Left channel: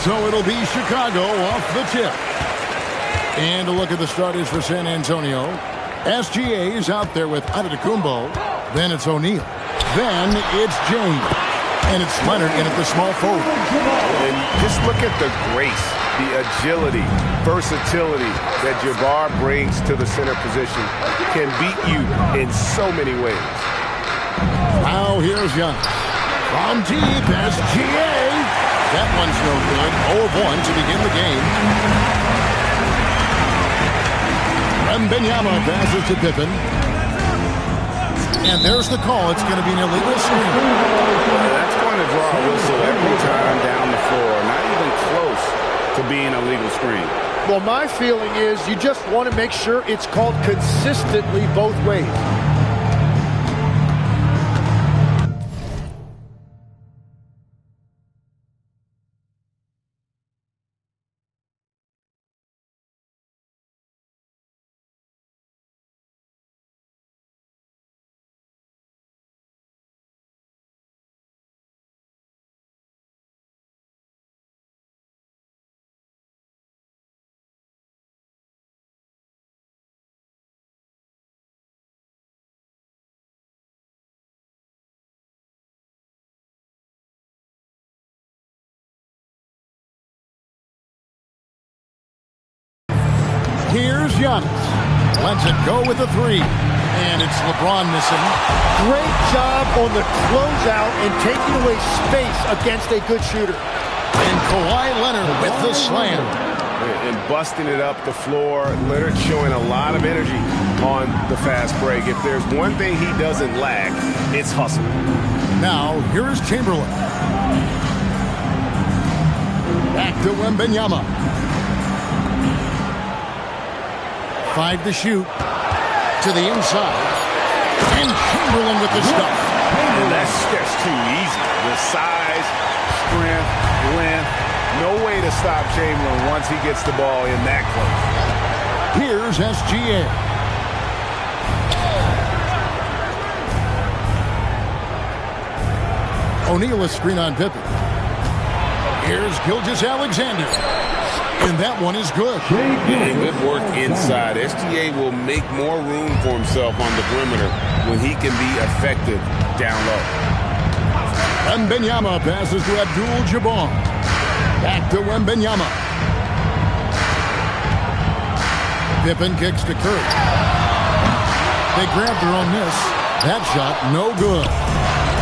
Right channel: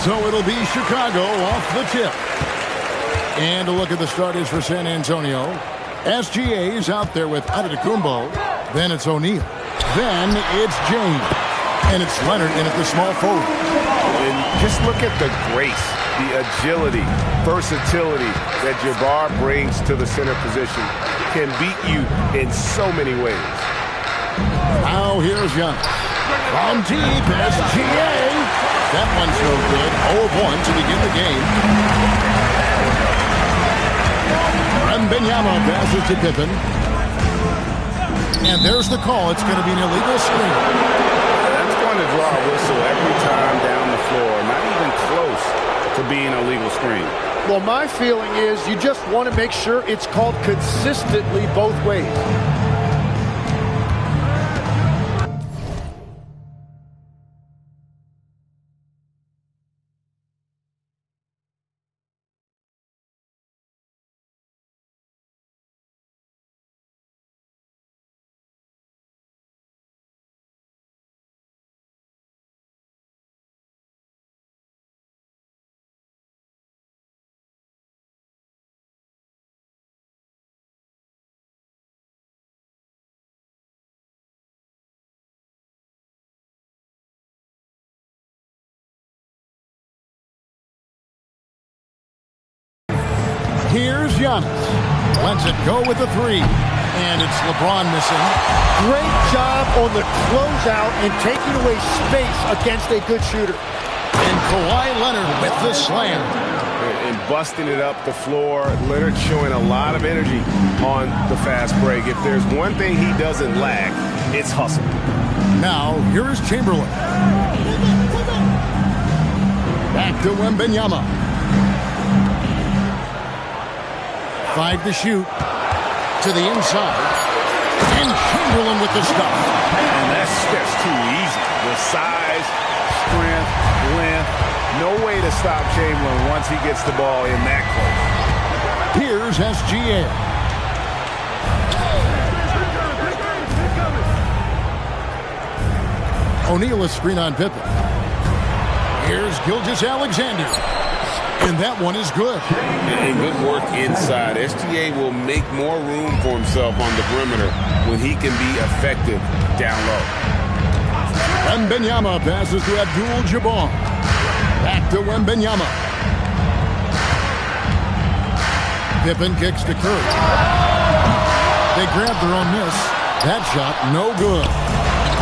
So it'll be Chicago off the tip. And a look at the starters for San Antonio. SGA is out there with Antetokounmpo. Then it's O'Neal. Then it's James. And it's Leonard in at the small forward. And just look at the grace, the agility, versatility that Jabbar brings to the center position. Can beat you in so many ways. Now here's Giannis. From deep, SGA. That one's no good. 0 of 1 to begin the game. Wembanyama passes to Pippen. And there's the call. It's going to be an illegal screen. That's going to draw a whistle every time down the floor. Not even close to being a legal screen. Well, my feeling is you just want to make sure it's called consistently both ways. Here's Giannis. Lets it go with the three. And it's LeBron missing. Great job on the closeout and taking away space against a good shooter. And Kawhi Leonard with the slam. And busting it up the floor. Leonard showing a lot of energy on the fast break. If there's one thing he doesn't lack, it's hustle. Now, here's Chamberlain. Back to Wembanyama. 5 to shoot. To the inside. And Chamberlain with the stuff. And that's just too easy. The size, strength, length. No way to stop Chamberlain once he gets the ball in that close. Here's SGA. O'Neal is screen on Pippen. Here's Gilgeous-Alexander. And that one is good. And good work inside. SGA will make more room for himself on the perimeter when he can be effective down low. Wembanyama passes to Abdul-Jabbar. Back to Wembanyama. Pippen kicks to Curry. They grab their own miss. That shot, no good.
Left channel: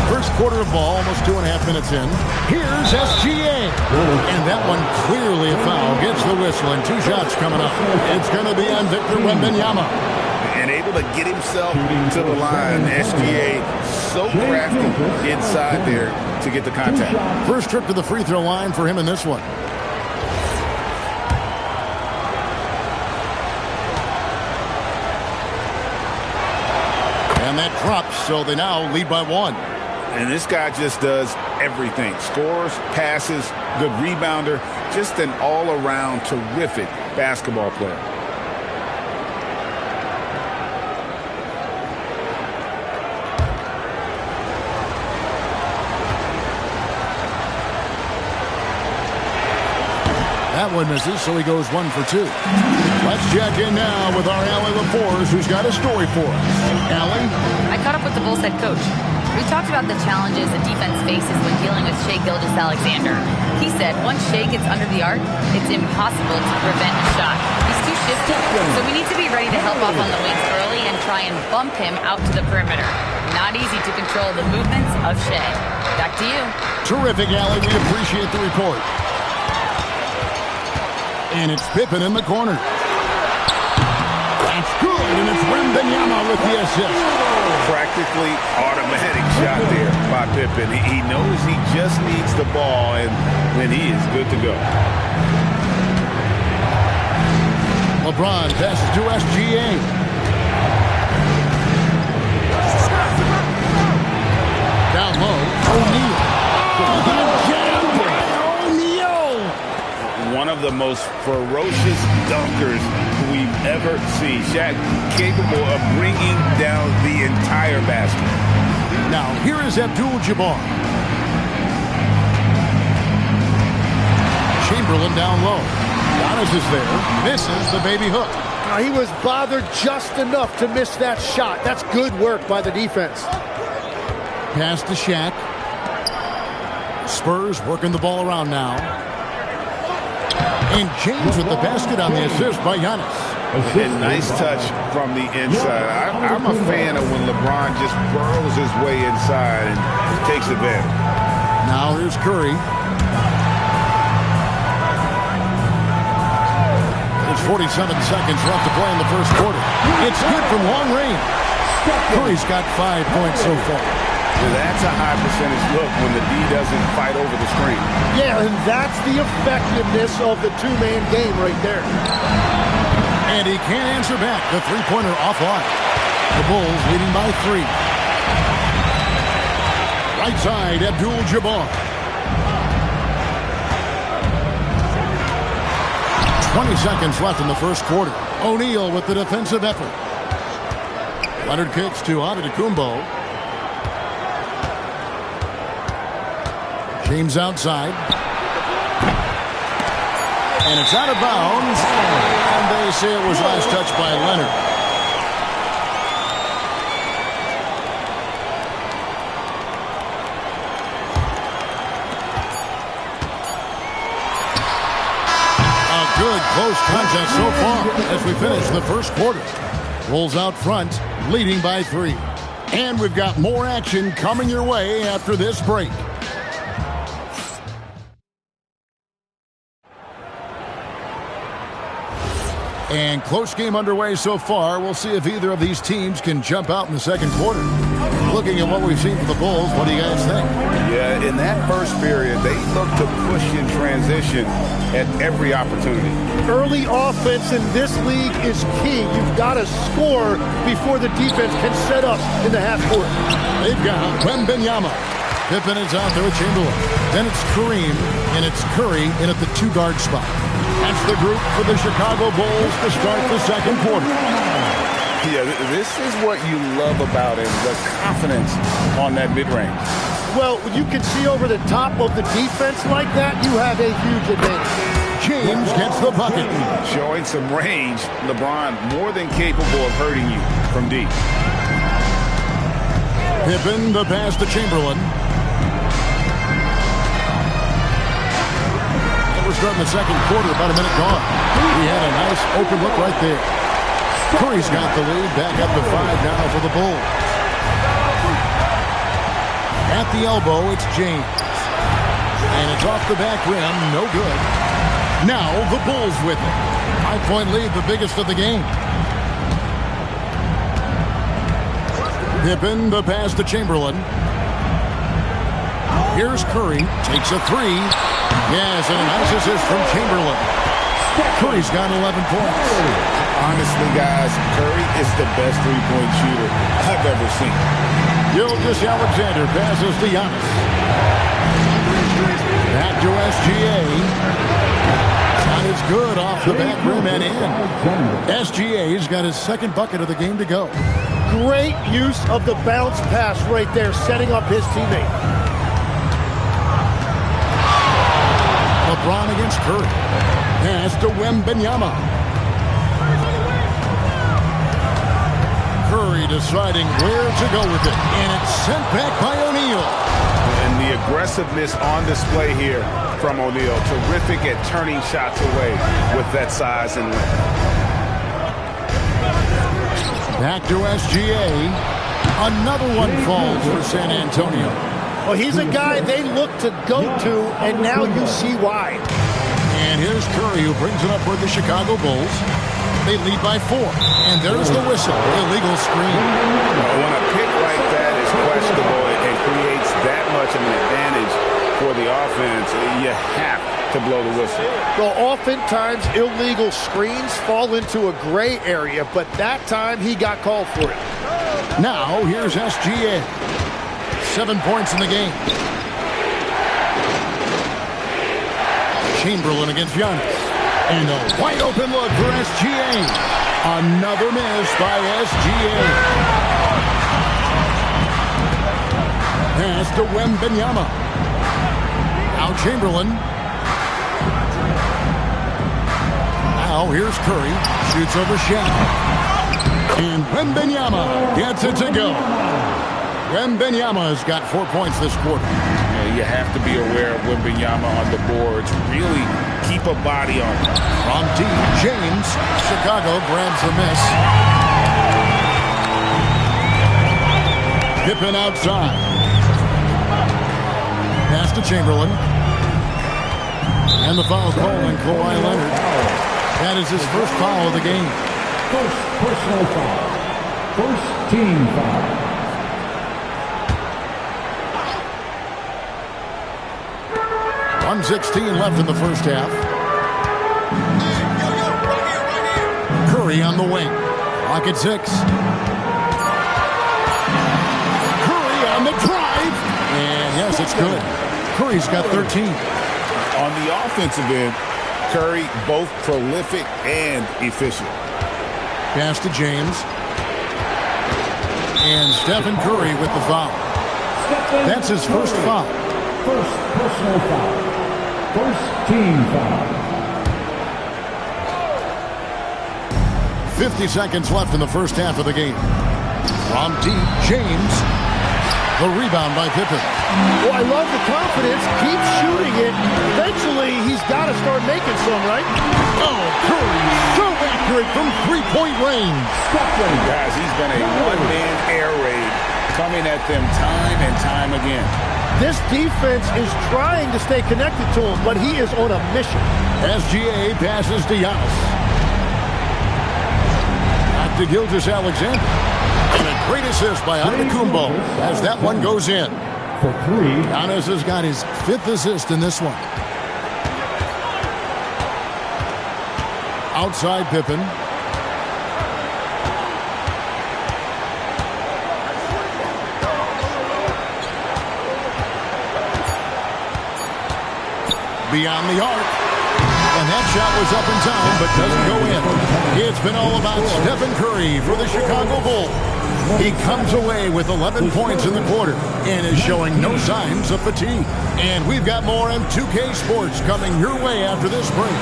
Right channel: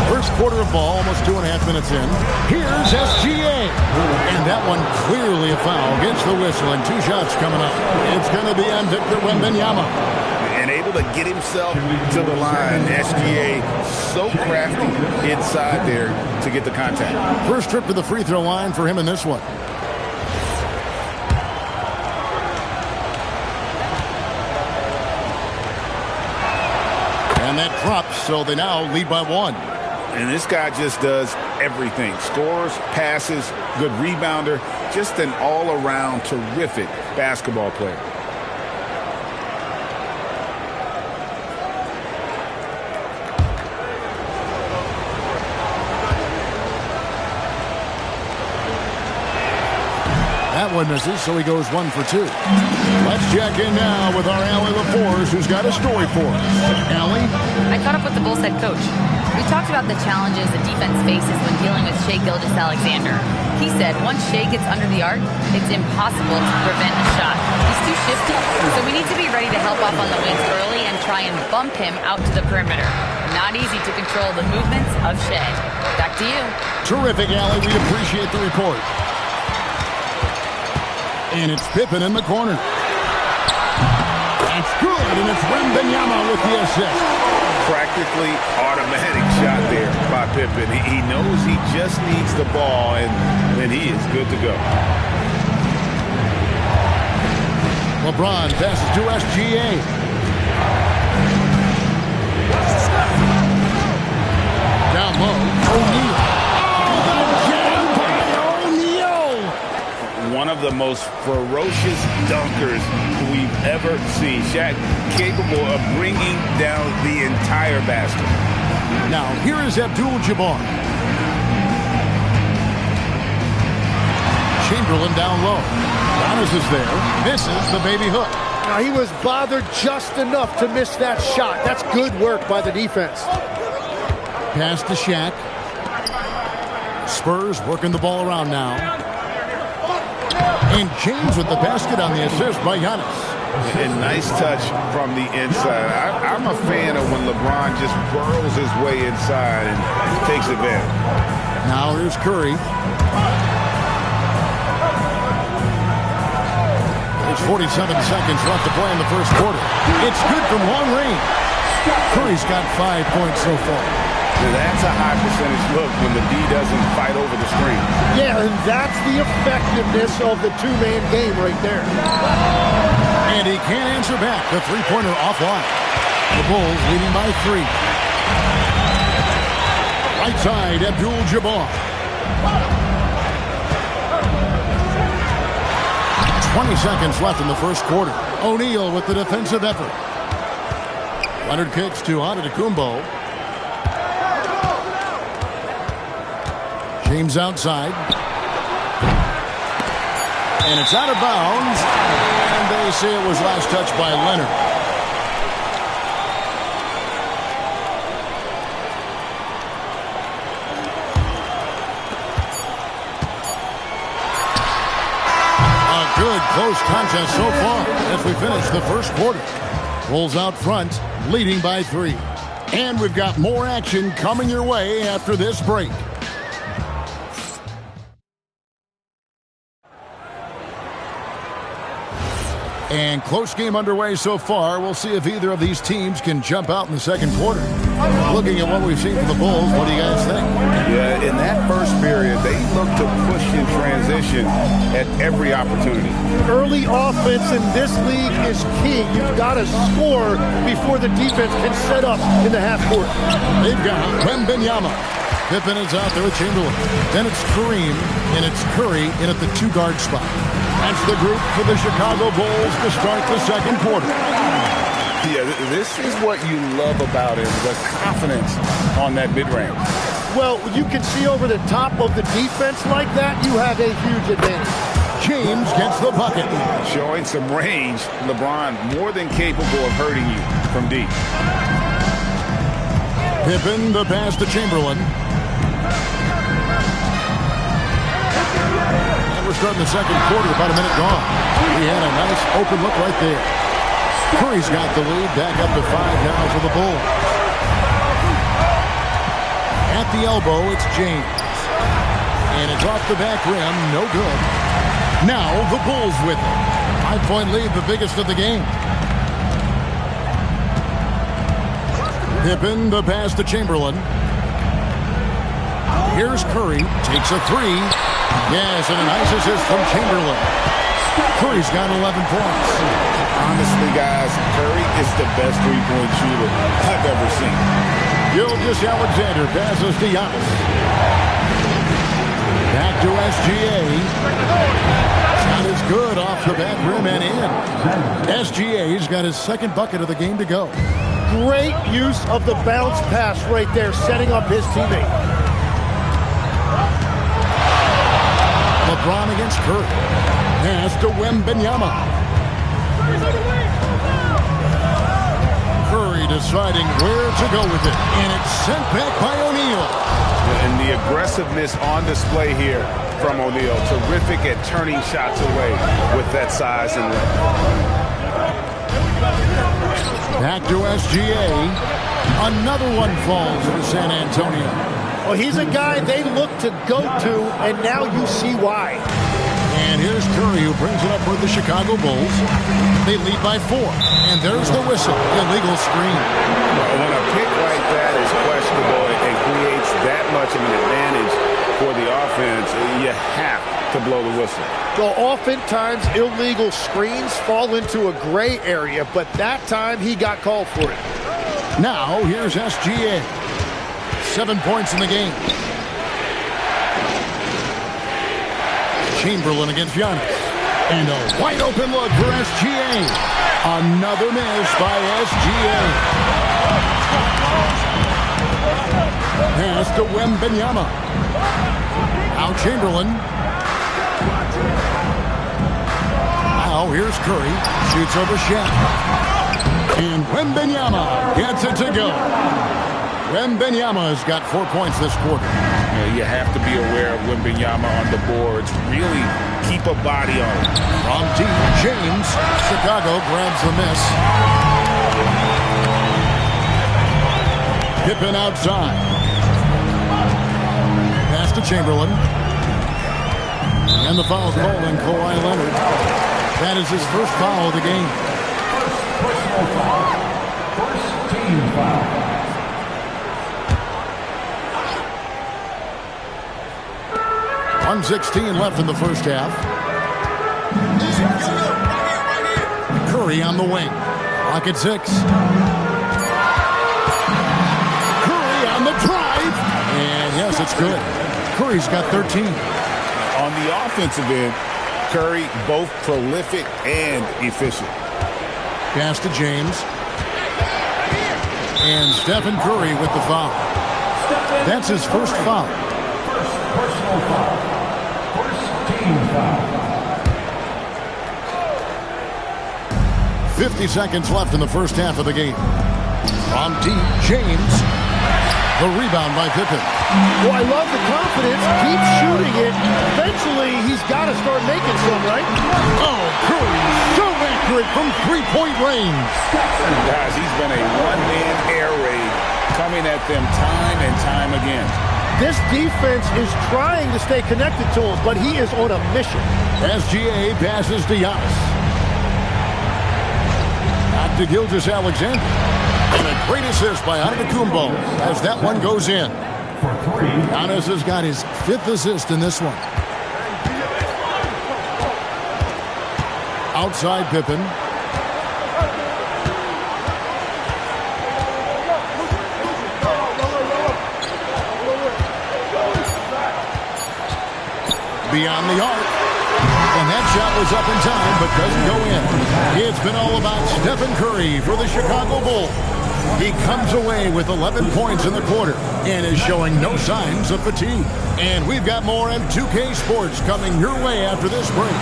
First quarter of ball, almost 2.5 minutes in. Here's SGA. And that one clearly a foul. Gets the whistle and 2 shots coming up. It's going to be on Victor Wembanyama. And able to get himself to the line. SGA so crafty inside there to get the contact. First trip to the free throw line for him in this one. And that drops, so they now lead by 1. And this guy just does everything. Scores, passes, good rebounder. Just an all-around terrific basketball player. That one misses, so he goes 1 for 2. Let's check in now with our Allie LaForce, who's got a story for us. Allie? I caught up with the Bulls head coach. We talked about the challenges the defense faces when dealing with Shai Gilgeous-Alexander. He said once Shai gets under the arc, it's impossible to prevent a shot. He's too shifty, so we need to be ready to help off on the wings early and try and bump him out to the perimeter. Not easy to control the movements of Shai. Back to you. Terrific, Allie. We appreciate the report. And it's Pippen in the corner. That's good, and it's Wembanyama with the assist. Practically automatic shot there by Pippen. He knows he just needs the ball, and then he is good to go. LeBron passes to SGA. Down low, O'Neal. Oh, the jam by O'Neal! One of the most ferocious dunkers we've ever seen. Shaq capable of bringing down the entire basket. Now, here is Abdul-Jabbar. Chamberlain down low. Giannis is there. Misses the baby hook. He was bothered just enough to miss that shot. That's good work by the defense. Pass to Shaq. Spurs working the ball around now. And James with the basket on the assist by Giannis. And nice touch from the inside. I'm a fan of when LeBron just burrows his way inside and takes advantage. Now here's Curry. There's 47 seconds left to play in the first quarter. It's good from long range. Curry's got 5 points so far. Yeah, that's a high percentage look when the D doesn't fight over the screen. Yeah, and that's the effectiveness of the two-man game right there. And he can't answer back. The three-pointer offline. The Bulls leading by 3. Right side, Abdul-Jabbar. 20 seconds left in the first quarter. O'Neal with the defensive effort. Leonard kicks to Antetokounmpo. James outside. And it's out of bounds. And they say it was last touched by Leonard. A good close contest so far as we finish the first quarter. Bulls out front, leading by 3. And we've got more action coming your way after this break. And close game underway so far. We'll see if either of these teams can jump out in the second quarter. Looking at what we've seen from the Bulls, what do you guys think? Yeah, in that first period, they looked to push in transition at every opportunity. Early offense in this league is key. You've got to score before the defense can set up in the half court. They've got Wembanyama. Pippen is out there with Chamberlain. Then it's Kareem, and it's Curry in at the 2-guard spot. That's the group for the Chicago Bulls to start the second quarter. Yeah, this is what you love about him, the confidence on that mid-range. Well, you can see over the top of the defense like that, you have a huge advantage. James gets the bucket. Showing some range, LeBron more than capable of hurting you from deep. Pippen, the pass to Chamberlain. We're starting the second quarter, about a minute gone. He had a nice open look right there. Curry's got the lead, back up to 5 now for the Bulls. At the elbow, it's James. And it's off the back rim, no good. Now the Bulls with it. 5-point lead, the biggest of the game. Pippen, the pass to Chamberlain. Here's Curry, takes a 3. Yes, and a nice assist from Chamberlain. Curry's got 11 points. Honestly, guys, Curry is the best three-point shooter I've ever seen. Gilgeous-Alexander passes to Giannis. Back to SGA. Shot is good off the back rim and in. SGA's got his second bucket of the game to go. Great use of the bounce pass right there, setting up his teammate. LeBron against Curry. Pass to Wembanyama. Curry deciding where to go with it. And it's sent back by O'Neal. And the aggressiveness on display here from O'Neal. Terrific at turning shots away with that size and length. Back to SGA. Another one falls for San Antonio. Well, he's a guy they look to go to, and now you see why. And here's Curry, who brings it up for the Chicago Bulls. They lead by 4. And there's the whistle. Illegal screen. When a pick like that is questionable and creates that much of an advantage for the offense, you have to blow the whistle. Well, oftentimes illegal screens fall into a gray area, but that time he got called for it. Now, here's SGA. 7 points in the game. Chamberlain against Giannis. And a wide open look for SGA. Another miss by SGA. Pass to Wembanyama. Now Chamberlain. Now here's Curry. Shoots over Shaq. And Wembanyama gets it to go. Wembanyama has got 4 points this quarter. Yeah, you have to be aware of Wembanyama on the boards. Really keep a body on it. From deep, James. Chicago grabs the miss. Pippen outside. Pass to Chamberlain. And the foul called on Kawhi Leonard. That is his first foul of the game. First personal foul. First team foul. .116 left in the first half. Curry on the wing. Clock at 6. Curry on the drive. And yes, it's good. Curry's got 13. On the offensive end, Curry both prolific and efficient. Pass to James. And Stephen Curry with the foul. That's his first foul. First personal foul. First team foul. 50 seconds left in the first half of the game. From deep, James. The rebound by Pippen. Well, I love the confidence. Keep shooting it. Eventually, he's got to start making some, right? Oh, Curry, so accurate from three-point range. Guys, he's been a one-man air raid coming at them time and time again. This defense is trying to stay connected to him, but he is on a mission. SGA passes to Giannis. Back to Gilgeous-Alexander. And a great assist by Antetokounmpo as that one goes in. For 3. Giannis has got his 5th assist in this one. Outside Pippen. Beyond the arc. And that shot was up in time, but doesn't go in. It's been all about Stephen Curry for the Chicago Bulls. He comes away with 11 points in the quarter and is showing no signs of fatigue. And we've got more M2K Sports coming your way after this break.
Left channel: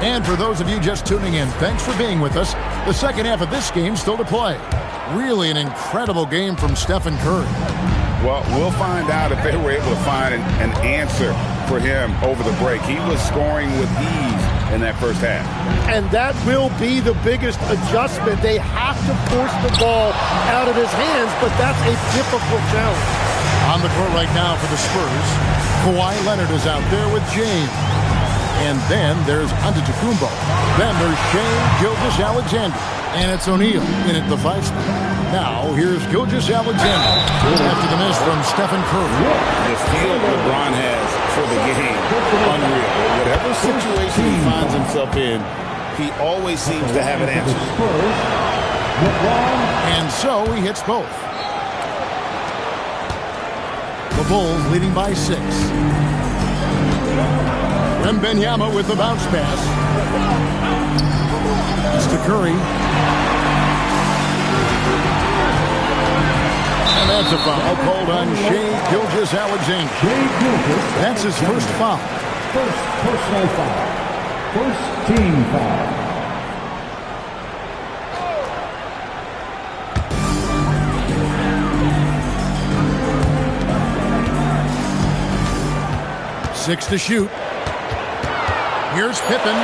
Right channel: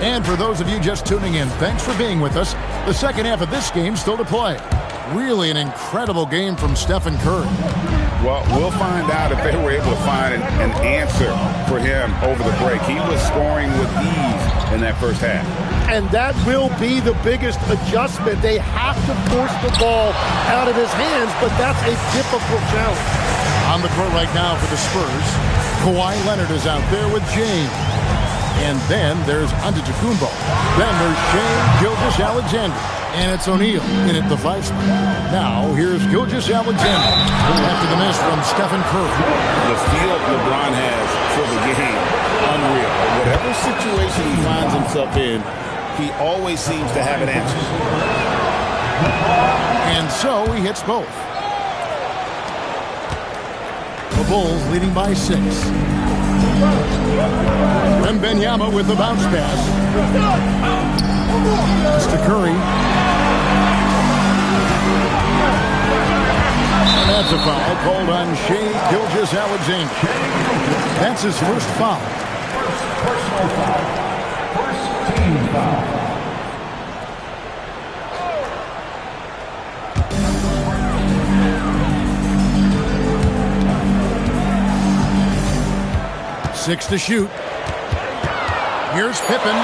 And for those of you just tuning in, thanks for being with us. The second half of this game still to play. Really an incredible game from Stephen Curry. Well, we'll find out if they were able to find an answer for him over the break. He was scoring with ease in that first half. And that will be the biggest adjustment. They have to force the ball out of his hands, but that's a difficult challenge. On the court right now for the Spurs, Kawhi Leonard is out there with James. And then there's Antetokounmpo. Then there's Shai Gilgeous-Alexander. And it's O'Neal in at the 5 spot. Now, here's Gilgeous-Alexander after the miss from Stephen Curry. The feel LeBron has for the game, unreal. Whatever situation he finds himself in, he always seems to have an answer. And so he hits both. The Bulls leading by 6. Wembanyama with the bounce pass. It's to Curry. And that's a foul called on Shai Gilgeous-Alexander. That's his first foul. First personal foul. First team foul. Six to shoot. Here's Pippen.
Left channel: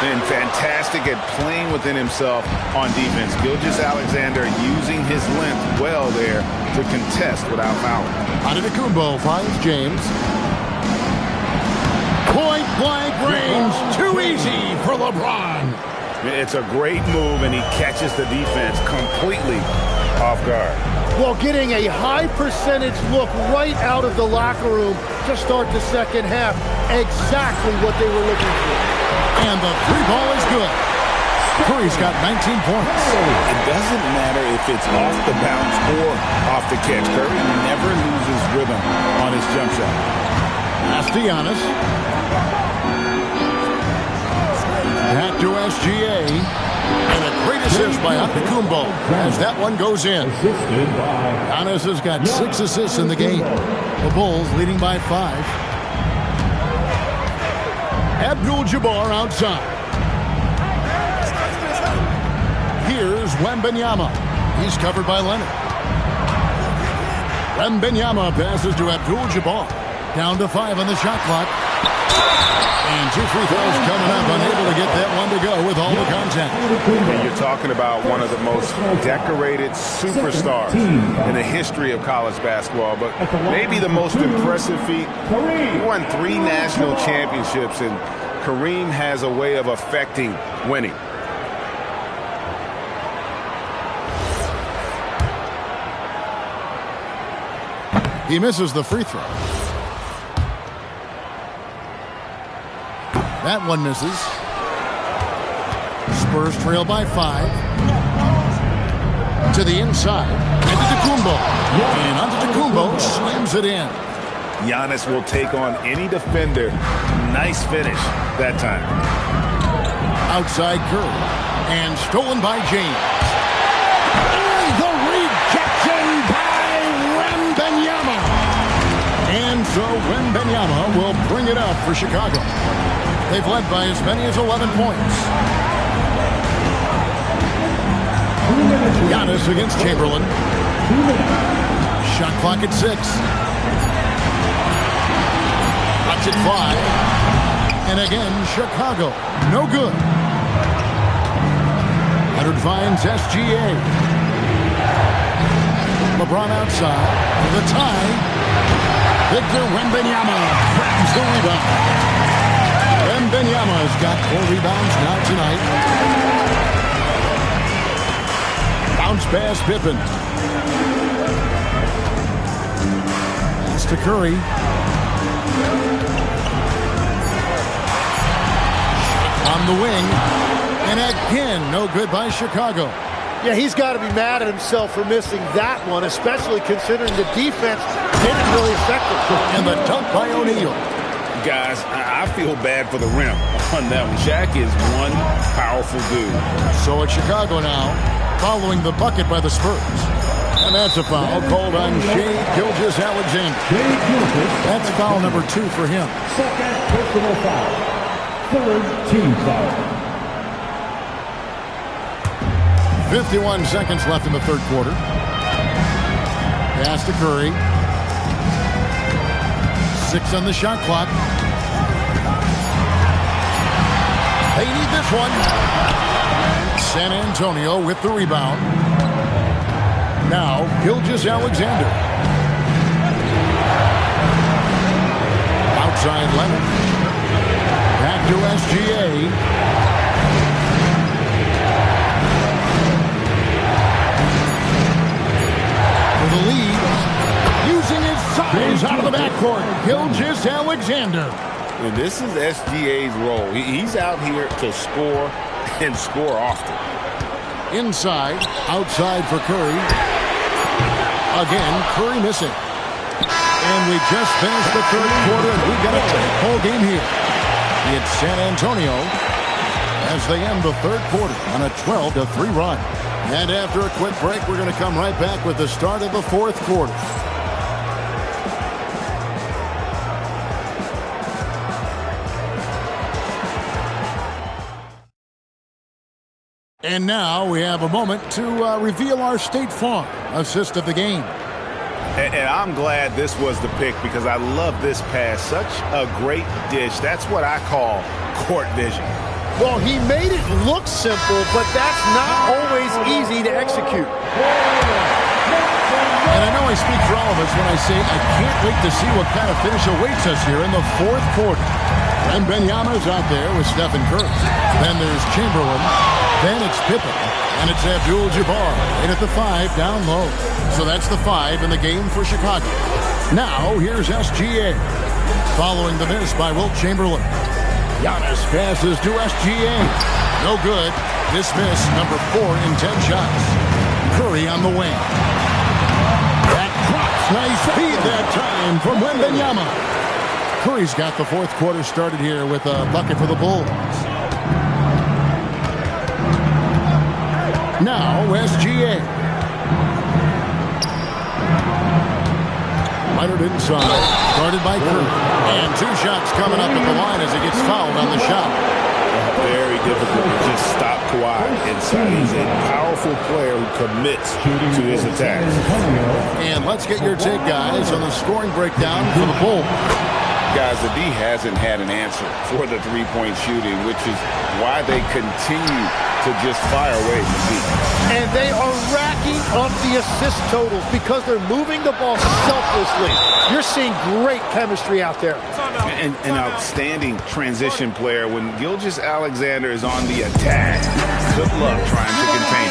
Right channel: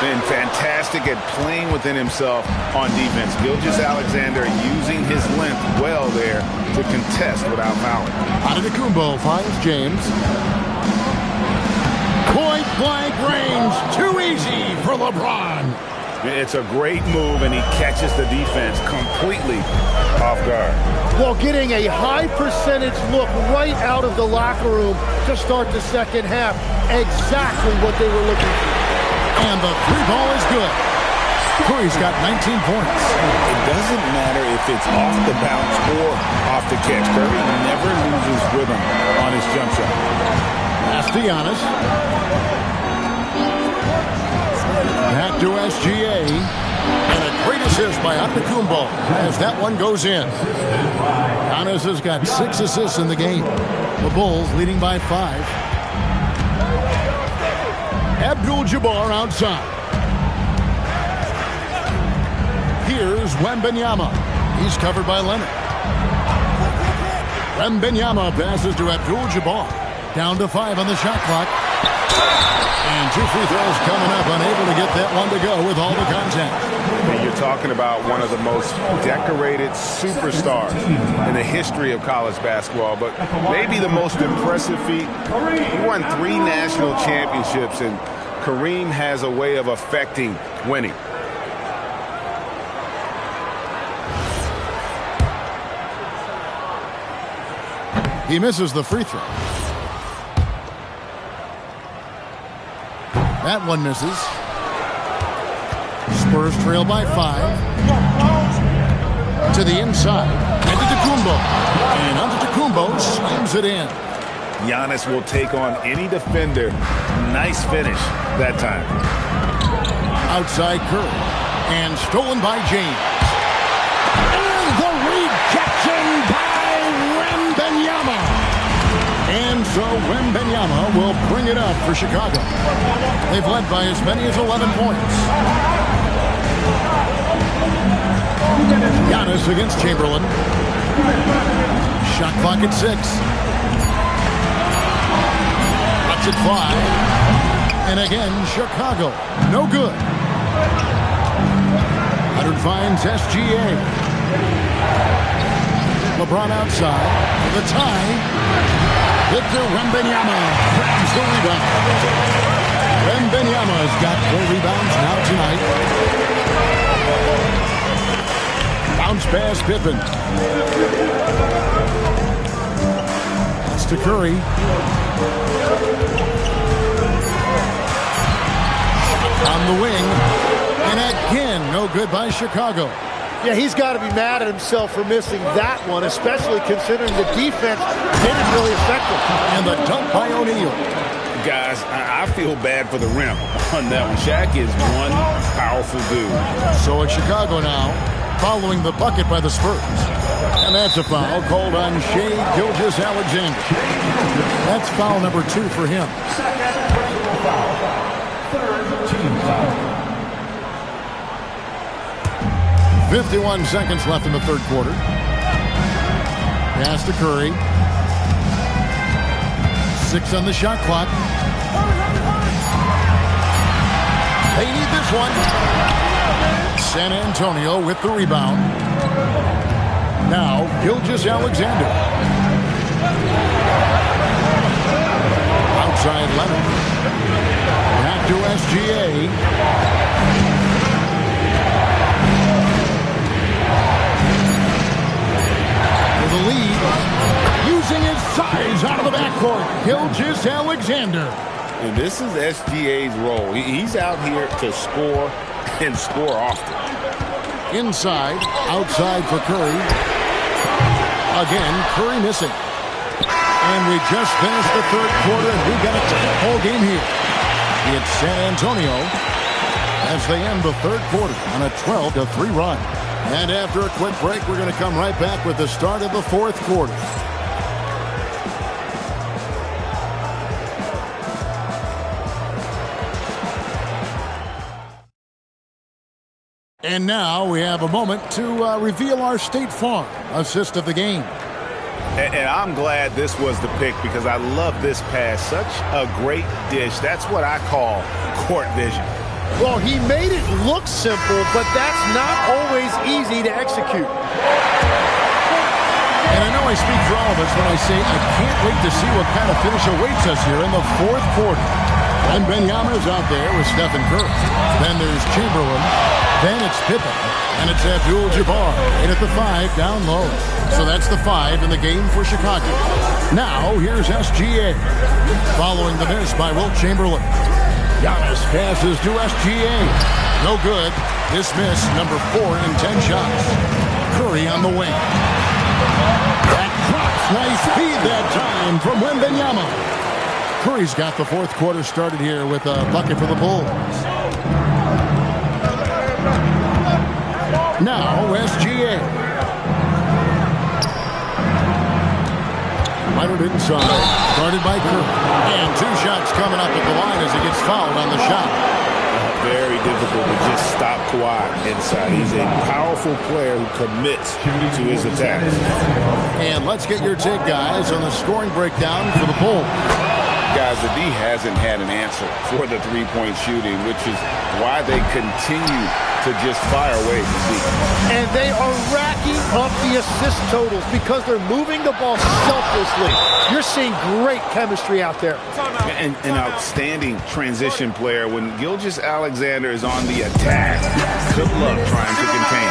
Been fantastic at playing within himself on defense. Gilgeous-Alexander using his length well there to contest without fouling. Antetokounmpo finds James. Point-blank range. Too easy for LeBron. It's a great move, and he catches the defense completely off guard. Well, getting a high percentage look right out of the locker room to start the second half. Exactly what they were looking for. And the three ball is good. Curry's got 19 points. It doesn't matter if it's off the bounce or off the catch. Curry never loses rhythm on his jump shot. Pass to Giannis. Back to SGA. And a great assist by Antetokounmpo as that one goes in. Giannis has got 6 assists in the game. The Bulls leading by 5. Abdul-Jabbar outside. Here's Wembanyama. He's covered by Leonard. Wembanyama passes to Abdul-Jabbar. Down to 5 on the shot clock. And 2 free throws coming up. Unable to get that one to go with all the contact. And you're talking about one of the most decorated superstars in the history of college basketball. But maybe the most impressive feat, he won 3 national championships, and Kareem has a way of affecting winning. He misses the free throw. That one misses. Spurs trail by 5. To the inside. Antetokounmpo. And Antetokounmpo slams it in. Giannis will take on any defender. Nice finish that time. Outside Curry. And stolen by James. And the rejection by Wembanyama. And so Wembanyama will bring it up for Chicago. They've led by as many as 11 points. Giannis against Chamberlain. Shot clock at 6. Lets it fly. And again, Chicago. No good. Leonard finds SGA. LeBron outside for the tie. Victor Wembanyama grabs the rebound. Wembanyama has got 4 rebounds now tonight. Bounce pass Pippen. Pass to Curry. On the wing. And again, no good by Chicago. Yeah, he's got to be mad at himself for missing that one, especially considering the defense didn't really affect him. And the dunk by O'Neal. Guys, I feel bad for the rim on that one. Shaq is one powerful dude. So it's Chicago now, following the bucket by the Spurs. And that's a foul called on Shai Gilgeous-Alexander. That's foul number 2 for him. Second personal foul. Third team foul. 51 seconds left in the third quarter. Pass to Curry. 6 on the shot clock. They need this one. San Antonio with the rebound. Now, Gilgeous-Alexander. Outside Leonard. Back to SGA. For the lead. Using his size out of the backcourt. Gilgeous-Alexander. And this is SGA's role. He's out here to score and score often. Inside, outside for Curry. Again, Curry missing. And we just finished the third quarter, and we've got a tight ball game here. It's San Antonio as they end the third quarter on a 12-3 run. And after a quick break, we're going to come right back with the start of the fourth quarter. And now we have a moment to reveal our State Farm assist of the game. And I'm glad this was the pick because I love this pass. Such a great dish. That's what I call court vision. Well, he made it look simple, but that's not always easy to execute. And I know I speak for all of us when I say I can't wait to see what kind of finish awaits us here in the fourth quarter. And Wembanyama's out there with Stephen Curry. Then there's Chamberlain. Then it's Pippen. And it's Abdul-Jabbar. In at the 5, down low. So that's the 5 in the game for Chicago. Now, here's SGA. Following the miss by Wilt Chamberlain. Giannis passes to SGA. No good. This miss, number 4 in 10 shots. Curry on the wing. That drops. Nice feed that time from Wembanyama. Curry's got the fourth quarter started here with a bucket for the Bulls. Now, SGA. Leonard inside, guarded by Curry. And 2 shots coming up at the line as he gets fouled on the shot. Very difficult to just stop Kawhi inside. He's a powerful player who commits to his attacks. And let's get your take, guys, on the scoring breakdown for the Bulls. Guys, the D hasn't had an answer for the three-point shooting, which is why they continue to just fire away from deep. And they are racking up the assist totals because they're moving the ball selflessly. You're seeing great chemistry out there. And an outstanding transition player. When Gilgeous-Alexander is on the attack, good luck trying to contain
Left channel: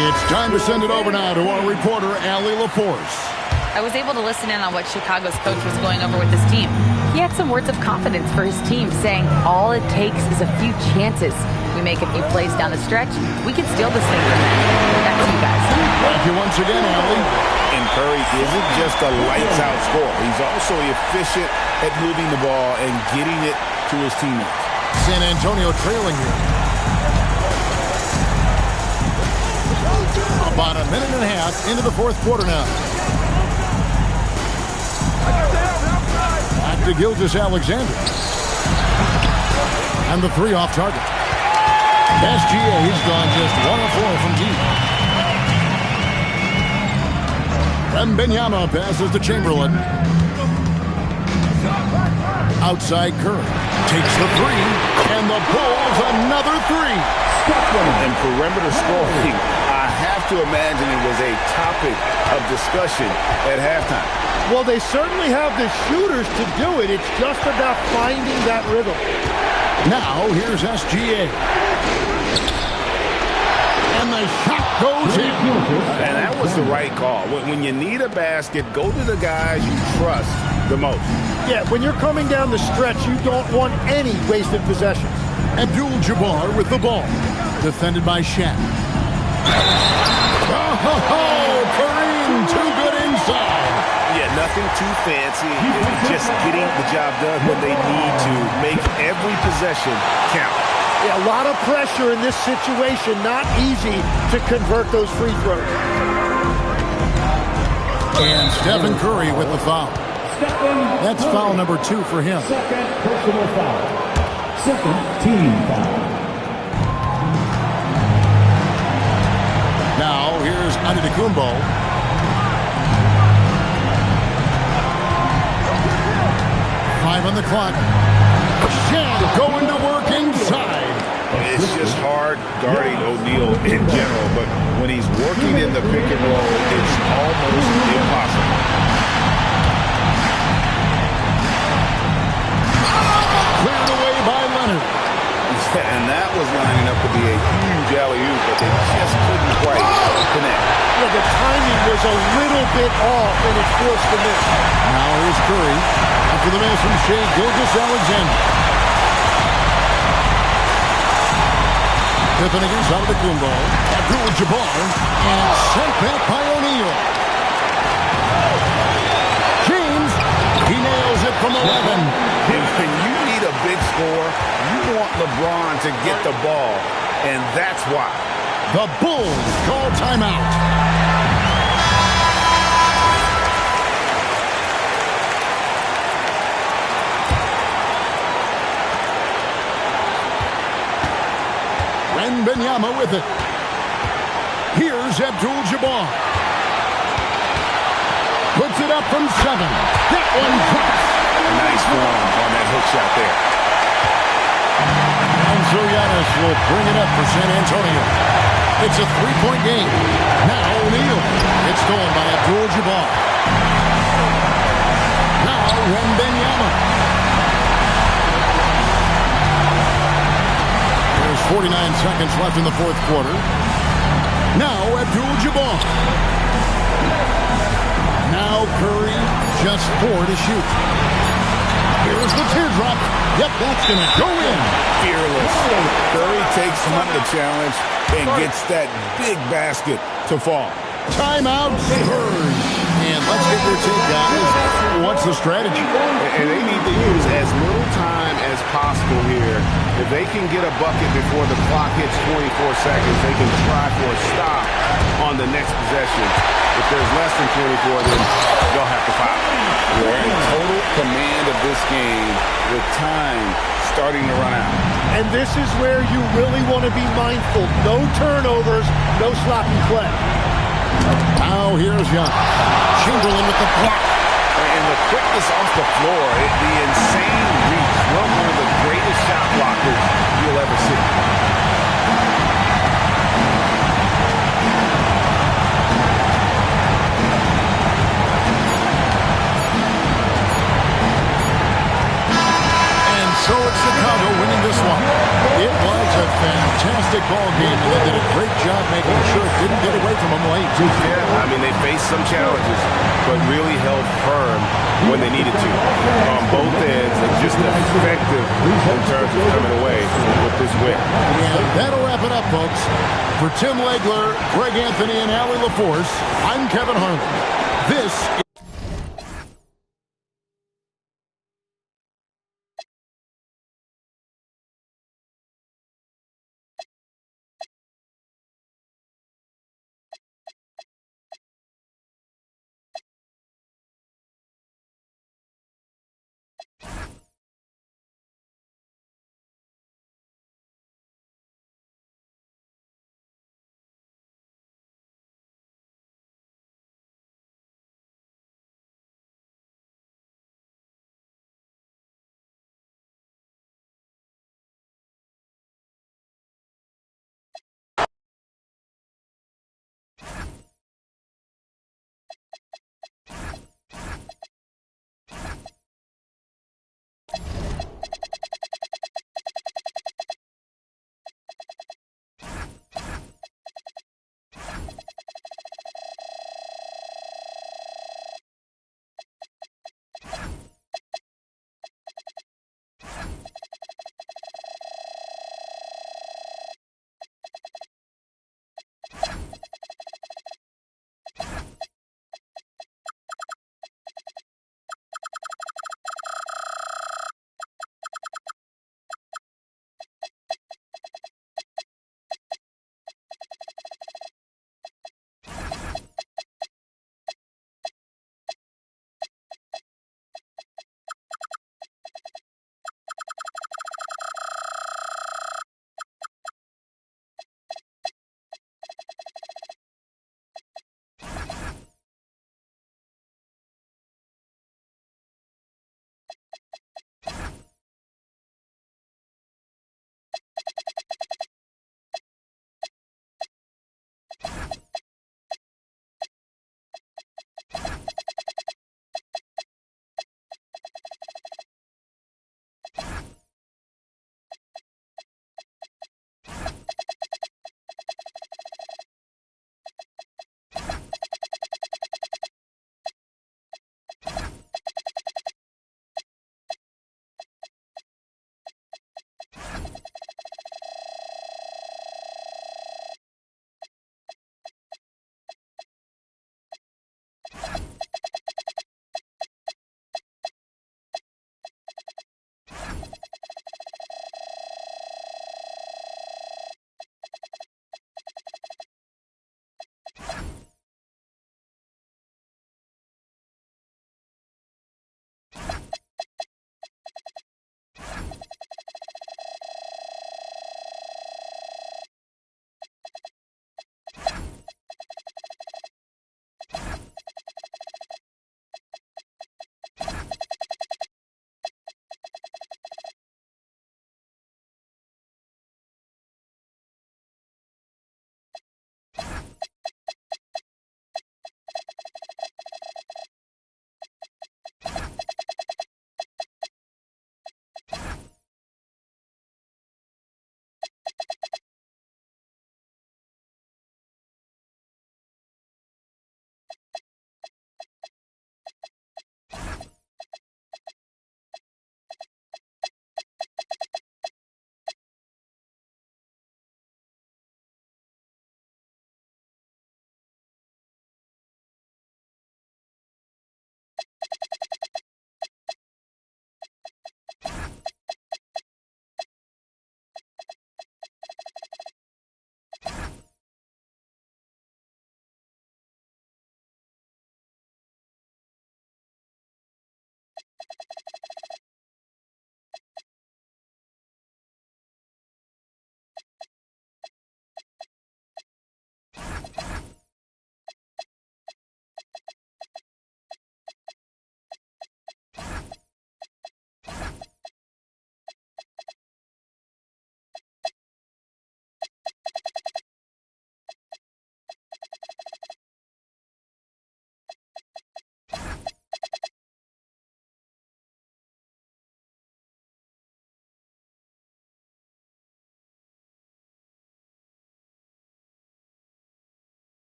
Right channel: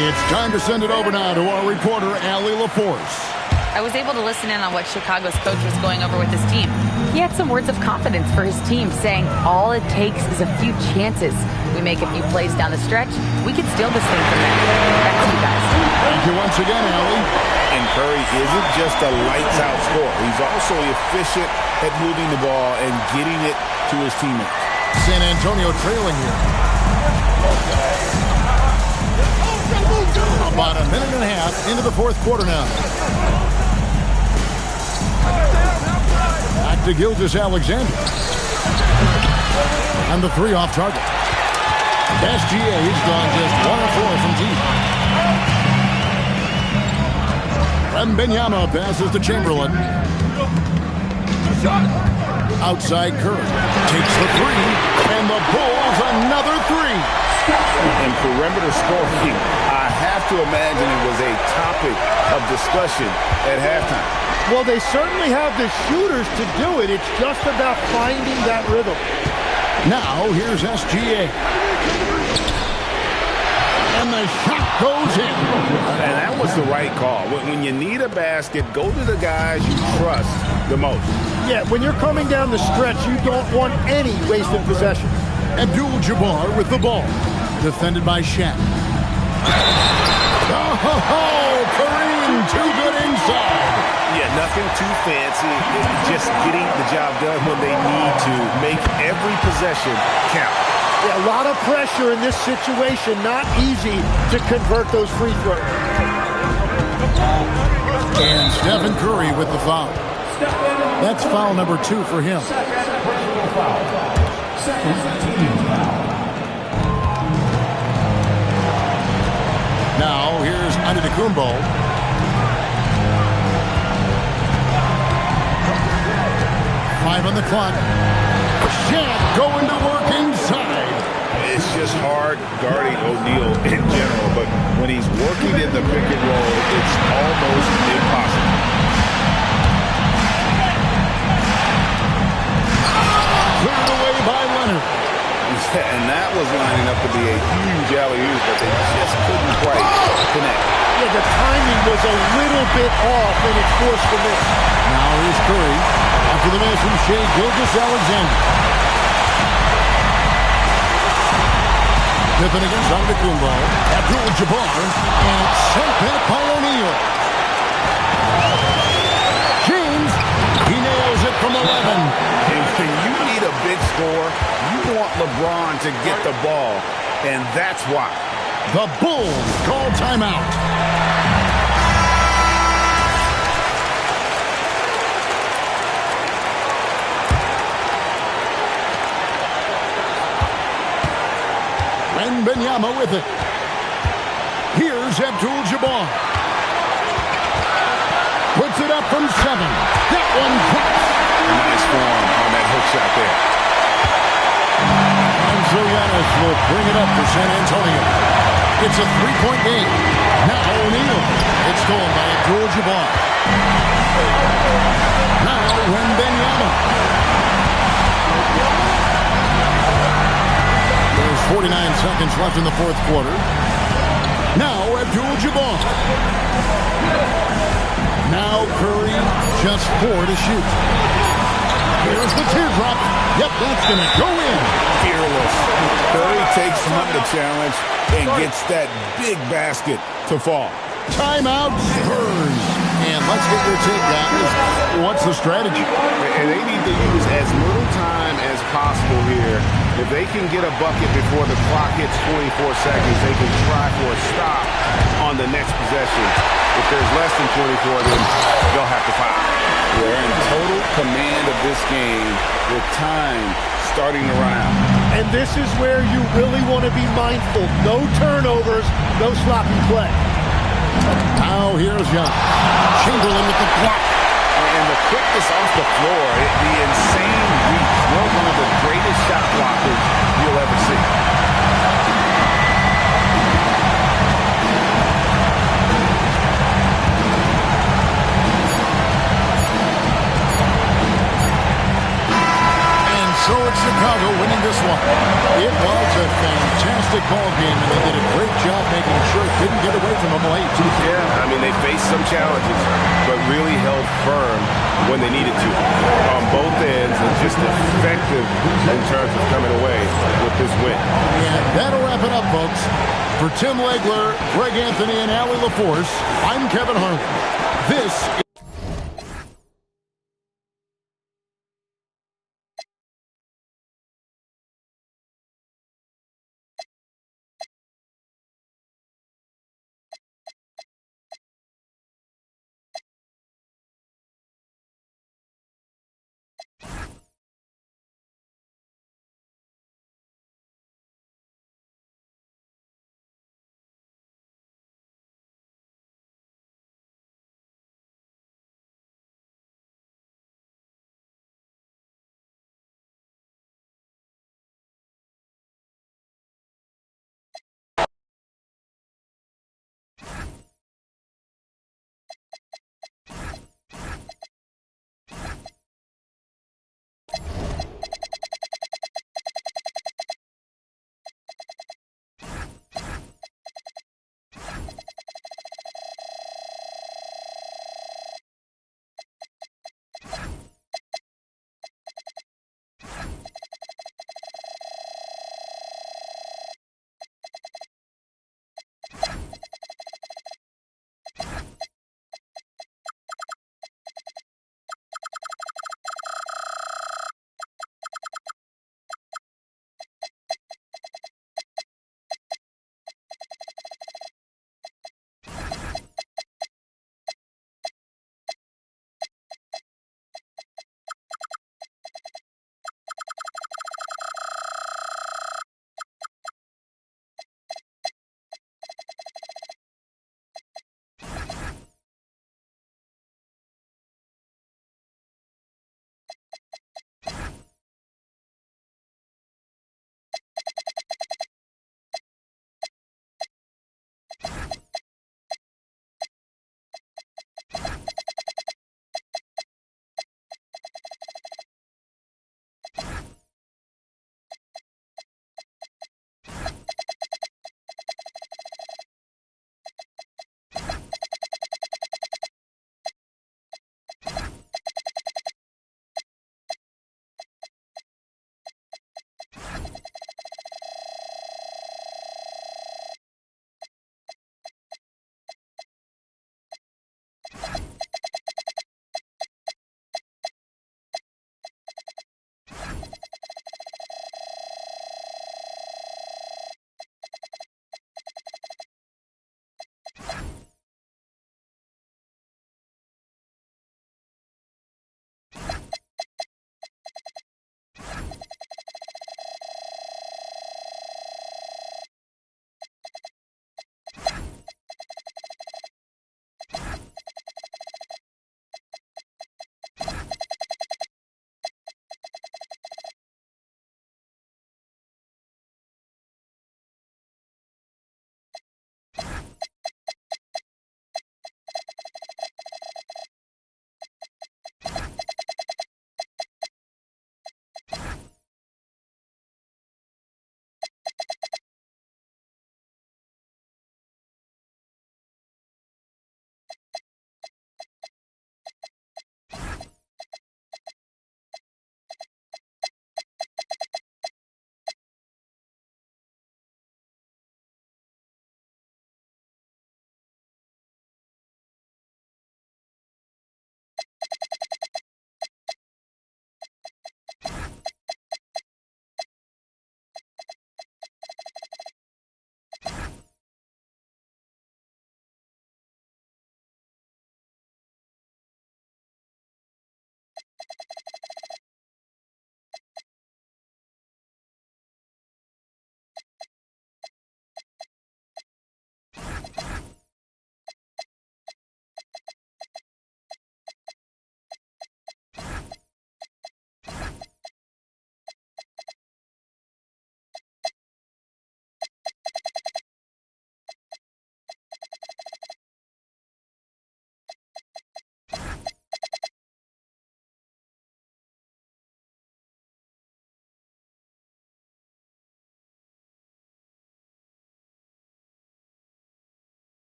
him. It's time to send it over now to our reporter, Allie LaForce. I was able to listen in on what Chicago's coach was going over with his team. He had some words of confidence for his team, saying all it takes is a few chances. We make a few plays down the stretch, we can steal this thing from them. Back to you guys. Thank you once again, Allie. And Curry isn't just a lights-out scorer. He's also efficient at moving the ball and getting it to his teammates. San Antonio trailing here. About a minute and a half into the fourth quarter now. Back to Gilgeous-Alexander. And the 3 off target. SGA, he's gone just 1 of 4 from deep. Wembanyama passes to Chamberlain. Outside Curry. Takes the 3. And the Bulls another 3. And perimeter scoring, I have to imagine it was a topic of discussion at halftime. Well, they certainly have the shooters to do it. It's just about finding that rhythm. Now, here's SGA. And the shot goes in. And that was the right call. When you need a basket, go to the guys you trust the most. Yeah, when you're coming down the stretch, you don't want any wasted possessions. Abdul-Jabbar with the ball. Defended by Shaq. Oh, Kareem, too good inside. Yeah, nothing too fancy. Just getting the job done when they need to. Make every possession count. Yeah, a lot of pressure in this situation. Not easy to convert those free throws. And Stephen Curry with the foul. That's foul number 2 for him. Second personal foul. Second team foul. Now, here's Antetokounmpo. Five on the clock. Shaq going to work inside. It's just hard guarding O'Neal in general, but when he's working in the pick and roll, it's almost impossible. Cleared away by Leonard. And that was lining up to be a huge alley-oop, but they just couldn't quite connect. Yeah, the timing was a little bit off, and it forced the miss. Now here's Curry. After the miss from Shai Gilgeous-Alexander. Pippen against Antetokounmpo. Abdul-Jabbar. And it's sent back by O'Neal. James. He nails it from 11. And when you need a big score, you want LeBron to get the ball, and that's why. The Bulls call timeout. Wembanyama with it. Here's Abdul-Jabbar. Puts it up from 7. That one drops. Nice form on that hook shot there. And so Giannis will bring it up for San Antonio. It's a 3-point game. Now O'Neal. It's stolen by Abdul-Jabbar. Now Wembanyama. 49 seconds left in the fourth quarter. Now Abdul-Jabbar. Now Curry, just 4 to shoot. Here's the teardrop. Yep, that's going to go in. Fearless. Curry takes on the challenge and gets that big basket to fall. Timeout Spurs. And let's get your take, guys. What's the strategy? And they need to use as little time as possible here. If they can get a bucket before the clock hits 24 seconds, they can try for a stop on the next possession. If there's less than 24, then they'll have to foul. They're in total command of this game with time starting to run out. And this is where you really want to be mindful. No turnovers, no sloppy play. Now here's Young. Chamberlain with the block. And the quickness off the floor, the insane reach. Well, one of the greatest shot blockers you'll ever see. So it's Chicago winning this one. It was a fantastic ball game, and they did a great job making sure it didn't get away from them late. Yeah, I mean, they faced some challenges, but really held firm when they needed to on both ends, and just effective in terms of coming away with this win. And that'll wrap it up, folks. For Tim Legler, Greg Anthony, and Allie LaForce, I'm Kevin Harlan. This is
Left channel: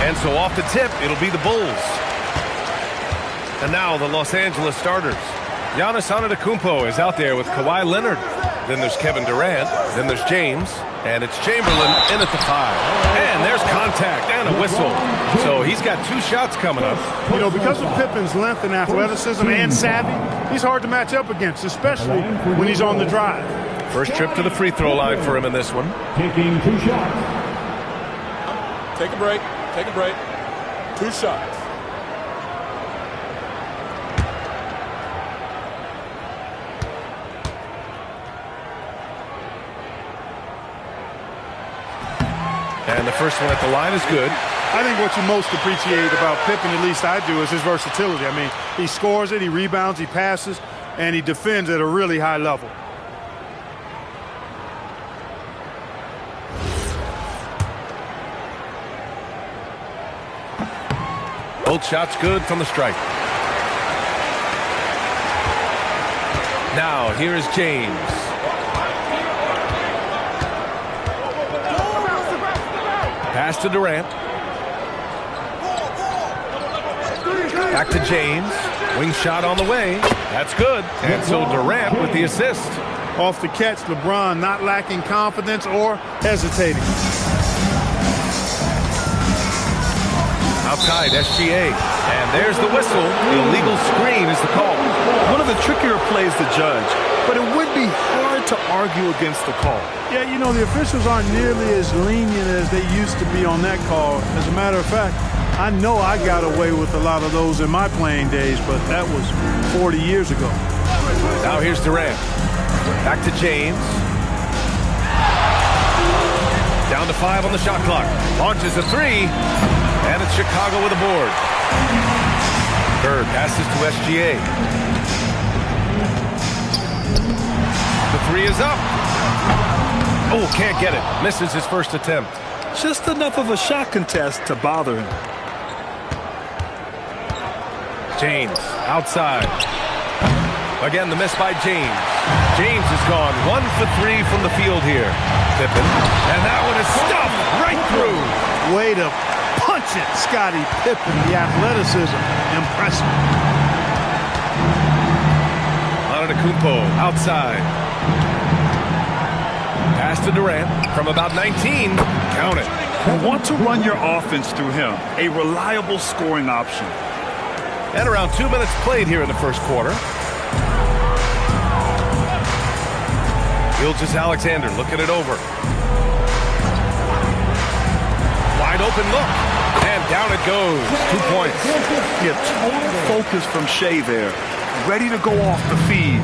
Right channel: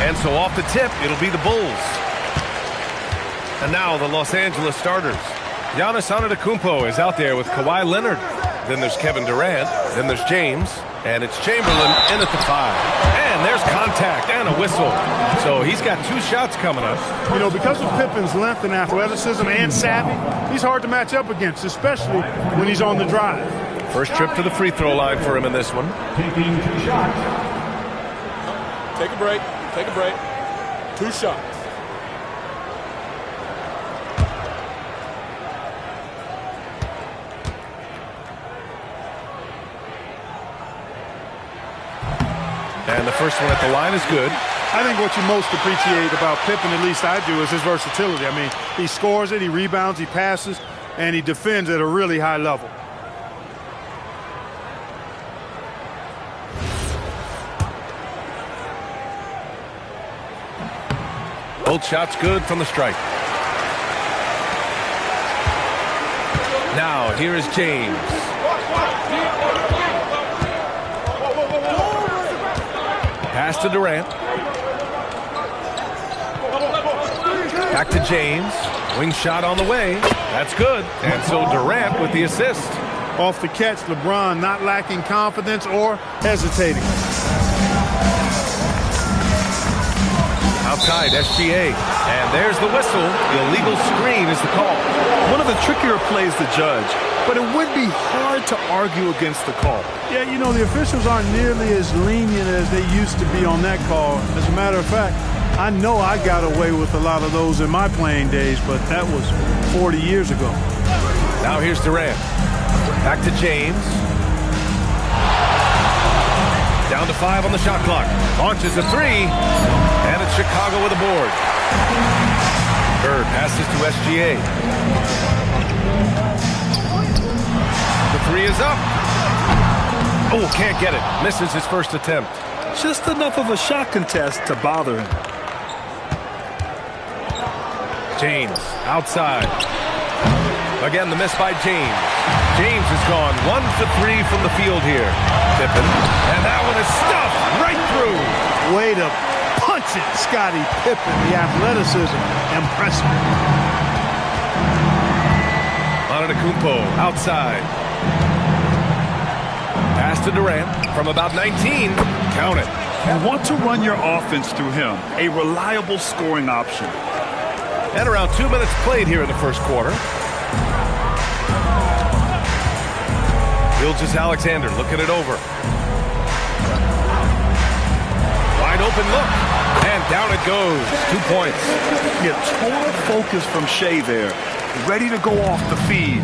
And so off the tip, it'll be the Bulls. And now the Los Angeles starters. Giannis Antetokounmpo is out there with Kawhi Leonard. Then there's Kevin Durant. Then there's James. And it's Chamberlain in at the 5. And there's contact and a whistle. So he's got 2 shots coming up. You know, because of Pippen's length and athleticism and savvy, he's hard to match up against, especially when he's on the drive. First trip to the free throw line for him in this one. Taking 2 shots. Take a break. Take a break. 2 shots. And the first one at the line is good. I think what you most appreciate about Pippen, at least I do, is his versatility. I mean, he scores it, he rebounds, he passes, and he defends at a really high level. Both shots good from the stripe. Now, here is James. Pass to Durant. Back to James. Wing shot on the way. That's good. And so Durant with the assist. Off the catch, LeBron not lacking confidence or hesitating. Outside, SGA. And there's the whistle. Illegal screen is the call. One of the trickier plays to judge, but it would be hard to argue against the call. Yeah, you know, the officials aren't nearly as lenient as they used to be on that call. As a matter of fact, I know I got away with a lot of those in my playing days, but that was 40 years ago. Now here's Durant. Back to James. Down to 5 on the shot clock. Launches a 3. And it's Chicago with a board. Bird passes to SGA. The 3 is up. Oh, can't get it. Misses his first attempt. Just enough of a shot contest to bother him. James outside. Again, the miss by James. James has gone 1 for 3 from the field here. Pippen. And that one is stuffed right through. Way to punch it, Scottie Pippen. The athleticism, impressive. Antetokounmpo outside. Pass to Durant from about 19. Count it. You want to run your offense through him. A reliable scoring option. And around 2 minutes played here in the first quarter. Gilgeous-Alexander looking it over. Wide open look. And down it goes. 2 points. Yeah, total focus from Shea there. Ready to go off the feed.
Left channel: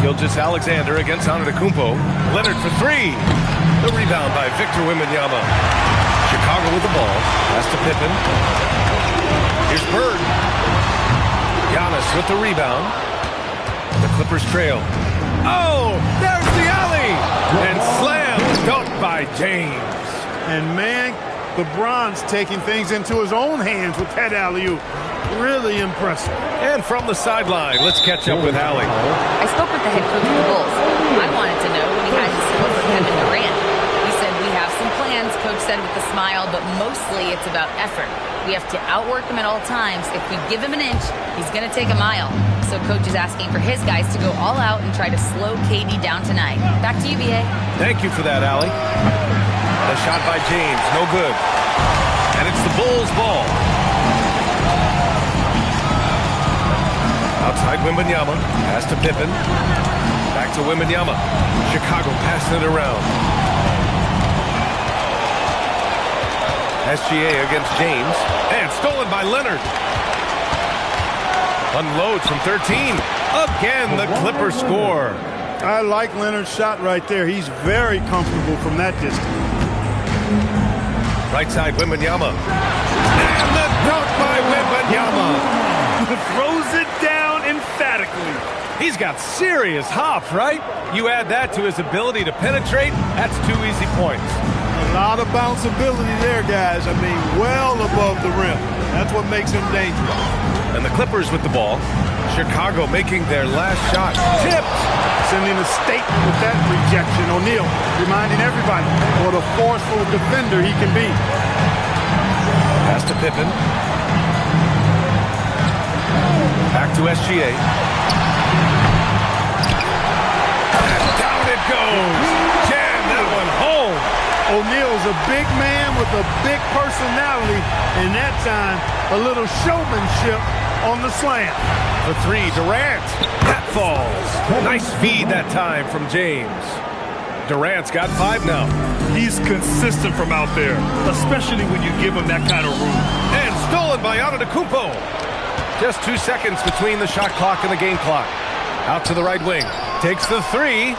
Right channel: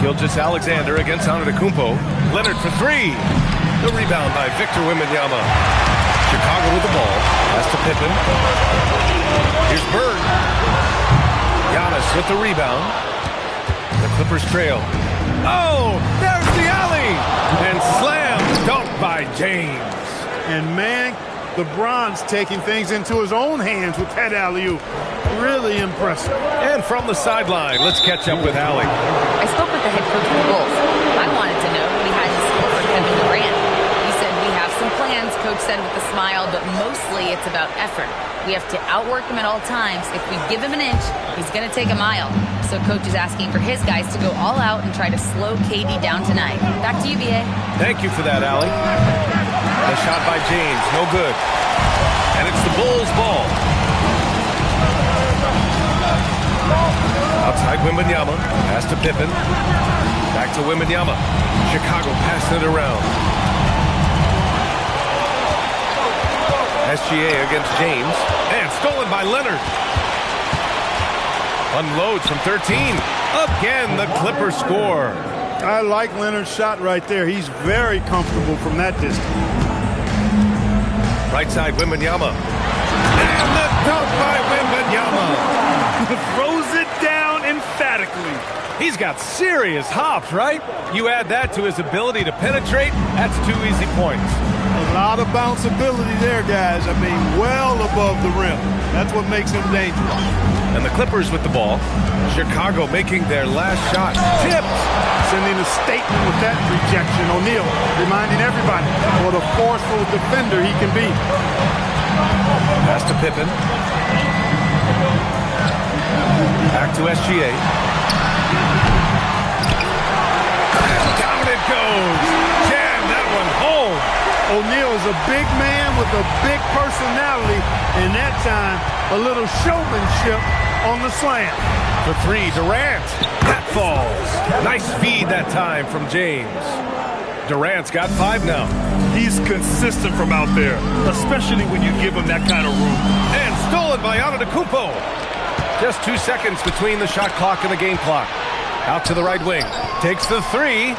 Gilgeous-Alexander against Antetokounmpo. Leonard for 3. The rebound by Victor Wembanyama. Chicago with the ball. Pass to Pippen. Here's Bird. Giannis with the rebound. The Clippers trail. Oh, there's the alley. And slam dunked by James. And man, LeBron's taking things into his own hands with that alley-oop. Really impressive. And from the sideline, let's catch up with Allie. I spoke with the head coach of the Bulls. I wanted to know what he had in store for Kevin Durant. He said, we have some plans, Coach said with a smile, but mostly it's about effort. We have to outwork him at all times. If we give him an inch, he's going to take a mile. So Coach is asking for his guys to go all out and try to slow KD down tonight. Back to you, B.A. Thank you for that, Allie. The shot by James, no good. And it's the Bulls' ball. Outside Wembanyama, pass to Pippen. Back to Wembanyama. Chicago passing it around. SGA against James. And stolen by Leonard. Unloads from 13. Again, the Clippers score. I like Leonard's shot right there. He's very comfortable from that distance. Right side, Wembanyama. And the dunk by Wembanyama. Throws it down emphatically. He's got serious hops, right? You add that to his ability to penetrate, that's 2 easy points. A lot of bounceability there, guys. I mean, well above the rim. That's what makes him dangerous. And the Clippers with the ball. Chicago making their last shot. Tipped. sending a statement with that rejection. O'Neal reminding everybody what a forceful defender he can be. Pass to Pippen. Back to SGA. And down it goes. Jam that one home. O'Neal is a big man with a big personality, and that time, a little showmanship on the slam. For three, Durant. That falls. Nice feed that time from James. Durant's got 5 now. He's consistent from out there, especially when you give him that kind of room. And stolen by Antetokounmpo. Just 2 seconds between the shot clock and the game clock. Out to the right wing. Takes the 3.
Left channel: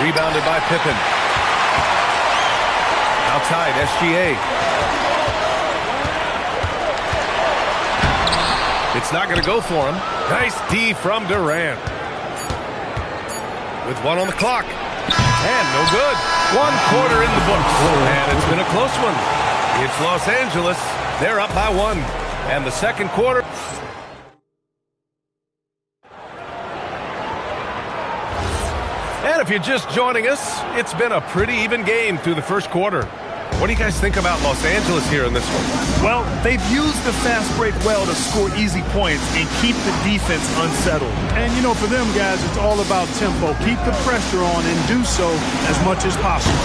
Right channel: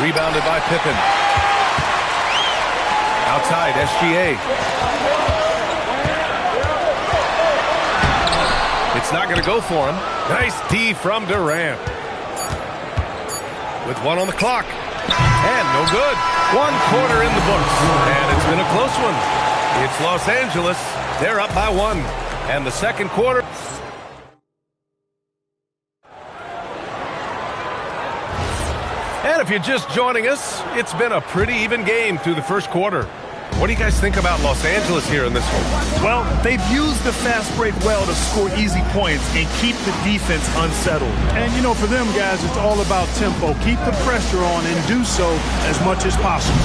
Rebounded by Pippen. Outside, SGA. It's not going to go for him. Nice D from Durant. With 1 on the clock. And no good. 1 quarter in the books. And it's been a close one. It's Los Angeles. They're up by 1. And the second quarter. And if you're just joining us, it's been a pretty even game through the first quarter. What do you guys think about Los Angeles here in this one? Well, they've used the fast break well to score easy points and keep the defense unsettled. And, you know, for them guys, it's all about tempo. Keep the pressure on and do so as much as possible.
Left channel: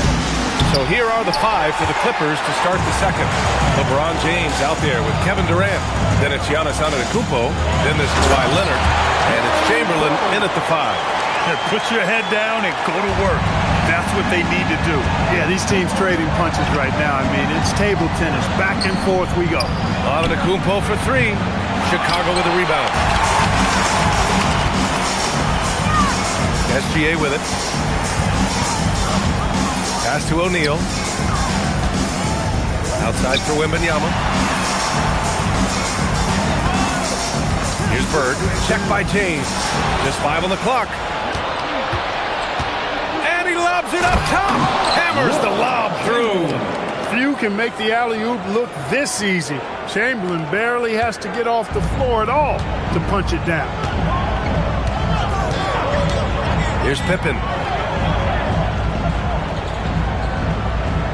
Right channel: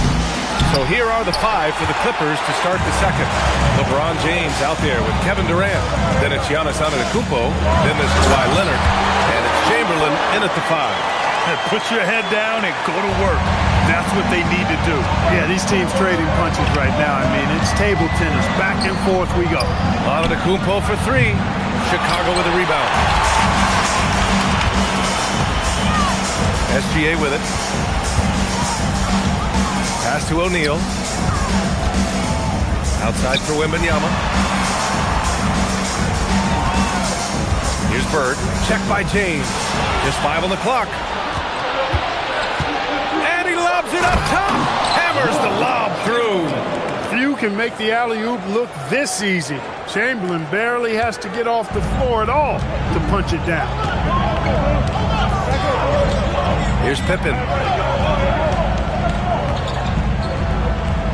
So here are the 5 for the Clippers to start the second. LeBron James out there with Kevin Durant. Then it's Giannis Antetokounmpo. Then there's Kawhi Leonard. And it's Chamberlain in at the 5. Put your head down and go to work. That's what they need to do. Yeah, these teams trading punches right now. I mean, it's table tennis. Back and forth we go. Antetokounmpo for 3. Chicago with a rebound. SGA with it. Pass to O'Neal. Outside for Wembanyama. Here's Bird. Check by James. Just 5 on the clock. And he lobs it up top. Hammers the lob through. Few can make the alley-oop look this easy. Chamberlain barely has to get off the floor at all to punch it down. Here's Pippen.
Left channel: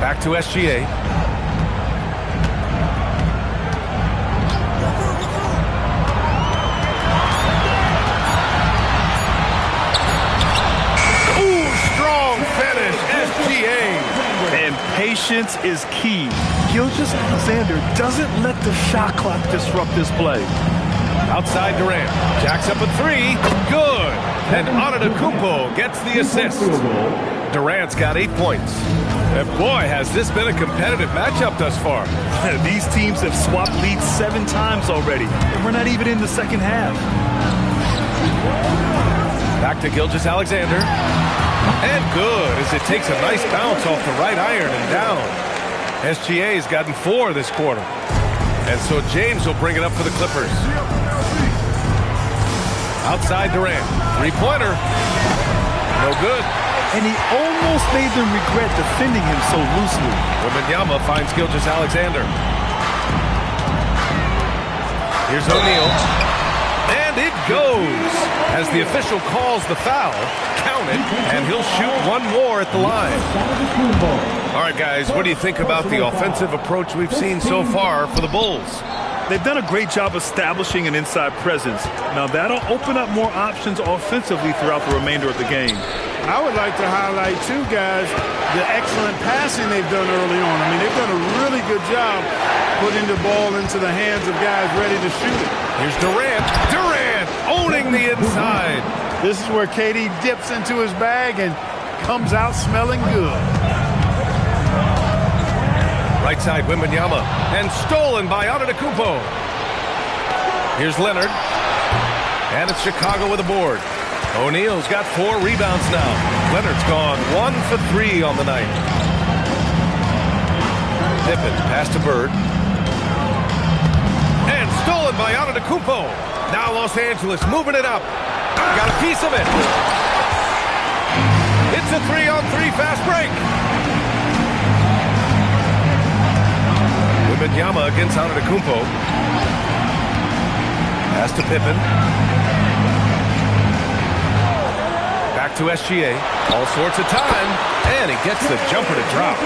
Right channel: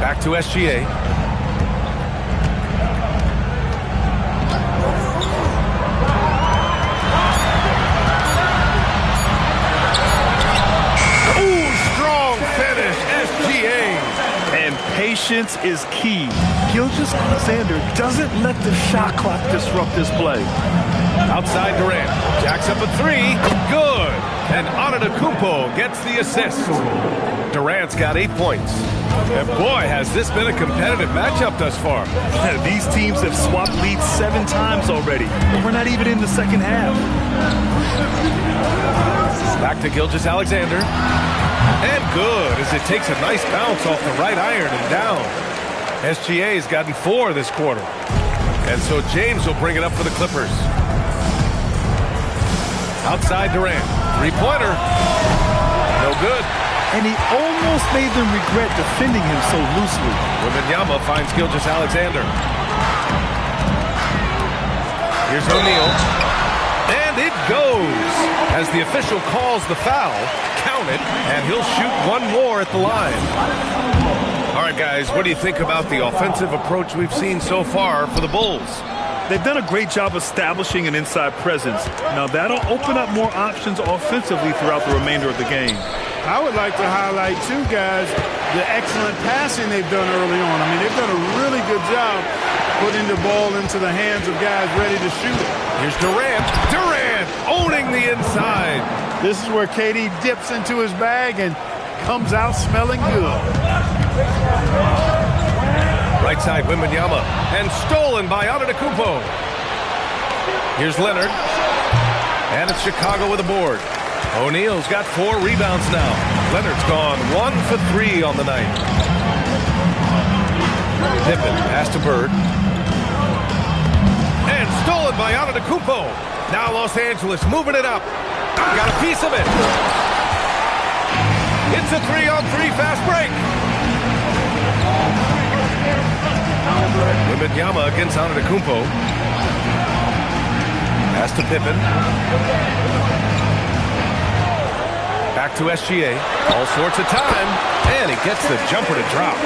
Back to SGA. Ooh, strong finish, SGA. And patience is key. Gilgeous-Alexander doesn't let the shot clock disrupt this play. Outside Durant. Jacks up a 3. Good. And Antetokounmpo gets the assist. Durant's got 8 points. And boy, has this been a competitive matchup thus far. These teams have swapped leads 7 times already. And we're not even in the second half. Back to Gilgeous-Alexander. And good, as it takes a nice bounce off the right iron and down. SGA's gotten 4 this quarter. And so James will bring it up for the Clippers. Outside Durant. 3-pointer. No good. And he almost made them regret defending him so loosely. Wembanyama finds Gilgeous-Alexander. Here's O'Neal. And it goes. As the official calls the foul, count it, and he'll shoot 1 more at the line. All right, guys, what do you think about the offensive approach we've seen so far for the Bulls? They've done a great job establishing an inside presence. Now, that'll open up more options offensively throughout the remainder of the game. I would like to highlight, too, guys, the excellent passing they've done early on. I mean, they've done a really good job putting the ball into the hands of guys ready to shoot it. Here's Durant. Durant owning the inside. This is where KD dips into his bag and comes out smelling good. Right side, Wembanyama. And stolen by Antetokounmpo. Here's Leonard. And it's Chicago with a board. O'Neal's got 4 rebounds now. Leonard's gone 1 for 3 on the night. Pippen, pass to Bird. And stolen by Antetokounmpo. Now Los Angeles moving it up. Got a piece of it. It's a 3-on-3 fast break. Wembanyama against Antetokounmpo. Pass to Pippen. Back Back to SGA. All sorts of time. And he gets the jumper to drop.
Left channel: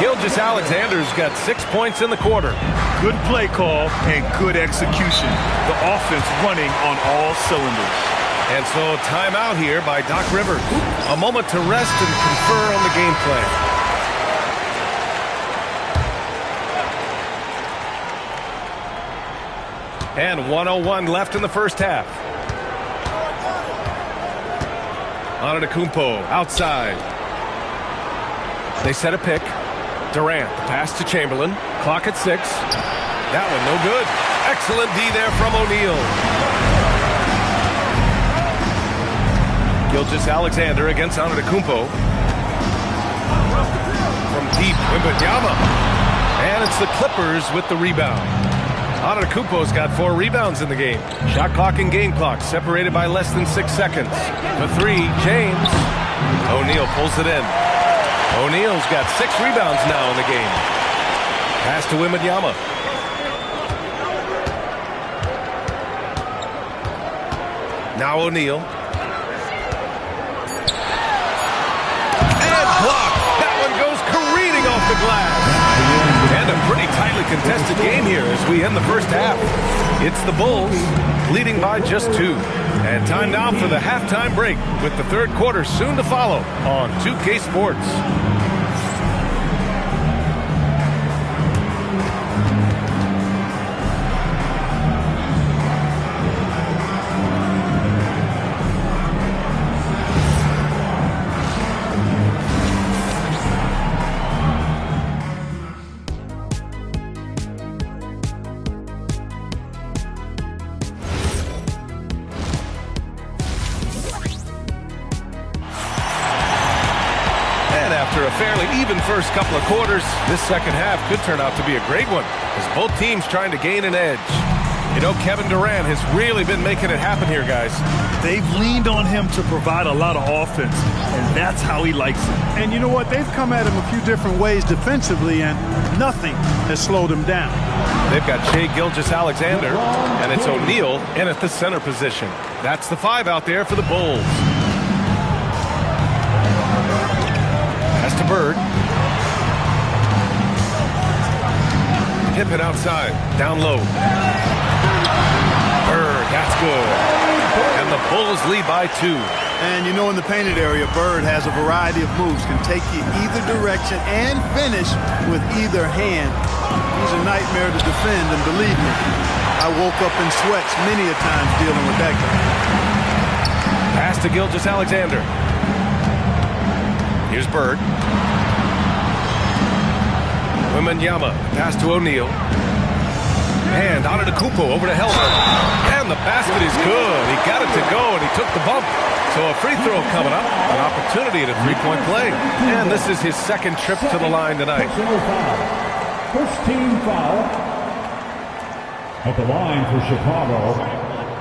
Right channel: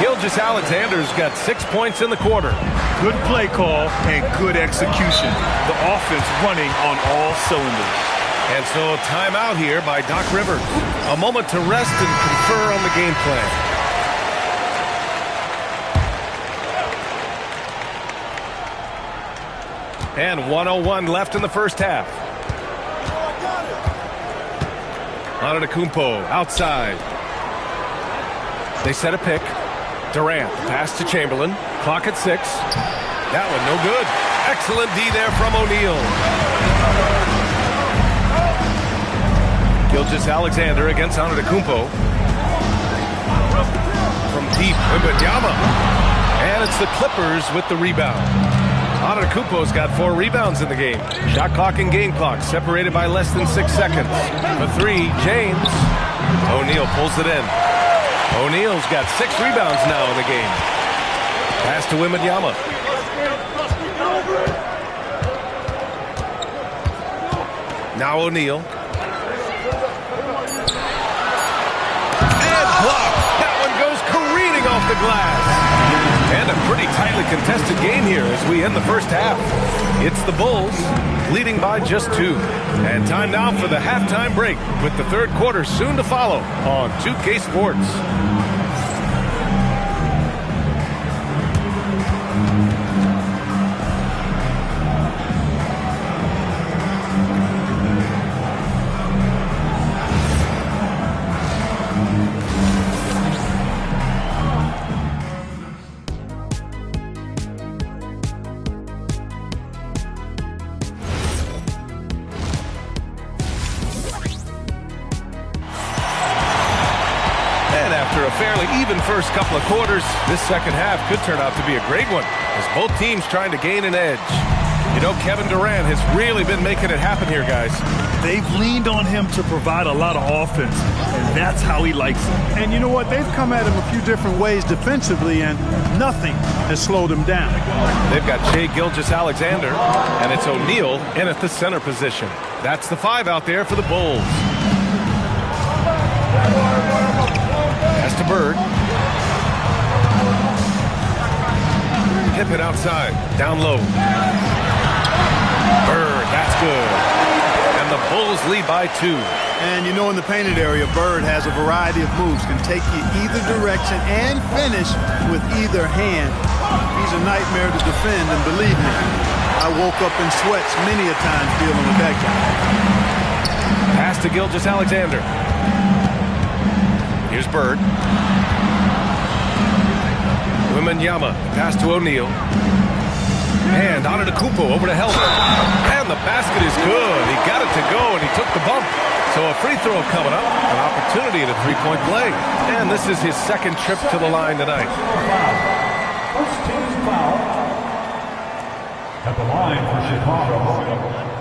Gilgeous-Alexander's got 6 points in the quarter. Good play call and good execution. The offense running on all cylinders. And so timeout here by Doc Rivers. A moment to rest and confer on the game plan. And 1:01 left in the first half. Antetokounmpo outside. They set a pick. Durant, the pass to Chamberlain. Clock at 6. That one no good. Excellent D there from O'Neal. Gilgeous-Alexander against Antetokounmpo. From deep, Wembanyama. And it's the Clippers with the rebound. Antetokounmpo's got 4 rebounds in the game. Shot clock and game clock separated by less than 6 seconds. For 3, James. O'Neal pulls it in. O'Neal's got 6 rebounds now in the game. Pass to Wembanyama. Now O'Neal. And blocked. That one goes careening off the glass. And a pretty tightly contested game here as we end the first half. It's the Bulls leading by just 2. And time now for the halftime break with the third quarter soon to follow on 2K Sports. After a fairly even first couple of quarters, this second half could turn out to be a great one as both teams trying to gain an edge. You know, Kevin Durant has really been making it happen here, guys. They've leaned on him to provide a lot of offense, and that's how he likes it. And you know what? They've come at him a few different ways defensively, and nothing has slowed him down. They've got Shai Gilgeous-Alexander, and it's O'Neal in at the center position. That's the 5 out there for the Bulls. Pass to Bird. Pippen outside. Down low. Bird, that's good. And the Bulls lead by 2. And you know, in the painted area, Bird has a variety of moves. Can take you either direction and finish with either hand. He's a nightmare to defend, and believe me, I woke up in sweats many a times dealing with that guy. Pass to Gilgeous-Alexander. Here's Bird. Wembanyama, pass to O'Neal. And Antetokounmpo over to Helder. And the basket is good. He got it to go, and he took the bump. So a free throw coming up, an opportunity at a three-point play. And this is his second trip to the line tonight. First team foul. At the line for Chicago,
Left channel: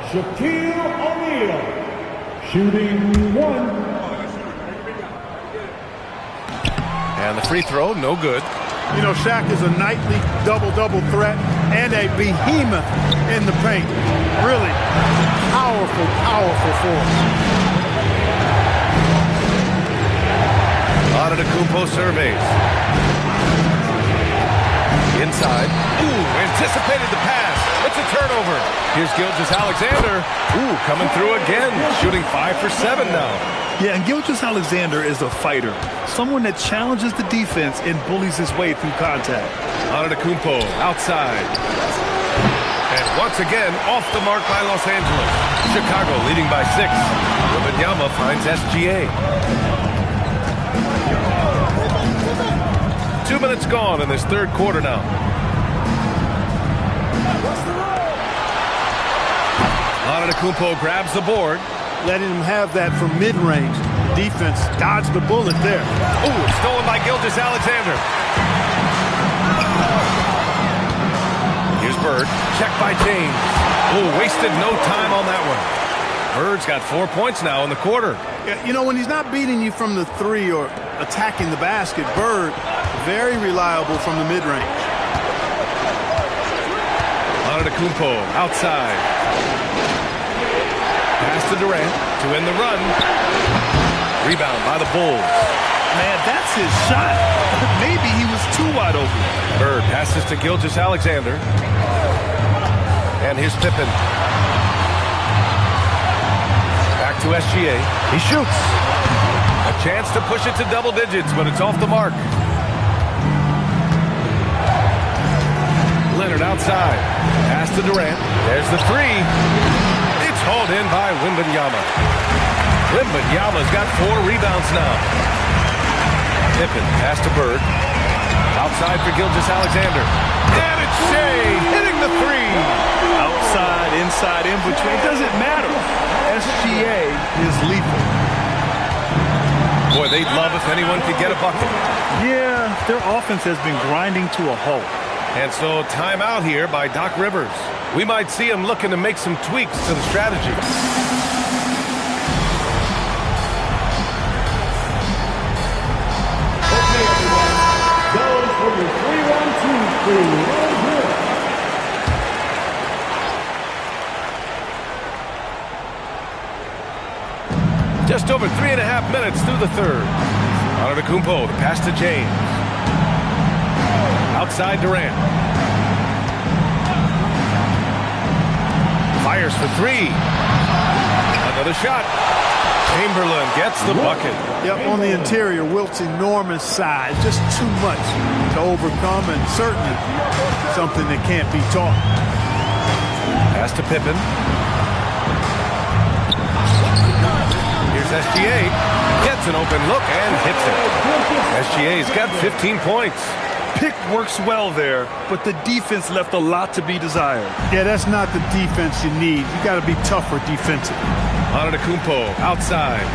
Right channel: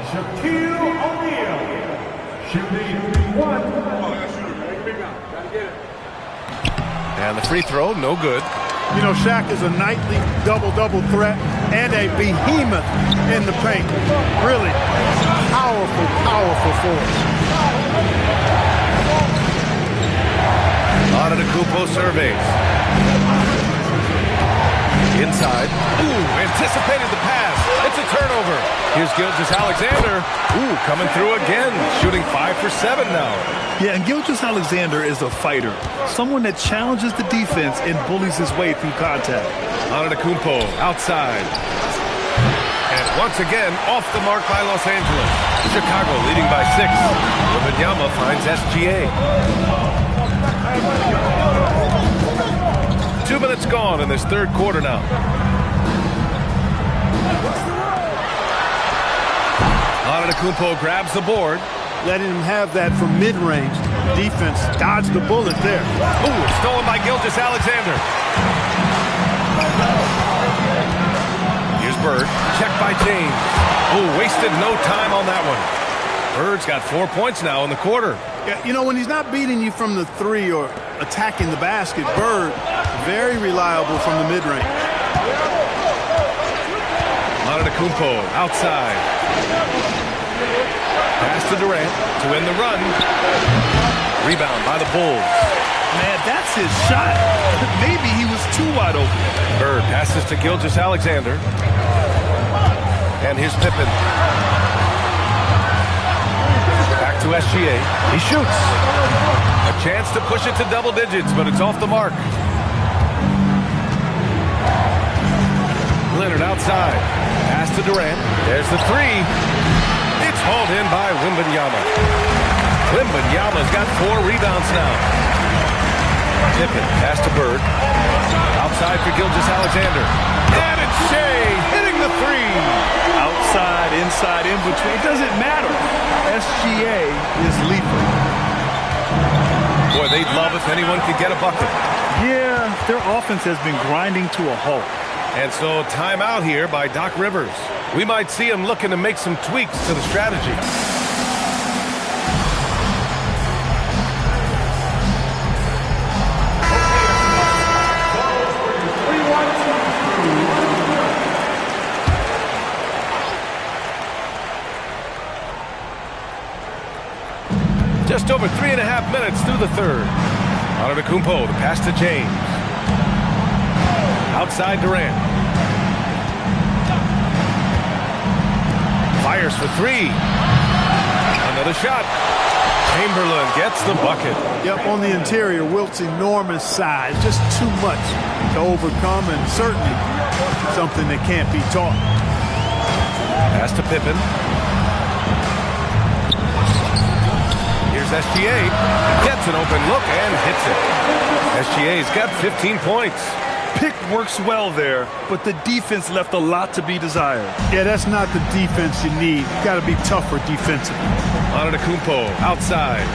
Shaquille O'Neal. Shooting 1. And the free throw, no good. You know, Shaq is a nightly double-double threat and a behemoth in the paint. Really powerful, powerful force. Antetokounmpo surveys. Inside. Ooh, anticipated the pass. It's a turnover. Here's Gilgeous-Alexander. Ooh, coming through again. Shooting 5 for 7 now. Yeah, and Gilgeous-Alexander is a fighter. Someone that challenges the defense and bullies his way through contact. Antetokounmpo outside. And once again, off the mark by Los Angeles. Chicago leading by 6. Wembanyama finds SGA. 2 minutes gone in this third quarter now. Antetokounmpo grabs the board. Letting him have that from mid-range. Defense dodged the bullet there. Ooh, it's stolen by Gilgeous-Alexander. Here's Bird. Checked by James. Oh, wasted no time on that one. Bird's got 4 points now in the quarter. Yeah, you know, when he's not beating you from the 3 or attacking the basket, Bird, very reliable from the mid-range. Antetokounmpo outside. Pass to Durant to end the run. Rebound by the Bulls. Man, that's his shot. Maybe he was too wide open. Bird passes to Gilgeous-Alexander. And here's Pippen. Back to SGA. He shoots. A chance to push it to double digits, but it's off the mark. Leonard outside. Pass to Durant. There's the three. It's hauled in by Wembanyama. Wembanyama's got 4 rebounds now. Pippen, pass to Bird. Outside for Gilgeous-Alexander. And it's Shea hitting the three. Outside, inside, in between. It doesn't matter. SGA is lethal. Boy, they'd love if anyone could get a bucket. Yeah, their offense has been grinding to a halt. And so timeout here by Doc Rivers. We might see him looking to make some tweaks to the strategy. Just over 3.5 minutes through the third. Antetokounmpo, the pass to James. Outside Durant. Fires for 3. Another shot. Chamberlain gets the bucket. Yep, on the interior, Wilt's enormous size. Just too much to overcome, and certainly something that can't be taught. Pass to Pippen. Here's SGA. Gets an open look and hits it. SGA's got 15 points. Pick works well there, but the defense left a lot to be desired. Yeah, that's not the defense you need. You got to be tougher defensively. Antetokounmpo outside.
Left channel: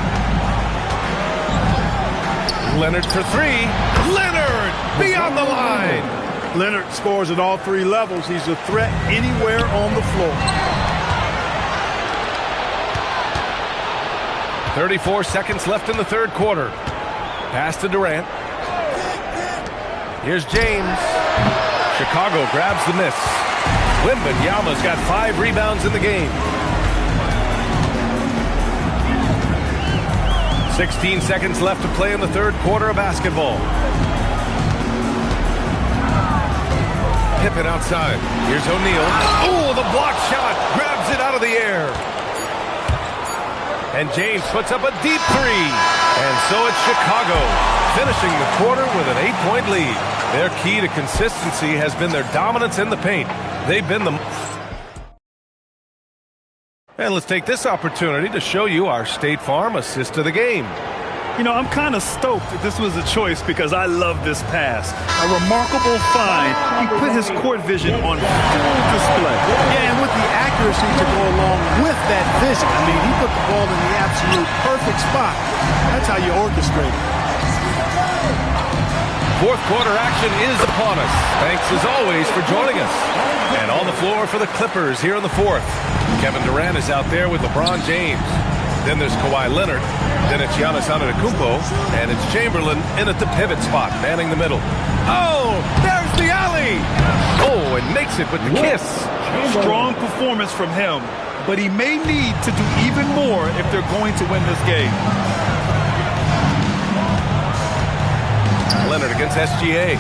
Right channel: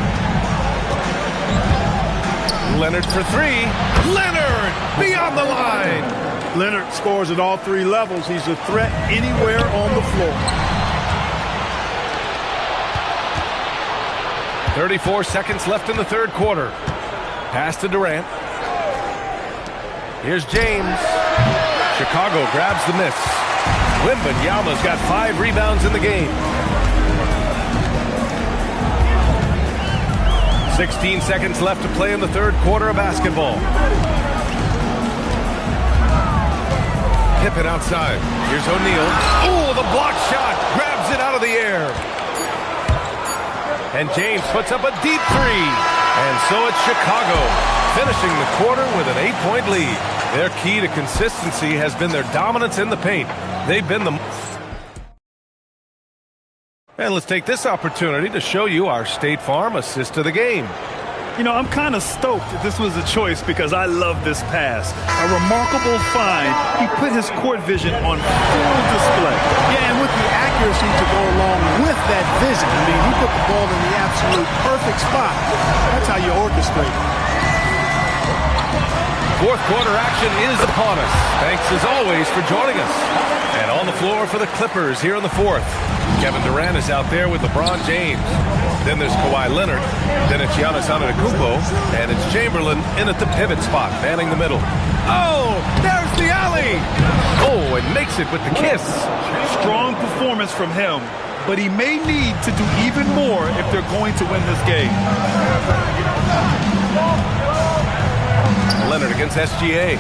Leonard for 3. Leonard beyond the line. Leonard scores at all 3 levels. He's a threat anywhere on the floor. 34 seconds left in the third quarter. Pass to Durant. Here's James. Chicago grabs the miss. Wembanyama's got 5 rebounds in the game. 16 seconds left to play in the third quarter of basketball. Pippen outside. Here's O'Neal. Oh, the block shot. Grabs it out of the air. And James puts up a deep 3. And so it's Chicago, finishing the quarter with an 8-point lead. Their key to consistency has been their dominance in the paint. They've been the... And let's take this opportunity to show you our State Farm assist of the game. You know, I'm kind of stoked that this was a choice because I love this pass. A remarkable find. He put his court vision on full display. Yeah, and with the accuracy to go along with that vision. I mean, he put the ball in the absolute perfect spot. That's how you orchestrate it. Fourth quarter action is upon us. Thanks as always for joining us. And on the floor for the Clippers here in the fourth. Kevin Durant is out there with LeBron James. Then there's Kawhi Leonard. Then it's Giannis Antetokounmpo. And it's Chamberlain in at the pivot spot, manning the middle. Oh, there's the alley. Oh, and makes it with the kiss. Strong performance from him, but he may need to do even more if they're going to win this game. Leonard against SGA.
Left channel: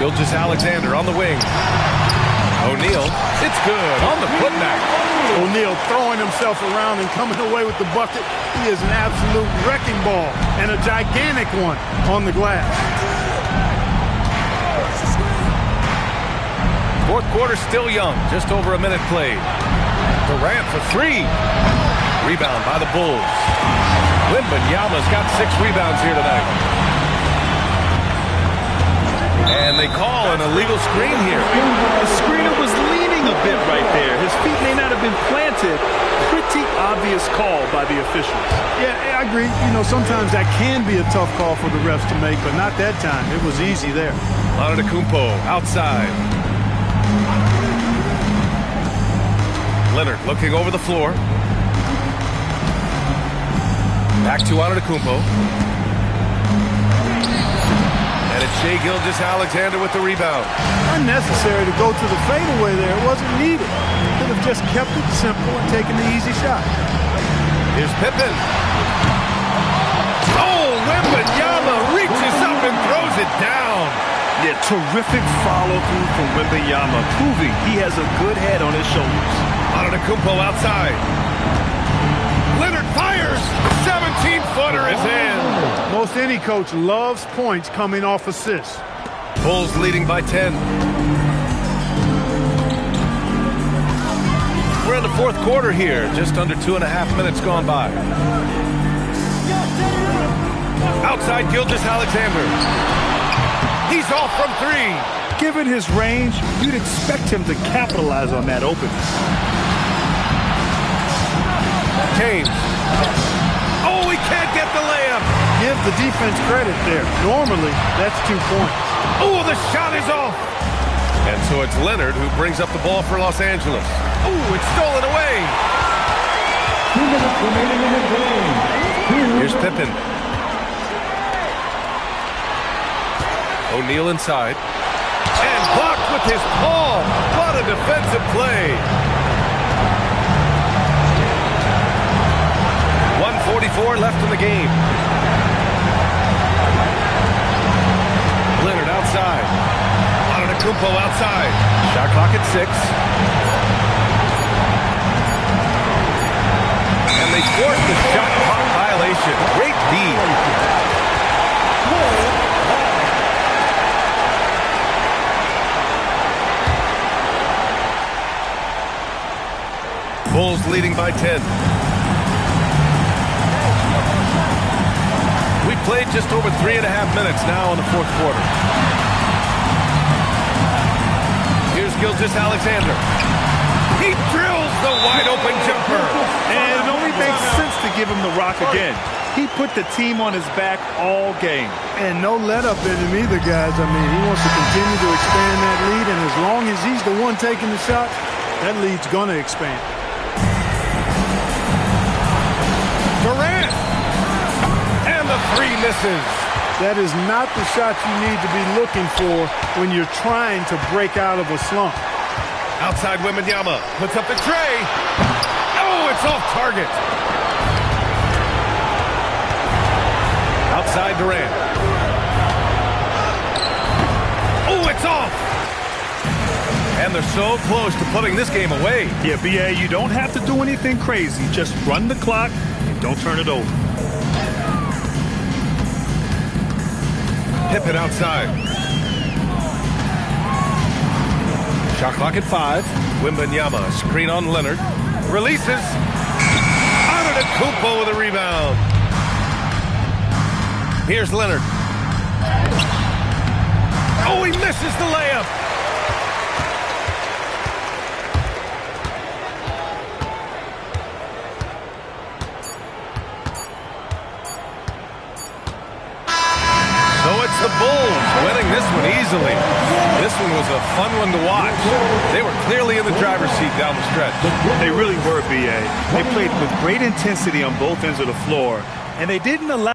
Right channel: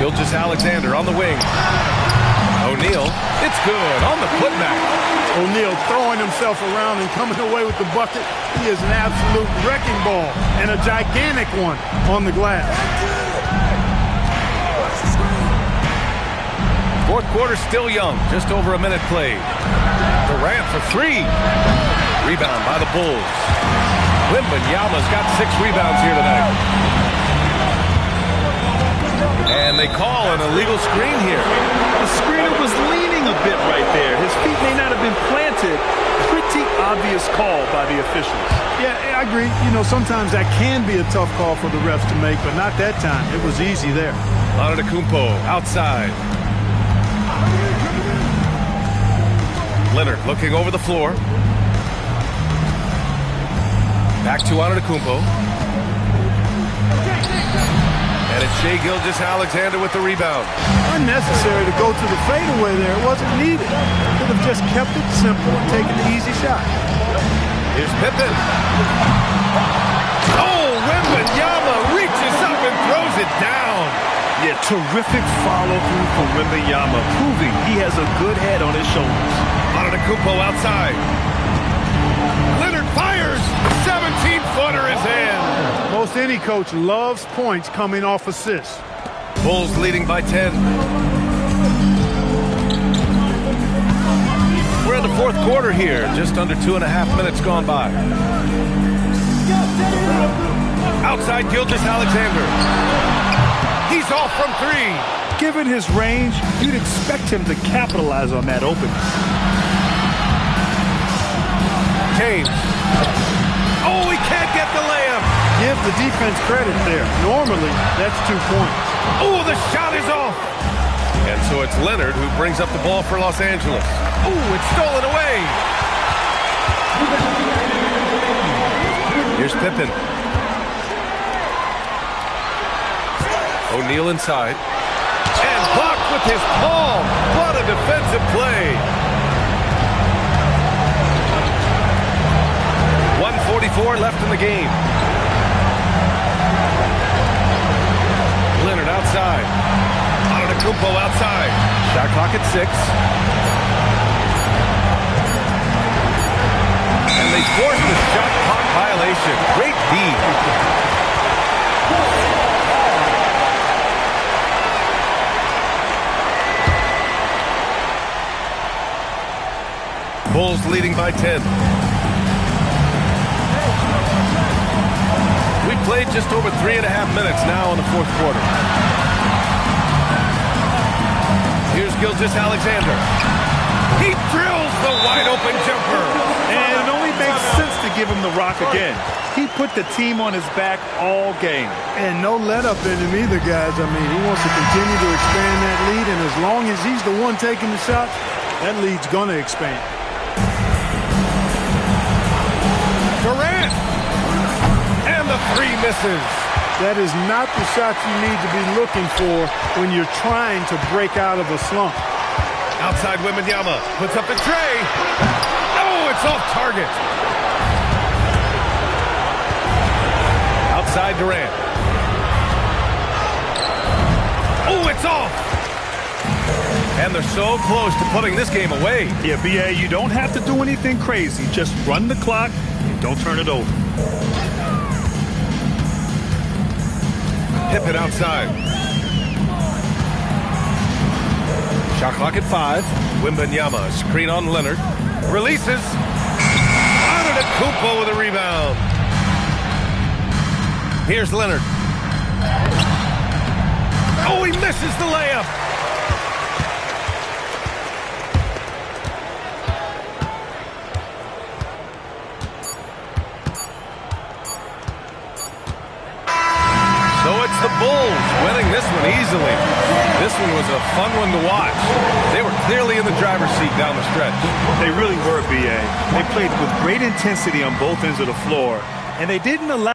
Gilgeous-Alexander on the wing. O'Neal, it's good on the putback. O'Neal throwing himself around and coming away with the bucket. He is an absolute wrecking ball and a gigantic one on the glass. Fourth quarter still young, just over a minute played. Durant for 3. Rebound by the Bulls. Wembanyama's got 6 rebounds here tonight. And they call an illegal screen here. The screener was leaning a bit right there. His feet may not have been planted. Pretty obvious call by the officials. Yeah, I agree. You know, sometimes that can be a tough call for the refs to make, but not that time. It was easy there. Antetokounmpo outside. Leonard looking over the floor. Back to Antetokounmpo. And it's Shai Gilgeous-Alexander with the rebound. Unnecessary to go to the fadeaway there. It wasn't needed. Could have just kept it simple and taken the easy shot. Here's Pippen. Oh, Wembanyama reaches up and throws it down. Yeah, terrific follow-through from Wembanyama, proving he has a good head on his shoulders. Antetokounmpo outside. Leonard fires. 17-footer is in. Most any coach loves points coming off assists. Bulls leading by 10. We're in the fourth quarter here. Just under 2.5 minutes gone by. Outside Gilgeous-Alexander. He's off from three. Given his range, you'd expect him to capitalize on that opening. James. Oh, he can't get the layup. Give the defense credit there. Normally, that's 2 points. Oh, the shot is off. And so it's Leonard who brings up the ball for Los Angeles. Oh, it's stolen away. Here's Pippen. O'Neal inside. And blocked with his palm. What a defensive play. 1:44 left in the game. Leonard outside. Antetokounmpo outside. Shot clock at 6. And they force the shot clock violation. Great D. Bulls leading by 10. We played just over 3.5 minutes now in the fourth quarter. Here's Gilgeous-Alexander. He drills the wide-open jumper. And it only makes sense to give him the rock again. He put the team on his back all game. And no let-up in him either, guys. I mean, he wants to continue to expand that lead, and as long as he's the one taking the shots, that lead's going to expand. Durant. And the three misses. That is not the shot you need to be looking for when you're trying to break out of a slump. Outside Wembanyama puts up the tray. Oh, it's off target. Outside Durant. Oh, it's off. And they're so close to putting this game away. Yeah, B.A., you don't have to do anything crazy. Just run the clock and don't turn it over. Pippen outside. Shot clock at 5. Wembanyama, screen on Leonard. Releases. Antetokounmpo with a rebound. Here's Leonard. Oh, he misses the layup. So it's the Bulls winning this one easily. This one was a fun one to watch. They were clearly in the driver's seat down the stretch. They really were, B.A. They played with great intensity on both ends of the floor, and they didn't allow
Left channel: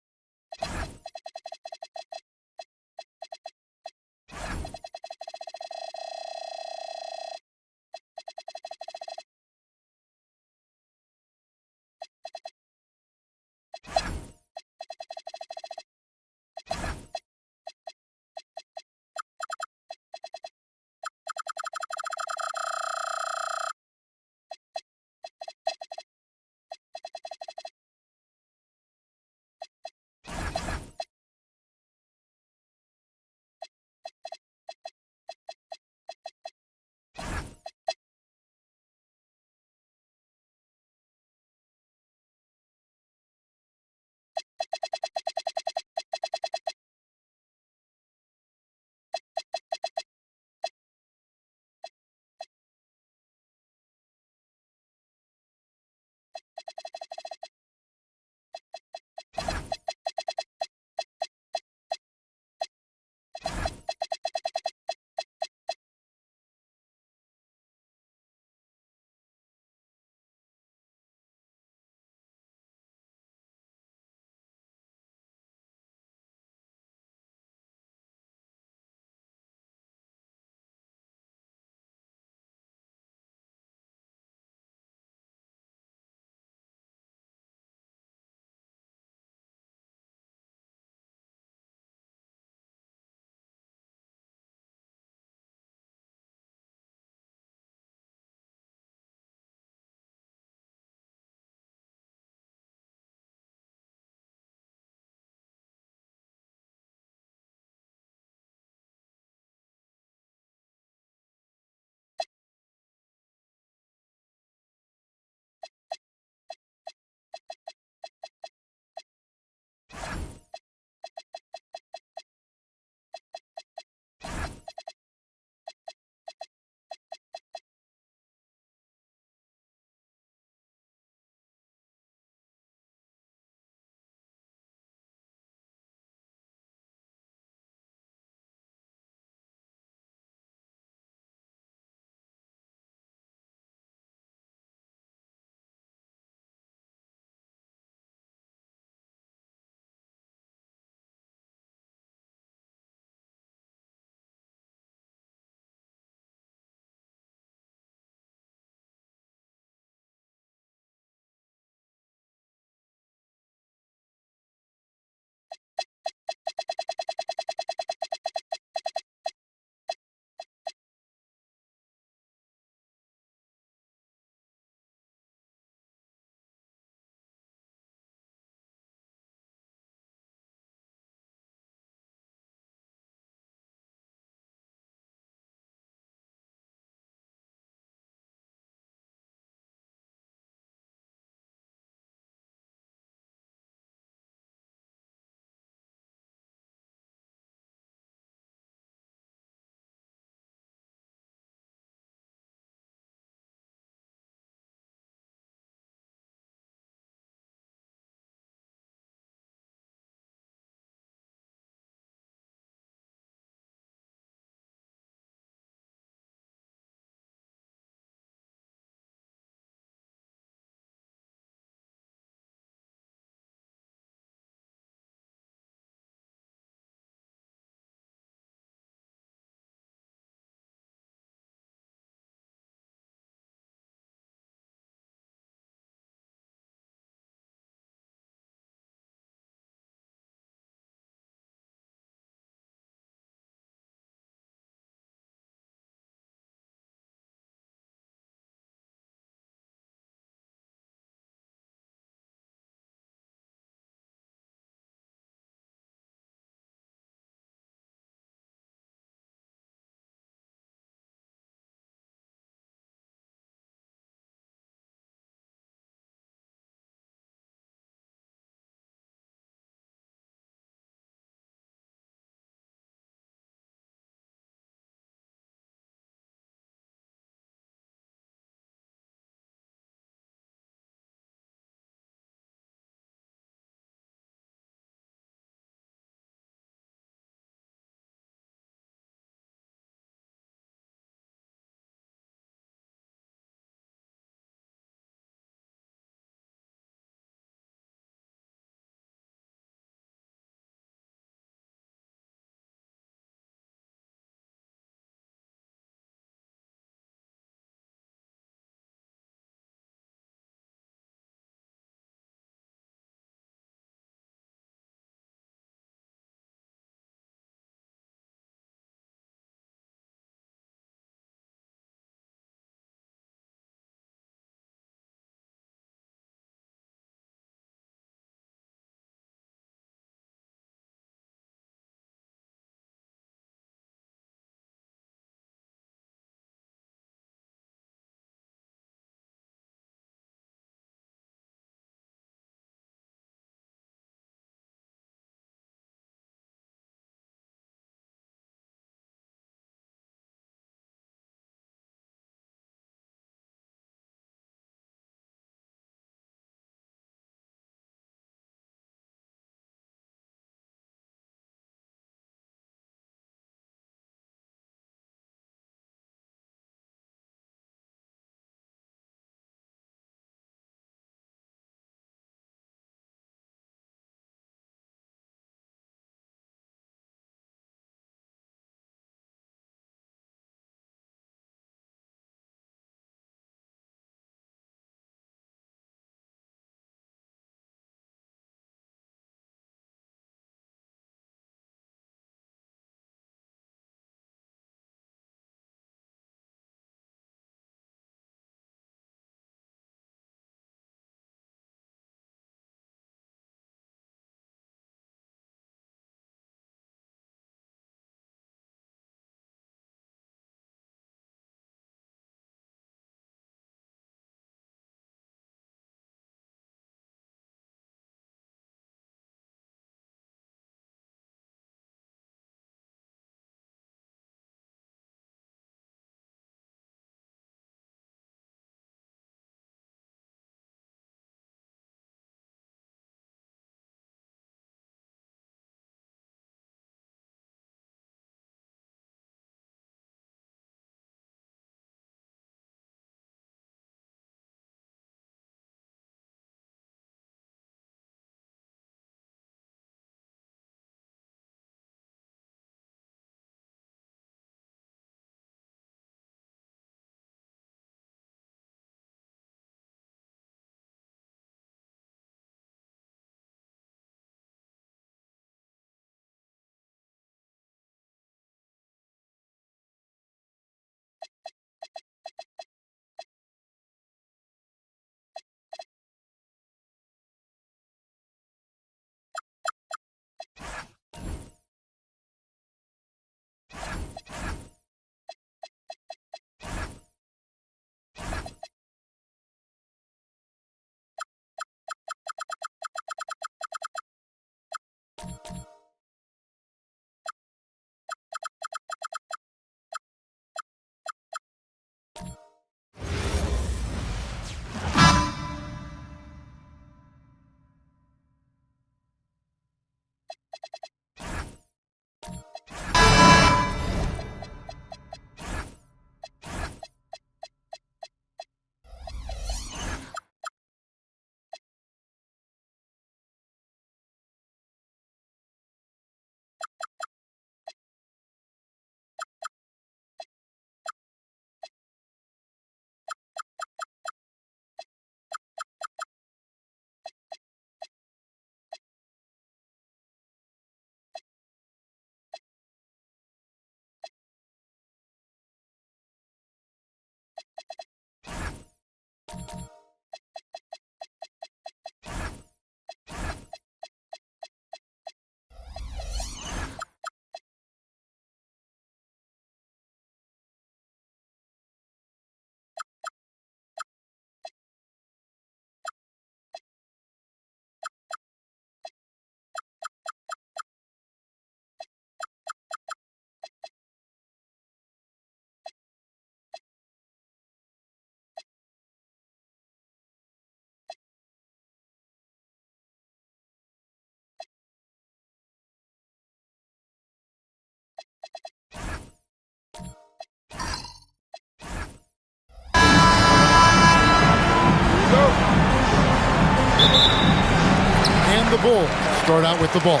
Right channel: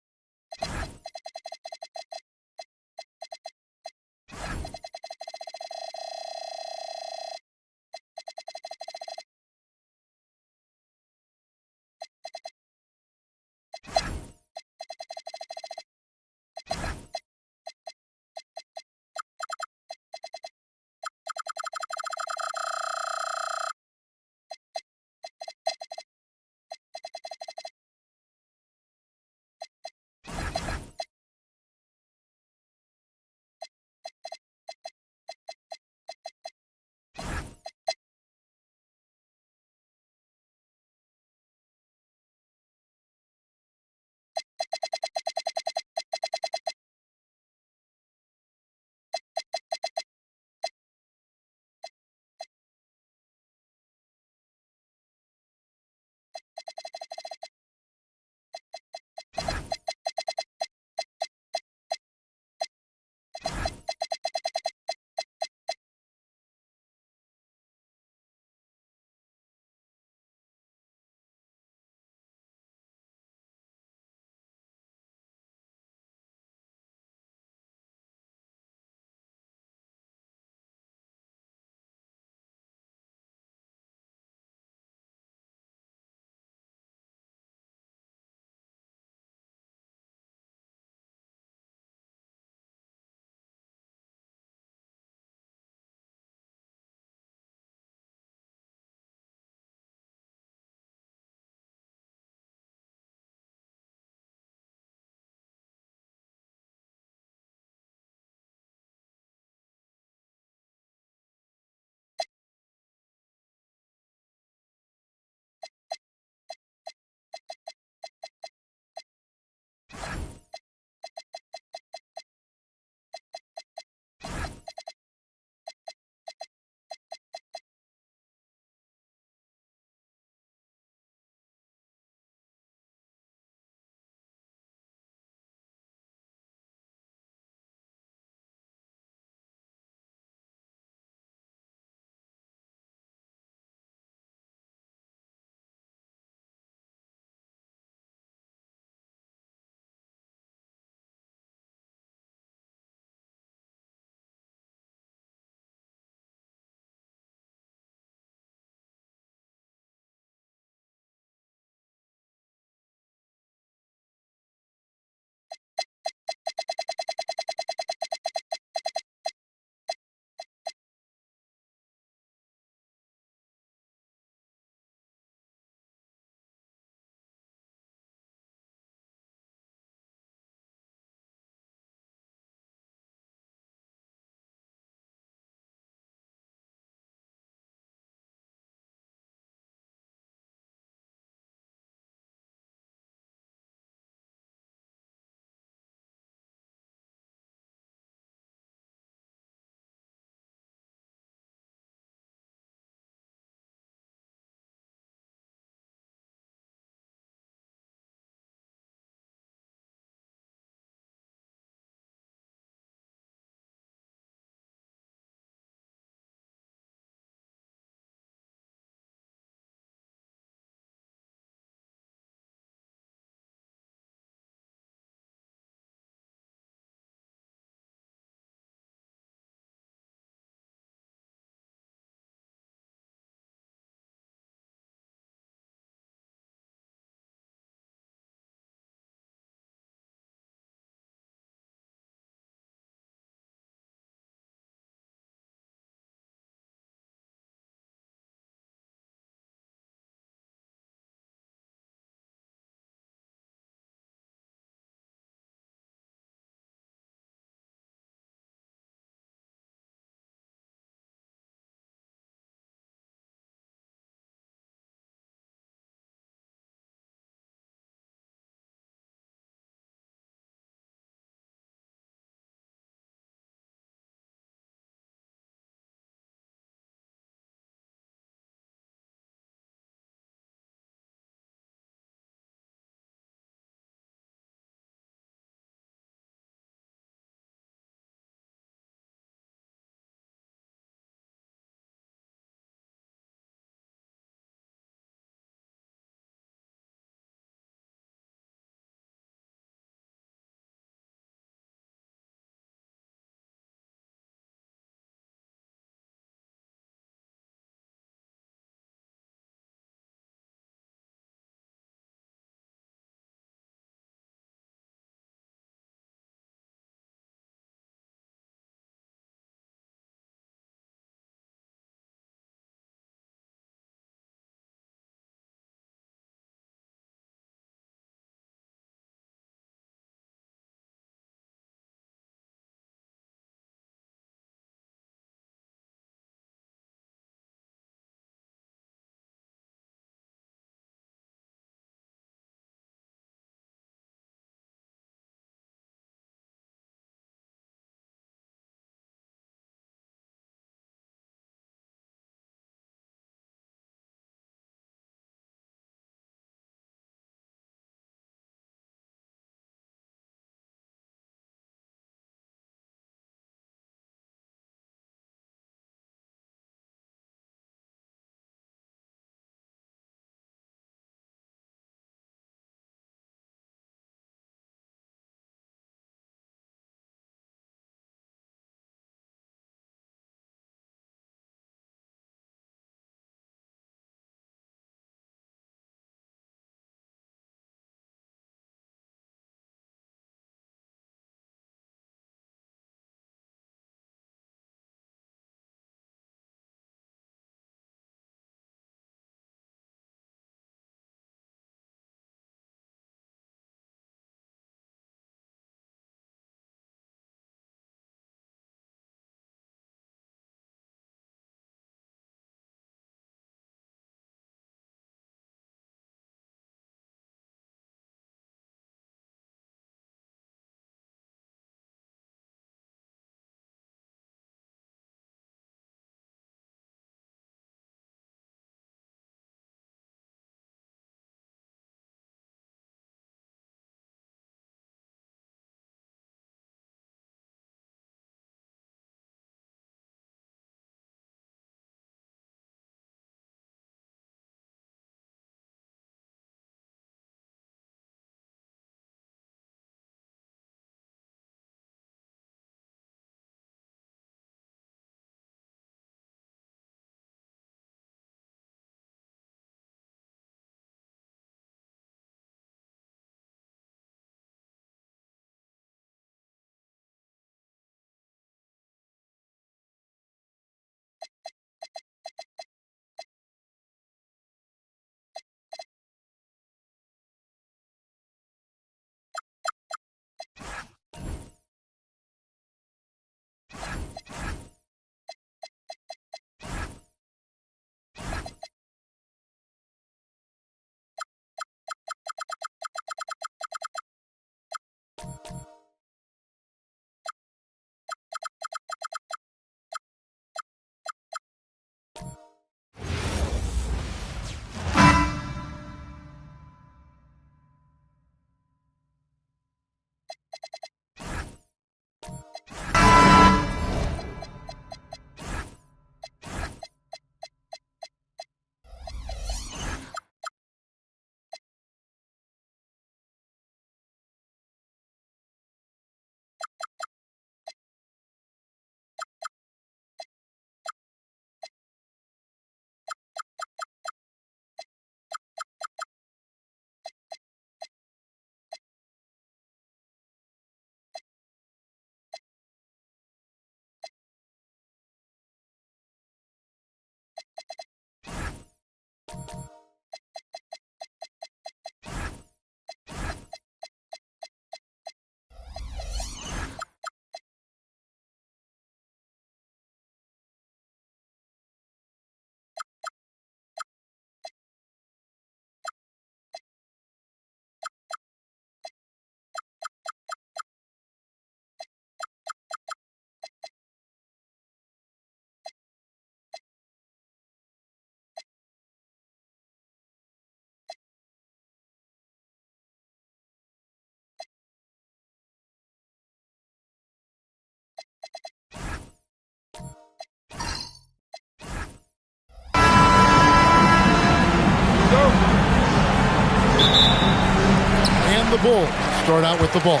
the Bulls start out with the ball.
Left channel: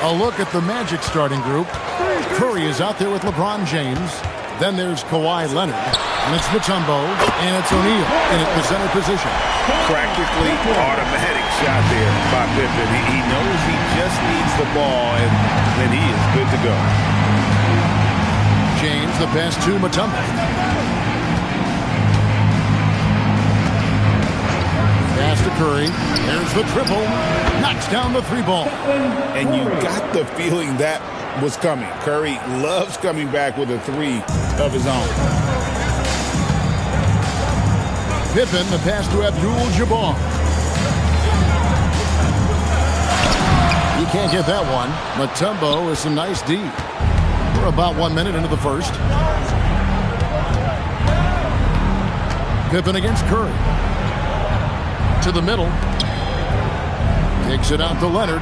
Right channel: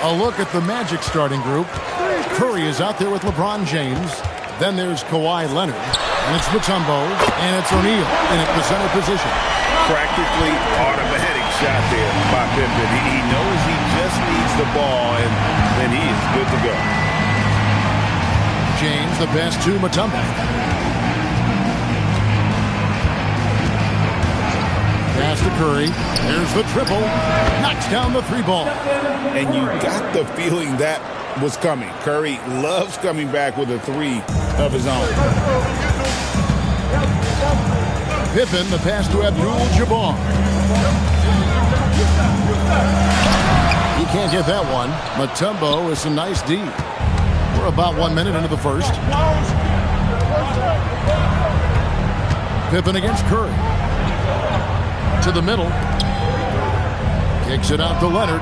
A look at the Magic starting group. Curry is out there with LeBron James. Then there's Kawhi Leonard. And it's Mutombo. And it's O'Neal in at the center position. Practically automatic shot there by Pippen. He knows he just needs the ball, and then he is good to go. James, the pass to Mutombo. Pass to Curry. There's the triple. Knocks down the three ball. And you got the feeling that was coming. Curry loves coming back with a three of his own. Pippen, the pass to Abdul-Jabbar. He can't get that one. Mutombo is some nice D. We're about 1 minute into the first. Pippen against Curry. To the middle. Kicks it out to Leonard.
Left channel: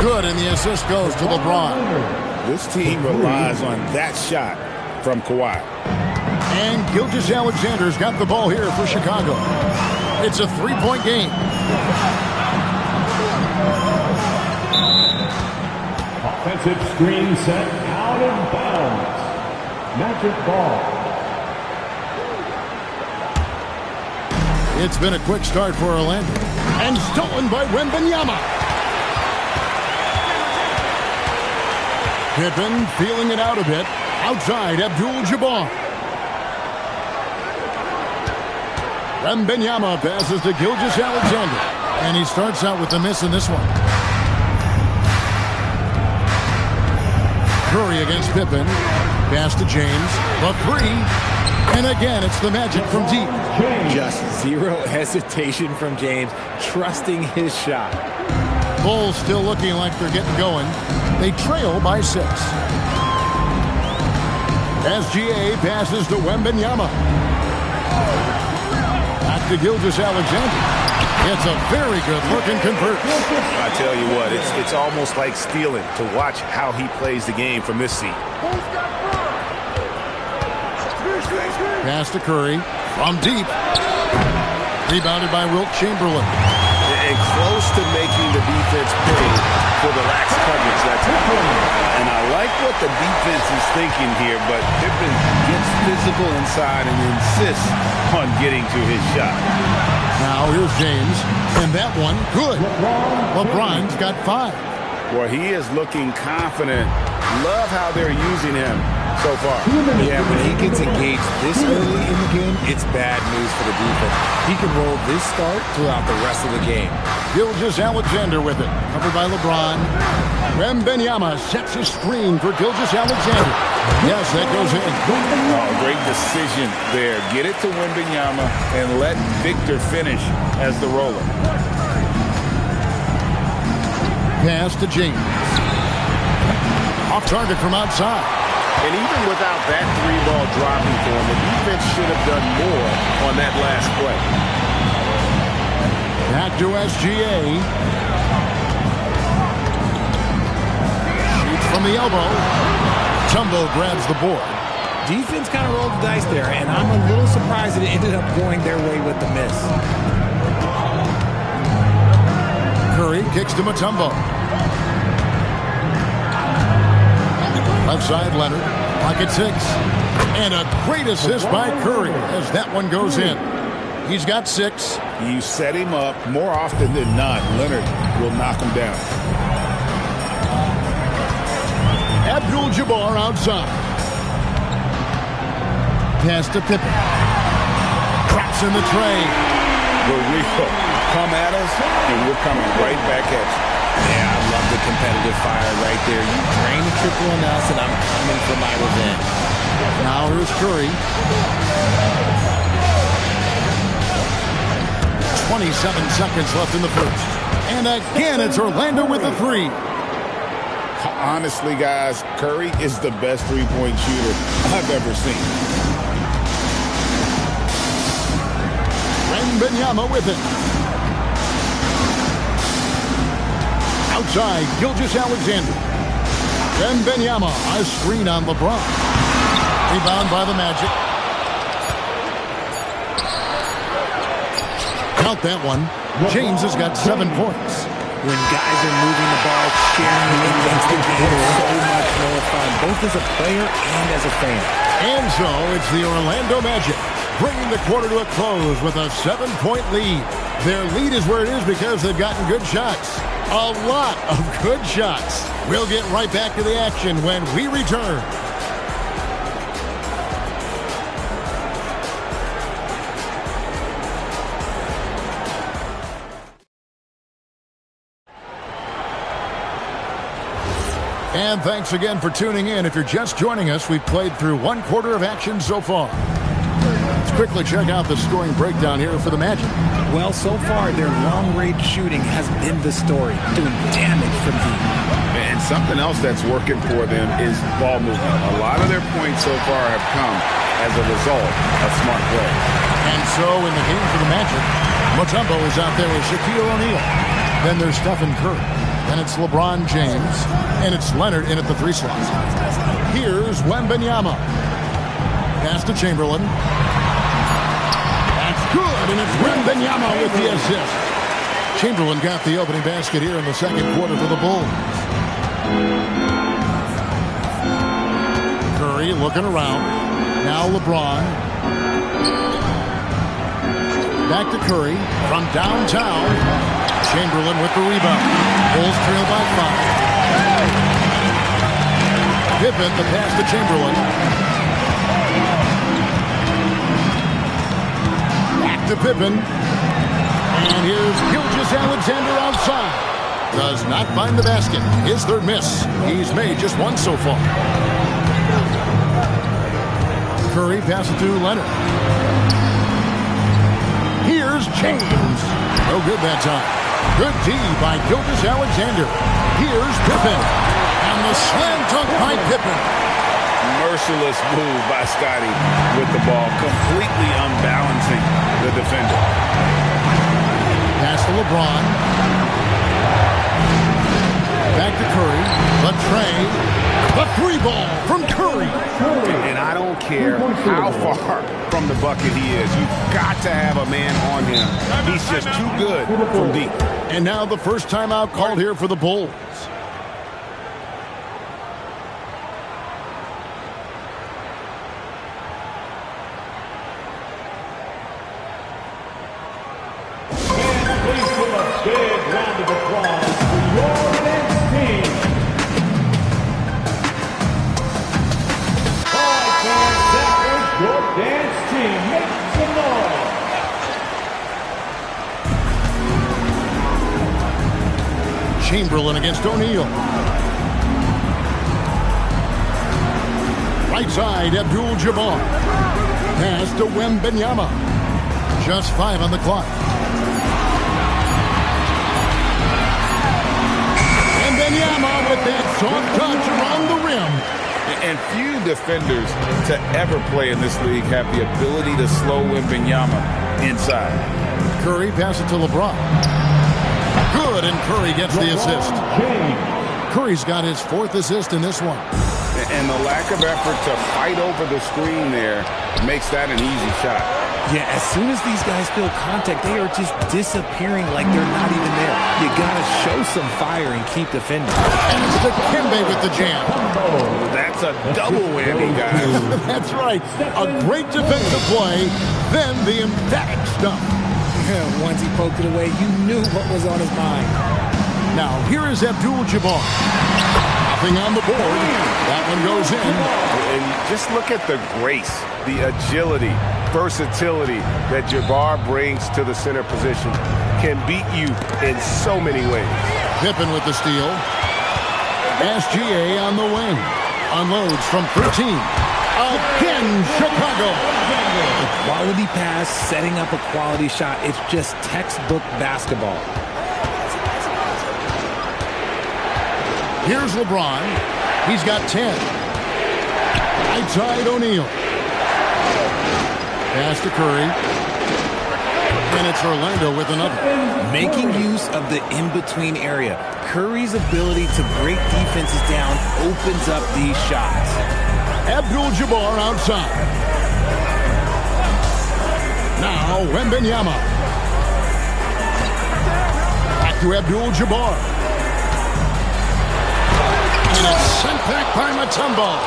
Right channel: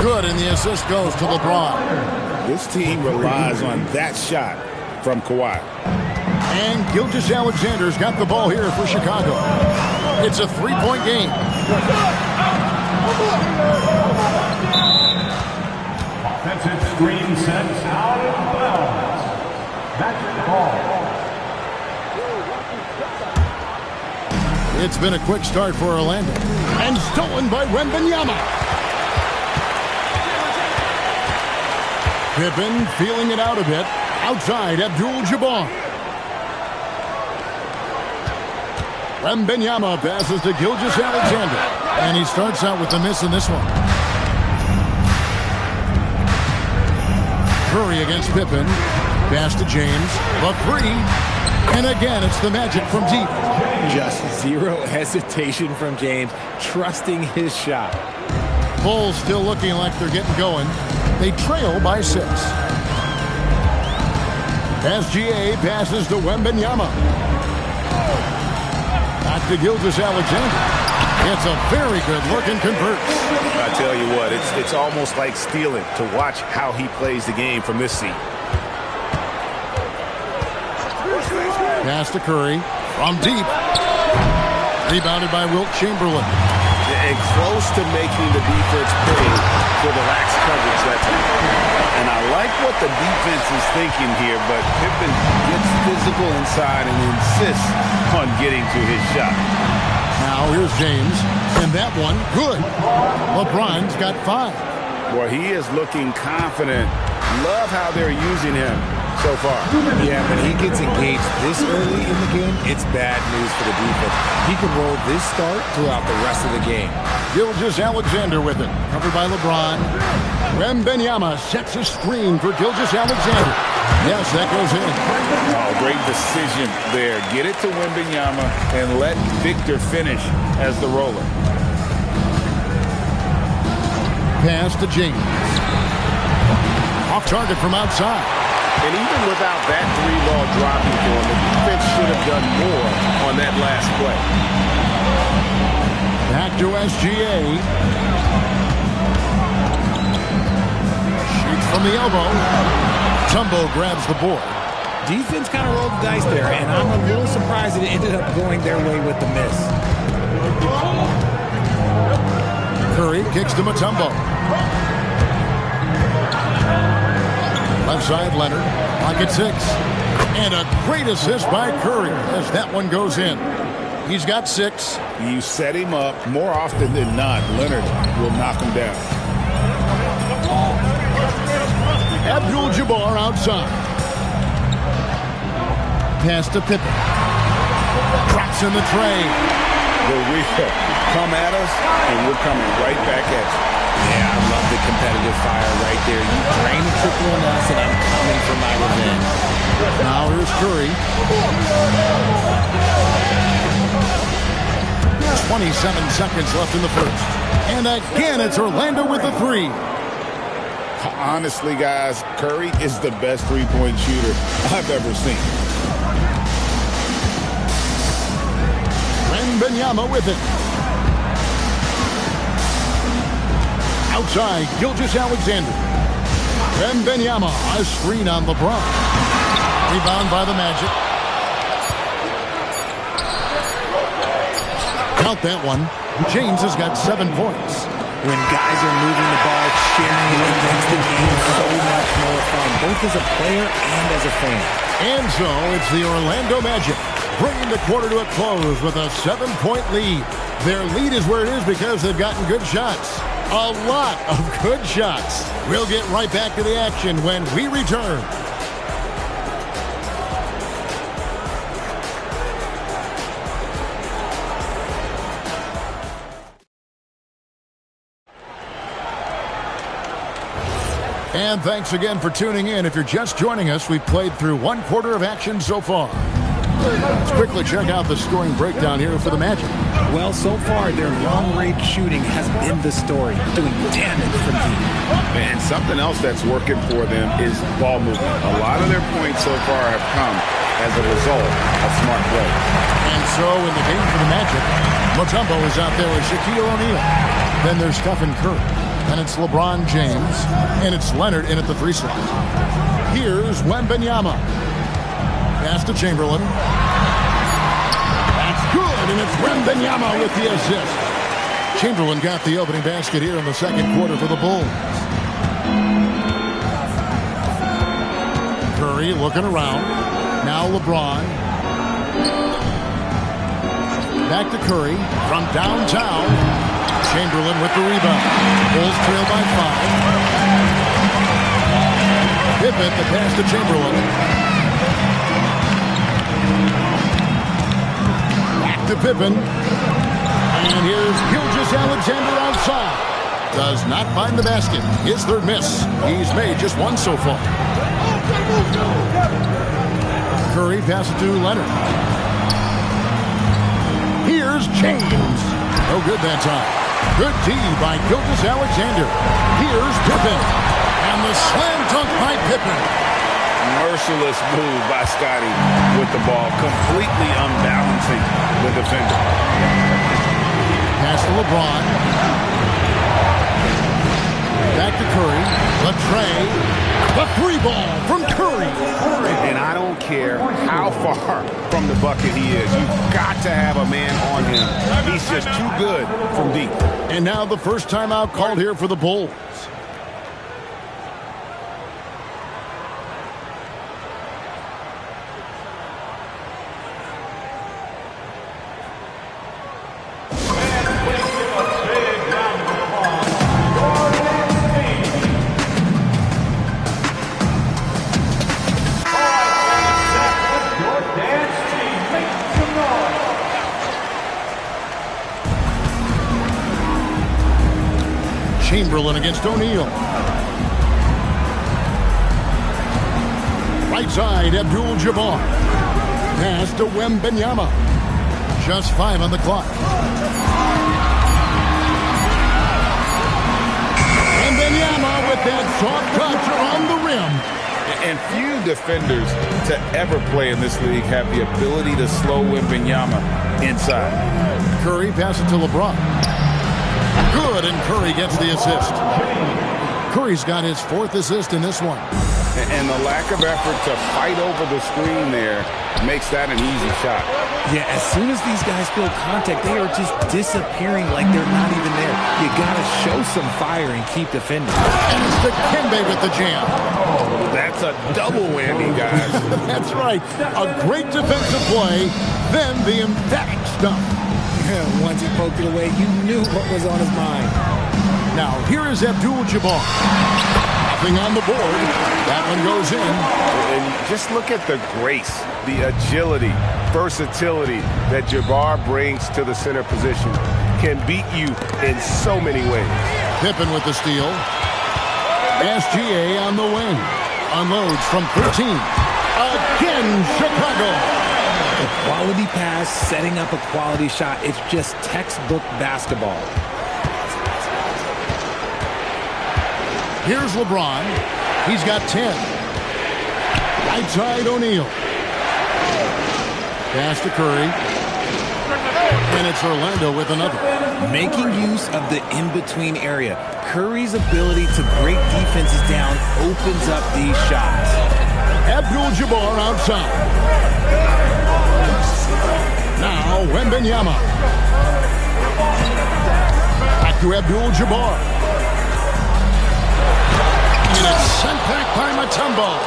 Good, and the assist goes to LeBron. This team relies on that shot from Kawhi. And Gilgeous-Alexander's got the ball here for Chicago. It's a three-point game. Offensive screen sets out of bounds. Magic ball. It's been a quick start for Orlando. And stolen by Wembanyama. Pippen feeling it out a bit. Outside, Abdul-Jabbar. Wembanyama passes to Gilgeous-Alexander. And he starts out with the miss in this one. Curry against Pippen. Pass to James. The three. And again, it's the Magic from deep. Just zero hesitation from James, trusting his shot. Bulls still looking like they're getting going. They trail by 6. SGA passes to Wembanyama. Back to Gilgeous-Alexander. It's a very good look and converts. I tell you what, it's almost like stealing to watch how he plays the game from this seat. Pass to Curry from deep. Rebounded by Wilt Chamberlain. And close to making the defense pay for the lax coverage that time. And I like what the defense is thinking here, but Pippen gets physical inside and insists on getting to his shot. Now here's James. And that one, good. LeBron's got 5. Boy, he is looking confident. Love how they're using him so far. Yeah, when he gets engaged this early in the game, it's bad news for the defense. He can roll this start throughout the rest of the game. Gilgeous-Alexander with it. Covered by LeBron. Wembanyama sets a screen for Gilgeous-Alexander. Yes, that goes in. Oh, great decision there. Get it to Wembanyama and let Victor finish as the roller. Pass to James. Off target from outside. And even without that three ball dropping for him, the defense should have done more on that last play. Back to SGA. Shoots from the elbow. Tumbo grabs the board. Defense kind of rolled the dice there, and I'm a little surprised it ended up going their way with the miss. Curry kicks to Mutombo. Left side, Leonard. Pocket 6. And a great assist by Curry as that one goes in. He's got 6. You set him up more often than not. Leonard will knock him down. Abdul-Jabbar outside. Pass to Pippen. Drops in the tray. We're real. Come at us, and we're coming right back at you. Yeah, I love the competitive fire right there. You drain a triple on us, and I'm coming for my revenge. Now here's Curry. 27 seconds left in the first. And again, it's Orlando with the 3. Honestly, guys, Curry is the best three-point shooter I've ever seen. Wembanyama with it. Outside, Gilgeous-Alexander. Wembanyama, a screen on LeBron. Rebound by the Magic. Count that one. James has got 7 points. When guys are moving the ball, sharing it, it makes the game so much more fun, both as a player and as a fan. And so it's the Orlando Magic bringing the quarter to a close with a 7-point lead. Their lead is where it is because they've gotten good shots. A lot of good shots. We'll get right back to the action when we return. And thanks again for tuning in. If you're just joining us, we've played through 1 quarter of action so far. Let's quickly check out the scoring breakdown here for the Magic. Well, so far, their long-range shooting has been the story, doing damage from deep. And something else that's working for them is ball movement. A lot of their points so far have come as a result of smart play. And so in the game for the Magic, Mutombo is out there with Shaquille O'Neal. Then there's Stephen Curry. Then it's LeBron James. And it's Leonard in at the 3 slot. Here's Wembanyama. Pass to Chamberlain. That's good, and it's Wembanyama with the assist. Chamberlain got the opening basket here in the second quarter for the Bulls. Curry looking around. Now LeBron. Back to Curry from downtown. Chamberlain with the rebound. Bulls trail by 5. Pippen, the pass to Chamberlain. Back to Pippen. And here's Gilgeous-Alexander outside. Does not find the basket. His 3rd miss. He's made just 1 so far. Curry passes to Leonard. Here's James. No good that time. Good D by Gilgeous-Alexander. Here's Pippen. And the slam dunk by Pippen. Merciless move by Scotty with the ball, completely unbalancing the defender. Pass to LeBron. Back to Curry. The tray. The 3 ball from Curry. And I don't care how far from the bucket he is. You've got to have a man on him. He's just too good from deep. And now the first timeout called here for the Bulls. Chamberlain against O'Neal. Right side, Abdul-Jabbar. Pass to Wembanyama. Just 5 on the clock. Wembanyama with that soft touch around the rim. And few defenders to ever play in this league have the ability to slow Wembanyama inside. Curry passes to LeBron. Good, and Curry gets the assist. Curry's got his 4th assist in this one. And the lack of effort to fight over the screen there makes that an easy shot. Yeah, as soon as these guys feel contact, they are just disappearing like they're not even there. You got to show some fire and keep defending. And it's Dikembe with the jam. Oh, that's a double whammy, guys. That's right. A great defensive play, then the emphatic stuff. Once he poked it away, you knew what was on his mind. Now, here is Abdul-Jabbar. Nothing on the board. That one goes in. And just look at the grace, the agility, versatility that Jabbar brings to the center position. Can beat you in so many ways. Pippen with the steal. SGA on the wing. Unloads from 13. Again, Chicago. A quality pass, setting up a quality shot. It's just textbook basketball. Here's LeBron. He's got 10. Right side, O'Neal. Pass to Curry. And it's Orlando with another. Making use of the in-between area. Curry's ability to break defenses down opens up these shots. Abdul-Jabbar outside. Now Wembanyama. to Abdul-Jabbar. And it's sent back by Mutombo.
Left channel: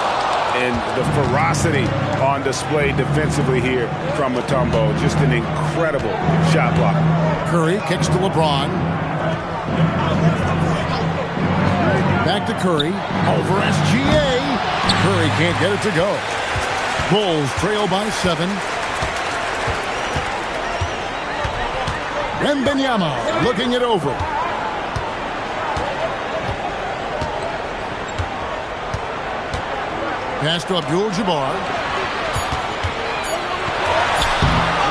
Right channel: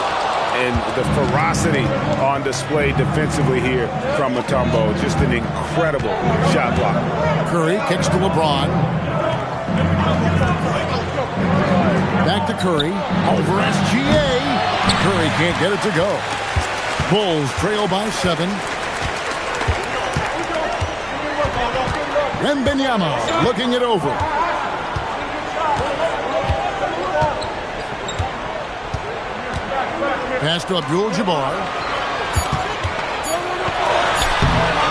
And the ferocity on display defensively here from Mutombo. Just an incredible shot block. Curry kicks to LeBron. Back to Curry. Over SGA. Curry can't get it to go. Bulls trail by 7. Wembanyama looking it over. Pass to Abdul-Jabbar.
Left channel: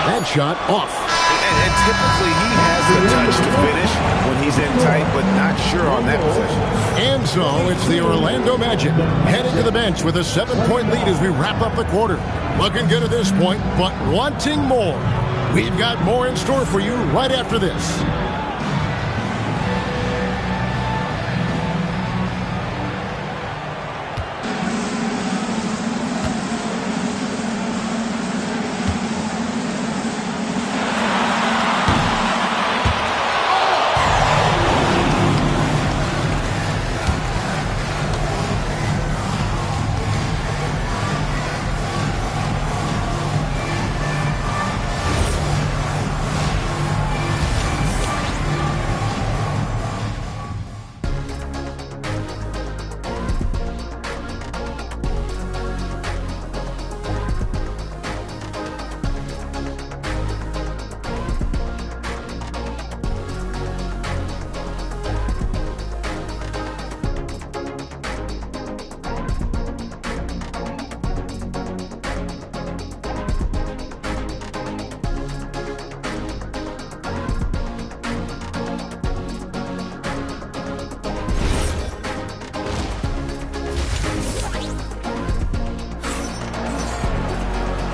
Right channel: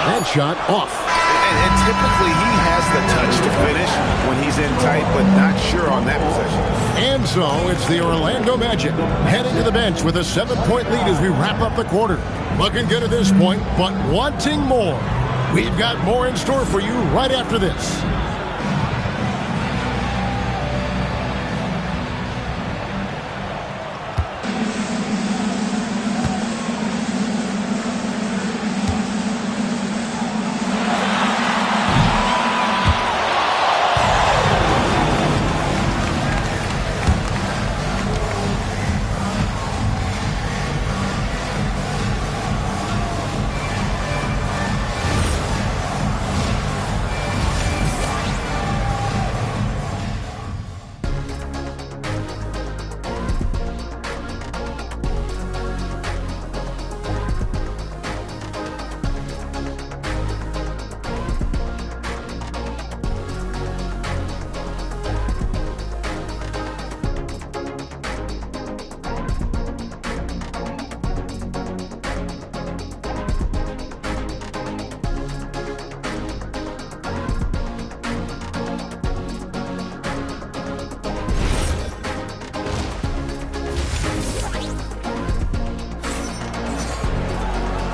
That shot off. And typically he has the touch to finish when he's in tight, but not sure on that possession. And so it's the Orlando Magic heading to the bench with a 7-point lead as we wrap up the quarter. Looking good at this point, but wanting more. We've got more in store for you right after this.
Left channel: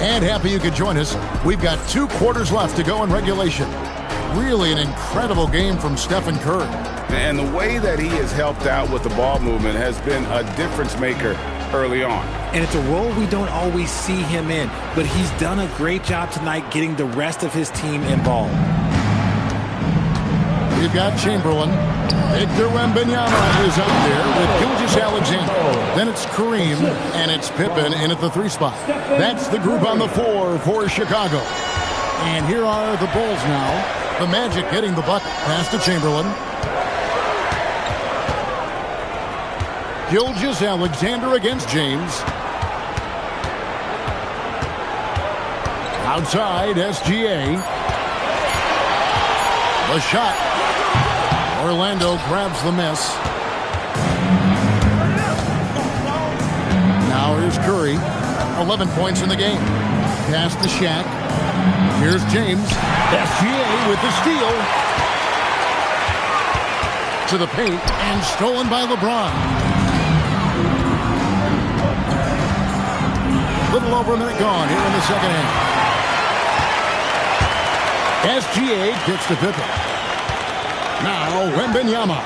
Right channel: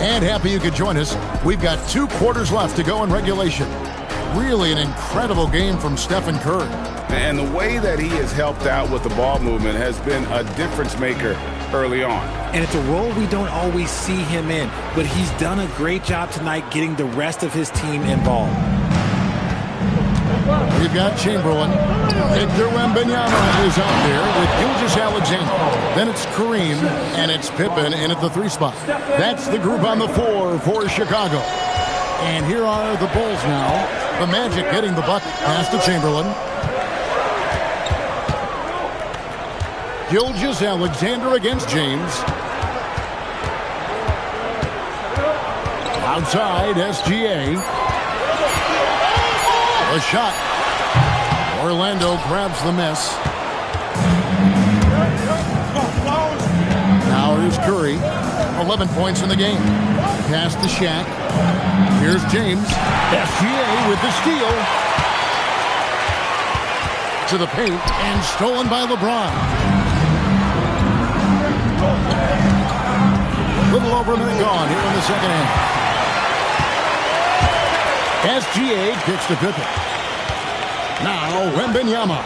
And happy you could join us. We've got 2 quarters left to go in regulation. Really an incredible game from Stephen Curry. And the way that he has helped out with the ball movement has been a difference maker early on. And it's a role we don't always see him in, but he's done a great job tonight getting the rest of his team involved. We've got Chamberlain. Victor Wembanyama is out there with Gilgeous-Alexander. Then it's Kareem, and it's Pippen in at the 3 spot. That's the group on the 4 for Chicago. And here are the Bulls now. The Magic getting the bucket. Pass to Chamberlain. Gilgeous-Alexander against James. Outside, SGA. The shot. Orlando grabs the miss. Now here's Curry. 11 points in the game. Pass to Shaq. Here's James. SGA with the steal. To the paint and stolen by LeBron. Little over a minute gone here in the second half. SGA kicks to Pippen. Now Wembanyama.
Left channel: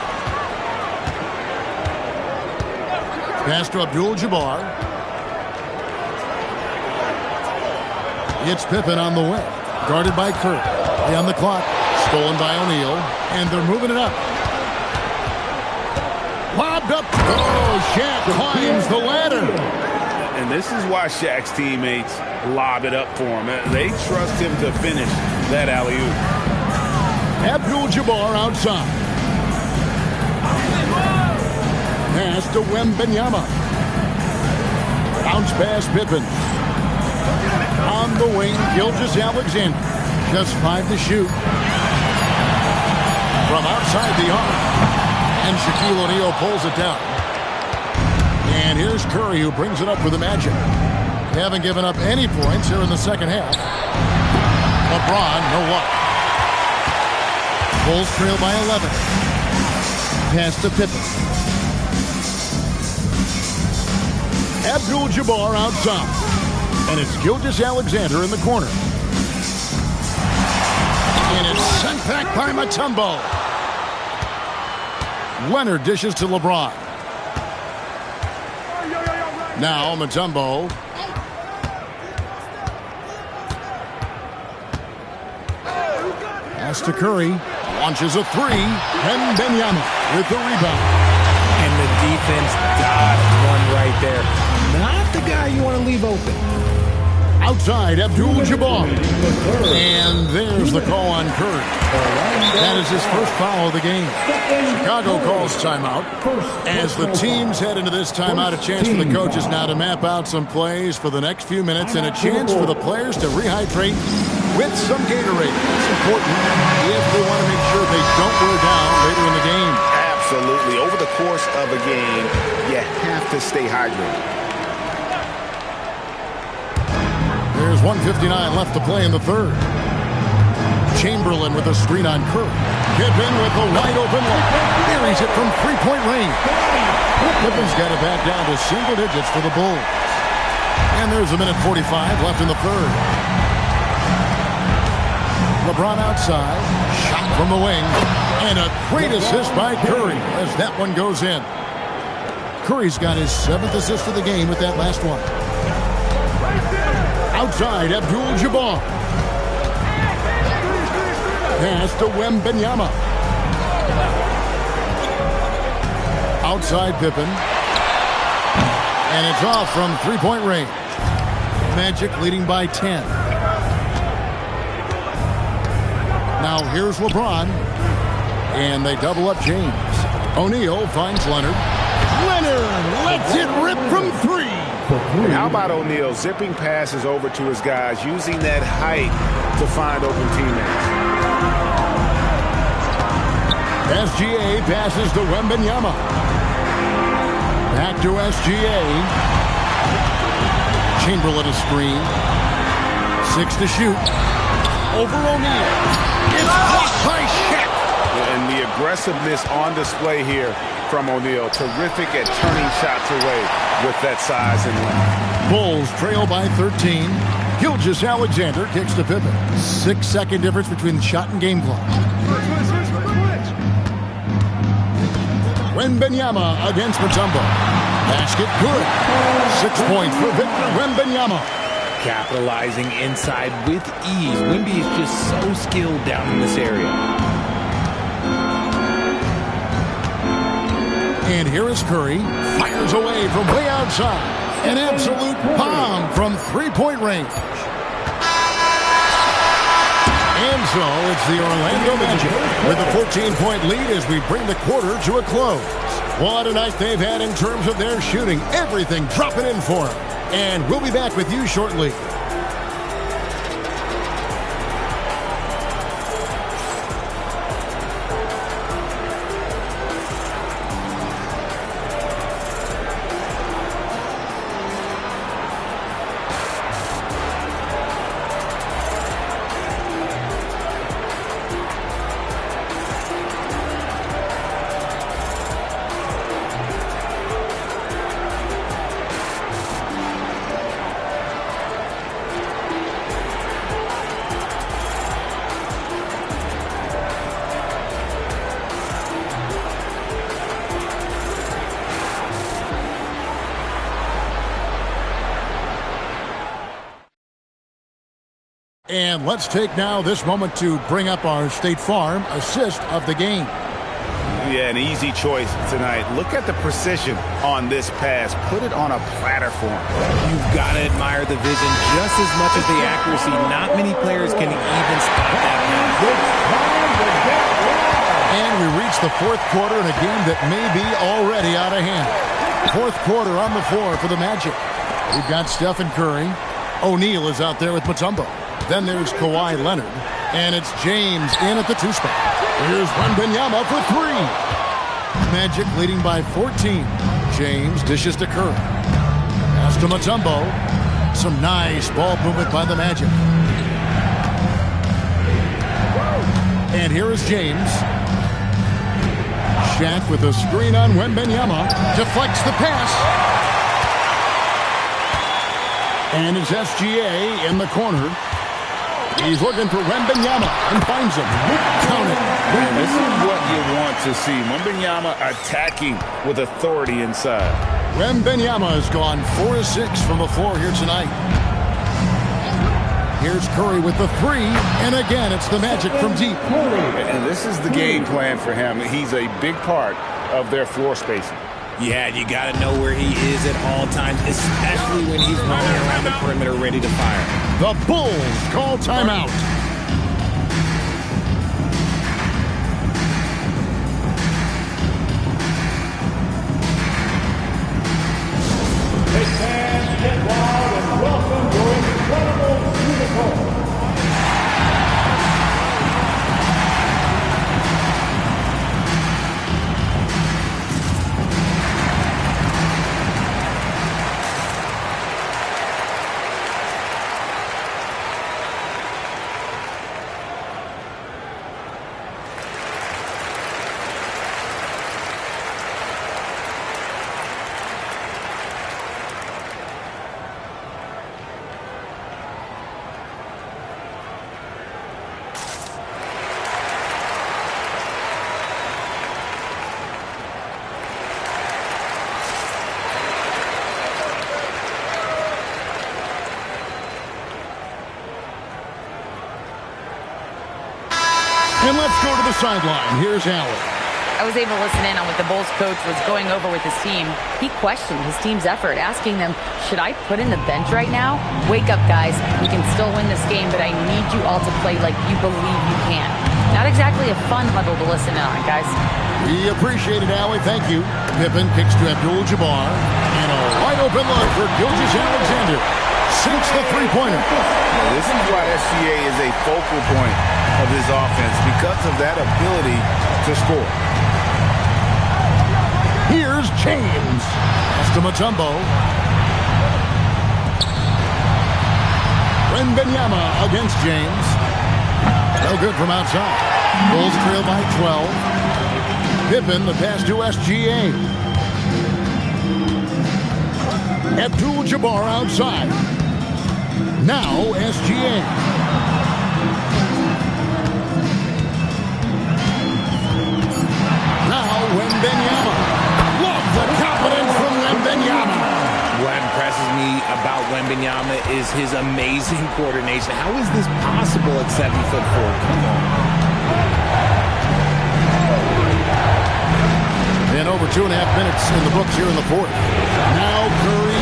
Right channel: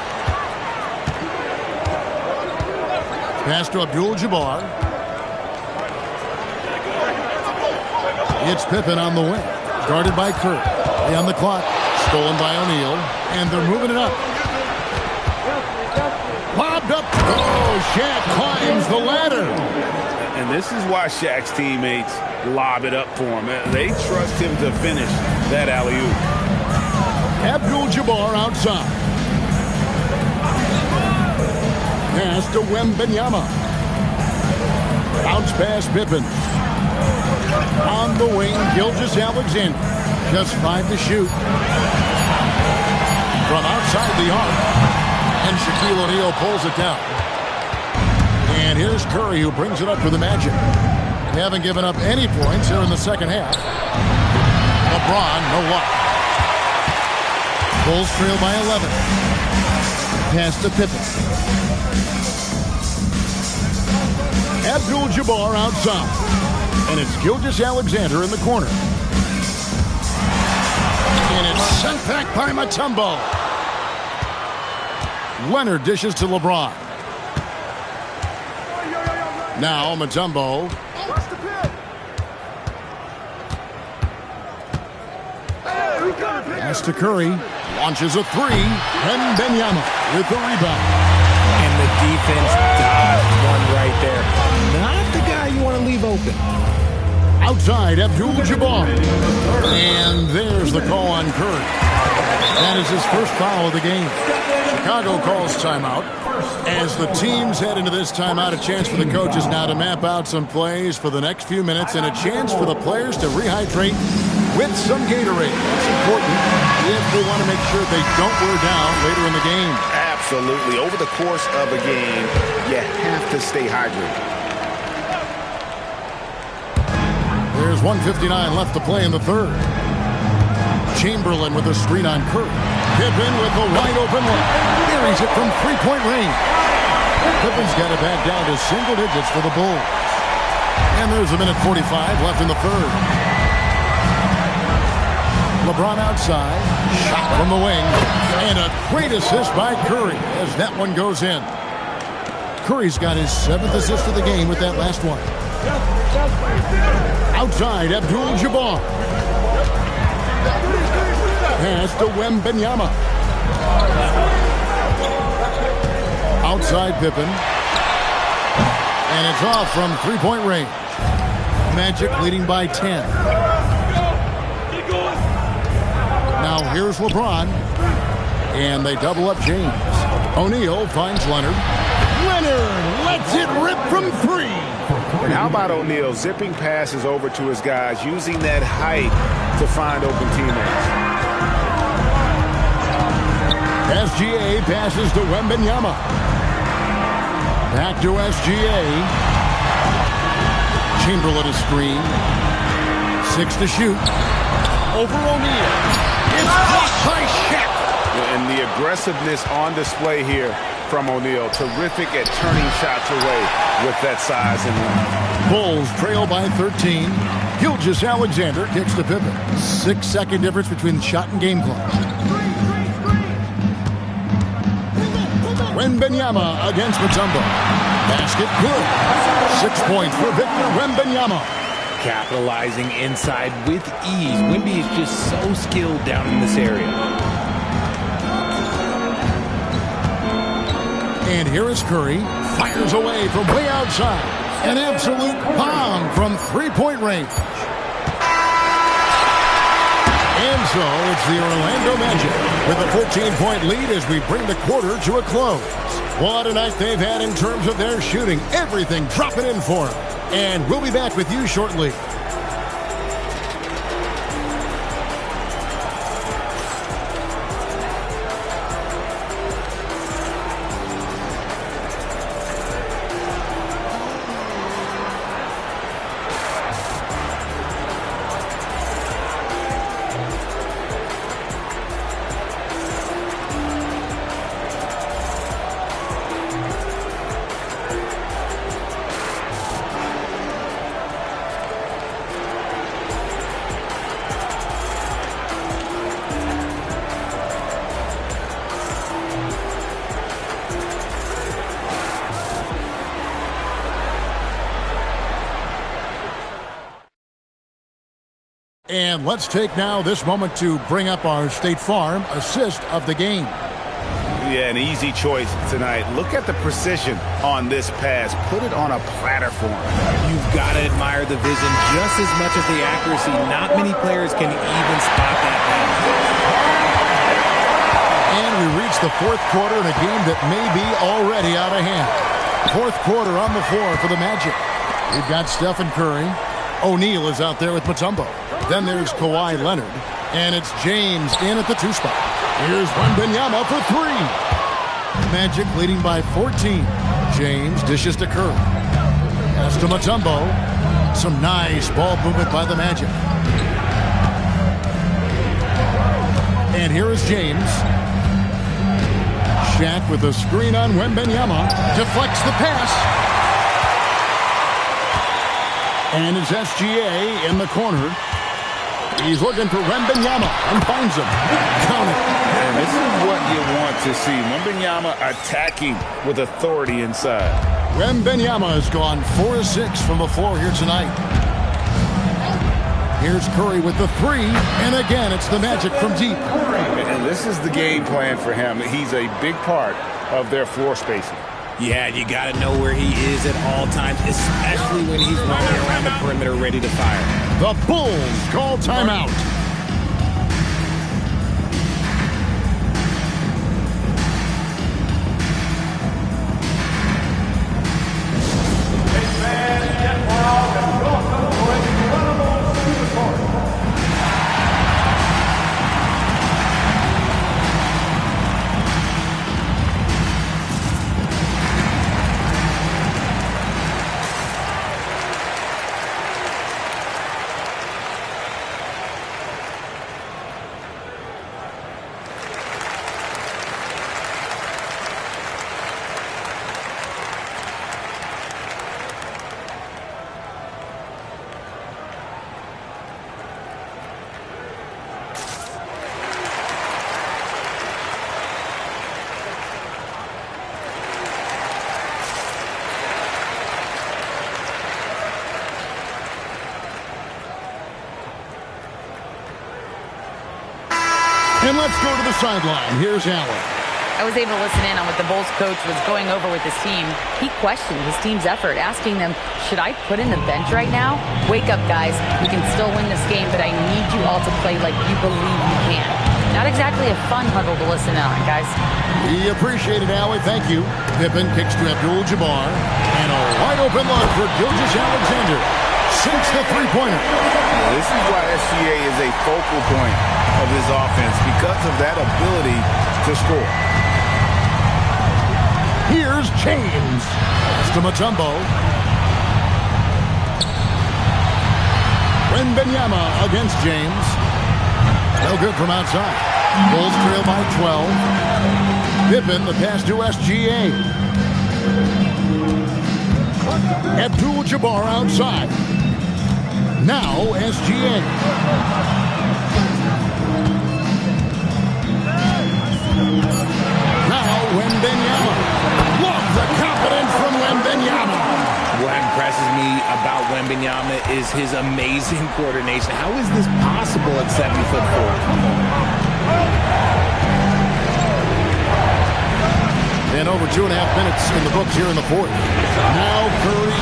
Pass to Abdul-Jabbar. It's Pippen on the wing. Guarded by Curry. On the clock. Stolen by O'Neal. And they're moving it up. Lobbed up. Oh, Shaq climbs the ladder. And this is why Shaq's teammates lob it up for him. They trust him to finish that alley-oop. Abdul-Jabbar outside. Pass to Wembanyama. Bounce pass Pippen. On the wing, Gilgeous-Alexander. Just 5 to shoot. From outside the arc. And Shaquille O'Neal pulls it down. And here's Curry who brings it up for the Magic. They haven't given up any points here in the second half. LeBron, no luck. Bulls trail by 11. Pass to Pippen. Abdul-Jabbar outside. And it's Gilgeous-Alexander in the corner. And it's sent back by Mutombo. Leonard dishes to LeBron. Now Mutombo. Pass to Curry. Launches a three. Wembanyama with the rebound. And the defense dodged one right there. Not the guy you want to leave open. Outside, Abdul-Jabbar. And there's the call on Curry. That is his first foul of the game. Chicago calls timeout. As the teams head into this timeout, a chance for the coaches now to map out some plays for the next few minutes and a chance for the players to rehydrate with some Gatorade. That's important if they want to make sure they don't wear down later in the game. Absolutely. Over the course of a game, you have to stay hydrated. There's 1:59 left to play in the third. Chamberlain with a screen on Curry. Pippen with the wide open look. Buries it from three-point range. Pippen's got it back down to single digits for the Bulls. And there's a minute 45 left in the third. LeBron outside. Shot from the wing. And a great assist by Curry as that one goes in. Curry's got his 7th assist of the game with that last one. Outside, Abdul-Jabbar. Pass to Wembanyama. Outside Pippen. And it's off from three-point range. Magic leading by 10. Now here's LeBron. And they double up James. O'Neal finds Leonard. Leonard lets it rip from three. And how about O'Neal zipping passes over to his guys, using that height to find open teammates. SGA passes to Wembanyama. Back to SGA. Chamberlain a screen. 6 to shoot. Over O'Neal. It's blocked by Shaq. And the aggressiveness on display here from O'Neal. Terrific at turning shots away with that size and length. Bulls trail by 13. Gilgeous-Alexander kicks to Pippen. 6-second difference between shot and game clock. Wembanyama against Mutombo. Basket good. 6 points for Victor Wembanyama. Capitalizing inside with ease. Wemby is just so skilled down in this area. And here is Curry. Fires away from way outside. An absolute bomb from three-point range. And so it's the Orlando Magic with a 14-point lead as we bring the quarter to a close. What a night they've had in terms of their shooting. Everything dropping in for them. And we'll be back with you shortly. And let's take now this moment to bring up our State Farm assist of the game. Yeah, an easy choice tonight. Look at the precision on this pass. Put it on a platter for him. You've got to admire the vision just as much as the accuracy. Not many players can even spot that pass. And we reach the fourth quarter in a game that may be already out of hand. Fourth quarter on the floor for the Magic. We've got Stephen Curry. O'Neal is out there with Mutombo. Then there's Kawhi Leonard. And it's James in at the 2 spot. Here's Wembanyama for 3. Magic leading by 14. James dishes to Curry. Pass to Mutombo. Some nice ball movement by the Magic. And here is James. Shaq with a screen on Wembanyama. Deflects the pass. And it's SGA in the corner. He's looking for Wembanyama and finds him. Count it. And this is what you want to see. Wembanyama attacking with authority inside. Wembanyama has gone 4 of 6 from the floor here tonight. Here's Curry with the three, and again, it's the Magic from deep. And this is the game plan for him. He's a big part of their floor spacing. Yeah, you got to know where he is at all times, especially when he's running around the perimeter ready to fire. The Bulls call timeout. And let's go to the sideline. Here's Allen. I was able to listen in on what the Bulls coach was going over with his team. He questioned his team's effort, asking them, should I put in the bench right now? Wake up, guys. We can still win this game, but I need you all to play like you believe you can. Not exactly a fun huddle to listen in on, guys. We appreciate it, Allie. Thank you. Pippen kicks to Abdul-Jabbar. And a wide-open look for Gilgeous-Alexander. Sinks the three-pointer. This is why SGA is a focal point of this offense, because of that ability to score. Here's James. Pass to Mutombo. Wembanyama against James. No good from outside. Bulls trail by 12. Pippen, the pass to SGA. Abdul-Jabbar outside. Now SGA. Now Wembanyama. Love the confidence from Wembanyama. What impresses me about Wembanyama is his amazing coordination. How is this possible at 7'4"? Come on. And over 2.5 minutes in the books here in the fourth. Now Curry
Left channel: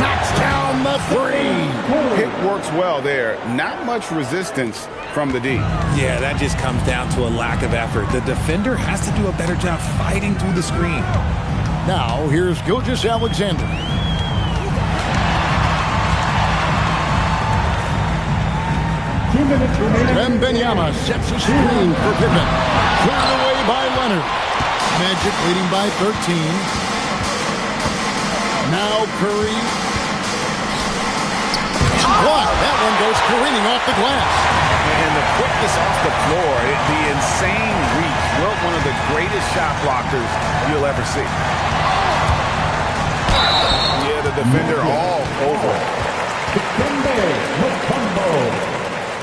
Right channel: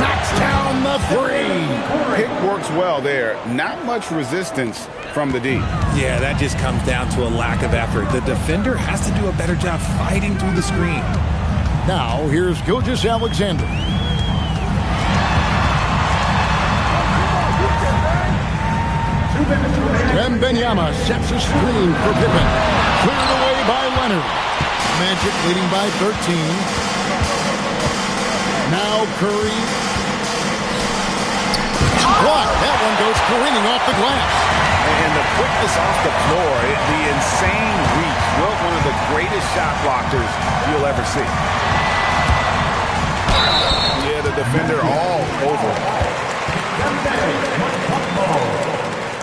knocks down the three. Pick works well there. Not much resistance from the D. Yeah, that just comes down to a lack of effort. The defender has to do a better job fighting through the screen. Now here's Gilgeous-Alexander. Wembanyama sets a screen for Pippen. Cleared away by Leonard. Magic leading by 13. Now Curry. What? That one goes careening off the glass. And the quickness off the floor, the insane reach. Well, one of the greatest shot blockers you'll ever see. Yeah, the defender all over it. Dikembe Mutombo.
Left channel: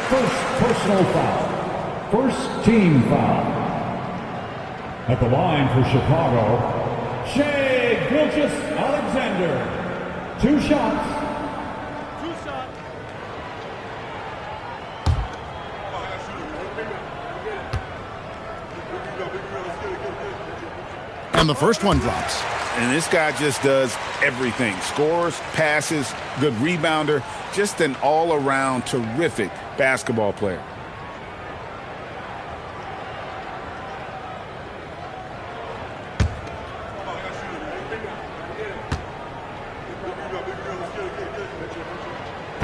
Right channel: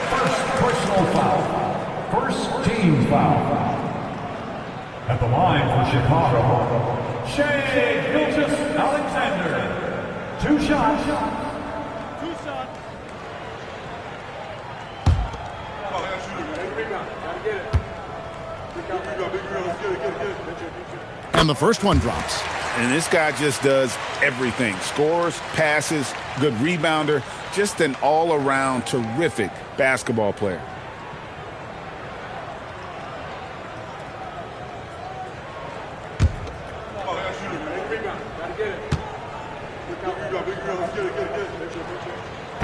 First personal foul. First team foul. At the line for Chicago, Shai Gilgeous-Alexander. 2 shots. 2 shots. And the first one drops. And this guy just does everything. Scores, passes, good rebounder. Just an all-around terrific basketball player.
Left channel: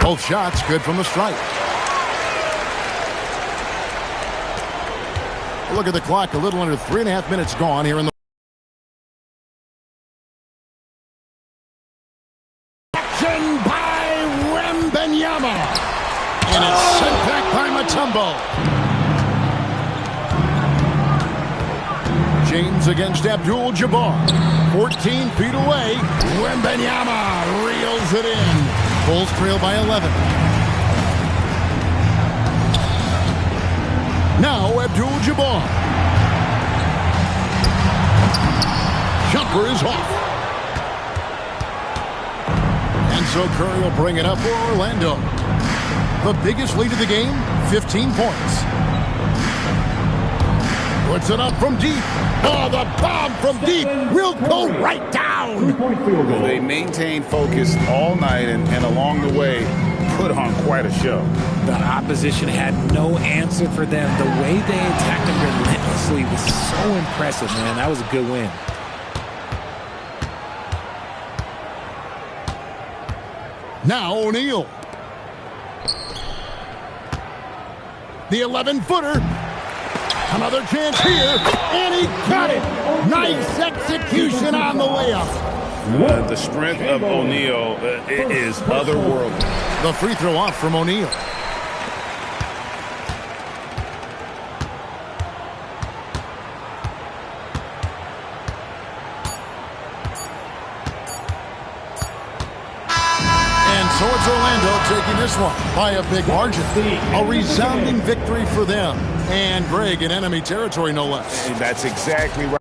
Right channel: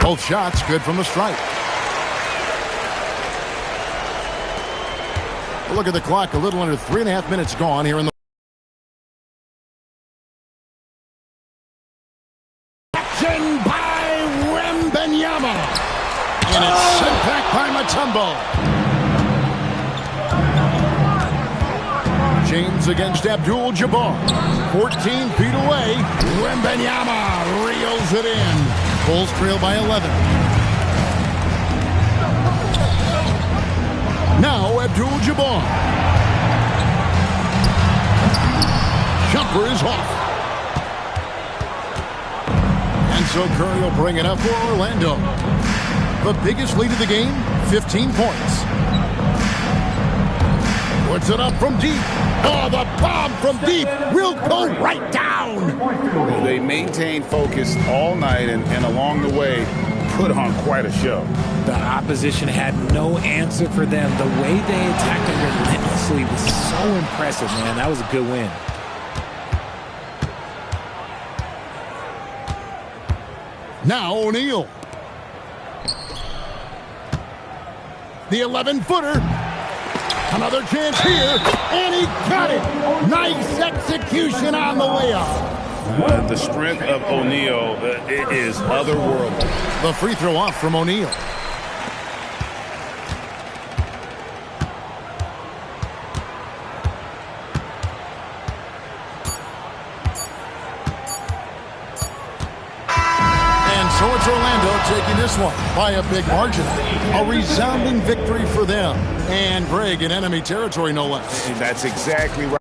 Both shots good from the stripe. Look at the clock. A little under 3.5 minutes gone here in the action by Wembanyama. And it's sent back by Mutombo. James against Abdul-Jabbar. 14 feet away. Wembanyama reels it in. Bulls trail by 11. Now Abdul-Jabbar. Jumper is off. And so Curry will bring it up for Orlando. The biggest lead of the game, 15 points. Puts it up from deep. Oh, the bomb from deep will go right down. They maintained focus all night and along the way put on quite a show. The opposition had no answer for them. The way they attacked them relentlessly was so impressive, man. That was a good win. Now O'Neal. The 11-footer. Another chance here, and he got it. Nice execution on the layup. The strength of O'Neal is otherworldly. The free throw off from O'Neal. And so it's Orlando taking this one by a big margin. A resounding victory for them. And Greg in enemy territory, no less. That's exactly right.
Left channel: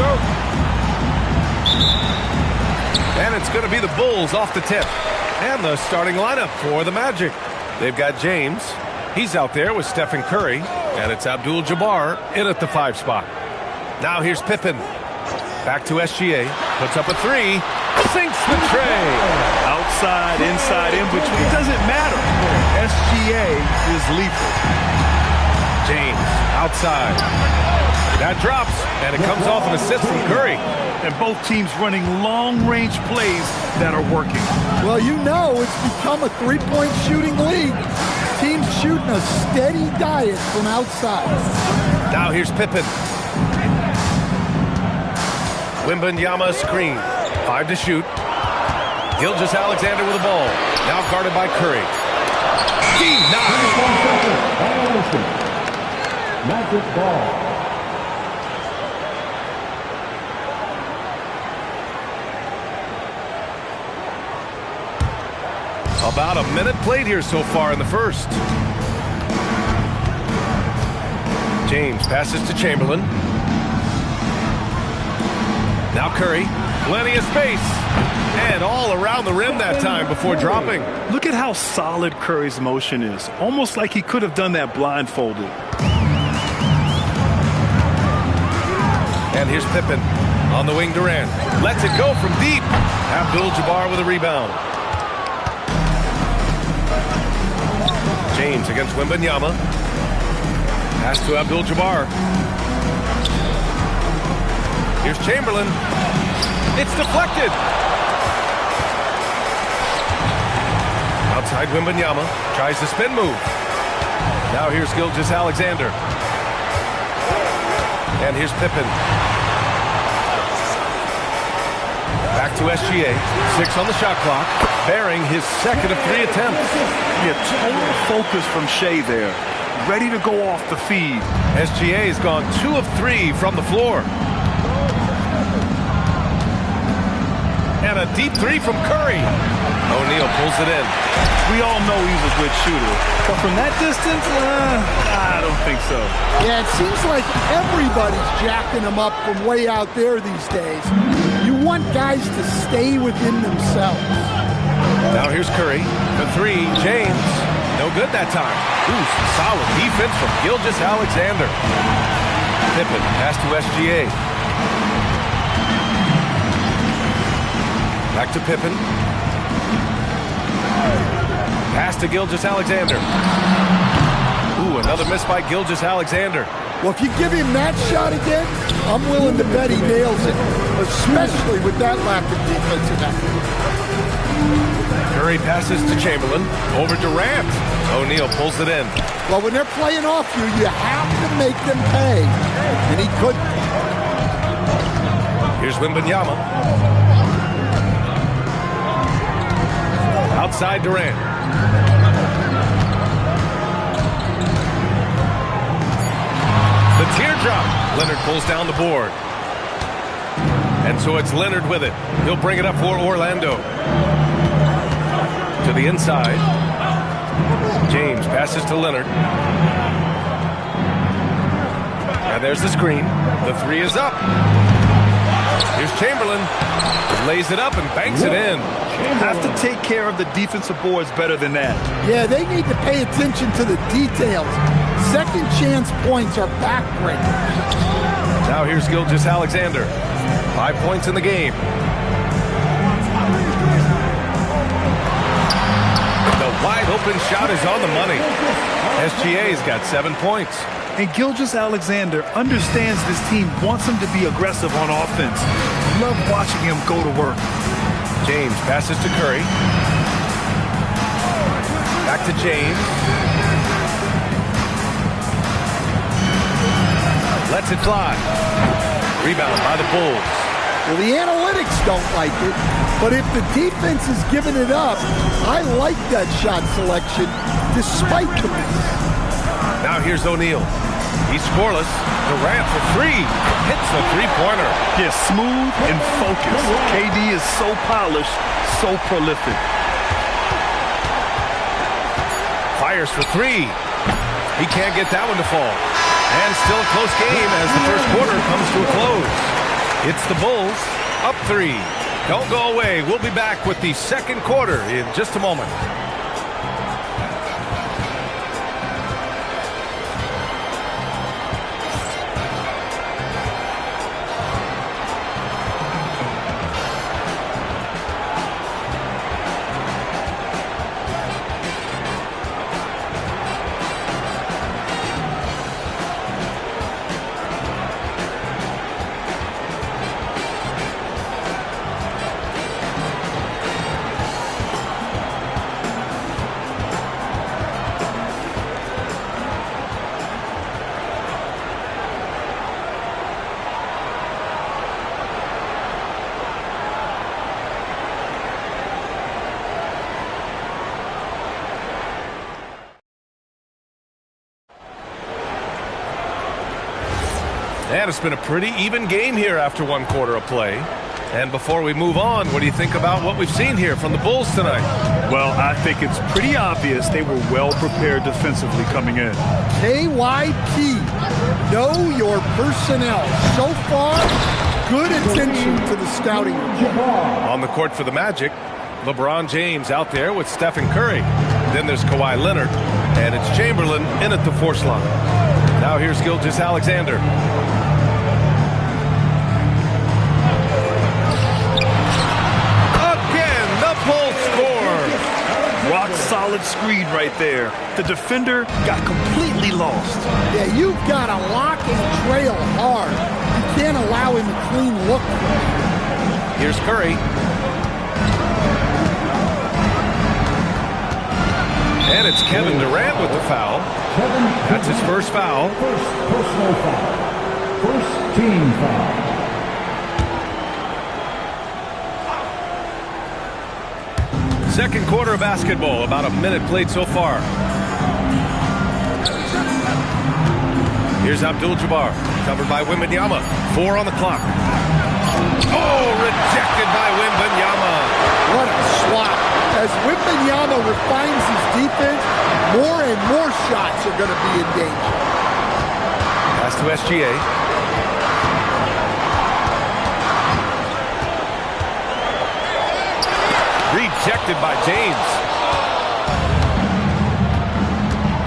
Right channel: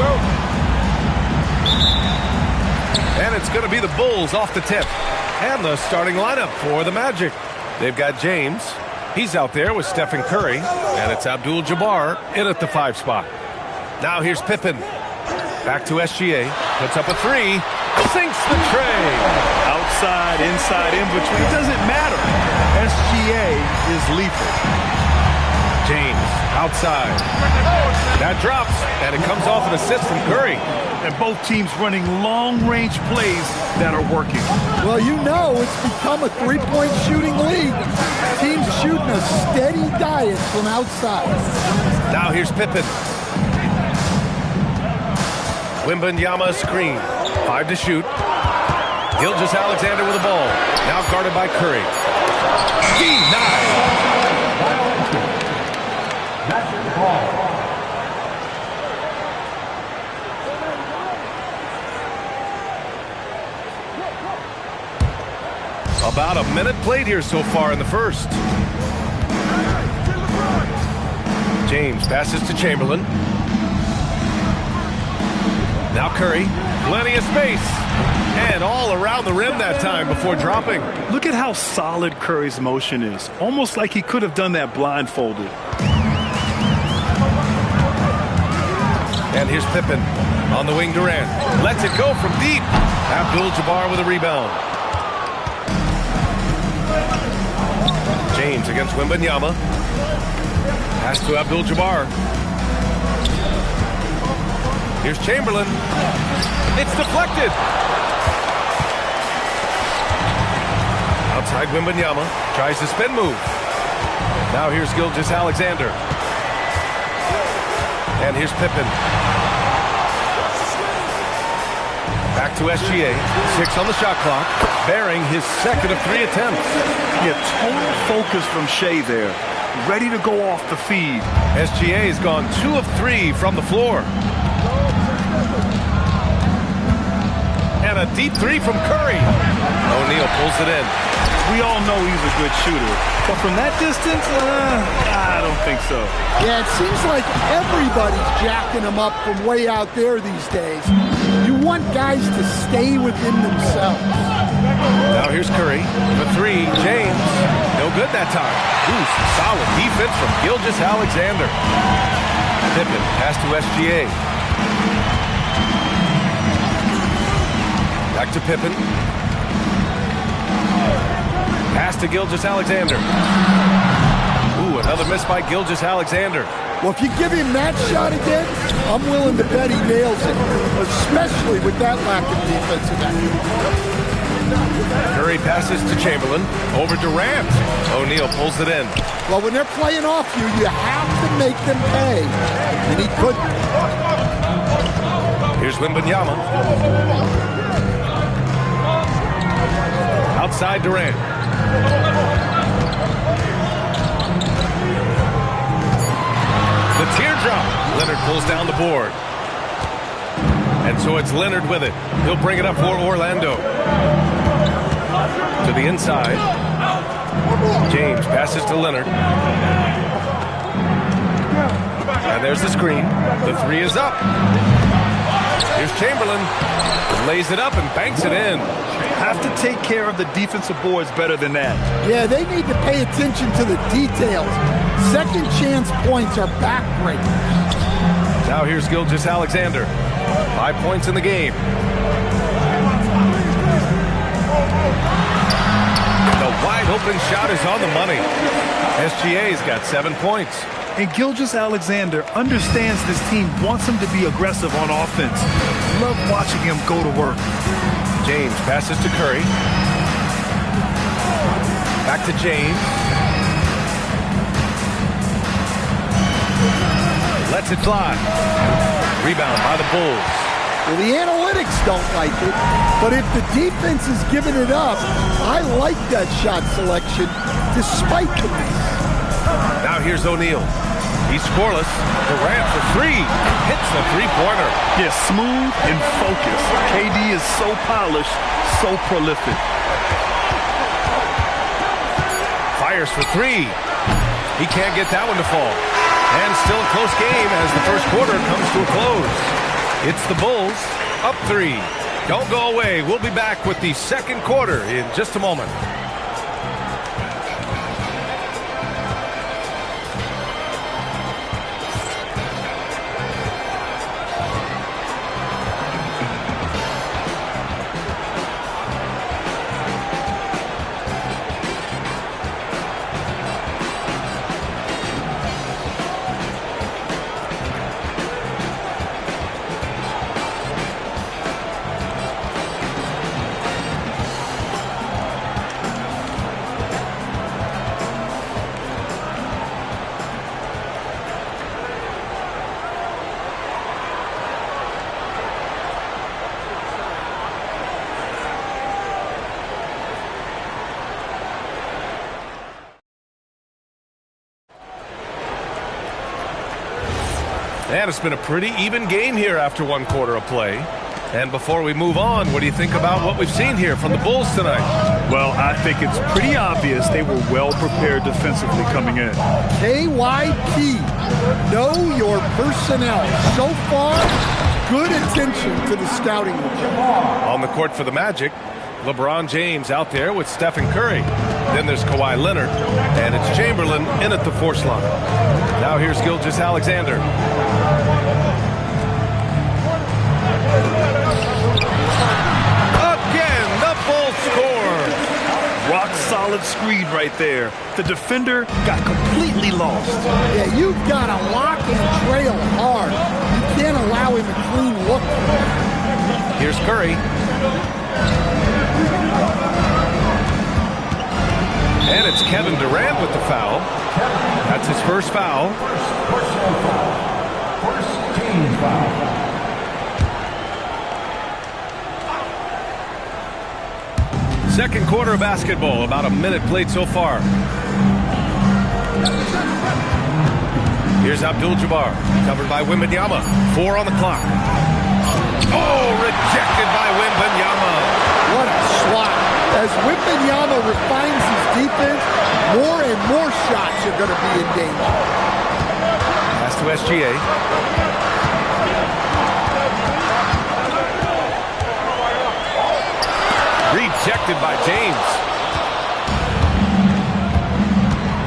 go. And it's going to be the Bulls off the tip. And the starting lineup for the Magic. They've got James. He's out there with Stephen Curry. And it's Abdul-Jabbar in at the 5 spot. Now here's Pippen. Back to SGA. Puts up a 3. Sinks the tray. Outside, inside, in between. It doesn't matter. SGA is lethal. James outside. That drops. And it comes off an assist from Curry. And both teams running long-range plays that are working. Well, you know it's become a three-point shooting league. Teams shooting a steady diet from outside. Now here's Pippen. Wembanyama screen. 5 to shoot. Gilgeous-Alexander with the ball. Now guarded by Curry. Denied. Magic ball. About a minute played here so far in the first. James passes to Chamberlain. Now Curry. Plenty of space. And all around the rim that time before dropping. Look at how solid Curry's motion is. Almost like he could have done that blindfolded. And here's Pippen. On the wing, Durant. Lets it go from deep. Abdul-Jabbar with a rebound. James against Wembanyama. Pass to Abdul-Jabbar. Here's Chamberlain. It's deflected. Outside Wembanyama. Tries the spin move. Now here's Gilgeous-Alexander. And here's Pippen. Back to SGA. 6 on the shot clock. Bearing his second of 3 attempts. Yeah, total focus from Shea there. Ready to go off the feed. SGA has gone 2 of 3 from the floor. And a deep 3 from Curry. O'Neal pulls it in. We all know he's a good shooter. But from that distance, I don't think so. Yeah, it seems like everybody's jacking him up from way out there these days. You want guys to stay within themselves. Now here's Curry. For 3, James. No good that time. Ooh, some solid defense from Gilgeous-Alexander. Pippen, pass to SGA. Back to Pippen. Pass to Gilgeous-Alexander. Ooh, another miss by Gilgeous-Alexander. Well, if you give him that shot again, I'm willing to bet he nails it, especially with that lack of defensive effort. Curry passes to Chamberlain. Over Durant. O'Neal pulls it in. Well, when they're playing off you, you have to make them pay. And he couldn't. Here's Wembanyama. Outside Durant. The teardrop. Leonard pulls down the board. And so it's Leonard with it. He'll bring it up for Orlando. To the inside. James passes to Leonard. And there's the screen. The 3 is up. Here's Chamberlain. Lays it up and banks it in. Have to take care of the defensive boards better than that. Yeah, they need to pay attention to the details. Second chance points are backbreakers. Now here's Gilgeous-Alexander. 5 points in the game. The wide open shot is on the money. SGA's got 7 points. And Gilgeous-Alexander understands this team wants him to be aggressive on offense. Love watching him go to work. James passes to Curry. Back to James. Lets it fly. Rebound by the Bulls. Well, the analytics don't like it, but if the defense is giving it up, I like that shot selection despite the miss. Now here's O'Neal. He's scoreless. Durant for 3. Hits the three-pointer. Yeah, smooth and focused. KD is so polished, so prolific. Fires for 3. He can't get that one to fall. And still a close game as the first quarter comes to a close. It's the Bulls up 3. Don't go away. We'll be back with the second quarter in just a moment. And it's been a pretty even game here after one quarter of play. And before we move on, what do you think about what we've seen here from the Bulls tonight? Well, I think it's pretty obvious they were well prepared defensively coming in. KYP, know your personnel. So far, good attention to the scouting report. On the court for the Magic, LeBron James out there with Stephen Curry. Then there's Kawhi Leonard, and it's Chamberlain in at the 4 slot. Now here's Gilgeous-Alexander. Again, the Bulls score. Rock solid screen right there. The defender got completely lost. Yeah, you've got to lock and trail hard. You can't allow him a clean look. Here's Curry. And it's Kevin Durant with the foul. That's his first foul. First personal foul. First team foul. Second quarter of basketball, about a minute played so far. Here's Abdul-Jabbar, covered by Wembanyama. 4 on the clock. Oh, rejected by Wembanyama. What a swat. As Wembanyama refines his defense, more and more shots are going to be in danger. Pass to SGA. Rejected by James.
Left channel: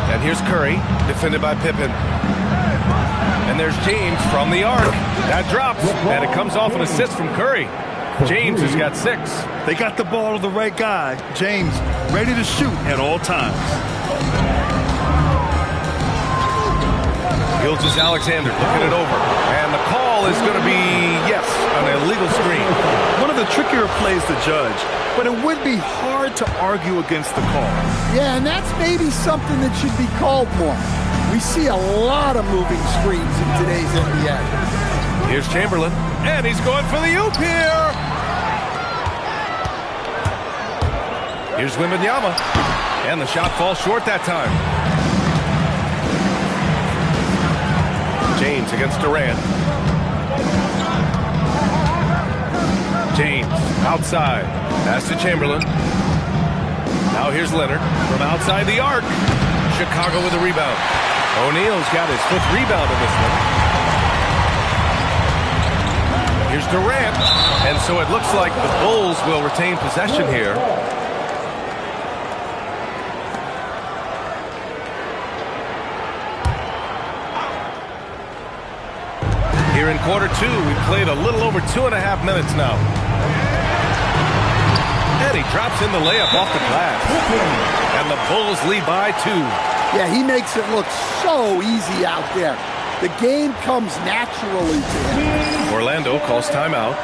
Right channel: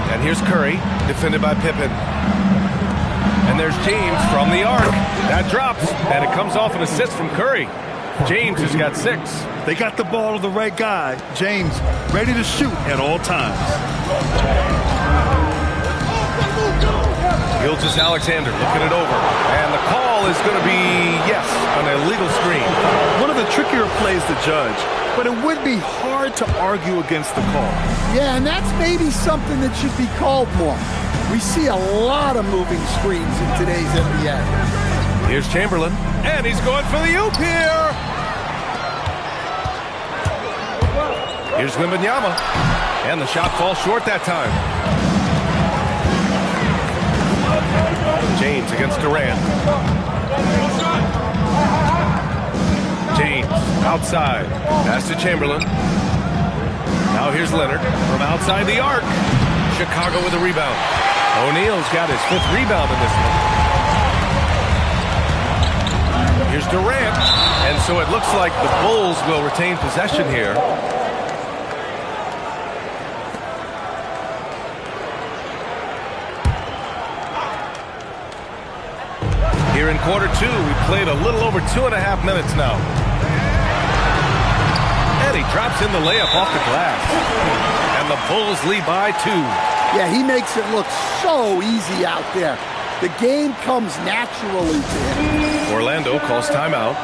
And here's Curry, defended by Pippen. And there's James from the arc. That drops, and it comes off an assist from Curry. James has got 6. They got the ball to the right guy. James ready to shoot at all times. Gilgeous-Alexander looking it over. And the call is going to be, yes, an illegal screen. One of the trickier plays to judge, but it would be hard to argue against the call. Yeah, and that's maybe something that should be called more. We see a lot of moving screens in today's NBA. Here's Chamberlain, and he's going for the oop here. Here's Wembanyama, and the shot falls short that time. James against Durant. James outside. Pass to Chamberlain. Now here's Leonard from outside the arc. Chicago with a rebound. O'Neal's got his 5th rebound in this one. Here's Durant. And so it looks like the Bulls will retain possession here. Here in quarter 2, we played a little over 2.5 minutes now. And he drops in the layup off the glass. And the Bulls lead by 2. Yeah, he makes it look so easy out there. The game comes naturally to him. Orlando calls timeout.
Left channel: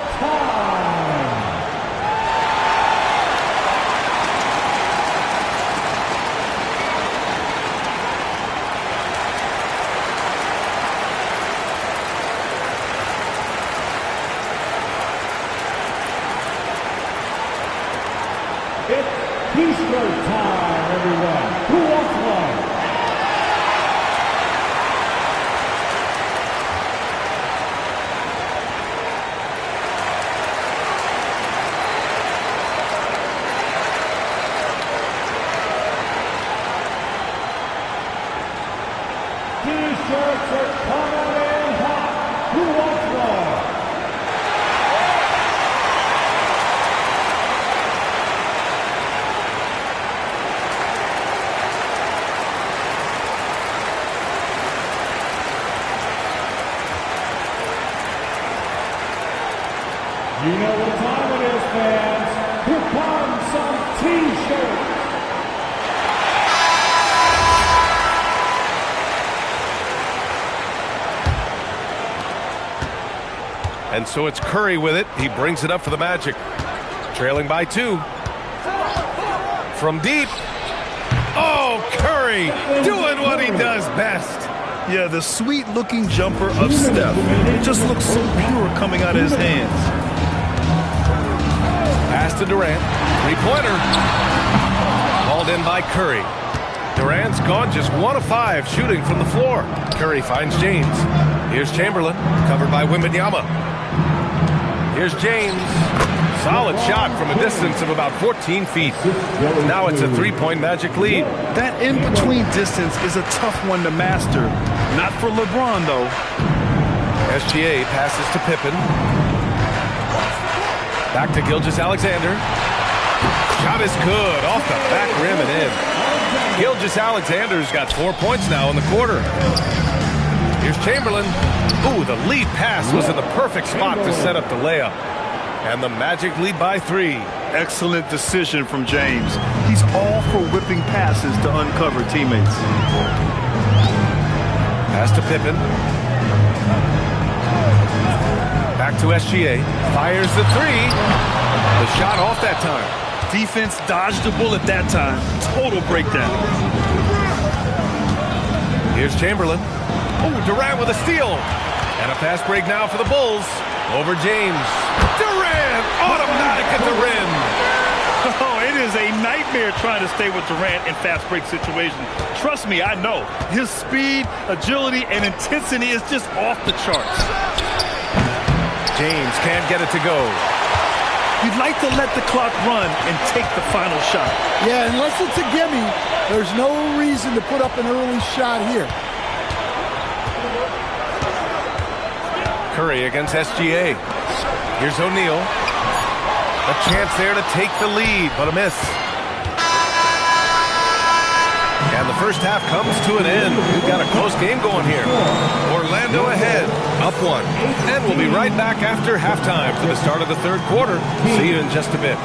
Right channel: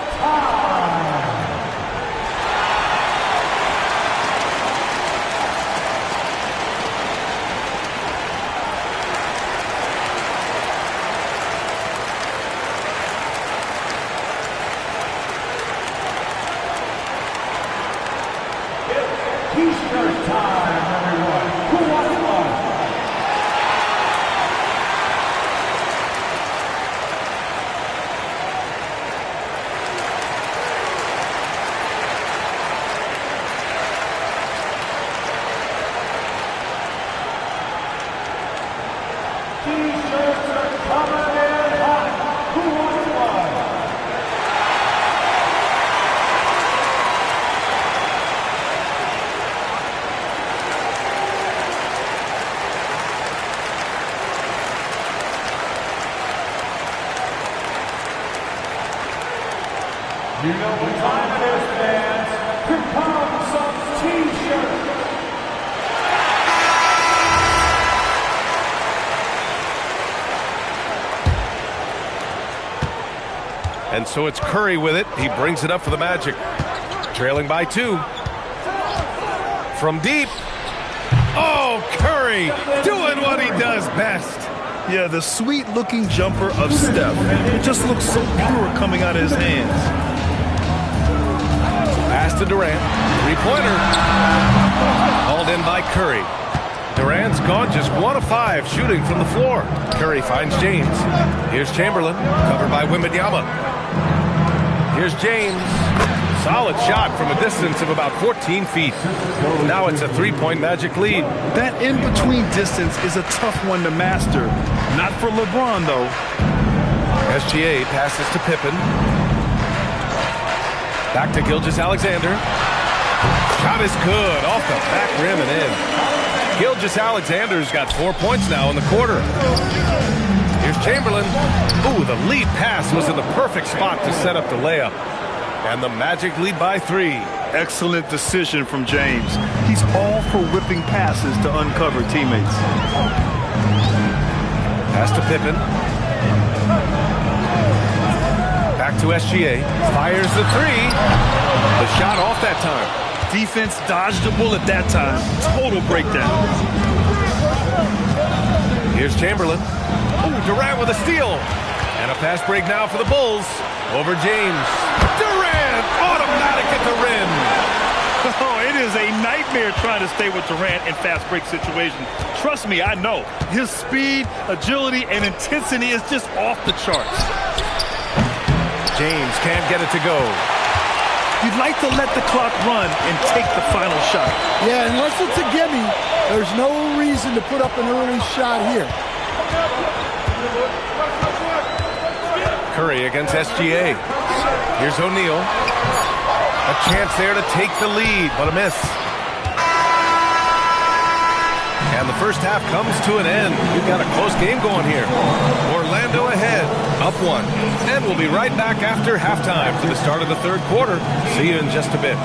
T-shirt time, everyone. Who wants one? T-shirts are coming in hot. Who wants one? You know what time it is, fans. Here comes some T-shirts. And so it's Curry with it. He brings it up for the Magic. Trailing by 2. From deep. Oh, Curry doing what he does best. Yeah, the sweet-looking jumper of Steph. It just looks so pure coming out of his hands. Pass to Durant. Three-pointer. Hauled in by Curry. Durant's gone just 1 of 5 shooting from the floor. Curry finds James. Here's Chamberlain, covered by Wembanyama. Here's James. Solid shot from a distance of about 14 feet. Now it's a 3-point Magic lead. That in-between distance is a tough one to master. Not for LeBron, though. SGA passes to Pippen. Back to Gilgeous-Alexander. Shot is good. Off the back rim and in. Gilgeous-Alexander's got 4 points now in the quarter. Here's Chamberlain. Ooh, the lead pass was in the perfect spot to set up the layup. And the Magic lead by 3. Excellent decision from James. He's all for whipping passes to uncover teammates. Pass to Pippen. Back to SGA. Fires the 3. The shot off that time. Defense dodged a bullet that time. Total breakdown. Here's Chamberlain. Oh, Durant with a steal. And a fast break now for the Bulls. Over James. Durant, automatic at the rim. Oh, it is a nightmare trying to stay with Durant in fast break situations. Trust me, I know. His speed, agility, and intensity is just off the charts. James can't get it to go. You'd like to let the clock run and take the final shot. Yeah, unless it's a gimme, there's no reason to put up an early shot here. Curry against SGA. Here's O'Neal. A chance there to take the lead, but a miss. And the first half comes to an end. We've got a close game going here. Orlando ahead, up 1. And we'll be right back after halftime for the start of the third quarter. See you in just a bit.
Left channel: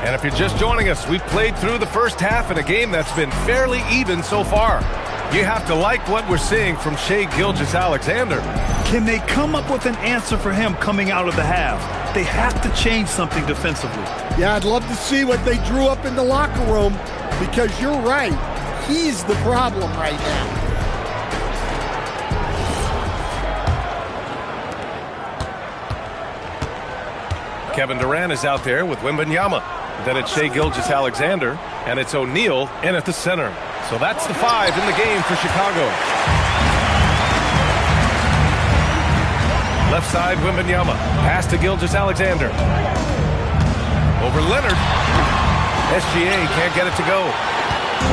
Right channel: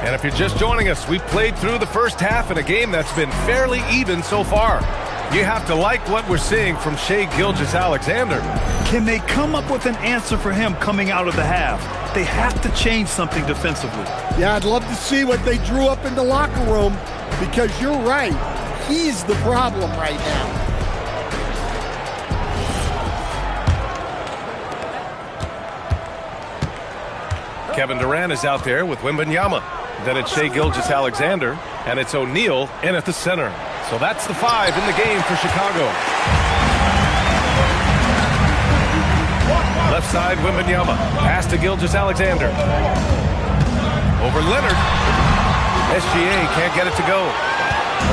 And if you're just joining us, we've played through the first half in a game that's been fairly even so far. You have to like what we're seeing from Shai Gilgeous-Alexander. Can they come up with an answer for him coming out of the half? They have to change something defensively. Yeah, I'd love to see what they drew up in the locker room, because you're right. He's the problem right now. Kevin Durant is out there with Wembanyama. Then it's Shai Gilgeous-Alexander, and it's O'Neal in at the center. So that's the 5 in the game for Chicago. Left side, Wembanyama. Pass to Gilgeous-Alexander. Over Leonard. SGA can't get it to go.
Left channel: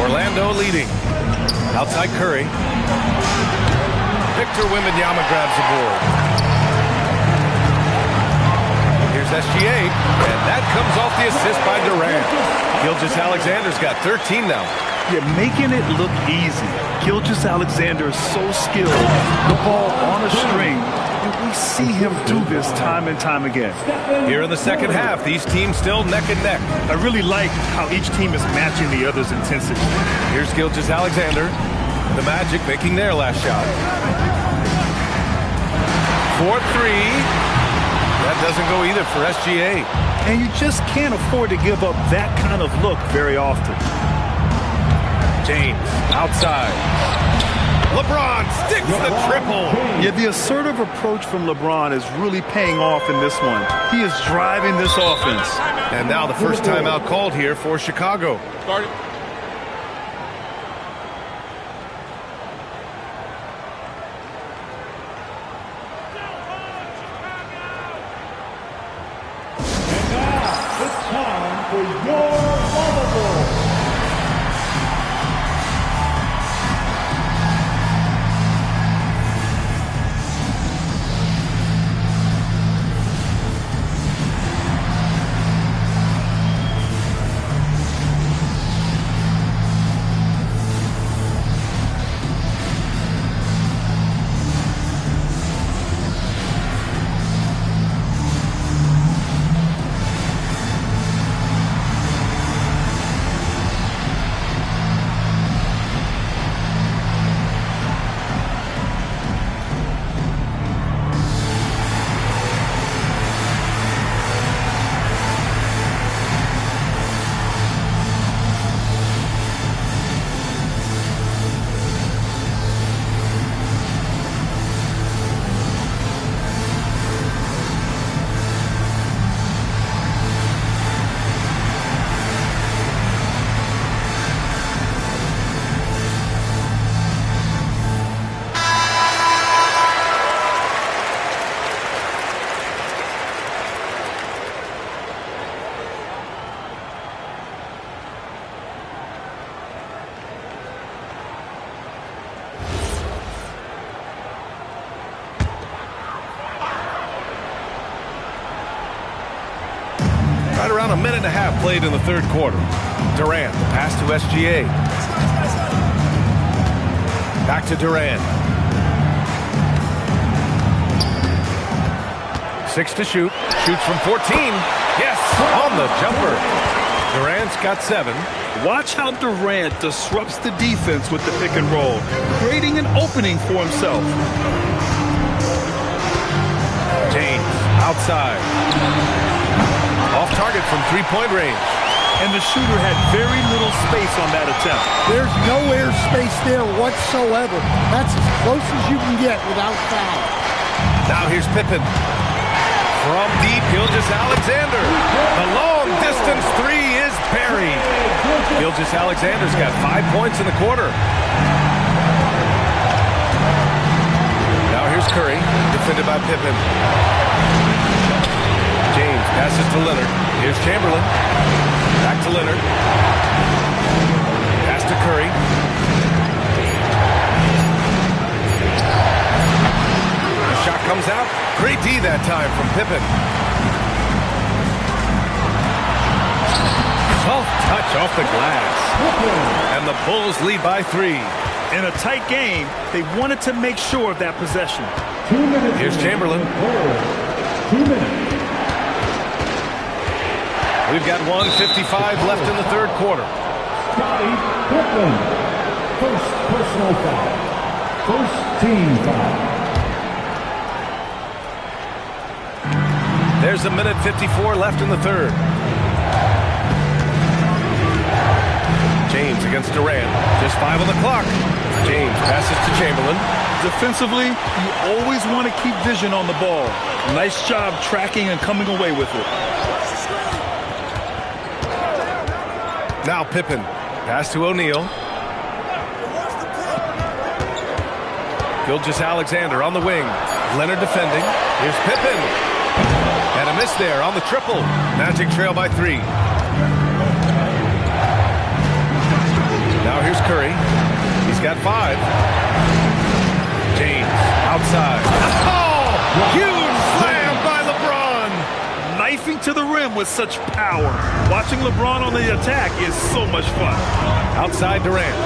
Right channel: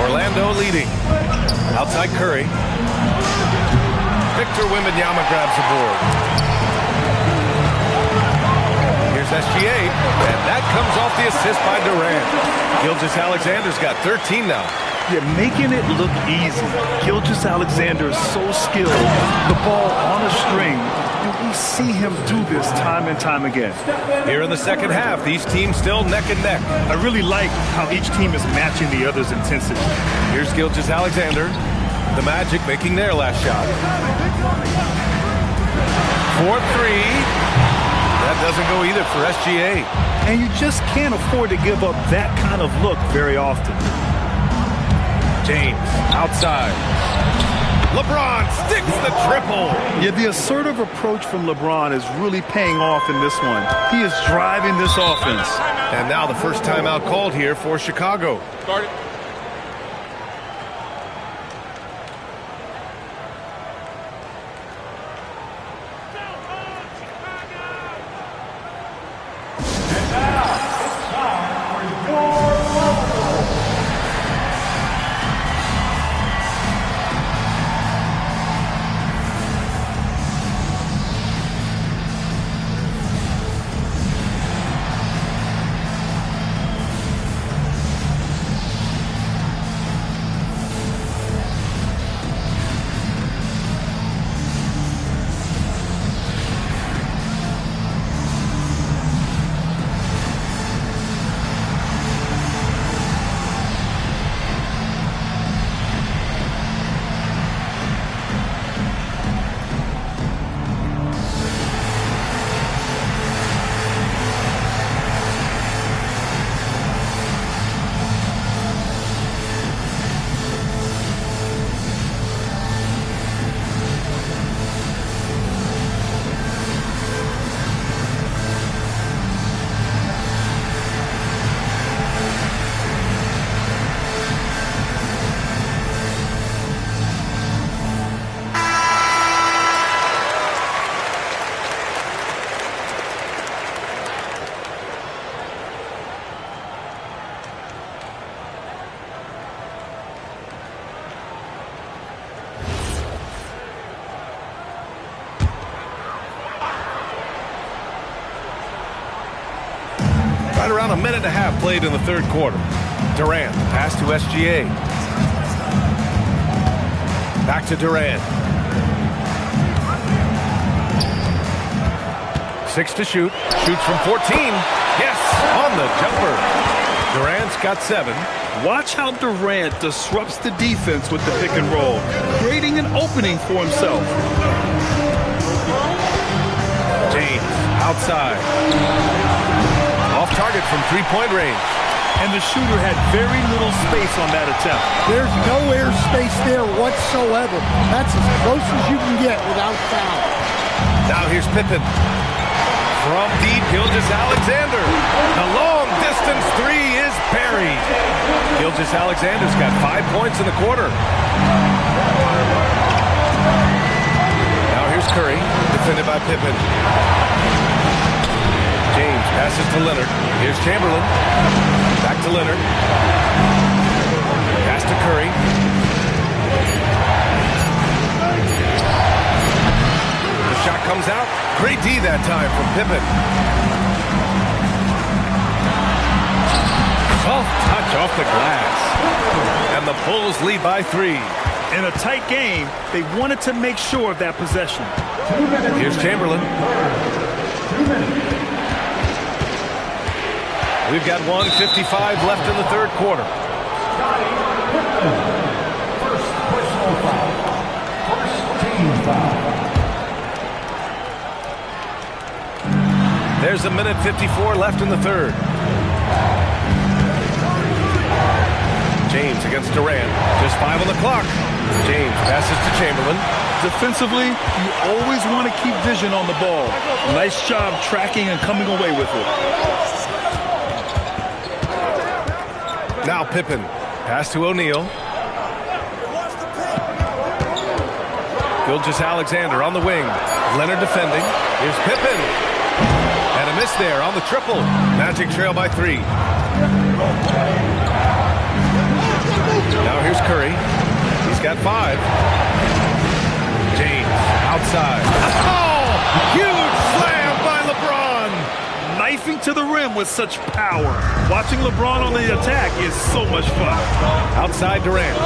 Orlando leading. Outside Curry. Victor Wembanyama grabs the board. Here's SGA, and that comes off the assist by Durant. Gilgeous-Alexander's got 13 now. You're making it look easy. Gilgeous-Alexander is so skilled. The ball on a string, and we see him do this time and time again. Here in the second half, these teams still neck and neck. I really like how each team is matching the other's intensity. Here's Gilgeous-Alexander. The Magic making their last shot. 4-3. That doesn't go either for SGA. And you just can't afford to give up that kind of look very often. James, outside. LeBron sticks the triple. Yeah, the assertive approach from LeBron is really paying off in this one. He is driving this offense. And now the first timeout called here for Chicago. Start it. Right around a minute and a half played in the third quarter. Durant, the pass to SGA. Back to Durant. 6 to shoot. Shoots from 14. Yes, on the jumper. Durant's got 7. Watch how Durant disrupts the defense with the pick and roll, creating an opening for himself. James, outside. Off target from three-point range. And the shooter had very little space on that attempt. There's no air space there whatsoever. That's as close as you can get without foul. Now here's Pippen. From deep, Gilgeous-Alexander. The long-distance three is buried. Gilgeous-Alexander's got 5 points in the quarter. Now here's Curry, defended by Pippen. James passes to Leonard. Here's Chamberlain. Back to Leonard. Pass to Curry. The shot comes out. Great D that time from Pippen. Soft touch off the glass. And the Bulls lead by 3. In a tight game, they wanted to make sure of that possession. Here's Chamberlain. 2 minutes. We've got 1:55 left in the third quarter. Scottie Pippen. First personal foul. First team foul. There's a minute 54 left in the third. James against Durant. Just 5 on the clock. James passes to Chamberlain. Defensively, you always want to keep vision on the ball. Nice job tracking and coming away with it. Now Pippen. Pass to O'Neal. Gilgeous-Alexander on the wing. Leonard defending. Here's Pippen. And a miss there on the triple. Magic trail by 3. Now here's Curry. He's got 5. James outside. Oh! Huge slam by LeBron. Knifing to the rim with such power. Watching LeBron on the attack is so much fun. Outside Durant.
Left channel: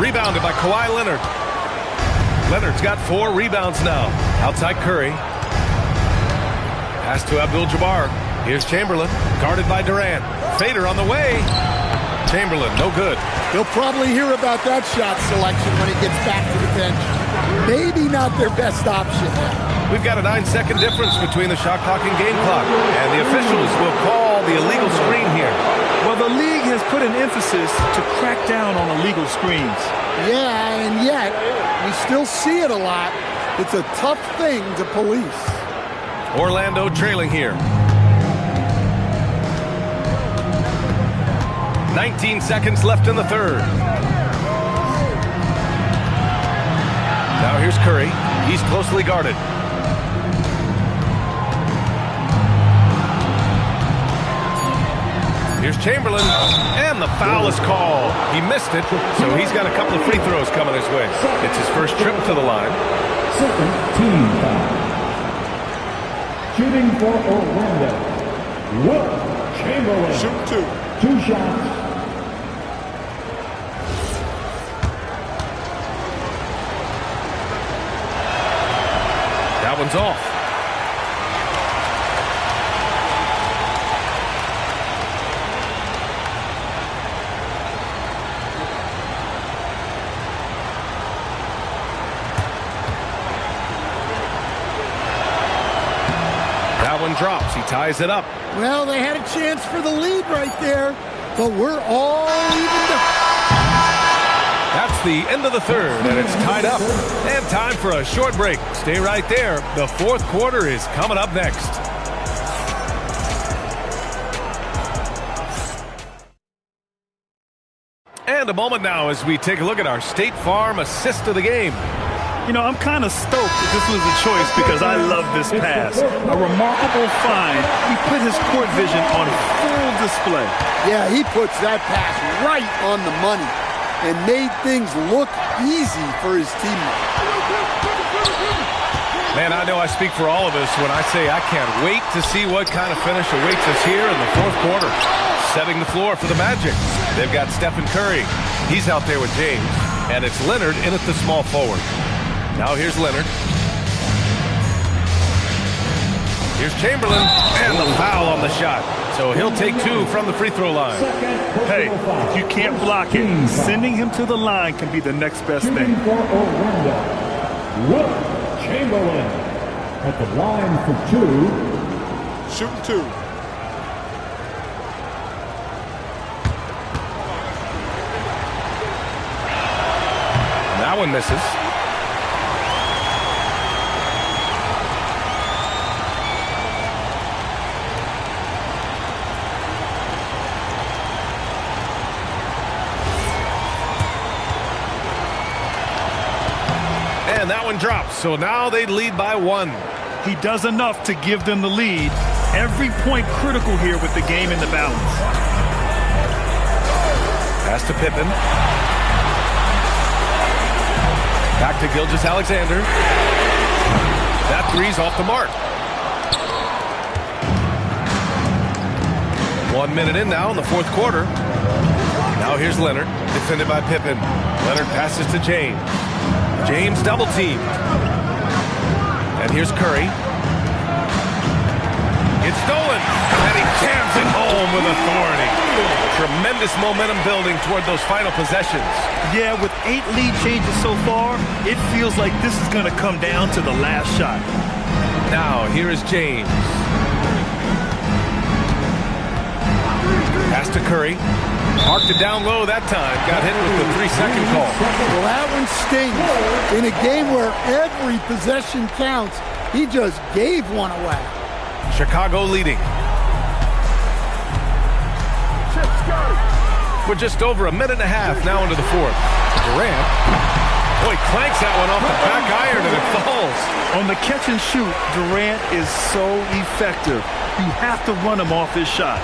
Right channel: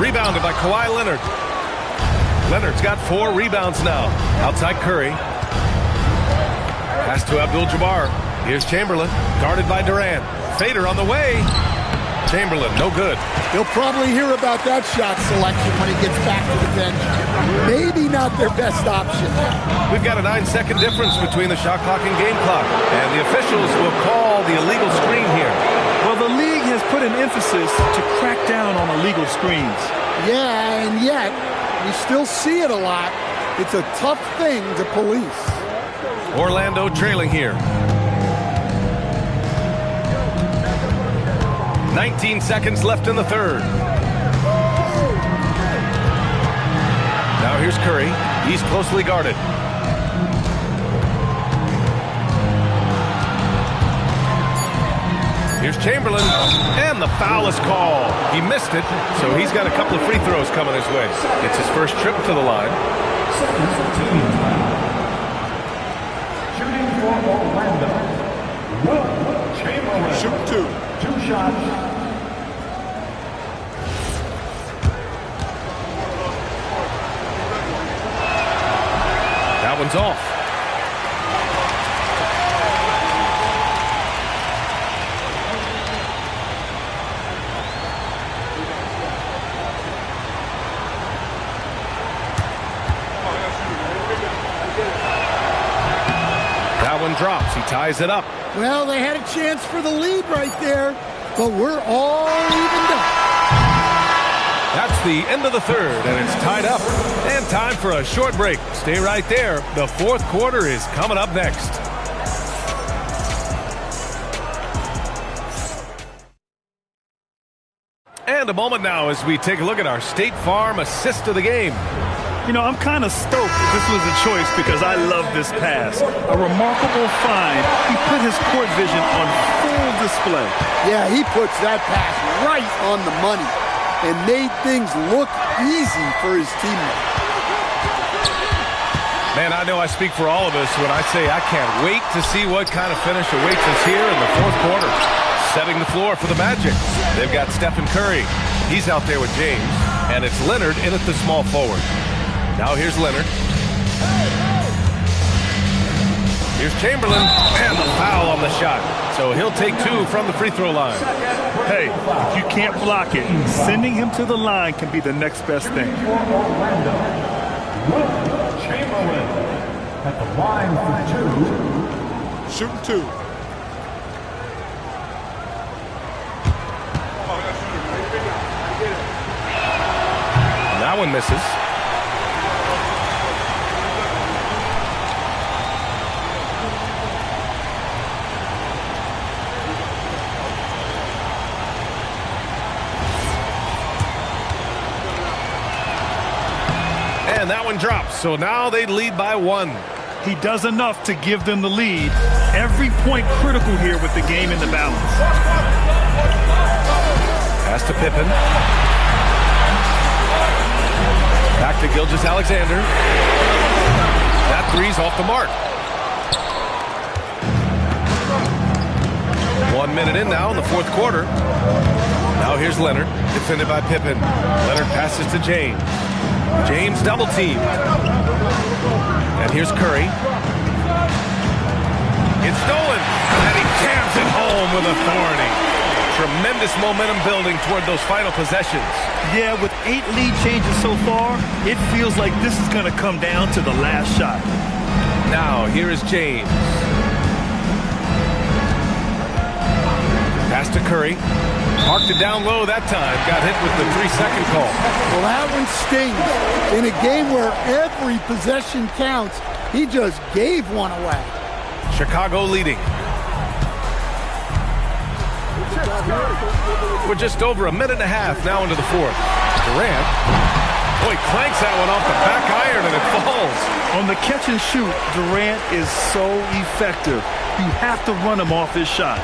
Rebounded by Kawhi Leonard. Leonard's got 4 rebounds now. Outside Curry. Pass to Abdul-Jabbar. Here's Chamberlain. Guarded by Durant. Fader on the way. Chamberlain, no good. He'll probably hear about that shot selection when he gets back to the bench. Maybe not their best option. We've got a 9-second difference between the shot clock and game clock, and the officials will call the illegal screen here. Well, the league has put an emphasis to crack down on illegal screens. Yeah, and yet we still see it a lot. It's a tough thing to police. Orlando trailing here. 19 seconds left in the third. Now here's Curry. He's closely guarded. Here's Chamberlain, and the foul is called. He missed it, so he's got a couple of free throws coming his way. It's his first trip to the line. Second team foul. Shooting for Orlando, Wilt Chamberlain. Shoot 2. 2 shots. That one's off. That one drops. He ties it up. Well, they had a chance for the lead right there, but we're all evened up. That's the end of the third, and it's tied up. And time for a short break. Stay right there. The fourth quarter is coming up next. And a moment now as we take a look at our State Farm assist of the game. You know, I'm kind of stoked that this was a choice because I love this pass. A remarkable find. He put his court vision on full display. Yeah, he puts that pass right on the money and made things look easy for his teammates. Man, I know I speak for all of us when I say I can't wait to see what kind of finish awaits us here in the fourth quarter. Setting the floor for the Magic. They've got Stephen Curry. He's out there with James. And it's Leonard in at the small forward. Now here's Leonard. Here's Chamberlain. And the foul on the shot. So he'll take 2 from the free throw line. Hey, if you can't block it, sending him to the line can be the next best thing. For Orlando, Wilt Chamberlain at the line for 2. Shooting 2. And that one misses. And that one drops, so now they lead by 1. He does enough to give them the lead. Every point critical here with the game in the balance. Pass to Pippen. Back to Gilgeous-Alexander. That three's off the mark. 1 minute in now in the fourth quarter. Now here's Leonard, defended by Pippen. Leonard passes to James. James double teamed. And here's Curry. It's stolen. And he jams it home with authority. Tremendous momentum building toward those final possessions. Yeah, with 8 lead changes so far, it feels like this is going to come down to the last shot. Now, here is James. Pass to Curry. Parked it down low that time. Got hit with the 3-second call. Well, that one stings. In a game where every possession counts, he just gave one away. Chicago leading. We're just over a minute and a half now into the fourth. Durant. Boy, clanks that one off the back iron and it falls. On the catch and shoot, Durant is so effective. You have to run him off his shot.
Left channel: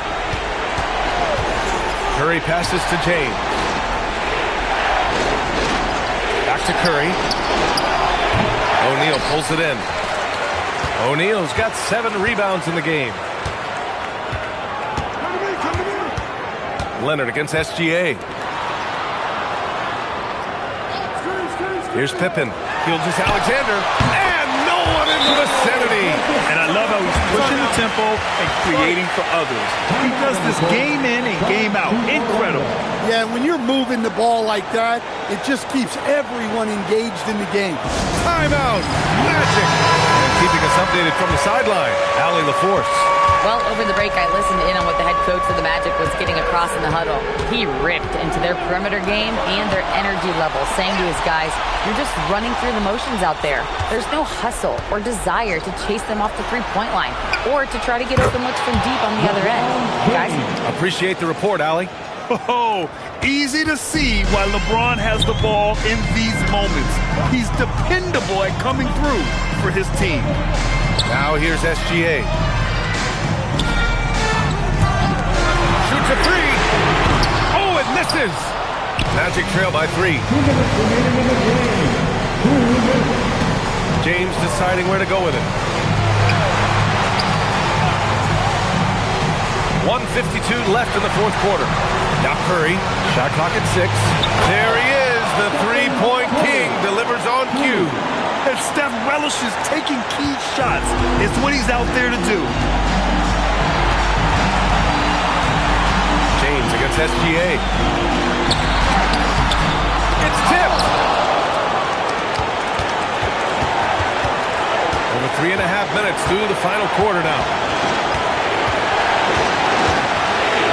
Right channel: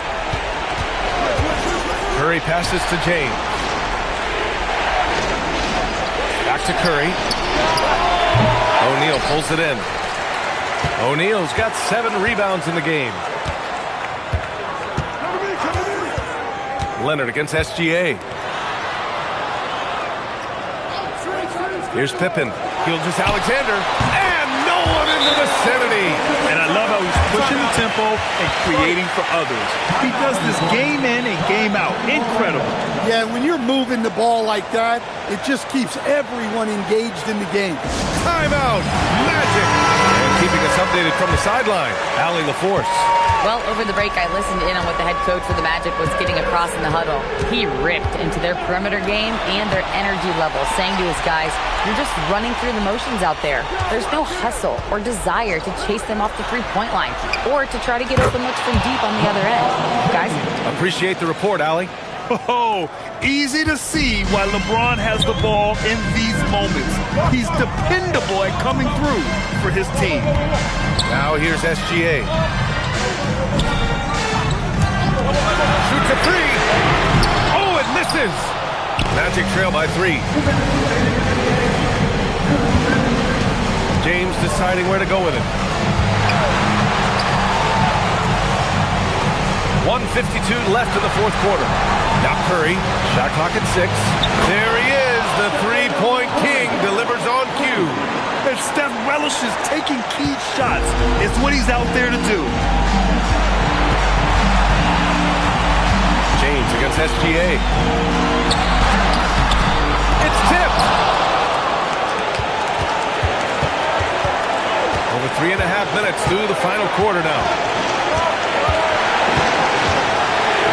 Curry passes to James. Back to Curry. O'Neal pulls it in. O'Neal's got 7 rebounds in the game. Leonard against SGA. Here's Pippen. Gilgeous-Alexander. And no one in the insanity. And I love how he's pushing the tempo and creating for others. He does this game in and game out. Incredible. Yeah, when you're moving the ball like that, it just keeps everyone engaged in the game. Timeout. Magic. And keeping us updated from the sideline, Allie LaForce. Well, over the break, I listened in on what the head coach for the Magic was getting across in the huddle. He ripped into their perimeter game and their energy level, saying to his guys, you're just running through the motions out there. There's no hustle or desire to chase them off the three-point line or to try to get open looks from deep on the other end. Guys? Appreciate the report, Allie. Oh, easy to see why LeBron has the ball in these moments. He's dependable at coming through for his team. Now here's SGA. Shoots a three. Oh, it misses. Magic trail by 3. James deciding where to go with it. 1:52 left in the fourth quarter. Now Curry, shot clock at 6. There he is, the three-point king, delivers on cue. And Steph relishes taking key shots. It's what he's out there to do. James against SGA. It's tipped. Over 3.5 minutes through the final quarter now.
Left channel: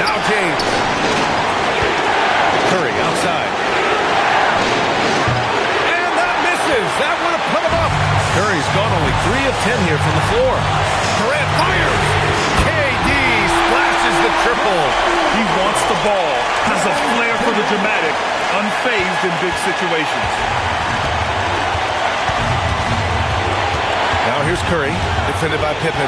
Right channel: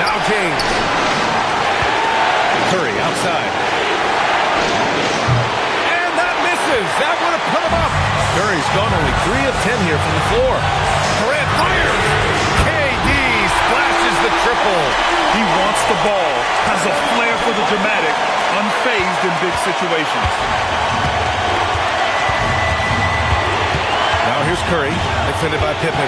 Now James. Curry outside. And that misses. That would have put him up. Curry's gone only 3 of 10 here from the floor. Durant fires. KD splashes the triple. He wants the ball, has a flair for the dramatic, unfazed in big situations. Now here's Curry, defended by Pippen.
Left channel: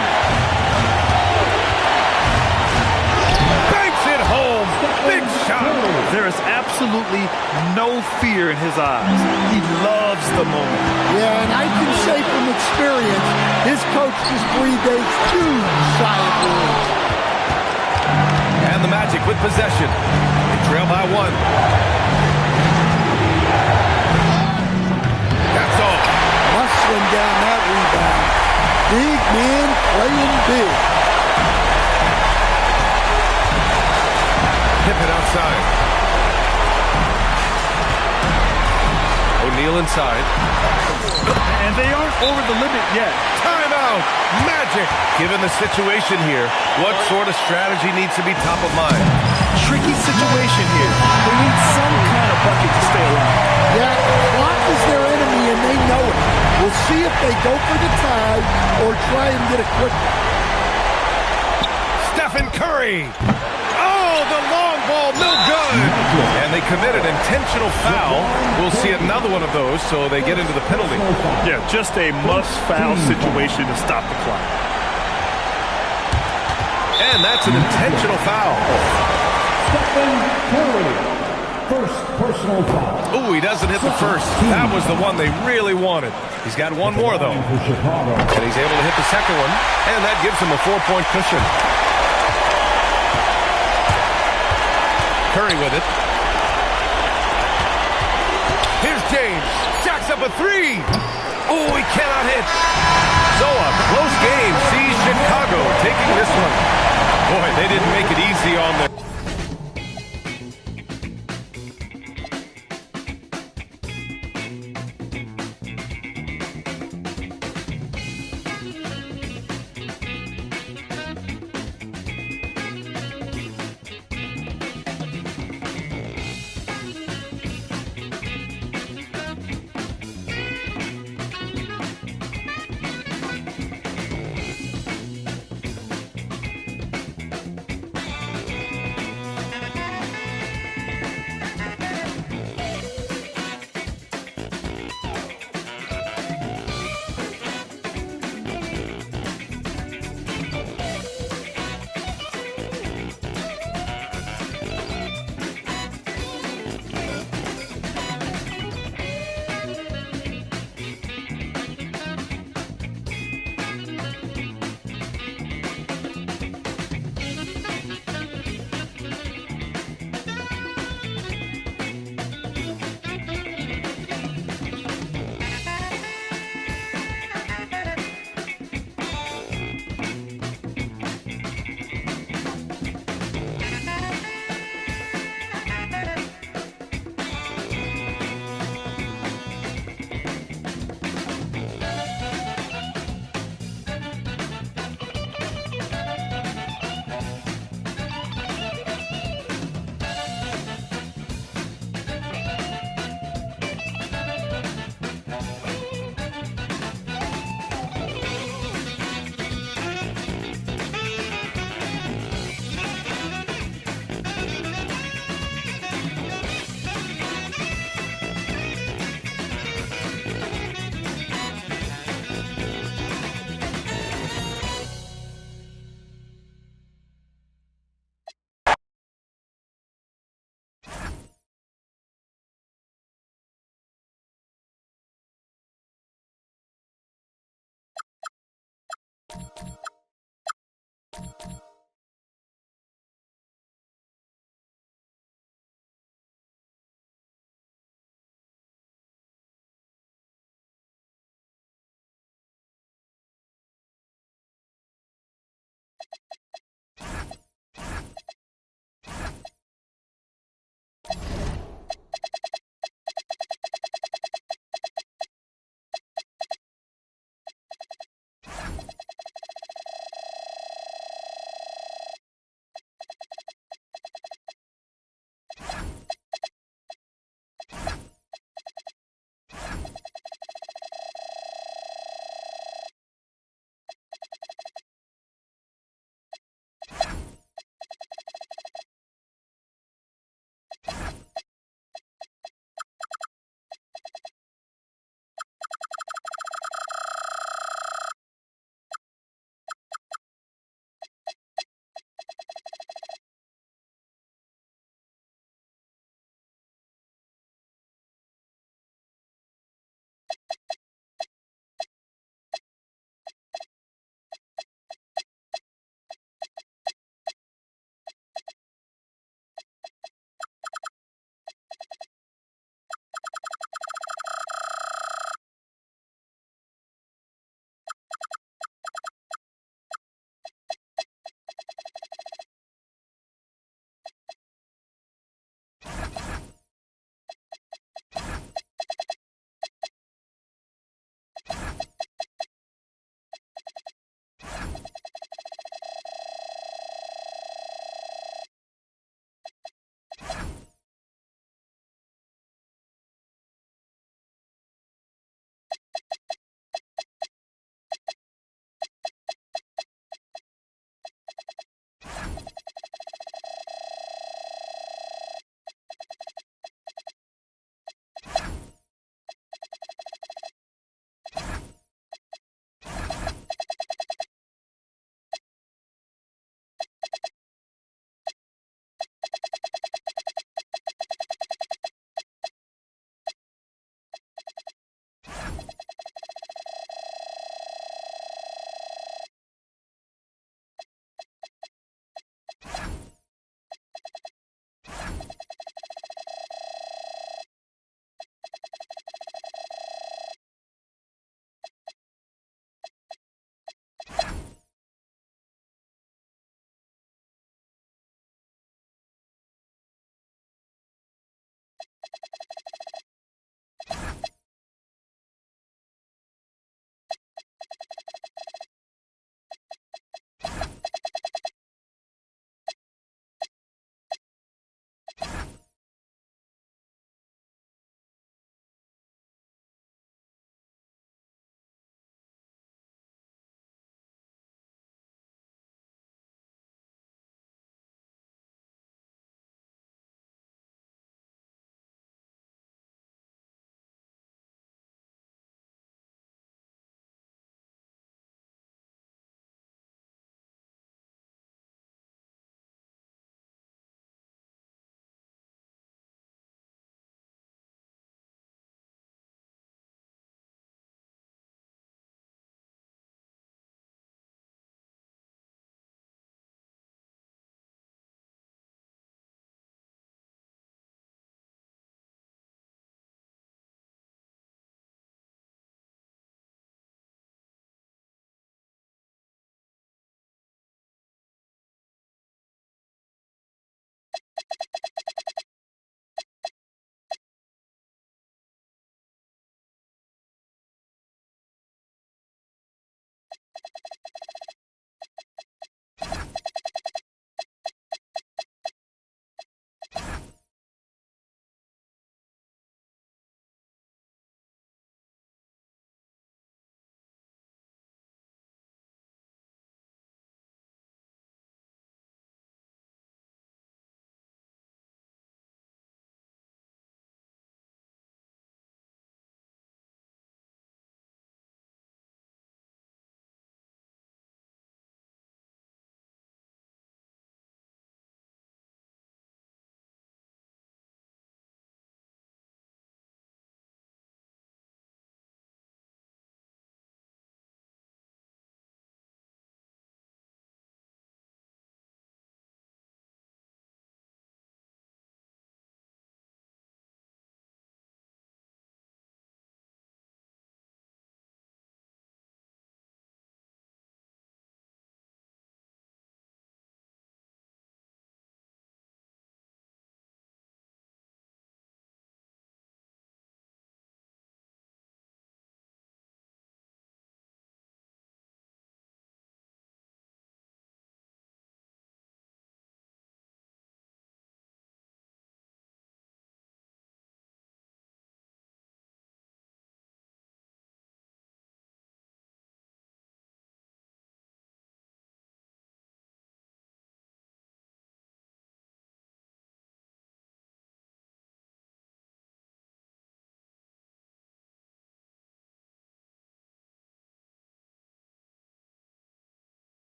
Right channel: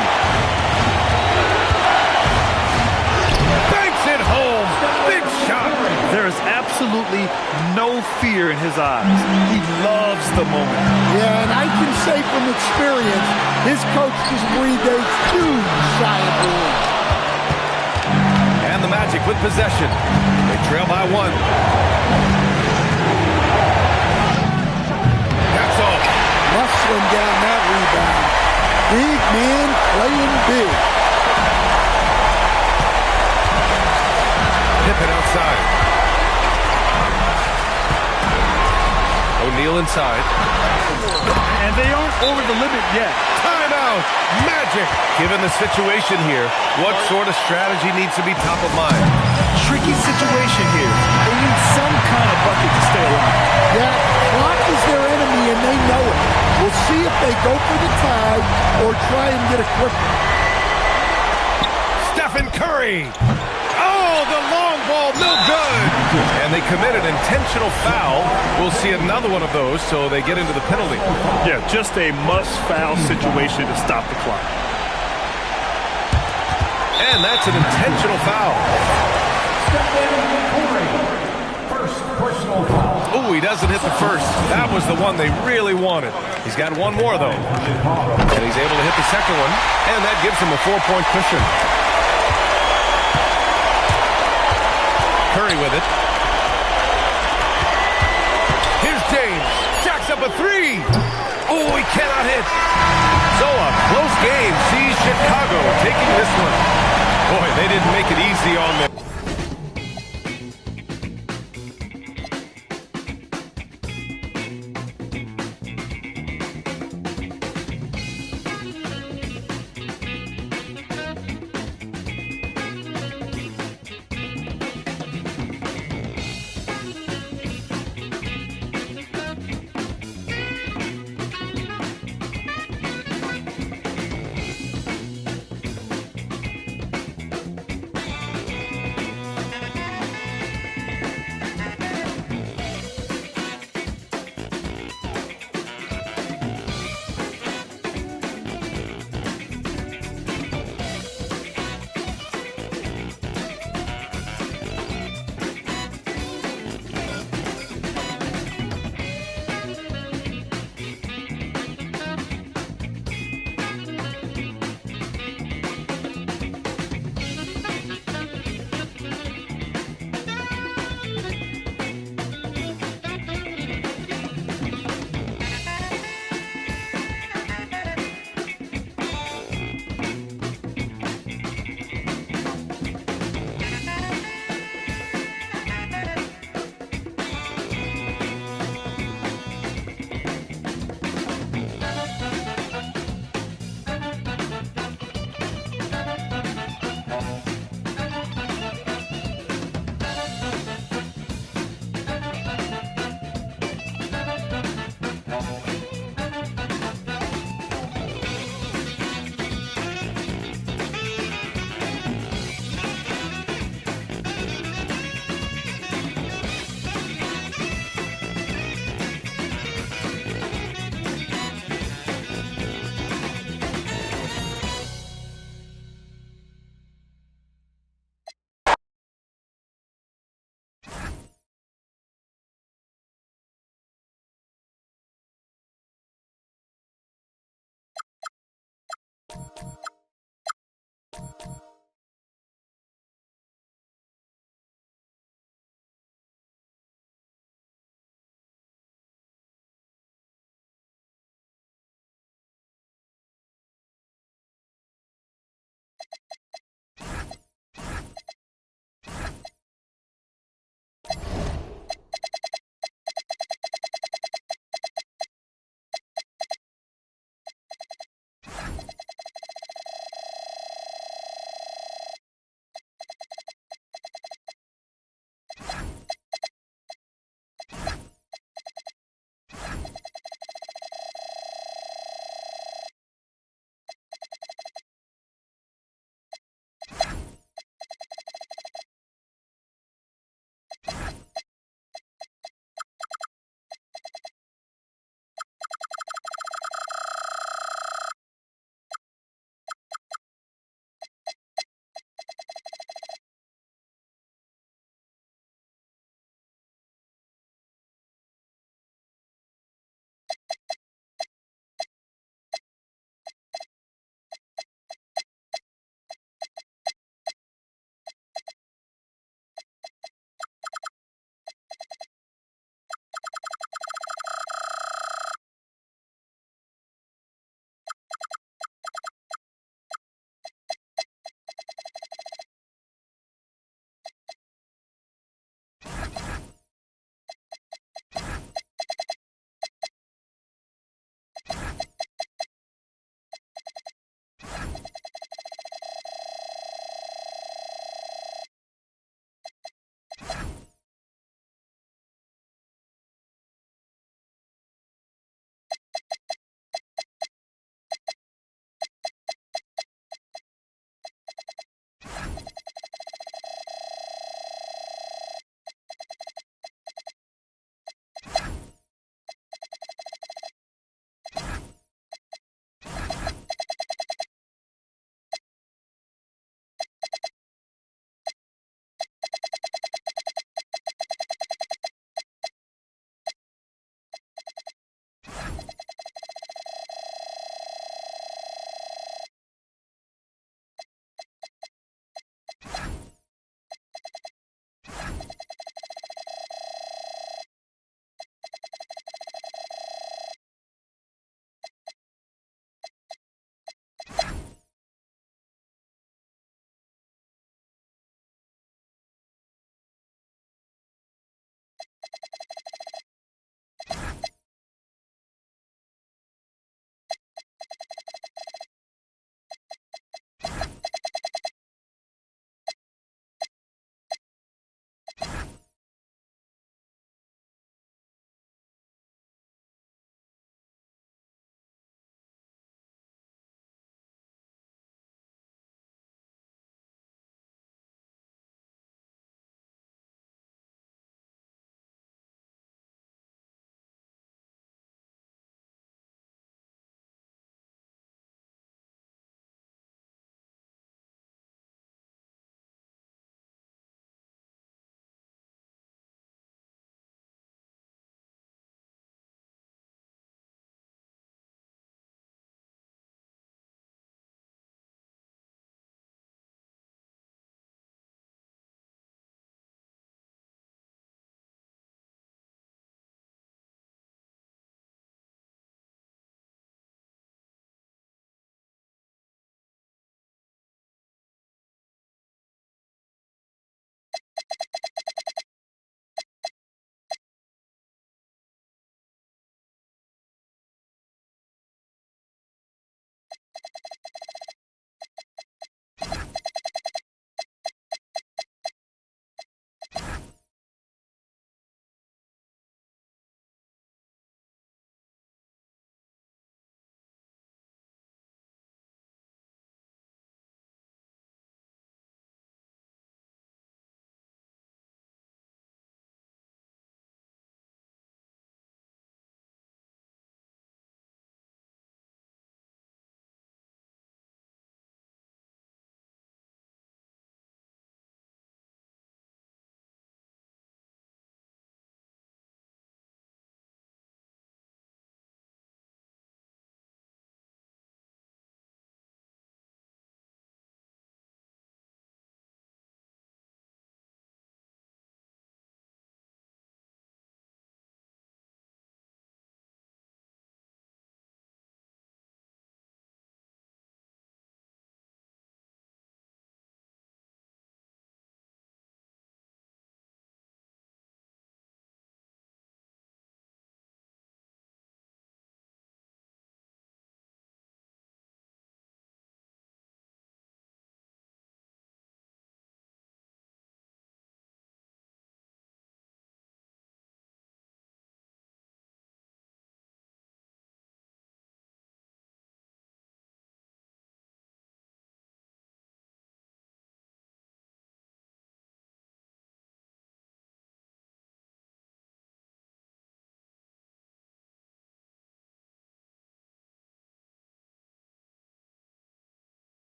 Banks it home. Big shot. There is absolutely no fear in his eyes. He loves the moment. Yeah, and I can say from experience, his coach just breathed a huge sigh of relief. And the Magic with possession. They trail by 1. That's all. Muscling down that rebound. Big man playing big. Pippen outside. O'Neal inside. And they aren't over the limit yet. Timeout. Magic. Given the situation here, what sort of strategy needs to be top of mind? Tricky situation here. They need some kind of bucket to stay alive. Yeah, clock is their enemy and they know it. We'll see if they go for the tie or try and get a quick one. Stephen Curry. Oh, the long ball, no good. And they commit an intentional foul. We'll see another one of those, so they get into the penalty. Yeah, just a must-foul situation to stop the clock. And that's an intentional foul. Stephen Curry, first personal foul. Oh, he doesn't hit the first. That was the one they really wanted. He's got one more, though. And he's able to hit the second one, and that gives him a 4-point cushion. Curry with it. Here's James. Jacks up a 3. Oh, he cannot hit. So a close game sees Chicago taking this one. Boy, they didn't make it easy on them.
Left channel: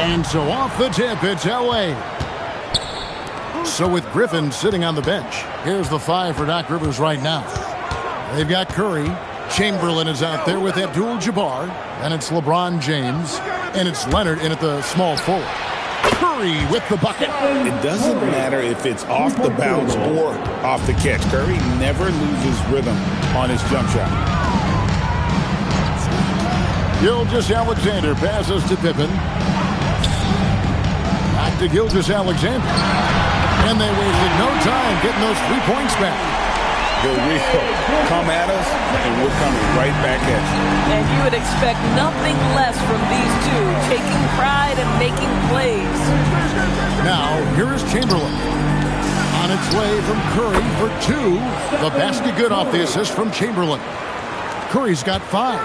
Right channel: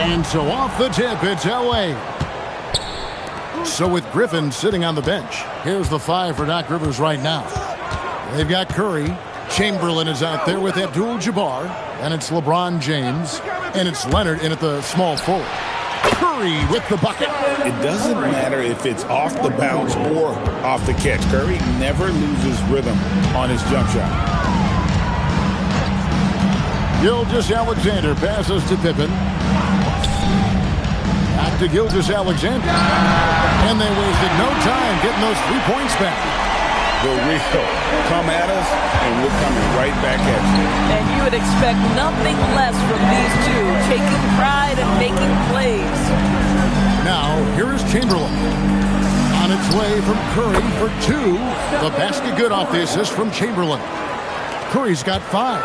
And so off the tip, it's Elway. So with Griffin sitting on the bench, here's the 5 for Doc Rivers right now. They've got Curry. Chamberlain is out there with Abdul-Jabbar. And it's LeBron James. And it's Leonard in at the small forward. Curry with the bucket. It doesn't matter if it's off the bounce or off the catch. Curry never loses rhythm on his jump shot. Gilgeous-Alexander passes to Pippen. Back to Gilgeous-Alexander. And they wasted no time getting those 3 points back. The real come at us, and we're coming right back at you. And you would expect nothing less from these two, taking pride and making plays. Now, here is Chamberlain. On its way from Curry for 2. The basket good off the assist from Chamberlain. Curry's got 5.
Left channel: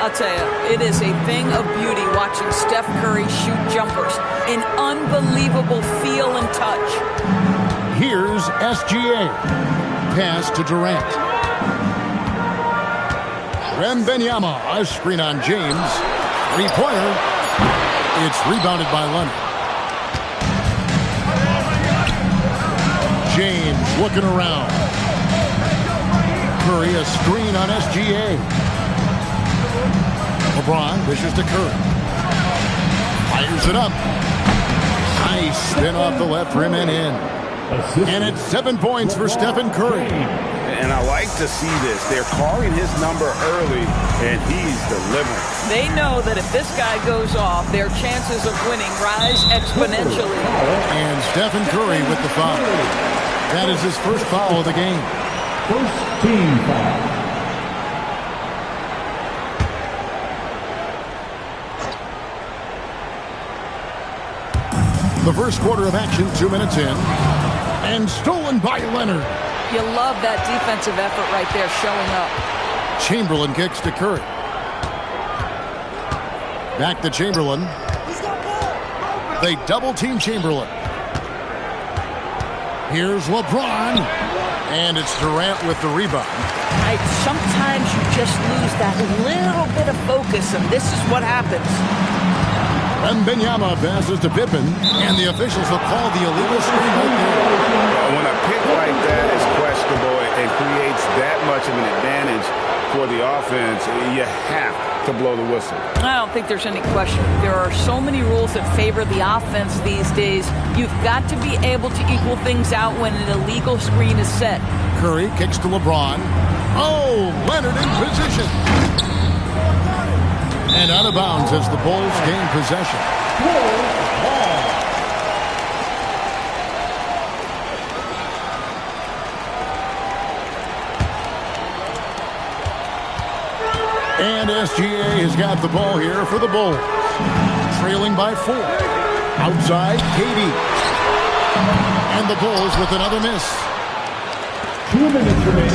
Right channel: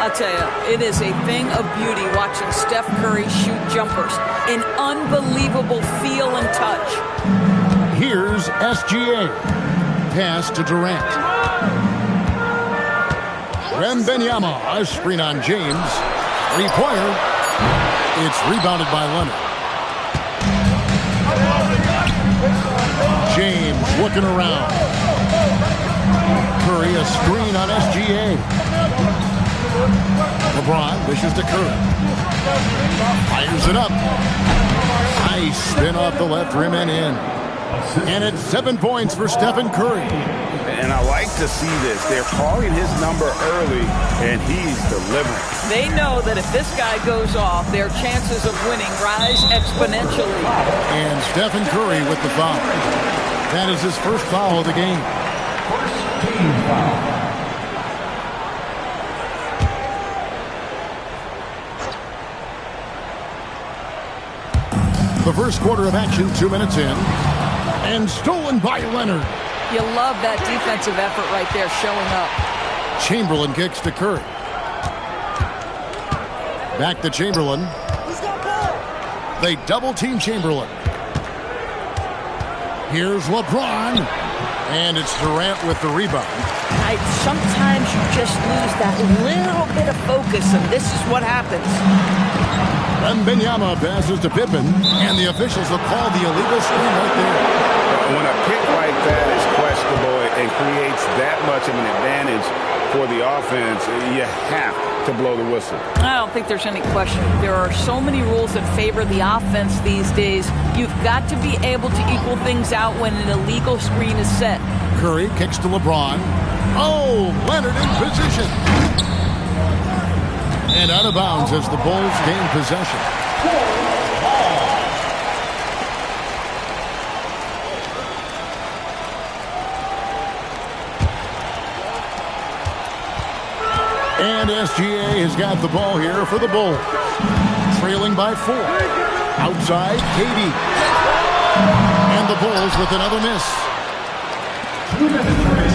I'll tell you, it is a thing of beauty watching Steph Curry shoot jumpers. An unbelievable feel and touch. Here's SGA. Pass to Durant. Wembanyama, a screen on James. 3-pointer. It's rebounded by Leonard. James looking around. Curry, a screen on SGA. LeBron dishes to Curry. Fires it up. Nice spin off the left rim and in. And it's 7 points for Stephen Curry. And I like to see this. They're calling his number early, and he's delivering. They know that if this guy goes off, their chances of winning rise exponentially. And Stephen Curry with the foul. That is his first foul of the game. First team foul. The first quarter of action, 2 minutes in. And stolen by Leonard. You love that defensive effort right there showing up. Chamberlain kicks to Curry. Back to Chamberlain. They double-team Chamberlain. Here's LeBron. And it's Durant with the rebound. Sometimes you just lose that little bit of focus, and this is what happens. Wembanyama passes to Pippen, and the officials have called the illegal screen right there. When a pick like that is questionable and creates that much of an advantage for the offense, you have to blow the whistle. I don't think there's any question. There are so many rules that favor the offense these days. You've got to be able to equal things out when an illegal screen is set. Curry kicks to LeBron. Oh, Leonard in position. And out of bounds as the Bulls gain possession. And SGA has got the ball here for the Bulls. Trailing by 4. Outside, KD. And the Bulls with another miss. 2 minutes remaining.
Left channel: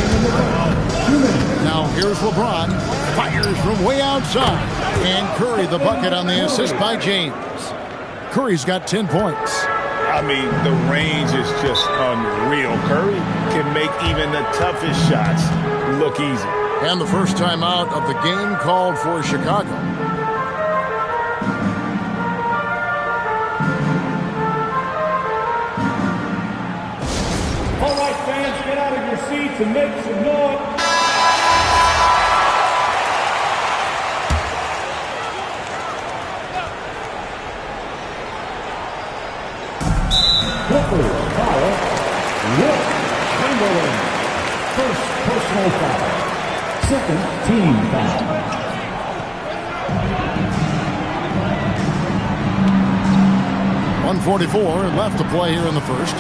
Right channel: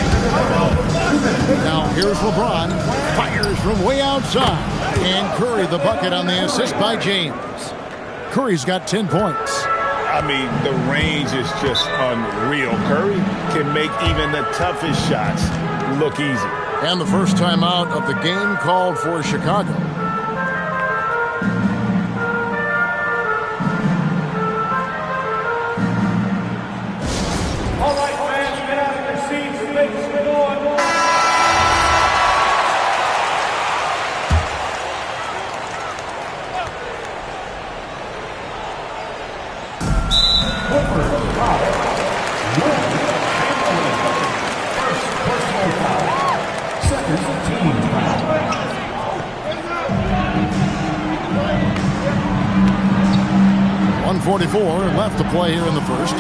Now here's LeBron. Fires from way outside. And Curry the bucket on the assist by James. Curry's got 10 points. I mean, the range is just unreal. Curry can make even the toughest shots look easy. And the first timeout of the game called for Chicago. All right, fans, get out of your seats and make some noise. Clippers foul. Will Chamberlain. First personal foul. Second team foul. .144 left to play here in the first.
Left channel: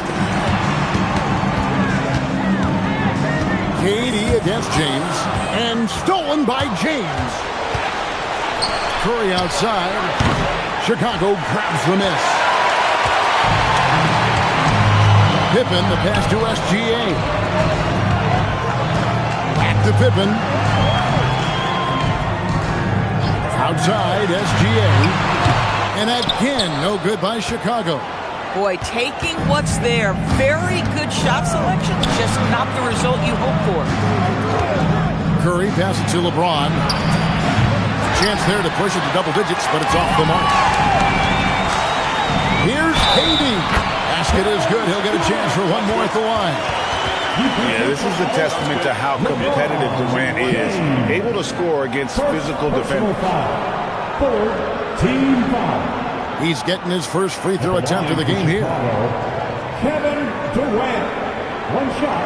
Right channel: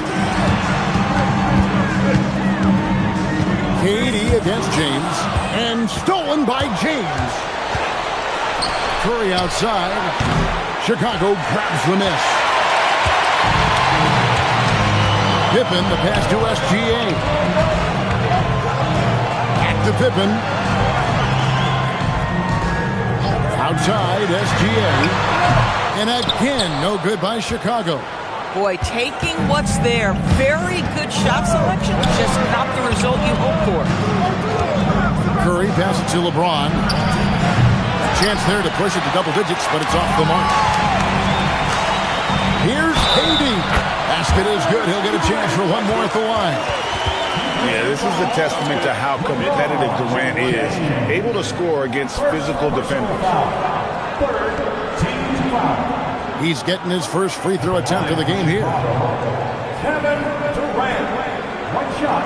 KD against James. And stolen by James. Curry outside. Chicago grabs the miss. Pippen, the pass to SGA. Back to Pippen. Outside, SGA. And again, no good by Chicago. Boy, taking what's there. Very good shot selection, just not the result you hope for. Curry passes to LeBron. Chance there to push it to double digits, but it's off the mark. Here's KD. Basket is good. He'll get a chance for one more at the line. Yeah, this is a testament to how competitive Durant is. Able to score against physical defenders. Third team foul. He's getting his first free throw attempt of the game here. Kevin Durant. One shot.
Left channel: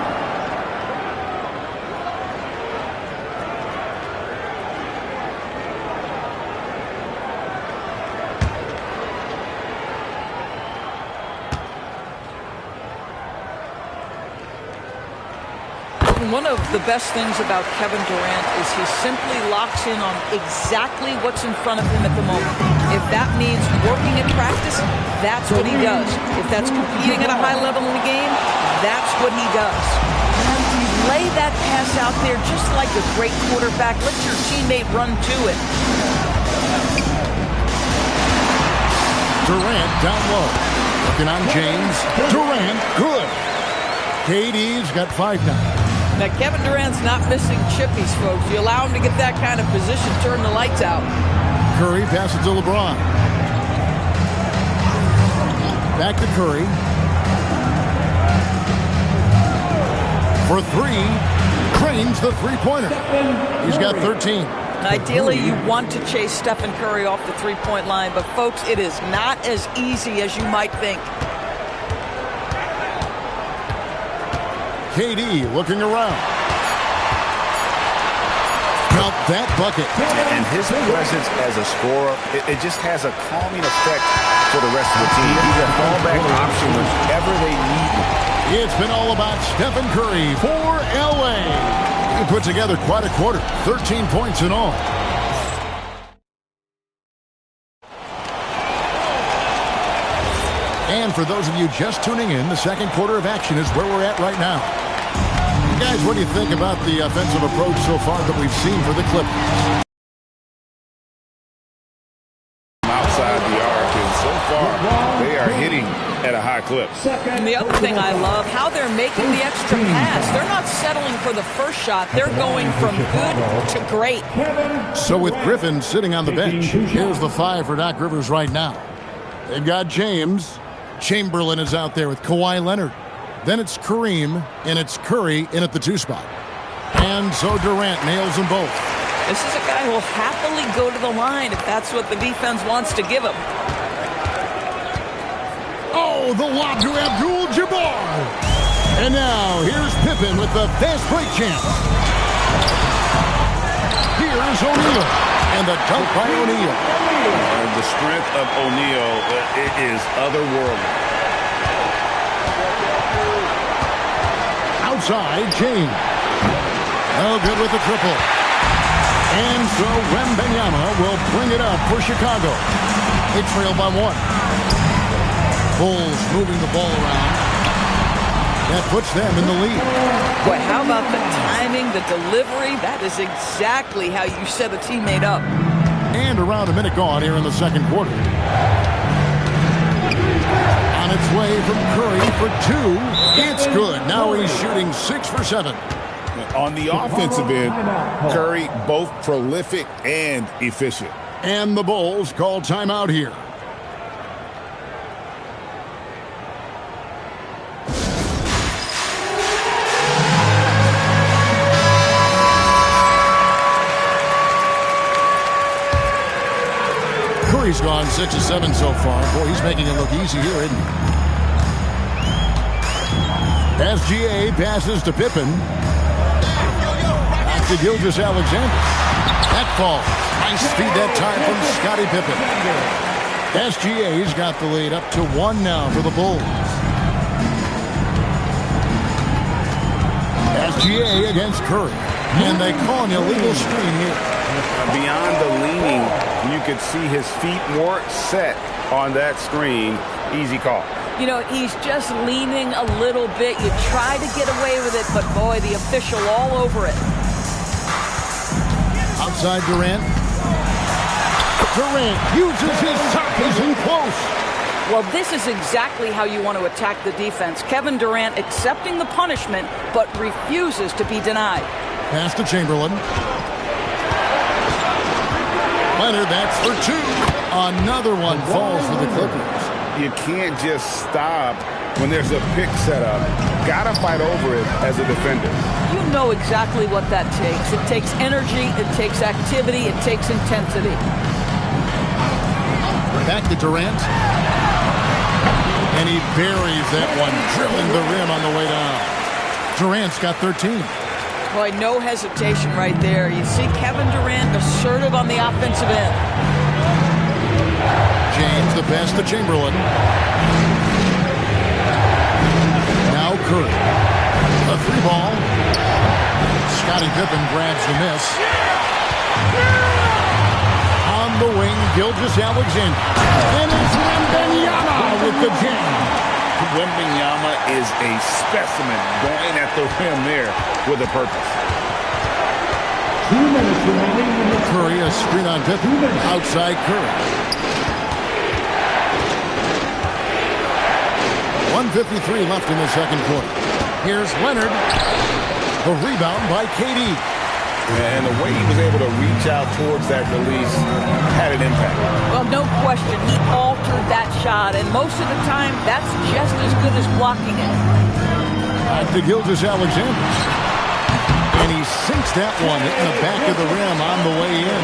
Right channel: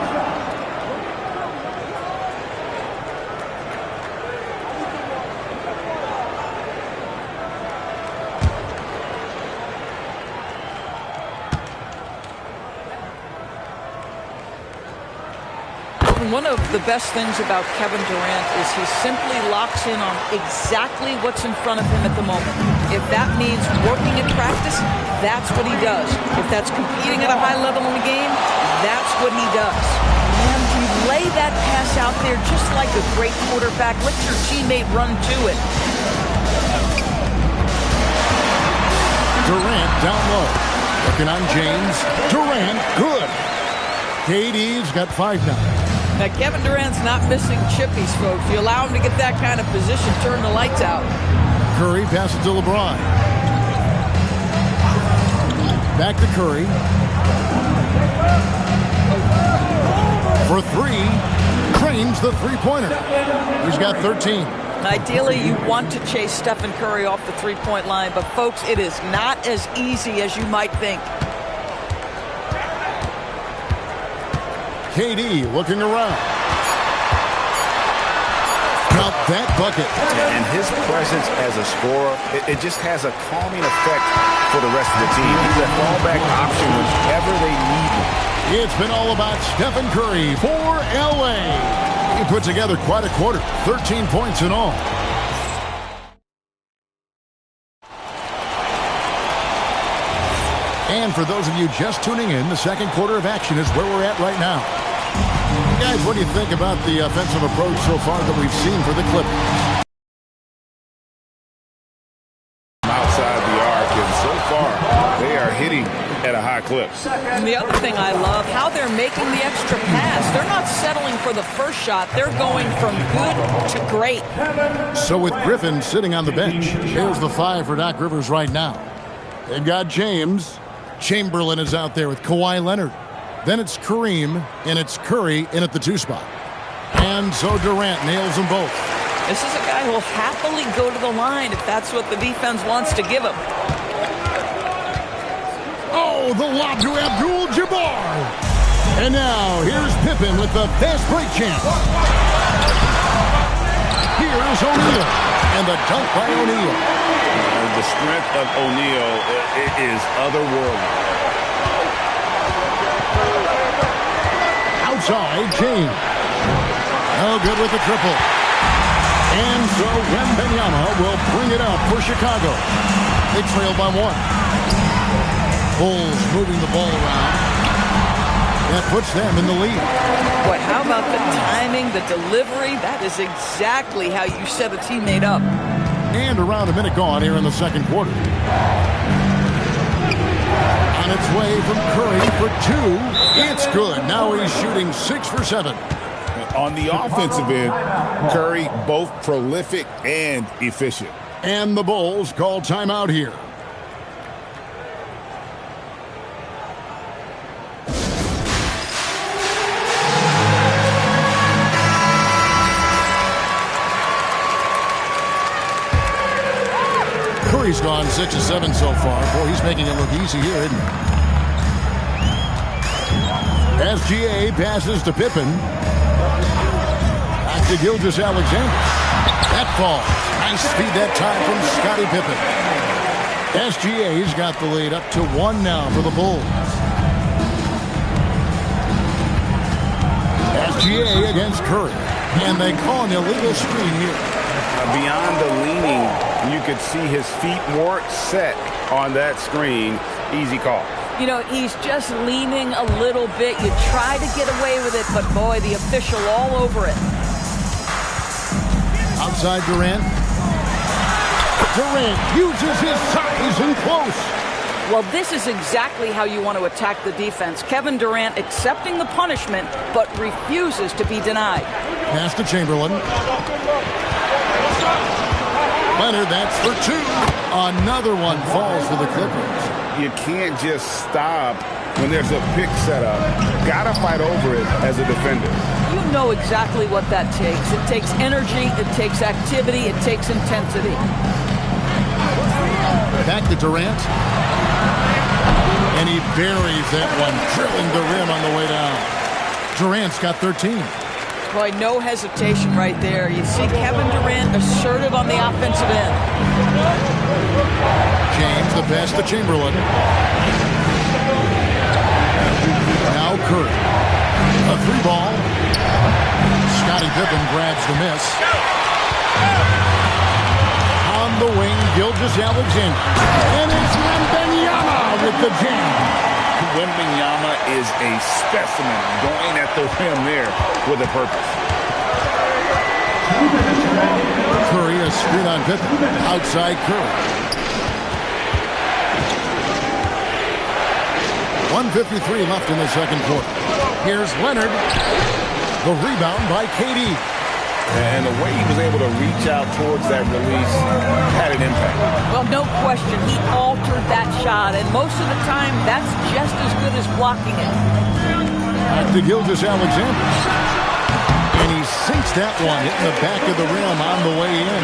One of the best things about Kevin Durant is he simply locks in on exactly what's in front of him at the moment. If that means working at practice, that's what he does. If that's competing at a high level in the game, that's what he does. And you lay that pass out there just like a great quarterback. Let your teammate run to it. Durant down low. Working on James. Durant, good. KD's got 5 now. Now, Kevin Durant's not missing chippies, folks. You allow him to get that kind of position, turn the lights out. Curry passes to LeBron. Back to Curry. For 3. Cranes the three-pointer. He's got 13. Ideally, you want to chase Stephen Curry off the three-point line, but, folks, it is not as easy as you might think. KD looking around. Count that bucket. And his presence as a scorer, it just has a calming effect for the rest of the team. He's a fallback option whenever they need him. It's been all about Stephen Curry for LA. He put together quite a quarter, 13 points in all. And for those of you just tuning in, the second quarter of action is where we're at right now. Guys, what do you think about the offensive approach so far that we've seen for the Clippers? Outside the arc, and so far, they are hitting at a high clip. And the other thing I love, how they're making the extra pass. They're not settling for the first shot. They're going from good to great. So with Griffin sitting on the bench, here's the 5 for Doc Rivers right now. They've got James. Chamberlain is out there with Kawhi Leonard. Then it's Kareem, and it's Curry in at the 2 spot. And so Durant nails them both. This is a guy who will happily go to the line if that's what the defense wants to give him. Oh, the lob to Abdul-Jabbar. And now here's Pippen with the fast break chance. Here's O'Neal. And the dunk by O'Neal. The strength of O'Neal is otherworldly. Outside, James. No good with the triple. And so Wembanyama will bring it up for Chicago. They trail by 1. Bulls moving the ball around. That puts them in the lead. Boy, how about the timing, the delivery? That is exactly how you set a teammate up. And around a minute gone here in the second quarter. On its way from Curry for 2. It's good. Now he's shooting 6 for 7. On the offensive end, Curry both prolific and efficient. And the Bulls call timeout here. Curry's gone 6 of 7 so far. Boy, he's making it look easy here, isn't he? SGA passes to Pippen. Back to Gilgeous-Alexander. That falls. Nice speed that time from Scottie Pippen. SGA's got the lead up to 1 now for the Bulls. SGA against Curry. And they call an illegal screen here. Beyond the leaning, you could see his feet weren't set on that screen. Easy call. You know, he's just leaning a little bit. You try to get away with it, but boy, the official all over it. Outside Durant. Durant uses his size and close. Well, this is exactly how you want to attack the defense. Kevin Durant accepting the punishment, but refuses to be denied. Pass to Chamberlain. Leonard, that's for 2. Another one falls for the Clippers. you can't just stop when there's a pick set up. Got to fight over it as a defender. You know exactly what that takes. It takes energy, it takes activity, it takes intensity. Back to Durant. And he buries that one, drilling the rim on the way down. Durant's got 13. Boy, no hesitation right there. You see Kevin Durant assertive on the offensive end. James, the pass to Chamberlain. Now Curry. A 3-ball. Scottie Pippen grabs the miss. On the wing, Gilgeous-Alexander. And it's Wembanyama with the jam. Wembanyama is a specimen going at the rim there with a purpose. 2 minutes remaining. Curry, a screen on Pippen. Outside Curry. 1:53 left in the second quarter. Here's Leonard. The rebound by KD. And the way he was able to reach out towards that release had an impact. Well, no question. He altered that shot, and most of the time, that's just as good as blocking it. Back to Gilgeous-Alexander. And he sinks that one, hitting the back of the rim on the way in.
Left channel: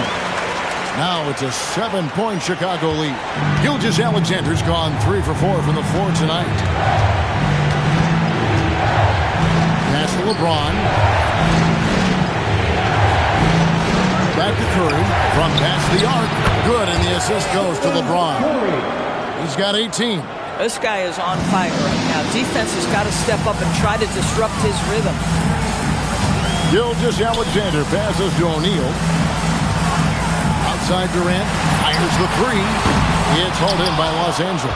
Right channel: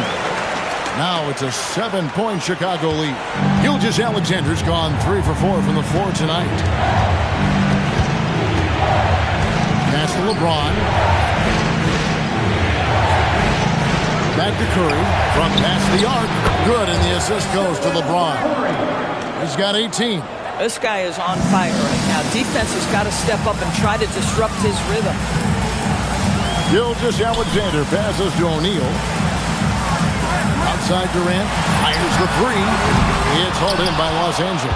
Now it's a 7-point Chicago lead. Gilgeous-Alexander's gone 3 for 4 from the floor tonight. Pass to LeBron. Back to Curry from past the arc. Good, and the assist goes to LeBron. He's got 18. This guy is on fire right now. Defense has got to step up and try to disrupt his rhythm. Gilgeous-Alexander passes to O'Neal. Outside Durant. Fires the 3. It's hauled in by Los Angeles.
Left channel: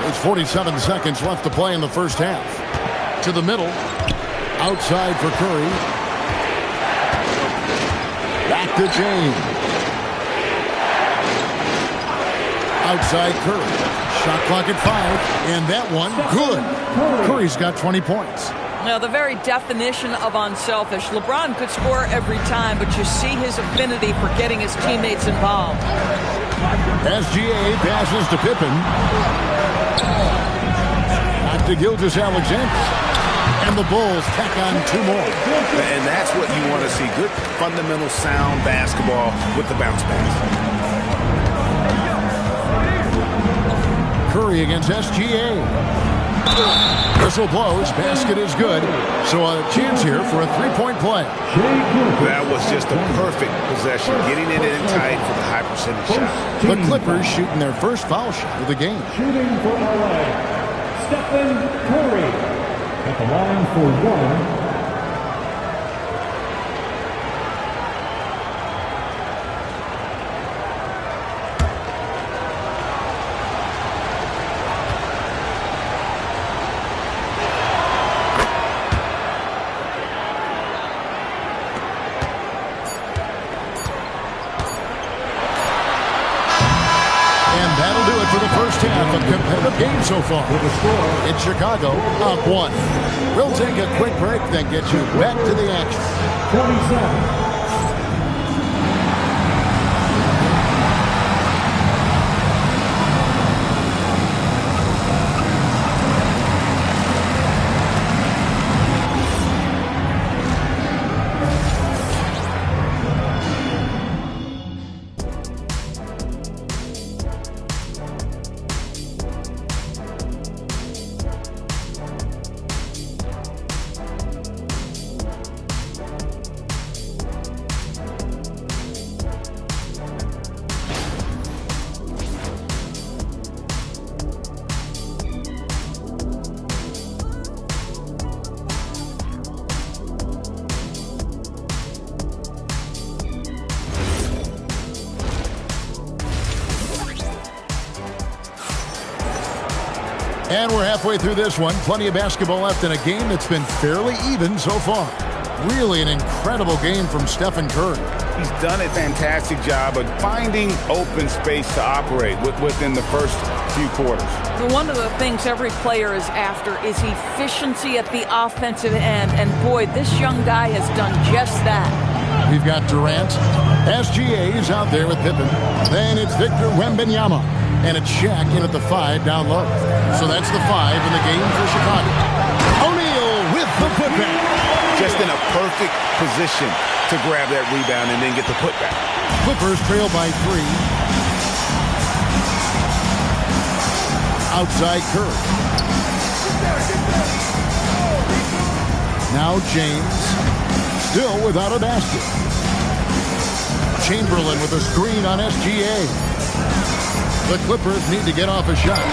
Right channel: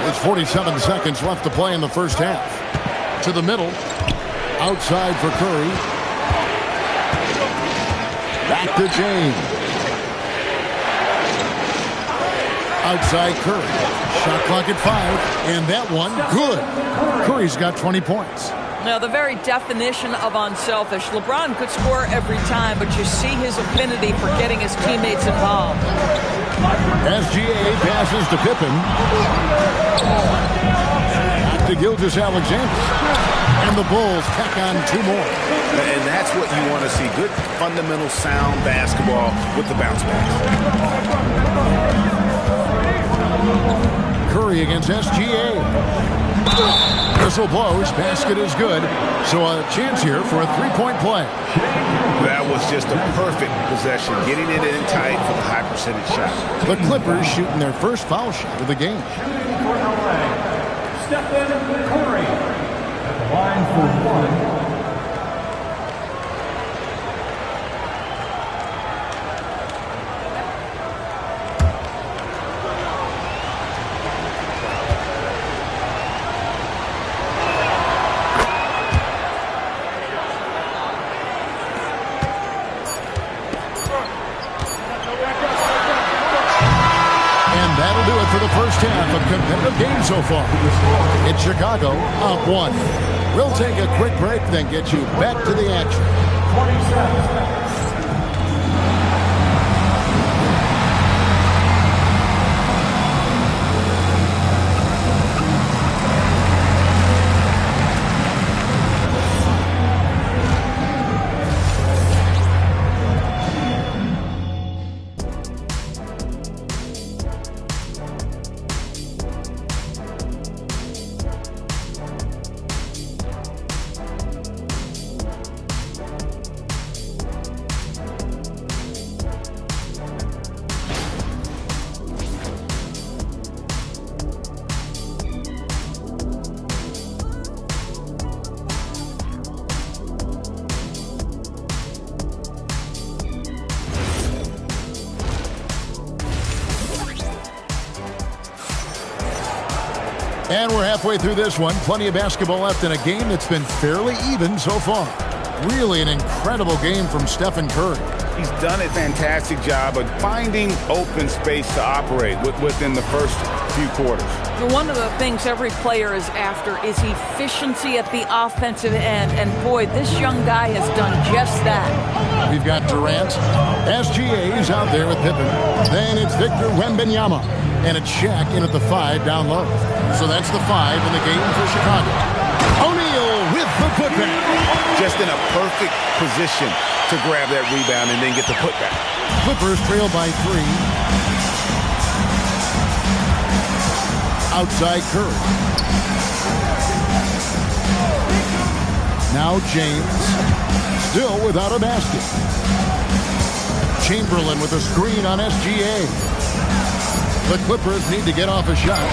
There's 47 seconds left to play in the first half. To the middle. Outside for Curry. Back to James. Outside Curry. Shot clock at 5. And that one, good. Curry's got 20 points. Now, the very definition of unselfish. LeBron could score every time, but you see his affinity for getting his teammates involved. SGA passes to Pippen. Back to Gilgeous-Alexander. And the Bulls tack on 2 more. And that's what you want to see. Good, fundamental, sound basketball with the bounce pass. Curry against SGA. Whistle blows. Basket is good. So a chance here for a 3-point play. That was just a perfect possession. Getting it in tight for the high percentage shot. The Clippers shooting their first foul shot of the game. Shooting for LA, Stephen Curry. At the line for 1. And that'll do it for the first half. A competitive game so far. It's Chicago up 1. We'll take a quick break, then get you back to the action. 27. And we're halfway through this one. Plenty of basketball left in a game that's been fairly even so far. Really an incredible game from Stephen Curry. He's done a fantastic job of finding open space to operate within the first few quarters. One of the things every player is after is efficiency at the offensive end. And boy, this young guy has done just that. We've got Durant. SGA is out there with Pippen. Then it's Victor Wembanyama. And it's Shaq in at the 5 down low. So that's the 5 in the game for Chicago. O'Neal with the putback. Just in a perfect position to grab that rebound and then get the putback. Clippers trail by 3. Outside Curry. Now James, still without a basket. Chamberlain with a screen on SGA. The Clippers need to get off a shot.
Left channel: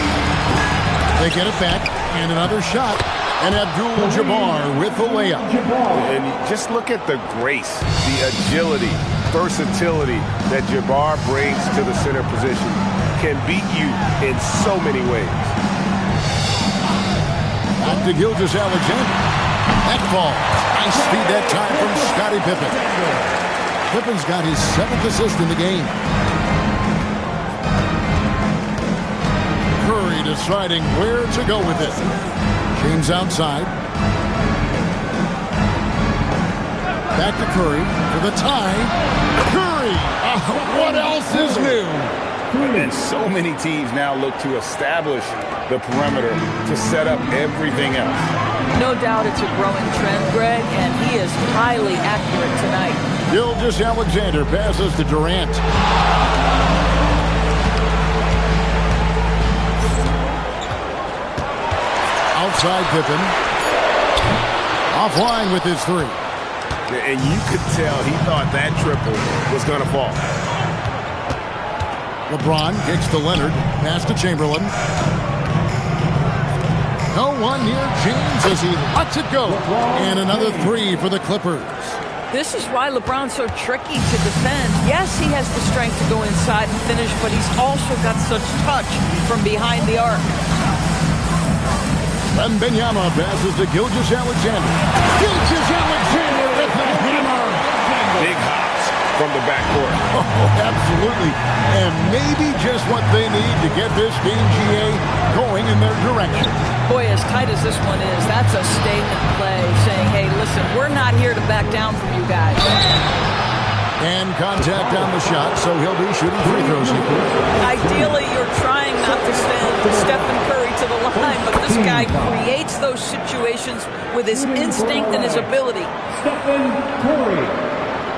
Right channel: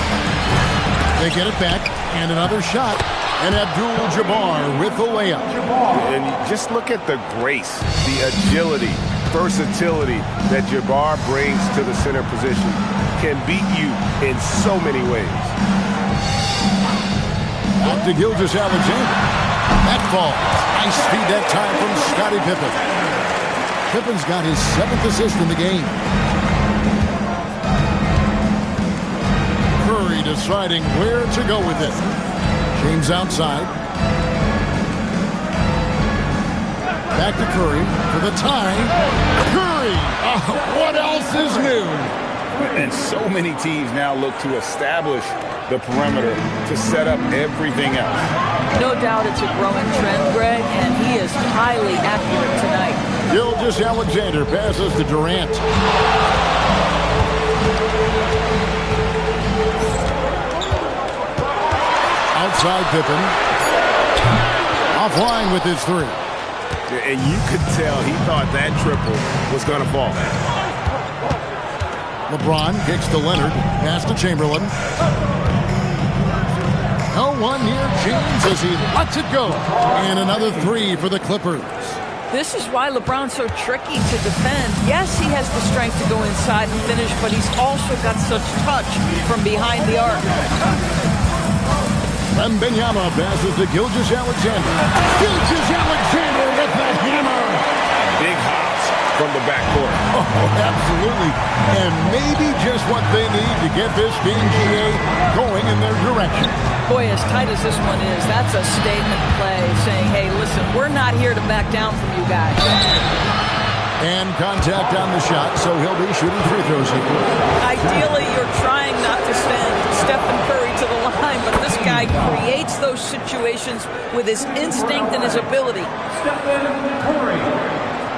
They get it back, and another shot. And Abdul-Jabbar with the layup. And just look at the grace, the agility, versatility that Jabbar brings to the center position. Can beat you in so many ways. Back to Gilgeous-Alexander. That falls. Nice feed that time from Scottie Pippen. Pippen's got his 7th assist in the game. Curry deciding where to go with it. James outside. Back to Curry for the tie. Curry! What else is new? And so many teams now look to establish the perimeter to set up everything else. No doubt it's a growing trend, Greg, and he is highly accurate tonight. Gilgeous-Alexander passes to Durant. Outside Pippen. Offline with his 3. And you could tell he thought that triple was going to fall. LeBron kicks to Leonard. Pass to Chamberlain. No one near James as he lets it go. And another 3 for the Clippers. This is why LeBron's so tricky to defend. Yes, he has the strength to go inside and finish, but he's also got such touch from behind the arc. Wembanyama passes to Gilgeous-Alexander. Gilgeous-Alexander with the hammer. Big hops from the backcourt. Oh, absolutely. And maybe just what they need to get this game, GA, going in their direction. Boy, as tight as this one is, that's a statement play saying, hey, listen, we're not here to back down from you guys. And contact on the shot, so he'll be shooting free throws here. Ideally, you're trying not to send Stephen Curry to the line, but this guy creates those situations with his instinct and his ability. Stephen Curry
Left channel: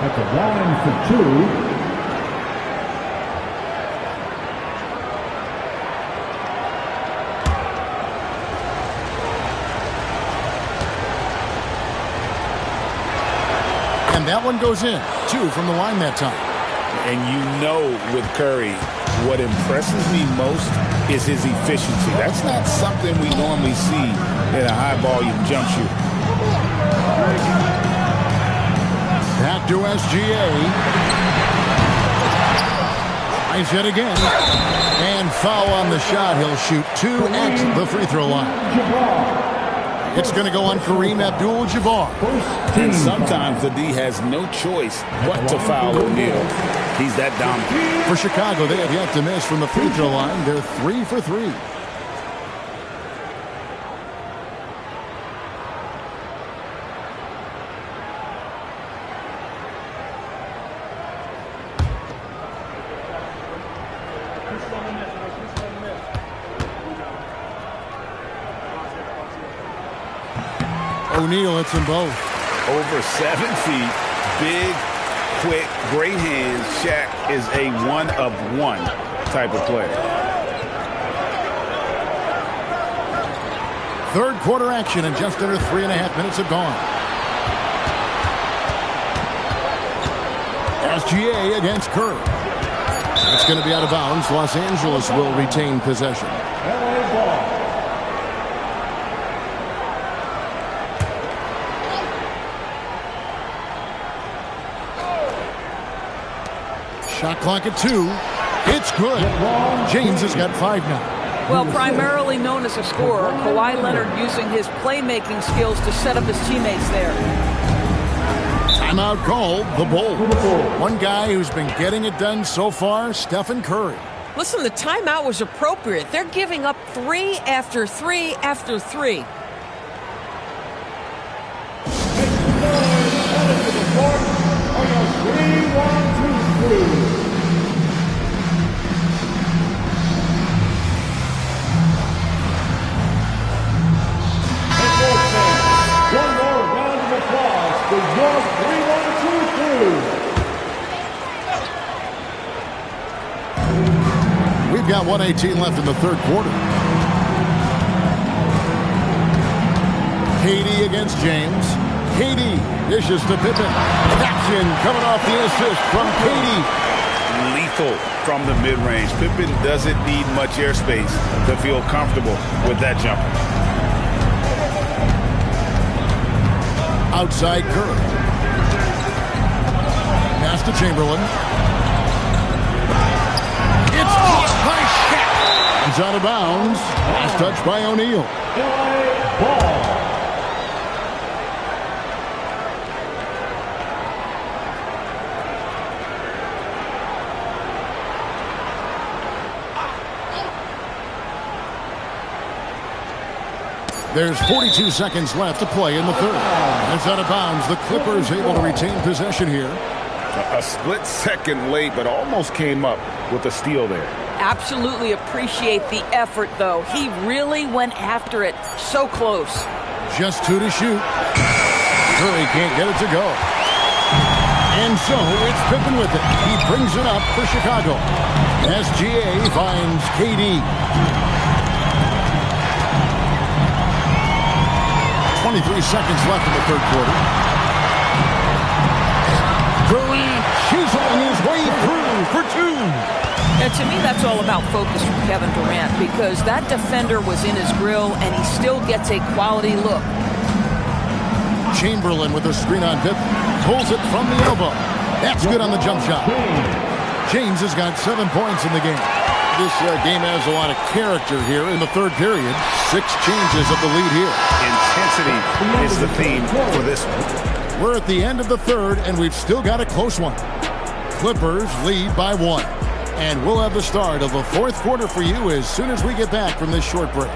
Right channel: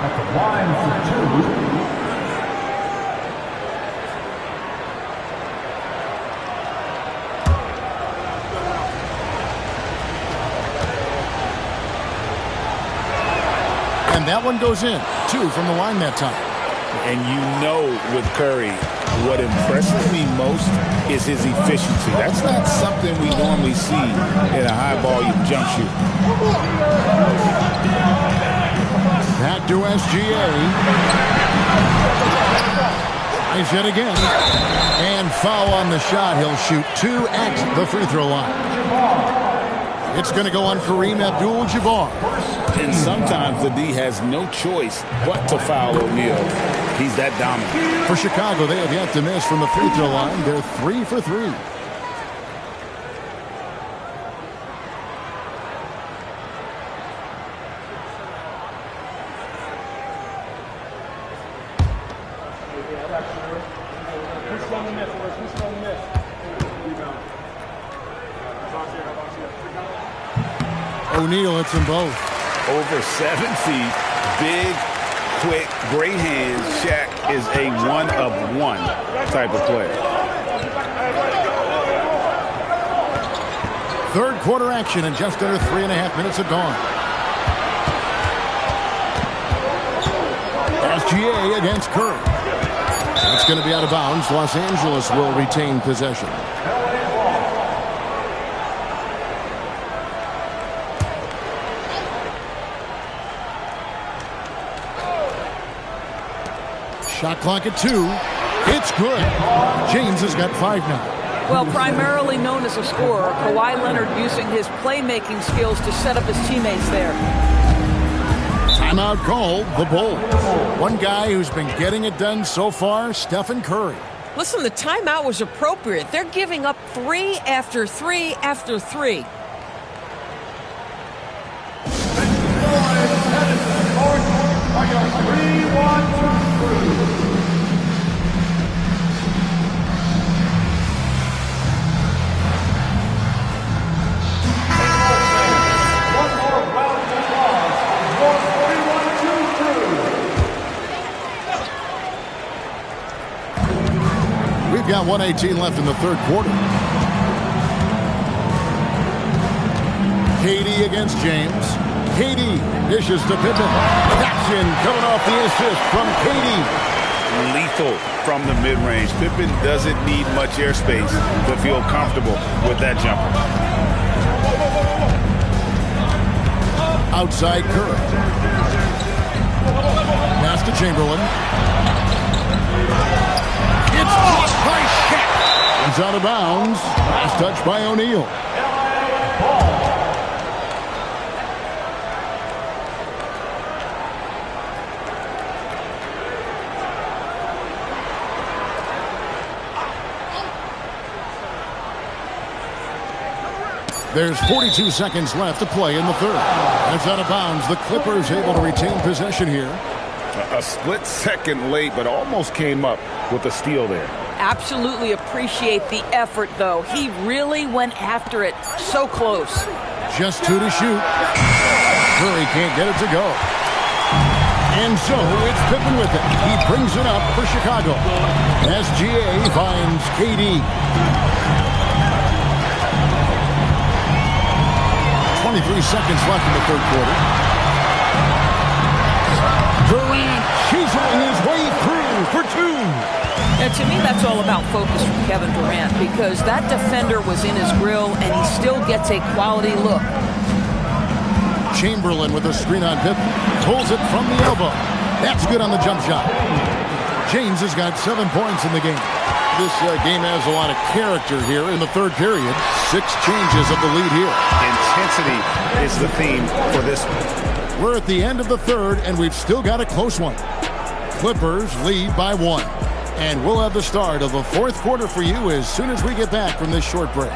at the line for 2. And that one goes in. 2 from the line that time. And you know with Curry, what impresses me most is his efficiency. That's not something we normally see in a high-volume jump shoot. Back to SGA. Tries yet again. And foul on the shot. He'll shoot 2 at the free throw line. It's going to go on Kareem Abdul-Jabbar. And sometimes the D has no choice but to foul O'Neal. He's that dominant. For Chicago, they have yet to miss from the free throw line. They're 3 for 3. O'Neal hits them both. Over 7 feet, big, quick, great hands. Shaq is a one-of-one type of player. Third quarter action, and just under 3.5 minutes have gone. SGA against Curry. It's going to be out of bounds. Los Angeles will retain possession. Shot clock at 2. It's good. James has got 5 now. Well, primarily known as a scorer, Kawhi Leonard using his playmaking skills to set up his teammates there. Timeout called, the Bulls. One guy who's been getting it done so far, Stephen Curry. Listen, the timeout was appropriate. They're giving up 3 after 3 after 3. We've got 1:18 left in the third quarter. KD against James. KD dishes to Pippen. That's in, coming off the assist from KD. Lethal from the mid-range. Pippen doesn't need much airspace to feel comfortable with that jumper. Outside Curry. Pass to Chamberlain. It's blocked by Shaq. It's out of bounds. Last touch by O'Neal. There's 42 seconds left to play in the third. And it's out of bounds. The Clippers able to retain possession here. A split second late, but almost came up with a steal there. Absolutely appreciate the effort, though. He really went after it. So close. Just 2 to shoot. Curry can't get it to go. And so it's Pippen with it. He brings it up for Chicago. SGA finds KD. 23 seconds left in the third quarter. Durant chiseling his way through for 2. And to me, that's all about focus from Kevin Durant, because that defender was in his grill and he still gets a quality look. Chamberlain with a screen on Pippen. Pulls it from the elbow. That's good on the jump shot. James has got 7 points in the game. This game has a lot of character here in the third period. 6 changes of the lead here. Intensity is the theme for this one. We're at the end of the third, and we've still got a close one. Clippers lead by 1. And we'll have the start of the fourth quarter for you as soon as we get back from this short break.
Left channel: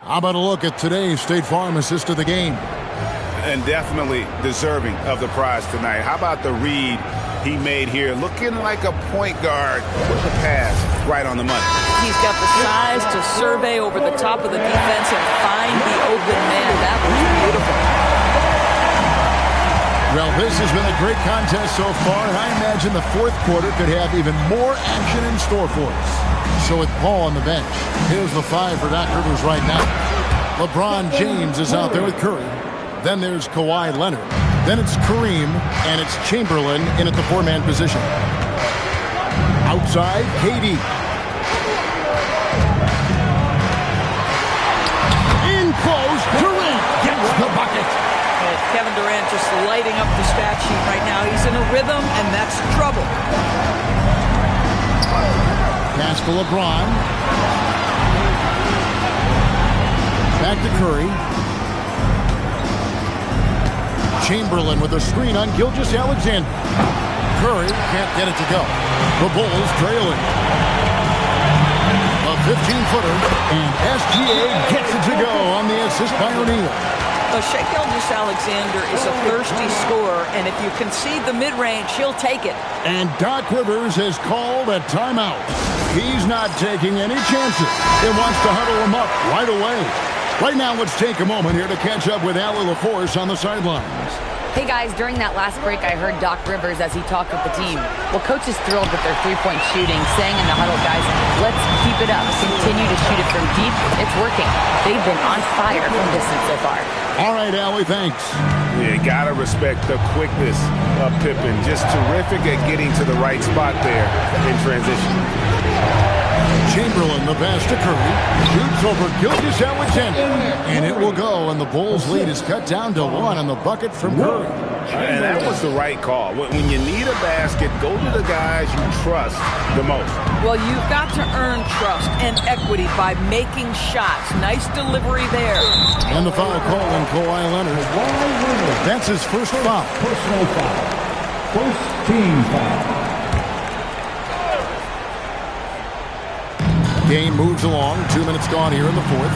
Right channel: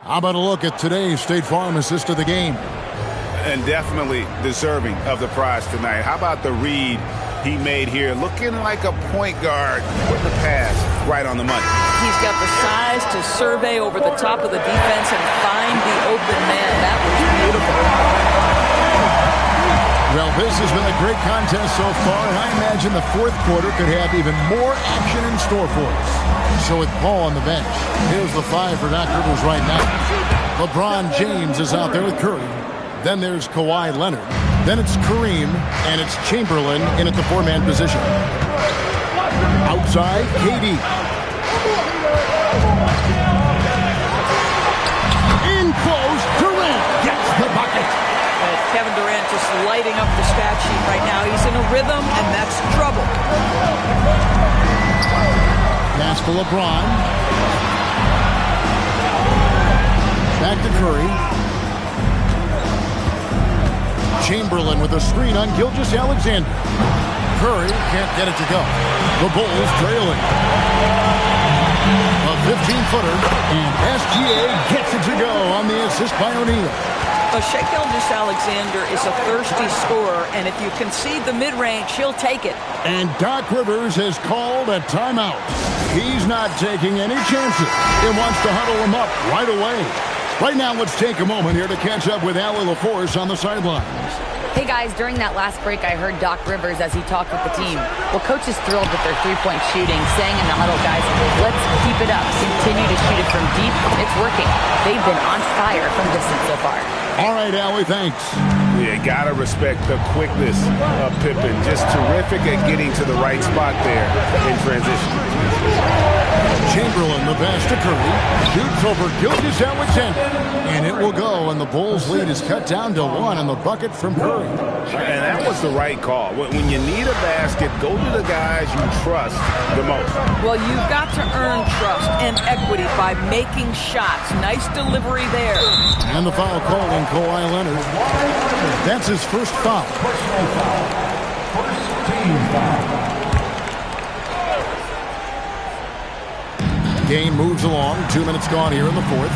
How about a look at today's State Farm assist of the game? And definitely deserving of the prize tonight. How about the read he made here? Looking like a point guard with the pass right on the money. He's got the size to survey over the top of the defense and find the open man. That was beautiful. Well, this has been a great contest so far, and I imagine the fourth quarter could have even more action in store for us. So with Paul on the bench, here's the 5 for Doc Rivers right now. LeBron James is out there with Curry. Then there's Kawhi Leonard. Then it's Kareem, and it's Chamberlain in at the 4-man position. Outside, KD. In close, Durant gets the bucket. Kevin Durant just lighting up the stat sheet right now. He's in a rhythm, and that's trouble. Pass to LeBron. Back to Curry. Chamberlain with a screen on Gilgeous-Alexander. Curry can't get it to go. The Bulls trailing. A 15-footer, and SGA gets it to go on the assist by O'Neal. Shai Gilgeous-Alexander is a thirsty scorer, and if you concede the mid-range, he'll take it. And Doc Rivers has called a timeout. He's not taking any chances. He wants to huddle him up right away. Right now, let's take a moment here to catch up with Allie LaForce on the sidelines. Hey guys, during that last break, I heard Doc Rivers as he talked with the team. Well, Coach is thrilled with their three-point shooting, saying in the huddle, guys, let's keep it up. Continue to shoot it from deep. It's working. They've been on fire from distance so far. All right, Allie, thanks. Yeah, gotta respect the quickness of Pippen. Just terrific at getting to the right spot there in transition. Chamberlain, the pass to Curry, shoots over Gilgeous-Alexander, and it will go, and the Bulls' lead is cut down to 1 on the bucket from Curry. And that was the right call. When you need a basket, go to the guys you trust the most. Well, you've got to earn trust and equity by making shots. Nice delivery there. And the foul call on Kawhi Leonard. That's his first foul. Personal foul. First team foul. Game moves along. 2 minutes gone here in the fourth.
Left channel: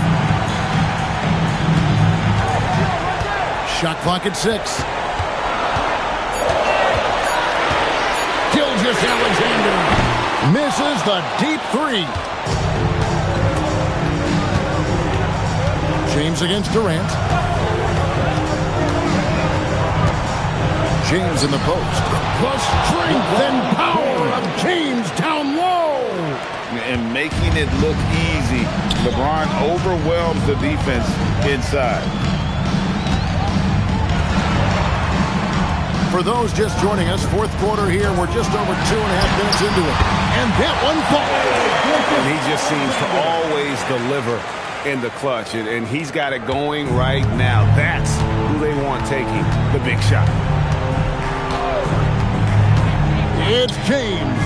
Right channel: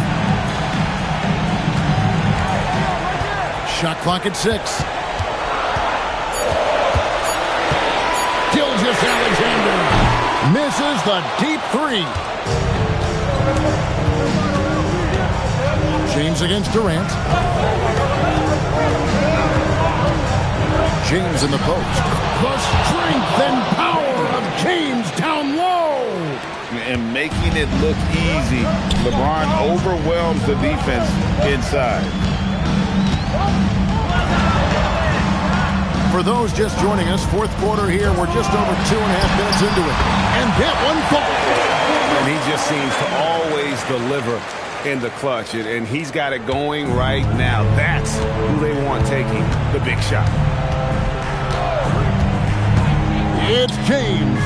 Shot clock at 6. Gilgeous-Alexander misses the deep 3. James against Durant. James in the post. The strength and power of James down low. And making it look easy. LeBron overwhelms the defense inside. For those just joining us, fourth quarter here. We're just over 2.5 minutes into it. And that one falls. And he just seems to always deliver in the clutch. And he's got it going right now. That's who they want taking the big shot. It's James.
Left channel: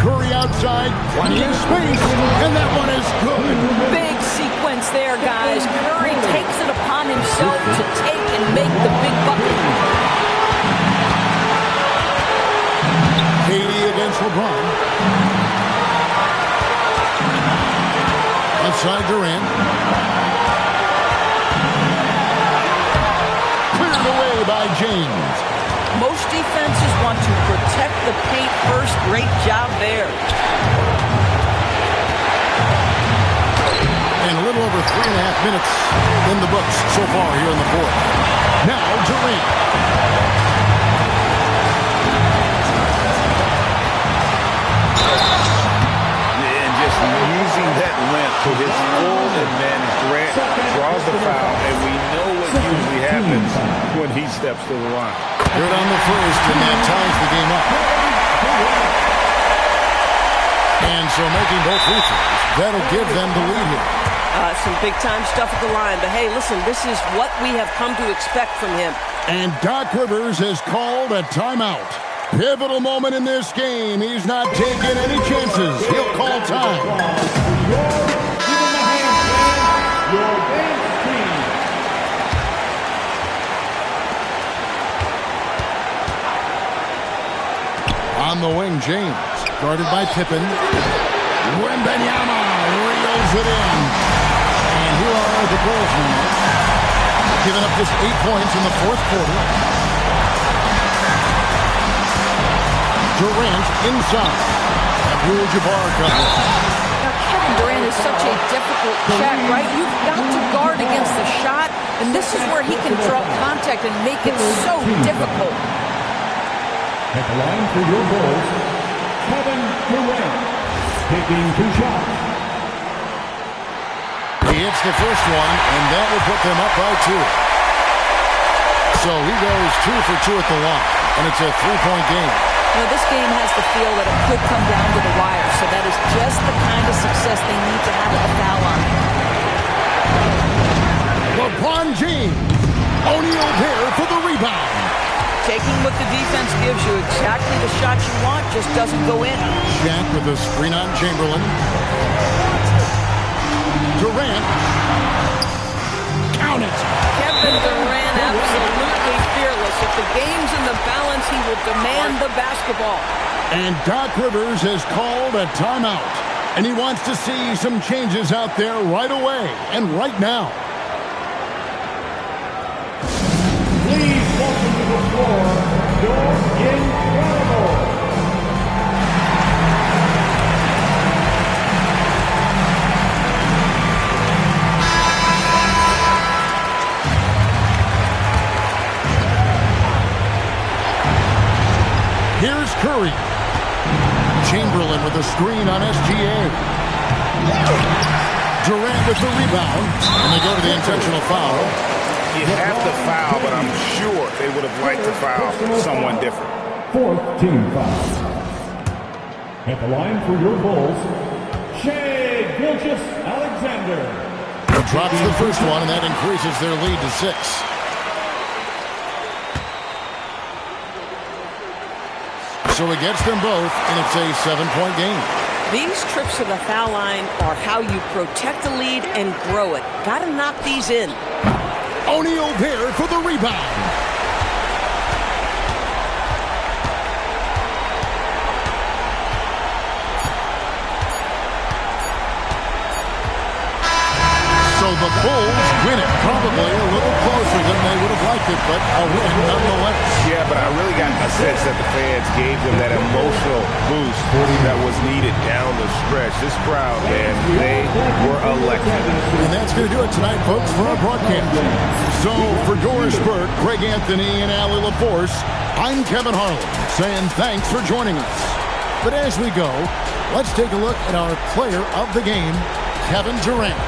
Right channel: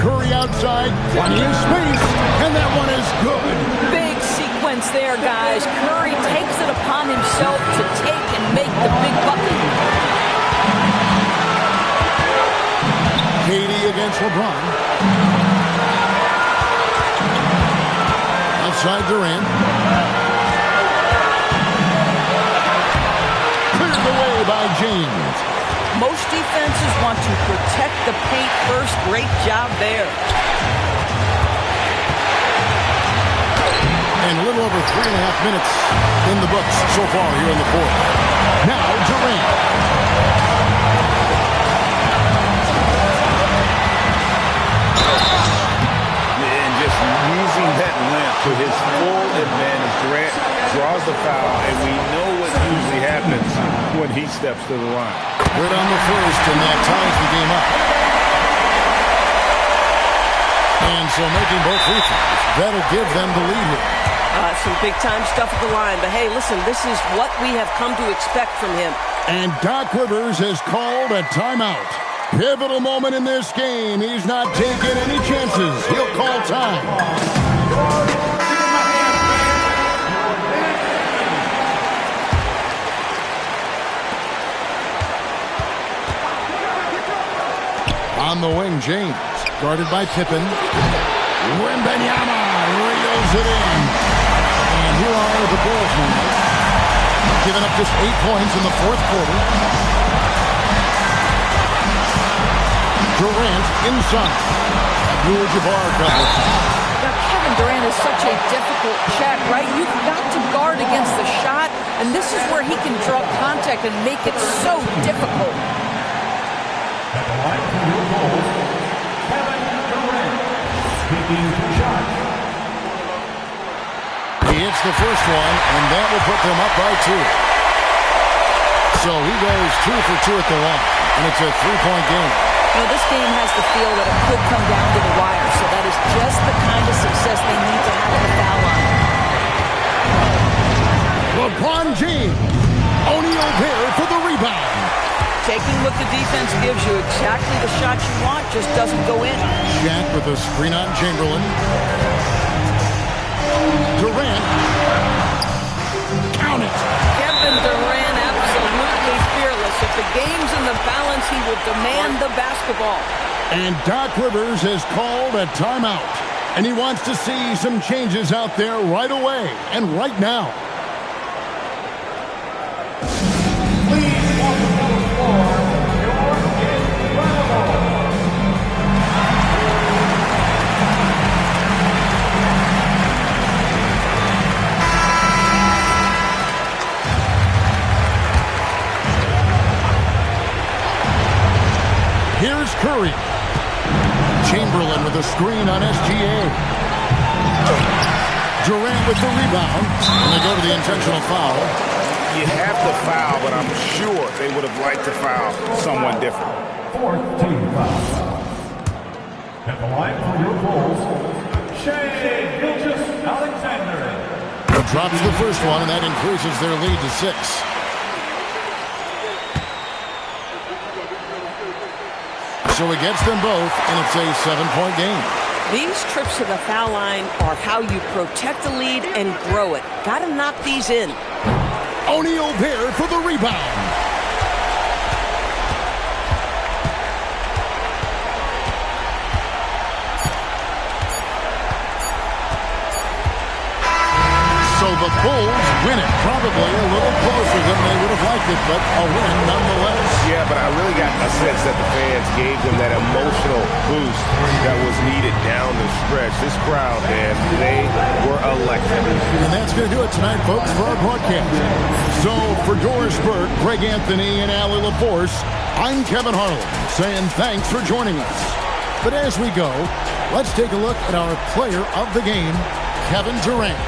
Curry outside, plenty of space, and that one is good. Big sequence there, guys. Curry takes it upon himself to take and make the big bucket. KD against LeBron. Outside Durant. Cleared away by James. Most defenses want to protect the paint first. Great job there. And a little over 3.5 minutes in the books so far here in the fourth. Now Durant. And just using that length to his full advantage. Durant draws the foul, and we know what usually happens when he steps to the line. Good on the first, and that ties the game up. And so making both free throws, that'll give them the lead here. Some big-time stuff at the line. But, hey, listen, this is what we have come to expect from him. And Doc Rivers has called a timeout. Pivotal moment in this game. He's not taking any chances. He'll call time. On the wing, James, guarded by Pippen. Wembanyama reels it in. And here are the Bulls now, giving up just 8 points in the fourth quarter. Durant inside. Abdul-Jabbar comes. Now, Kevin Durant is such a difficult check, right? You've got to guard against the shot, and this is where he can draw contact and make it so difficult. At the line for your Bulls, Kevin Durant, taking 2 shots. He hits the first one, and that will put them up by 2. So he goes 2 for 2 at the line, and it's a 3-point game. You know, this game has the feel that it could come down to the wire, so that is just the kind of success they need to have at the foul line. LeBron James, O'Neal there for the rebound. Taking what the defense gives you, exactly the shot you want, just doesn't go in. Shaq with a screen on Chamberlain. Durant. Count it. Kevin Durant, absolutely fearless. If the game's in the balance, he will demand the basketball. And Doc Rivers has called a timeout. And he wants to see some changes out there right away and right now. Please welcome to the floor, you're incredible. Here's Curry. Chamberlain with a screen on SGA. Durant with the rebound. And they go to the intentional foul. You have to foul, but I'm sure they would have liked to foul someone different. 4th team foul. At the line for your Bulls, Shai Gilgeous-Alexander. He drops the first one, and that increases their lead to 6. So he gets them both, and it's a 7-point game. These trips to the foul line are how you protect the lead and grow it. Got to knock these in. O'Neal there for the rebound. So the Bulls win it. Probably a little closer than they would have liked it, but a win nonetheless. Yeah, but I really got a sense that the fans gave them that emotional boost that was needed down the stretch. This crowd, man, they were electric. And that's going to do it tonight, folks, for our broadcast. So for Doris Burke, Greg Anthony, and Allie LaForce, I'm Kevin Harlan saying thanks for joining us. But as we go, let's take a look at our player of the game, Kevin Durant.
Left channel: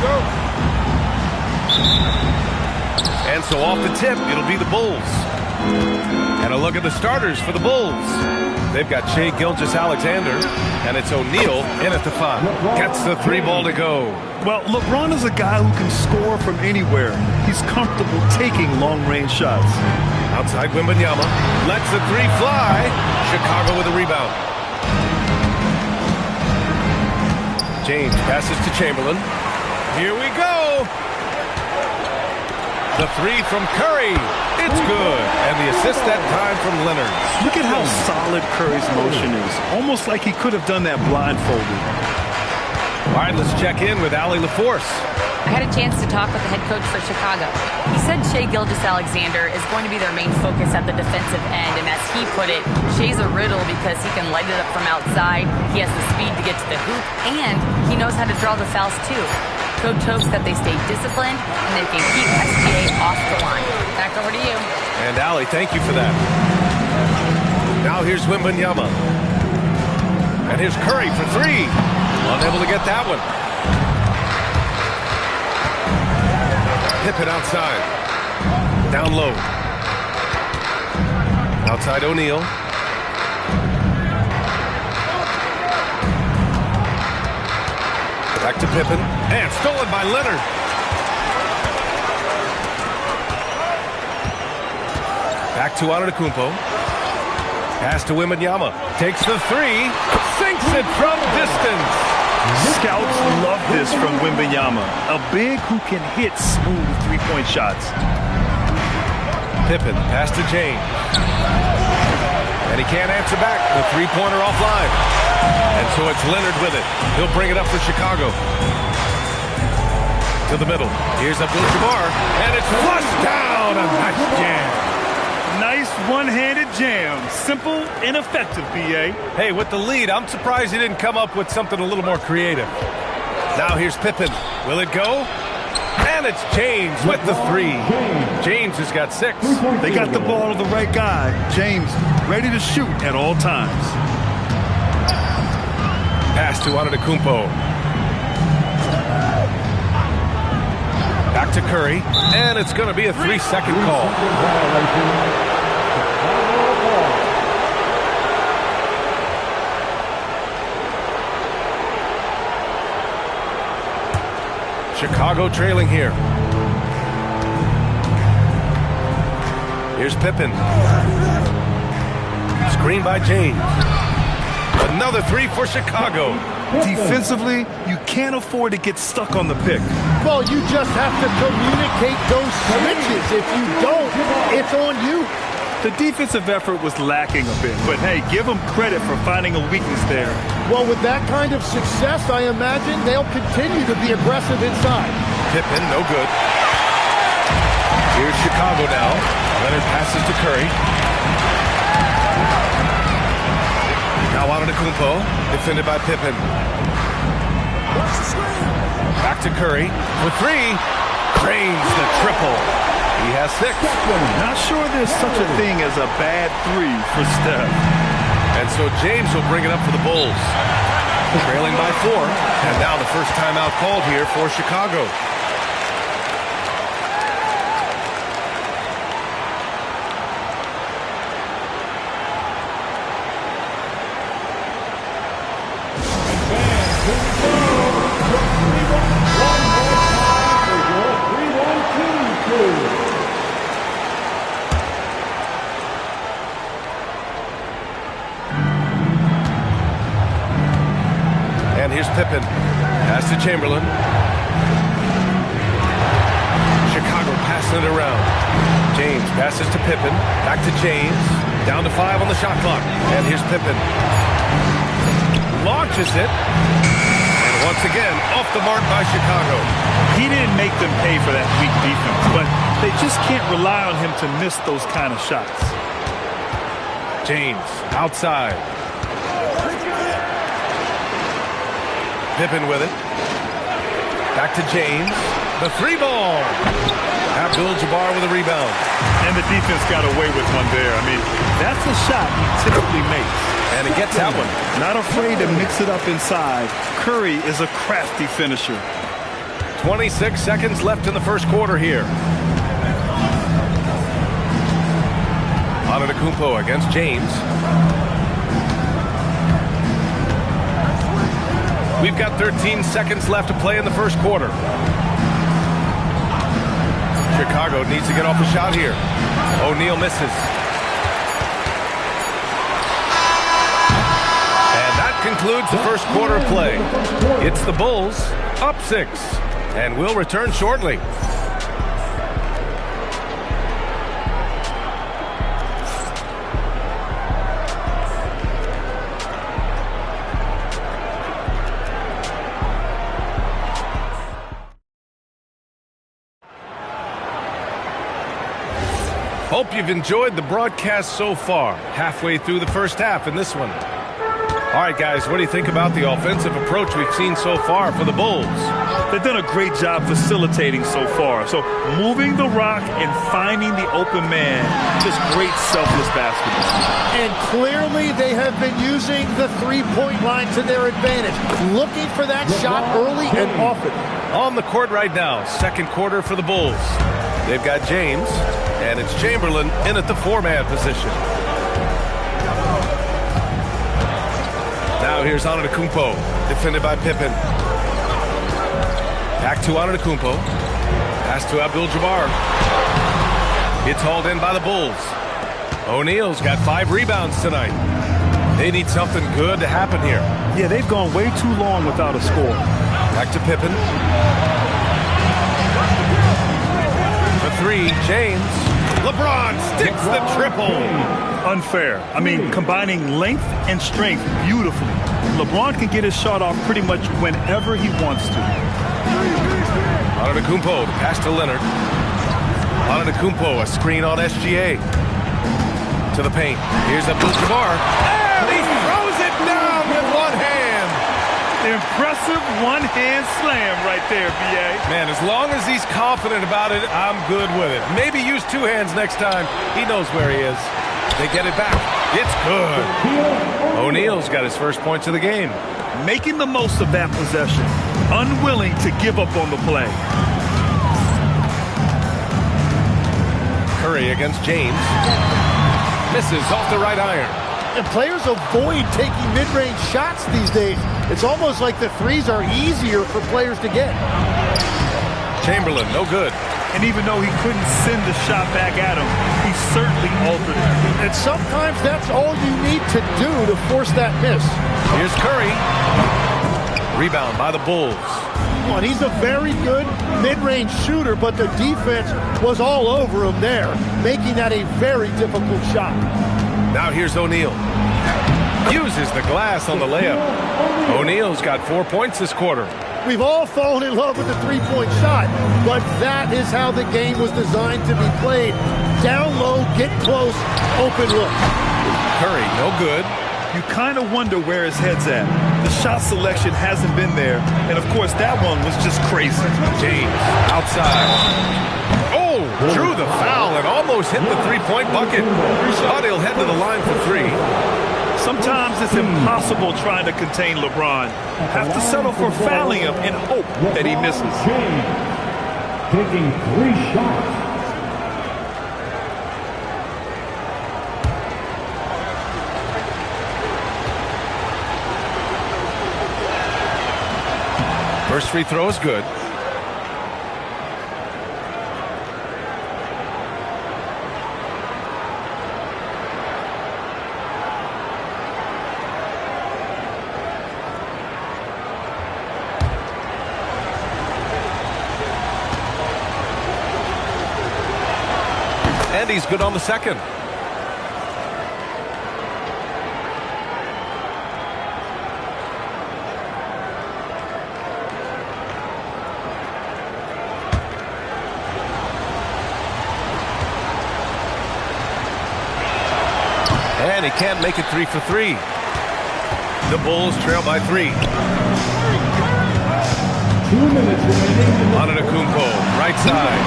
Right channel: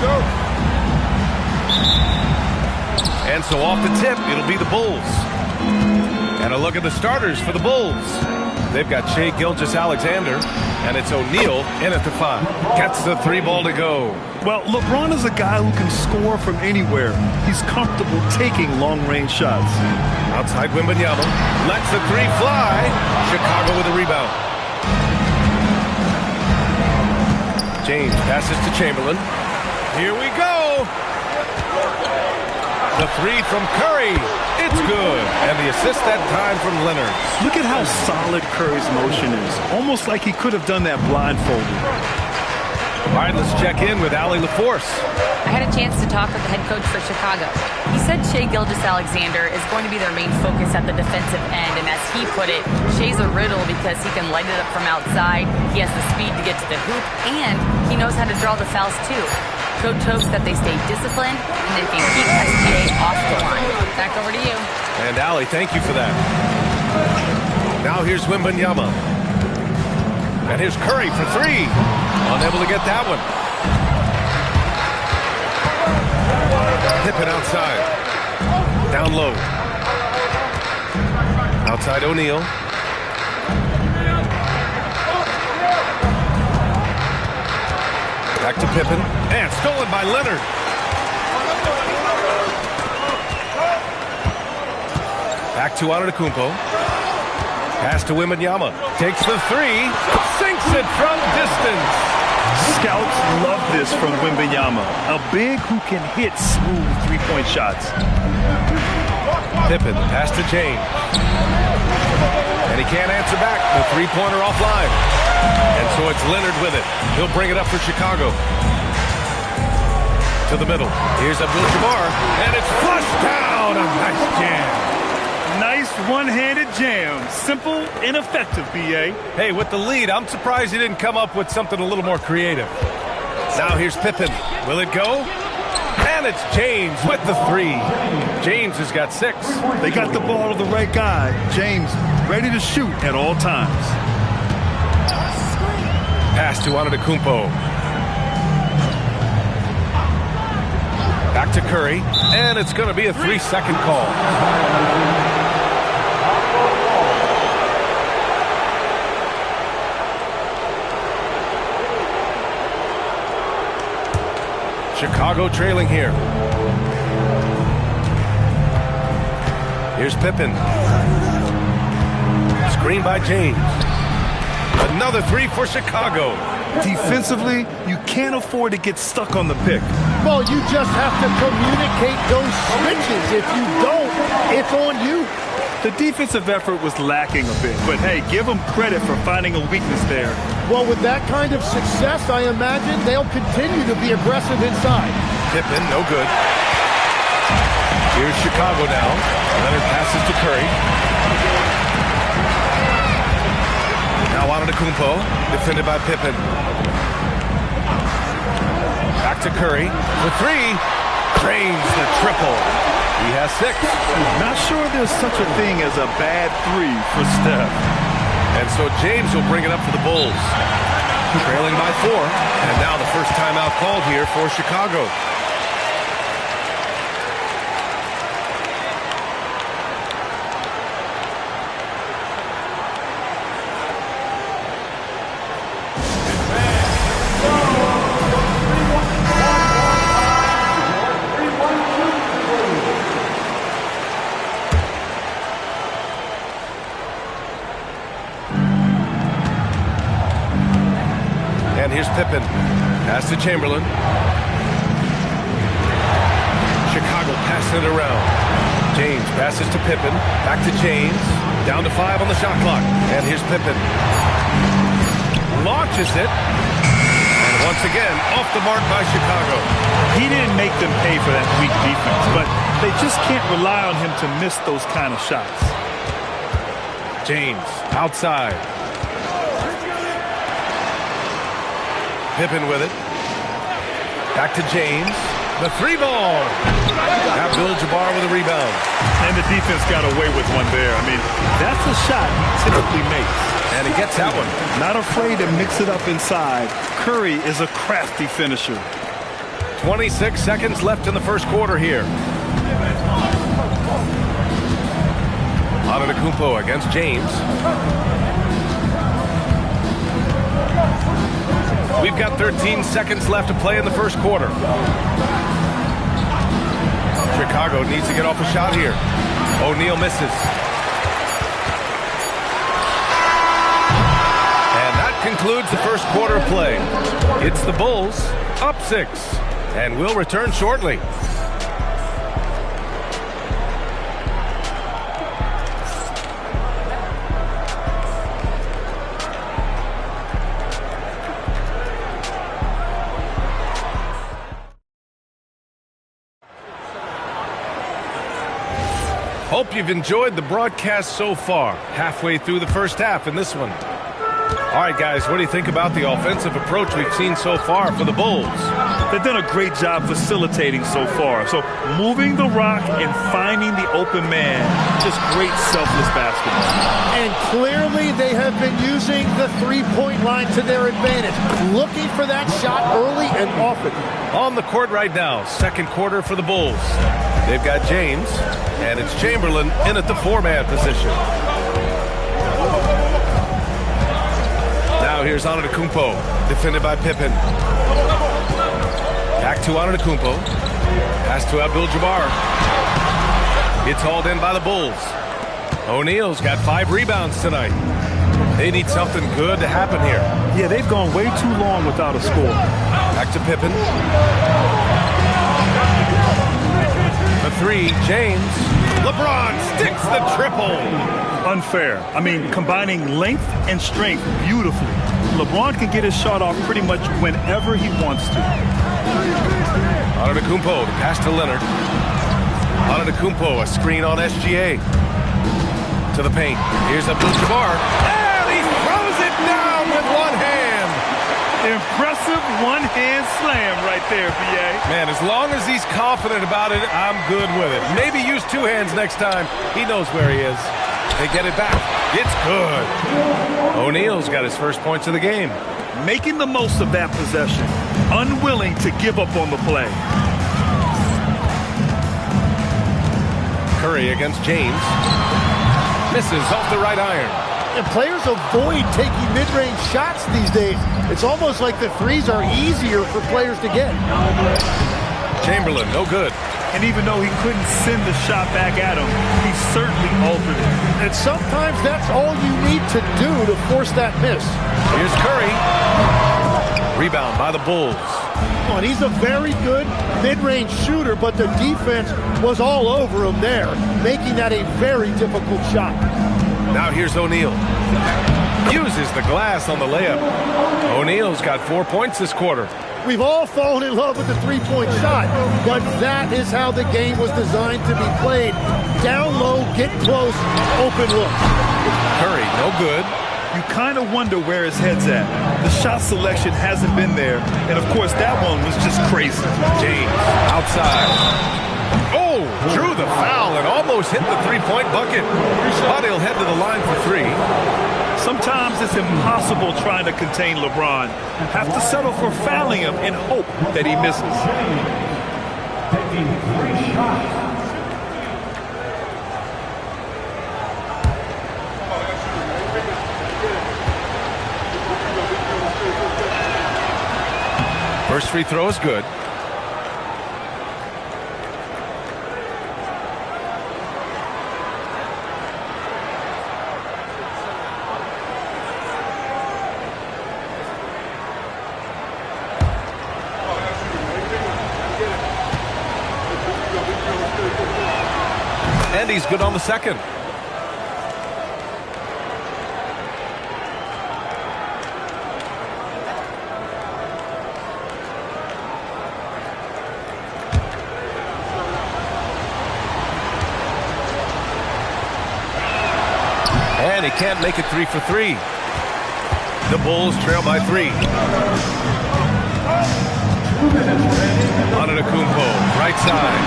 go. And so off the tip, it'll be the Bulls. And a look at the starters for the Bulls. They've got Shai Gilgeous-Alexander, and it's O'Neal in at the 5. Gets the 3 ball to go. Well, LeBron is a guy who can score from anywhere. He's comfortable taking long-range shots. Outside Wembanyama. Lets the 3 fly. Chicago with a rebound. James passes to Chamberlain. Here we go. The 3 from Curry. It's good. And the assist that time from Leonard. Look at how solid Curry's motion is. Almost like he could have done that blindfolded. All right, let's check in with Allie LaForce. I had a chance to talk with the head coach for Chicago. He said Shai Gilgeous-Alexander is going to be their main focus at the defensive end, and as he put it, Shai's a riddle because he can light it up from outside, he has the speed to get to the hoop, and he knows how to draw the fouls too. Coach hopes that they stay disciplined and they can keep SGA off the line. Back over to you. And Allie, thank you for that. Now here's Wembanyama. And here's Curry for 3. Unable to get that one. Pippen outside. Down low. Outside O'Neal. Back to Pippen. And stolen by Leonard. Back to Antetokounmpo. Pass to Wembanyama. Takes the 3. Sinks it from distance. Scouts love this from Wembanyama. A big who can hit smooth three-point shots. Pippen, pass to James. And he can't answer back. The three-pointer offline. And so it's Leonard with it. He'll bring it up for Chicago. To the middle. Here's Abdul-Jabbar. And it's flushed down. A nice jam. Nice one-handed jam. Simple and effective, B.A. Hey, with the lead, I'm surprised he didn't come up with something a little more creative. Now here's Pippen. Will it go? And it's James with the 3. James has got 6. They got the ball to the right guy. James ready to shoot at all times. Pass to Antetokounmpo. Back to Curry. And it's going to be a 3-second call. Chicago trailing here. Here's Pippen. Screen by James. Another 3 for Chicago. Defensively, you can't afford to get stuck on the pick. Well, you just have to communicate those switches. If you don't, it's on you. The defensive effort was lacking a bit, but hey, give them credit for finding a weakness there. Well, with that kind of success, I imagine they'll continue to be aggressive inside. Pippen, no good. Here's Chicago now. Leonard passes to Curry. Now Antetokounmpo, defended by Pippen. Back to Curry for 3. Drains the triple. He has 6. Not sure there's such a thing as a bad 3 for Steph. And so James will bring it up for the Bulls. Trailing by 4. And now the first timeout called here for Chicago. And here's Pippen. Pass to Chamberlain. Chicago passing it around. James passes to Pippen. Back to James. Down to 5 on the shot clock. And here's Pippen. Launches it. And once again, off the mark by Chicago. He didn't make them pay for that weak defense, but they just can't rely on him to miss those kind of shots. James outside. Pippen with it. Back to James. The 3 ball. Abdul-Jabbar with a rebound. And the defense got away with one there. I mean, that's a shot he typically makes. And he gets that one. Not afraid to mix it up inside. Curry is a crafty finisher. 26 seconds left in the first quarter here. Antetokounmpo against James. We've got 13 seconds left to play in the first quarter. Chicago needs to get off a shot here. O'Neal misses. And that concludes the first quarter of play. It's the Bulls up 6, and we'll return shortly. Hope you've enjoyed the broadcast so far. Halfway through the first half in this one. All right, guys, what do you think about the offensive approach we've seen so far for the Bulls? They've done a great job facilitating so far. So moving the rock and finding the open man, just great selfless basketball. And clearly they have been using the three-point line to their advantage, looking for that shot early and often. On the court right now, second quarter for the Bulls. They've got James, and it's Chamberlain in at the 4-man position. Now here's Antetokounmpo, defended by Pippen. Back to Antetokounmpo. Pass to Abdul-Jabbar. It's hauled in by the Bulls. O'Neal's got 5 rebounds tonight. They need something good to happen here. Yeah, they've gone way too long without a score. Back to Pippen. For 3, James. LeBron sticks the triple. Unfair. I mean, combining length and strength beautifully. LeBron can get his shot off pretty much whenever he wants to. Antetokounmpo, the pass to Leonard. Antetokounmpo, a screen on SGA. To the paint. Here's Abdul-Jabbar. And he throws it down with one hand. Impressive one-hand slam right there, B.A. Man, as long as he's confident about it, I'm good with it. Maybe use 2 hands next time. He knows where he is. They get it back. It's good. O'Neal's got his first points of the game. Making the most of that possession. Unwilling to give up on the play. Curry against James. Misses off the right iron. And players avoid taking mid-range shots these days. It's almost like the threes are easier for players to get. Chamberlain, no good. And even though he couldn't send the shot back at him, he certainly altered it. And sometimes that's all you need to do to force that miss. Here's Curry. Rebound by the Bulls. And he's a very good mid-range shooter, but the defense was all over him there, making that a very difficult shot. Now here's O'Neal. Uses the glass on the layup. O'Neal's got 4 points this quarter. We've all fallen in love with the three-point shot, but that is how the game was designed to be played. Down low, get close, open look. Curry, no good. You kind of wonder where his head's at. The shot selection hasn't been there, and of course that one was just crazy. James, outside. Oh, drew the foul and almost hit the three-point bucket. But he'll head to the line for 3. Sometimes it's impossible trying to contain LeBron. Have to settle for fouling him and hope that he misses. Taking 3 shots. First free throw is good. And he's good on the second. And he can't make it 3 for 3. The Bulls trail by 3. 2 minutes remaining. Antetokounmpo, right side.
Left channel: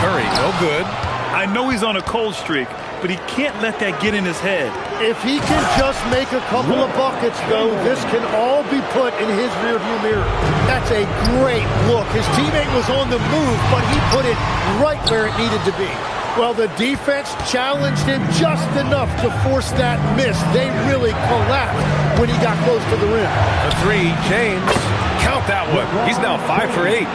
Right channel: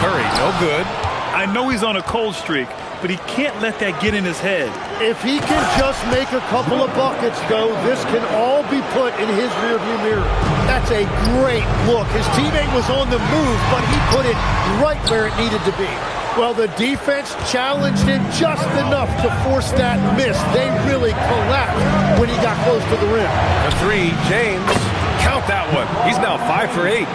Curry, no good. I know he's on a cold streak, but he can't let that get in his head. If he can just make a couple of buckets, though, this can all be put in his rearview mirror. That's a great look. His teammate was on the move, but he put it right where it needed to be. Well, the defense challenged him just enough to force that miss. They really collapsed when he got close to the rim. For three, James. Count that one. He's now 5 for 8.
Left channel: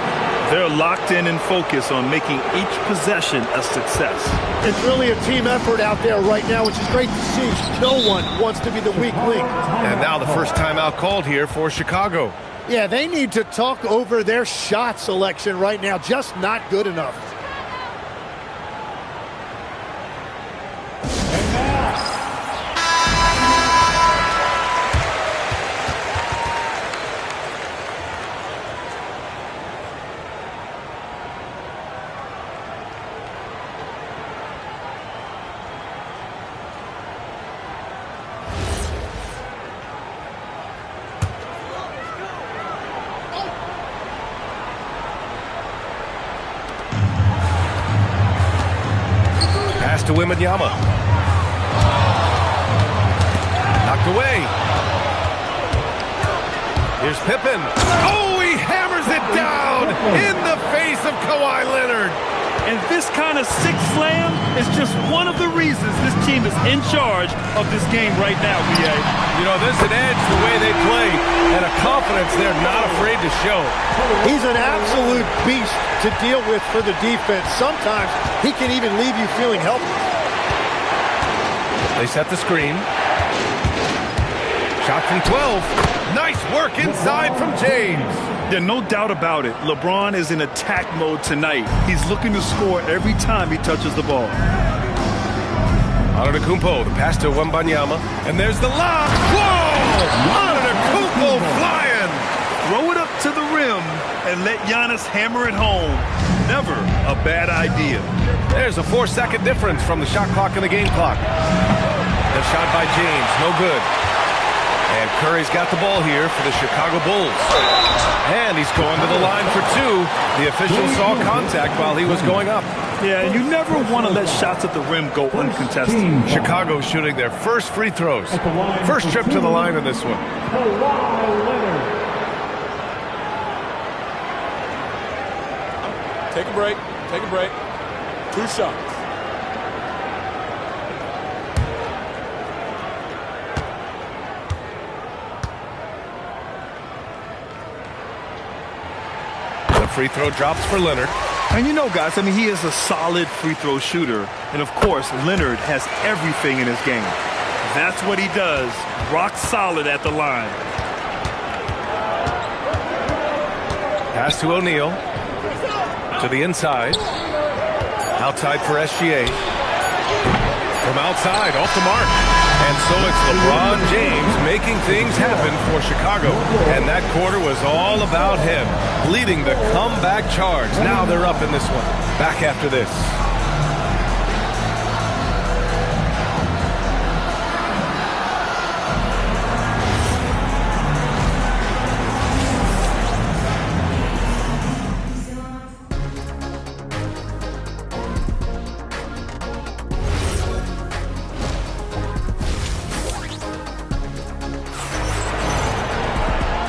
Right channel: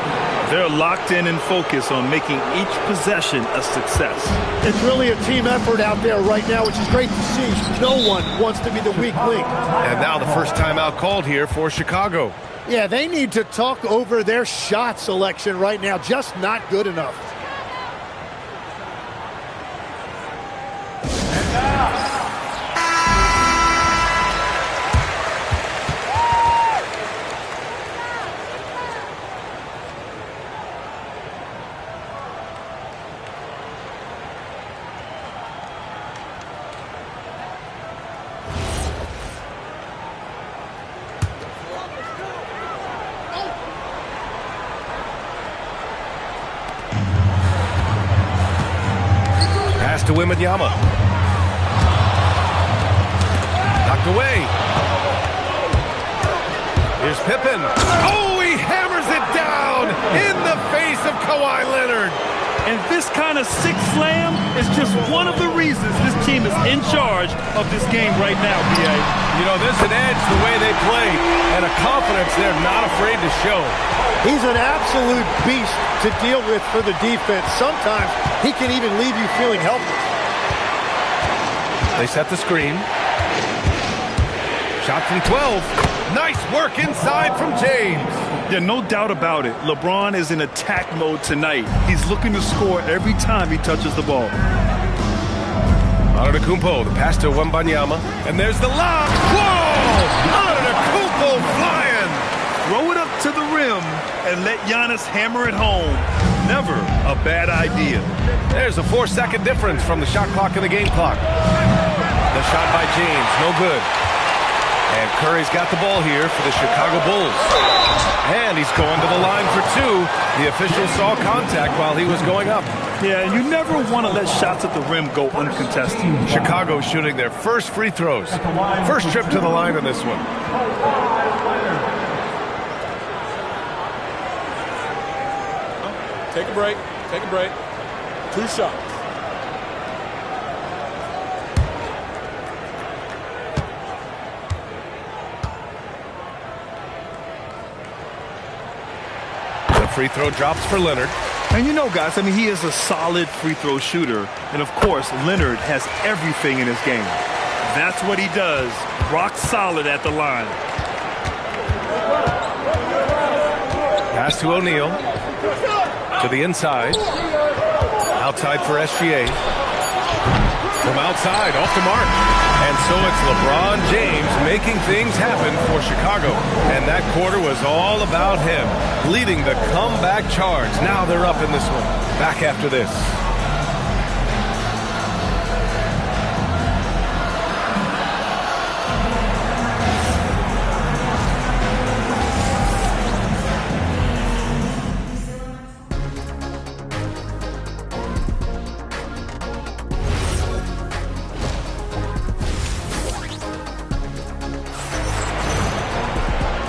They're locked in and focused on making each possession a success. It's really a team effort out there right now, which is great to see. No one wants to be the weak link. And now the first timeout called here for Chicago. Yeah, they need to talk over their shot selection right now. Just not good enough. Pass to Wembanyama. Knocked away. Here's Pippen. Oh, he hammers it down in the face of Kawhi Leonard. And this kind of six slam is just one of the reasons this team is in charge of this game right now, B.A. You know, there's an edge the way they play and a confidence they're not afraid to show. He's an absolute beast to deal with for the defense. Sometimes he can even leave you feeling helpless. They set the screen. Shot from 12. Nice work inside from James. Yeah, no doubt about it. LeBron is in attack mode tonight. He's looking to score every time he touches the ball. Antetokounmpo, the pass to Wembanyama. And there's the lob. Whoa! Antetokounmpo flying. Throw it up to the rim and let Giannis hammer it home. Never a bad idea. There's a 4-second difference from the shot clock and the game clock. The shot by James, no good. And Curry's got the ball here for the Chicago Bulls. And he's going to the line for two. The official saw contact while he was going up. Yeah, and you never want to let shots at the rim go uncontested. Chicago shooting their first free throws. First trip to the line in this one. Take a break. Take a break. 2 shots. The free throw drops for Leonard. And you know, guys, I mean, he is a solid free throw shooter. And, of course, Leonard has everything in his game. That's what he does. Rock solid at the line. Pass to O'Neal. To the inside. Outside for SGA. From outside, off the mark. And so it's LeBron James making things happen for Chicago. And that quarter was all about him, leading the comeback charge. Now they're up in this one. Back after this.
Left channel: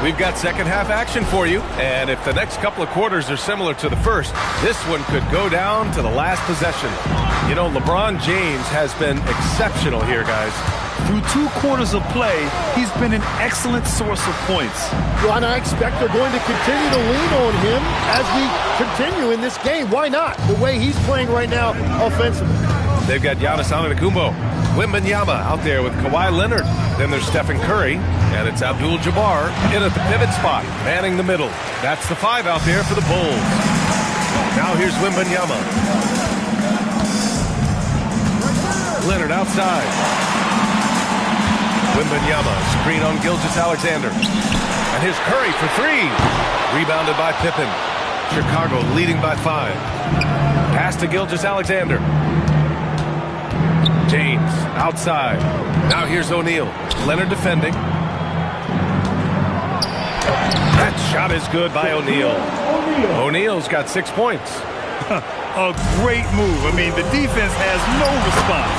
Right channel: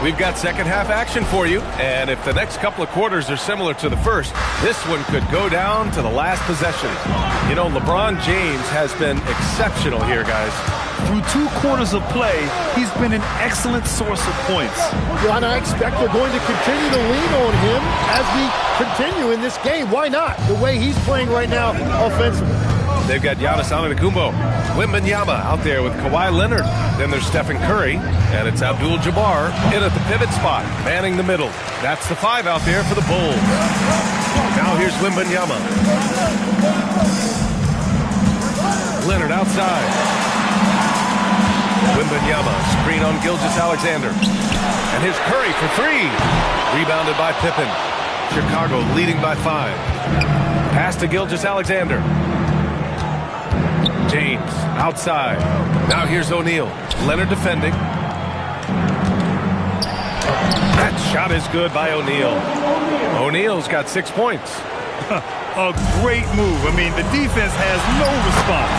We've got second half action for you, and if the next couple of quarters are similar to the first, this one could go down to the last possession. You know, LeBron James has been exceptional here, guys. Through 2 quarters of play, he's been an excellent source of points. Well, and I expect they're going to continue to lean on him as we continue in this game. Why not? The way he's playing right now offensively. They've got Giannis Antetokounmpo. Wembanyama out there with Kawhi Leonard. Then there's Stephen Curry, and it's Abdul-Jabbar in at the pivot spot, manning the middle. That's the 5 out there for the Bulls. Now here's Wembanyama. Leonard outside. Wembanyama, screen on Gilgeous-Alexander. And here's Curry for 3. Rebounded by Pippen. Chicago leading by 5. Pass to Gilgeous-Alexander. James outside. Now here's O'Neal. Leonard defending. That shot is good by O'Neal. O'Neal's got 6 points. A great move. I mean, the defense has no response.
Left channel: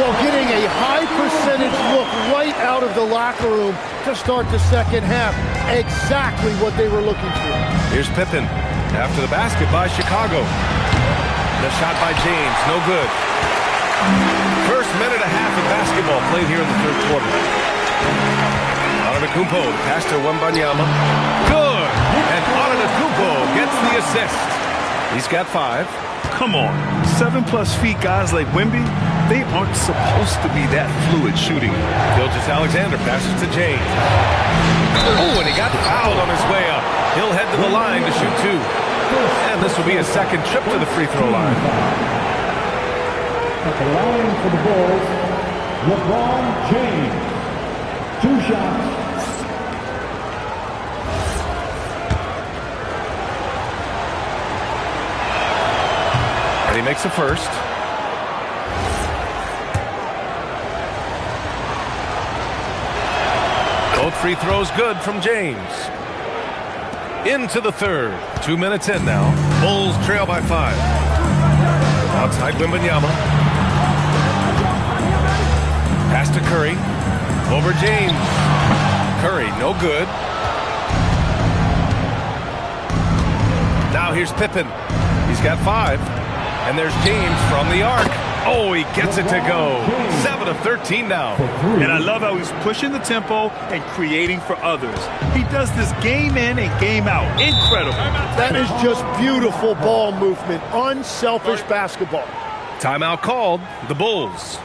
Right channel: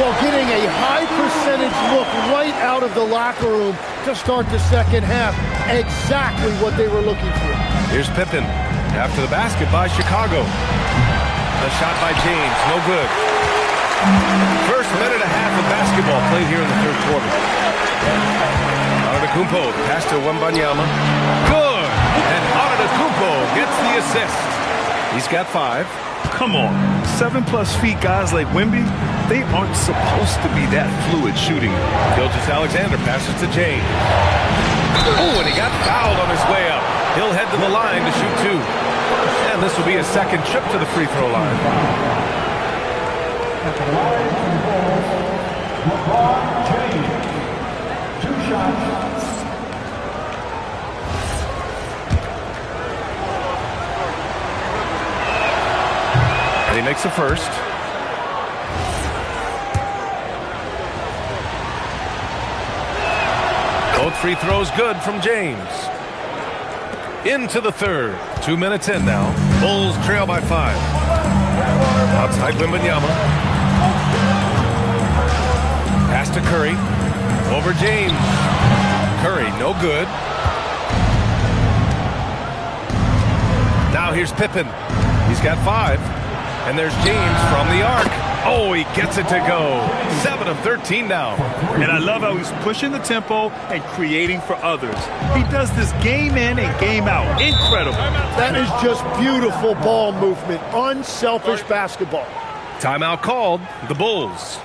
Well, getting a high percentage look right out of the locker room to start the second half. Exactly what they were looking for. Here's Pippen. After the basket by Chicago. The shot by James. No good. First minute and a half of basketball played here in the third quarter. Antetokounmpo, pass to Wembanyama. Good! And Antetokounmpo gets the assist. He's got 5. Come on. 7+ feet guys like Wemby, they aren't supposed to be that fluid shooting. Gilgeous-Alexander passes to James. Oh, and he got fouled on his way up. He'll head to the line to shoot 2. And this will be his second trip to the free throw line. At the line for the Bulls, LeBron James. 2 shots. And he makes a first. Both free throws good from James. Into the third. 2 minutes in now. Bulls trail by 5. Outside Wembanyama. Pass to Curry. Over James. Curry, no good. Now here's Pippen. He's got 5. And there's James from the arc. Oh, he gets it to go. 7 of 13 now. And I love how he's pushing the tempo and creating for others. He does this game in and game out. Incredible. That is just beautiful ball movement. Unselfish basketball. Timeout called. The Bulls.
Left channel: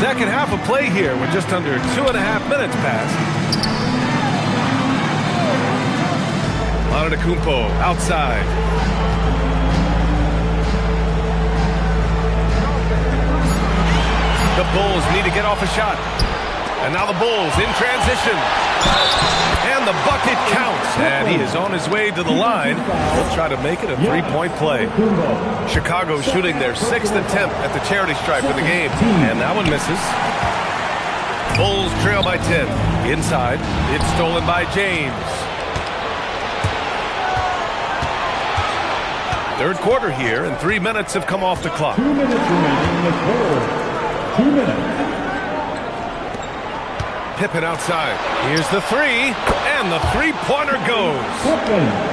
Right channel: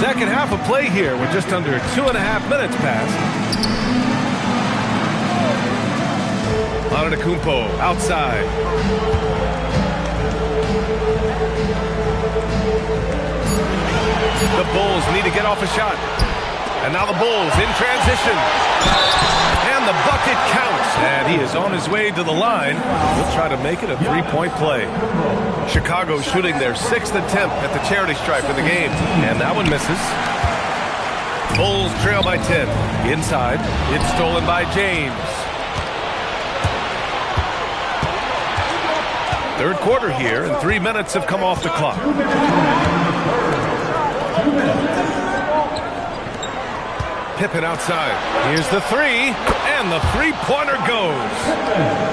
Second half of play here with just under 2.5 minutes passed. Antetokounmpo outside. The Bulls need to get off a shot. And now the Bulls in transition. And the bucket counts. And he is on his way to the line. He'll try to make it a 3-point play. Chicago shooting their 6th attempt at the charity stripe in the game. And that one misses. Bulls trail by 10. Inside. It's stolen by James. Third quarter here, and 3 minutes have come off the clock. 2 minutes remaining in the third. 2 minutes. Pippen outside. Here's the 3, and the 3-pointer goes.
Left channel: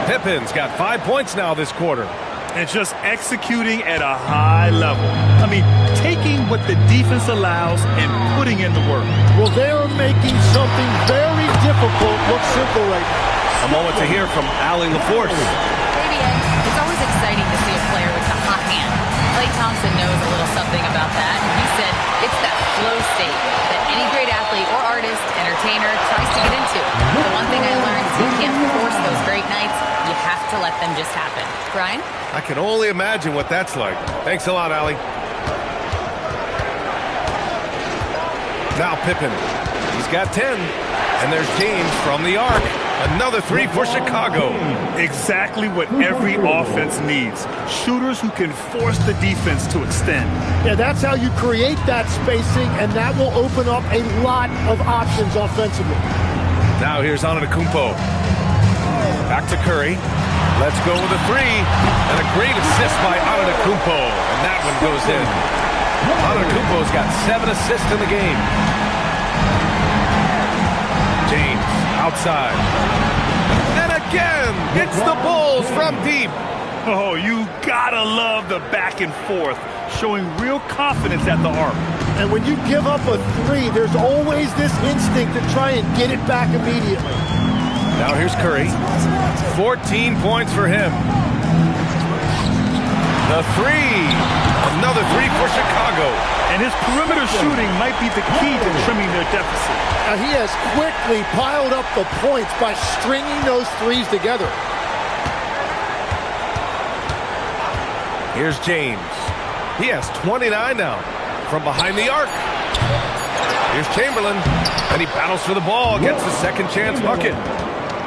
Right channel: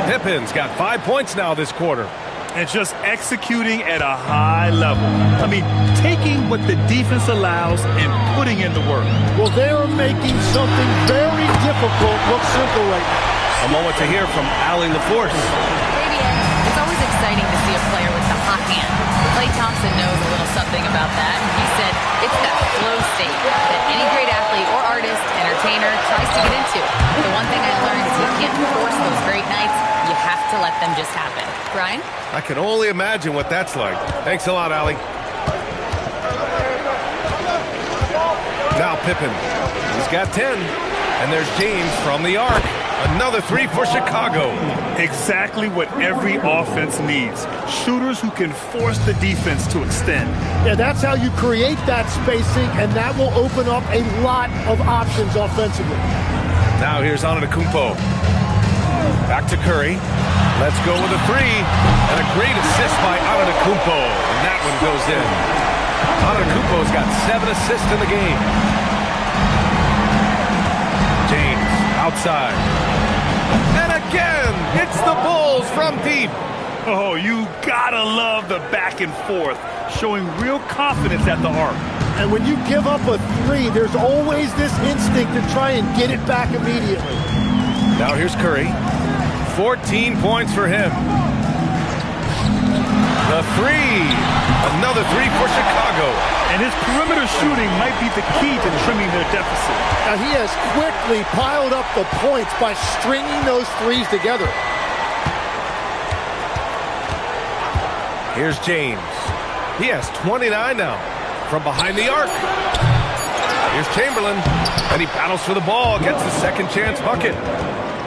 Pippen's got 5 points now this quarter. And just executing at a high level. I mean, taking what the defense allows and putting in the work. Well, they're making something very difficult look simple right now. A moment to hear from Allie LaForce. Hey, BA. It's always exciting to see a player with the hot hand. Klay Thompson knows a little something about that, and he said it's that flow state that any great athlete or artist, entertainer tries to get into. The one thing I learned is you can't force those great nights. You have to let them just happen. Brian? I can only imagine what that's like. Thanks a lot, Allie. Now Pippen. He's got 10. And there's James from the arc. Another 3 for Chicago. Exactly what every offense needs. Shooters who can force the defense to extend. Yeah, that's how you create that spacing, and that will open up a lot of options offensively. Now here's Antetokounmpo. Back to Curry. Let's go with a 3. And a great assist by Antetokounmpo. And that one goes in. Antetokounmpo's got 7 assists in the game. James outside. And again, it's the Bulls from deep. Oh, you gotta love the back and forth, showing real confidence at the arc. And when you give up a 3, there's always this instinct to try and get it back immediately. Now here's Curry. 14 points for him. The 3. Another 3 for Chicago. And his perimeter shooting might be the key to trimming their deficit. Now he has quickly piled up the points by stringing those 3s together. Here's James. He has 29 now from behind the arc. Here's Chamberlain, and he battles for the ball, gets the second chance bucket.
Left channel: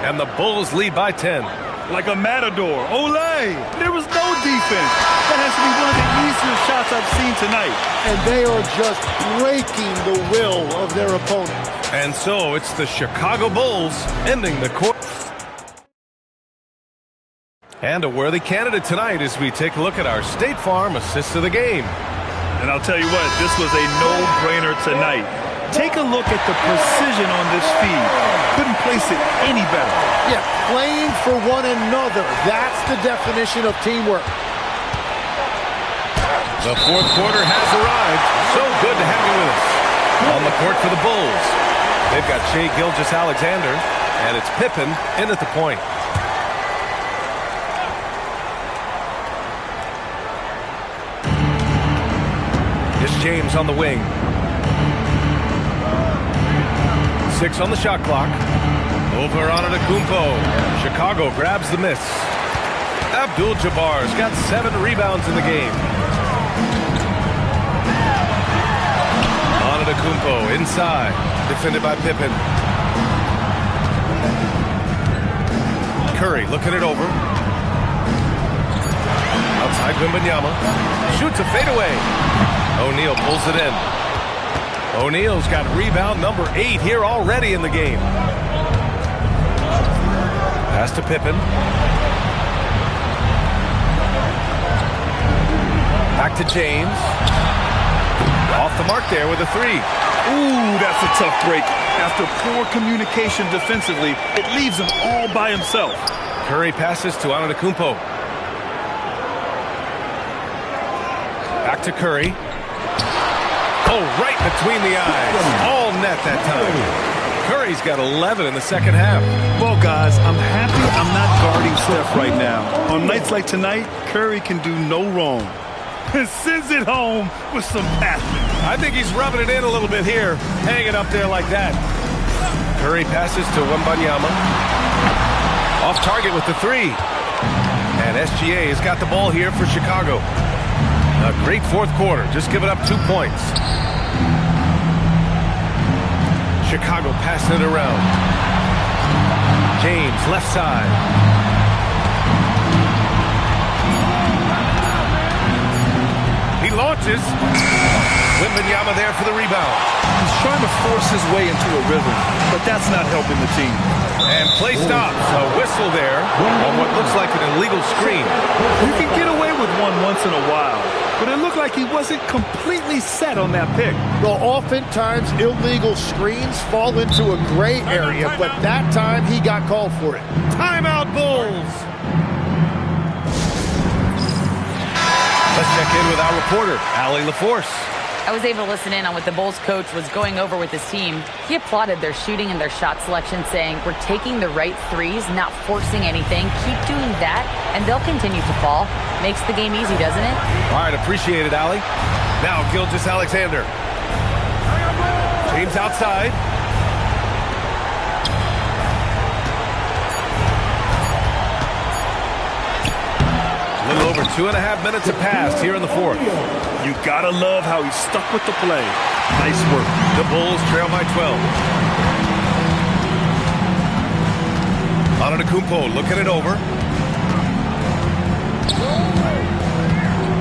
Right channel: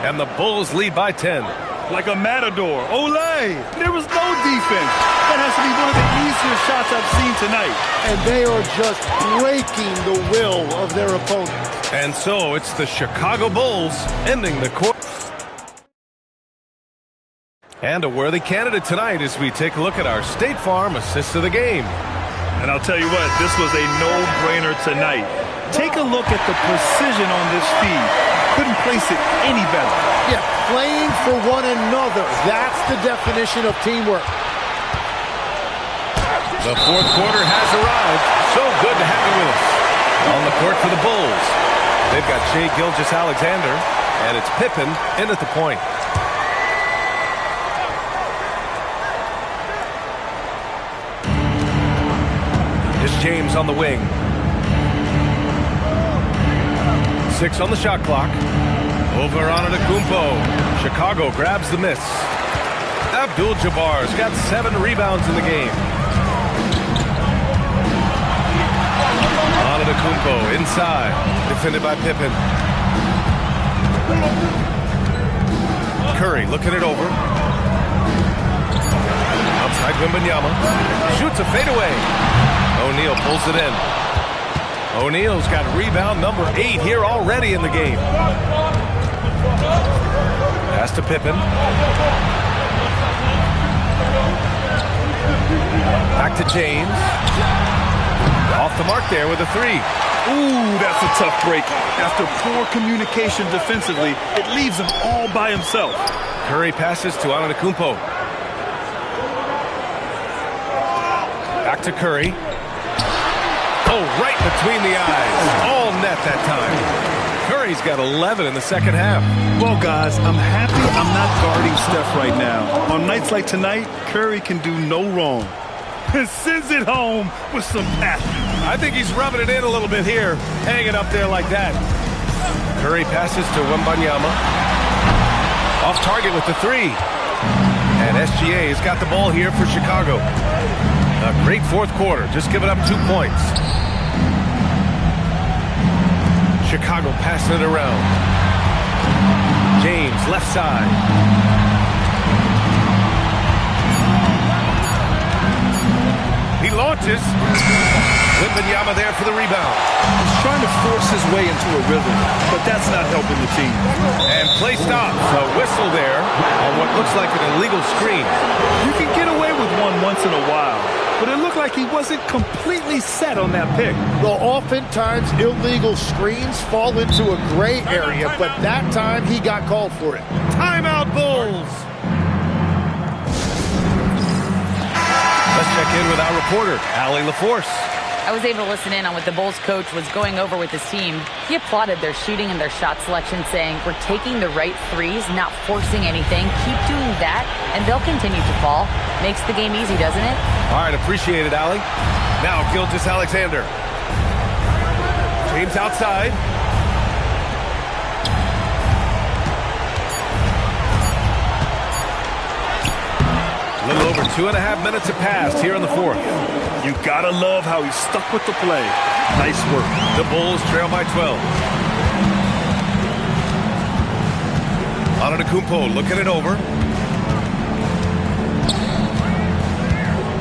And the Bulls lead by 10. like a matador. Olay! There was no defense. That has to be one of the easier shots I've seen tonight. And they are just breaking the will of their opponent. And so it's the Chicago Bulls ending the quarter. And a worthy candidate tonight as we take a look at our State Farm assist of the game. And I'll tell you what, this was a no-brainer tonight. Take a look at the precision on this feed. Couldn't place it any better. Yeah, playing for one another. That's the definition of teamwork. The fourth quarter has arrived. So good to have you with us. On the court for the Bulls, they've got Shai Gilgeous-Alexander, and it's Pippen in at the point. It's James on the wing. 6 on the shot clock. Over Antetokounmpo. Chicago grabs the miss. Abdul-Jabbar's got 7 rebounds in the game. Antetokounmpo inside. Defended by Pippen. Curry looking it over. Outside Wembanyama. Shoots a fadeaway. O'Neal pulls it in. O'Neal's got rebound number 8 here already in the game. Pass to Pippen. Back to James. Off the mark there with a 3. Ooh, that's a tough break. After poor communication defensively, it leaves him all by himself. Curry passes to Antetokounmpo. Back to Curry. Oh, right between the eyes. All net that time. Curry's got 11 in the second half. Well, guys, I'm happy I'm not guarding Steph right now. On nights like tonight, Curry can do no wrong. Sends it home with some passion. I think he's rubbing it in a little bit here, hanging up there like that. Curry passes to Wembanyama. Off target with the 3. And SGA has got the ball here for Chicago. A great fourth quarter, just giving up 2 points. Chicago passing it around. James, left side. He launches. Wembanyama there for the rebound. He's trying to force his way into a rhythm, but that's not helping the team. And play stops. A whistle there on what looks like an illegal screen. You can get away with one once in a while, but it looked like he wasn't completely set on that pick. Well, oftentimes illegal screens fall into a gray area, but that time he got called for it. Timeout, Bulls. Let's check in with our reporter, Allie LaForce. I was able to listen in on what the Bulls coach was going over with his team. He applauded their shooting and their shot selection, saying, "We're taking the right threes, not forcing anything. Keep doing that, and they'll continue to fall." Makes the game easy, doesn't it? All right, appreciate it, Allie. Now, Gilgeous-Alexander. James outside. A little over 2.5 minutes have passed here in the fourth. You gotta love how he stuck with the play. Nice work. The Bulls trail by 12. Antetokounmpo looking it over.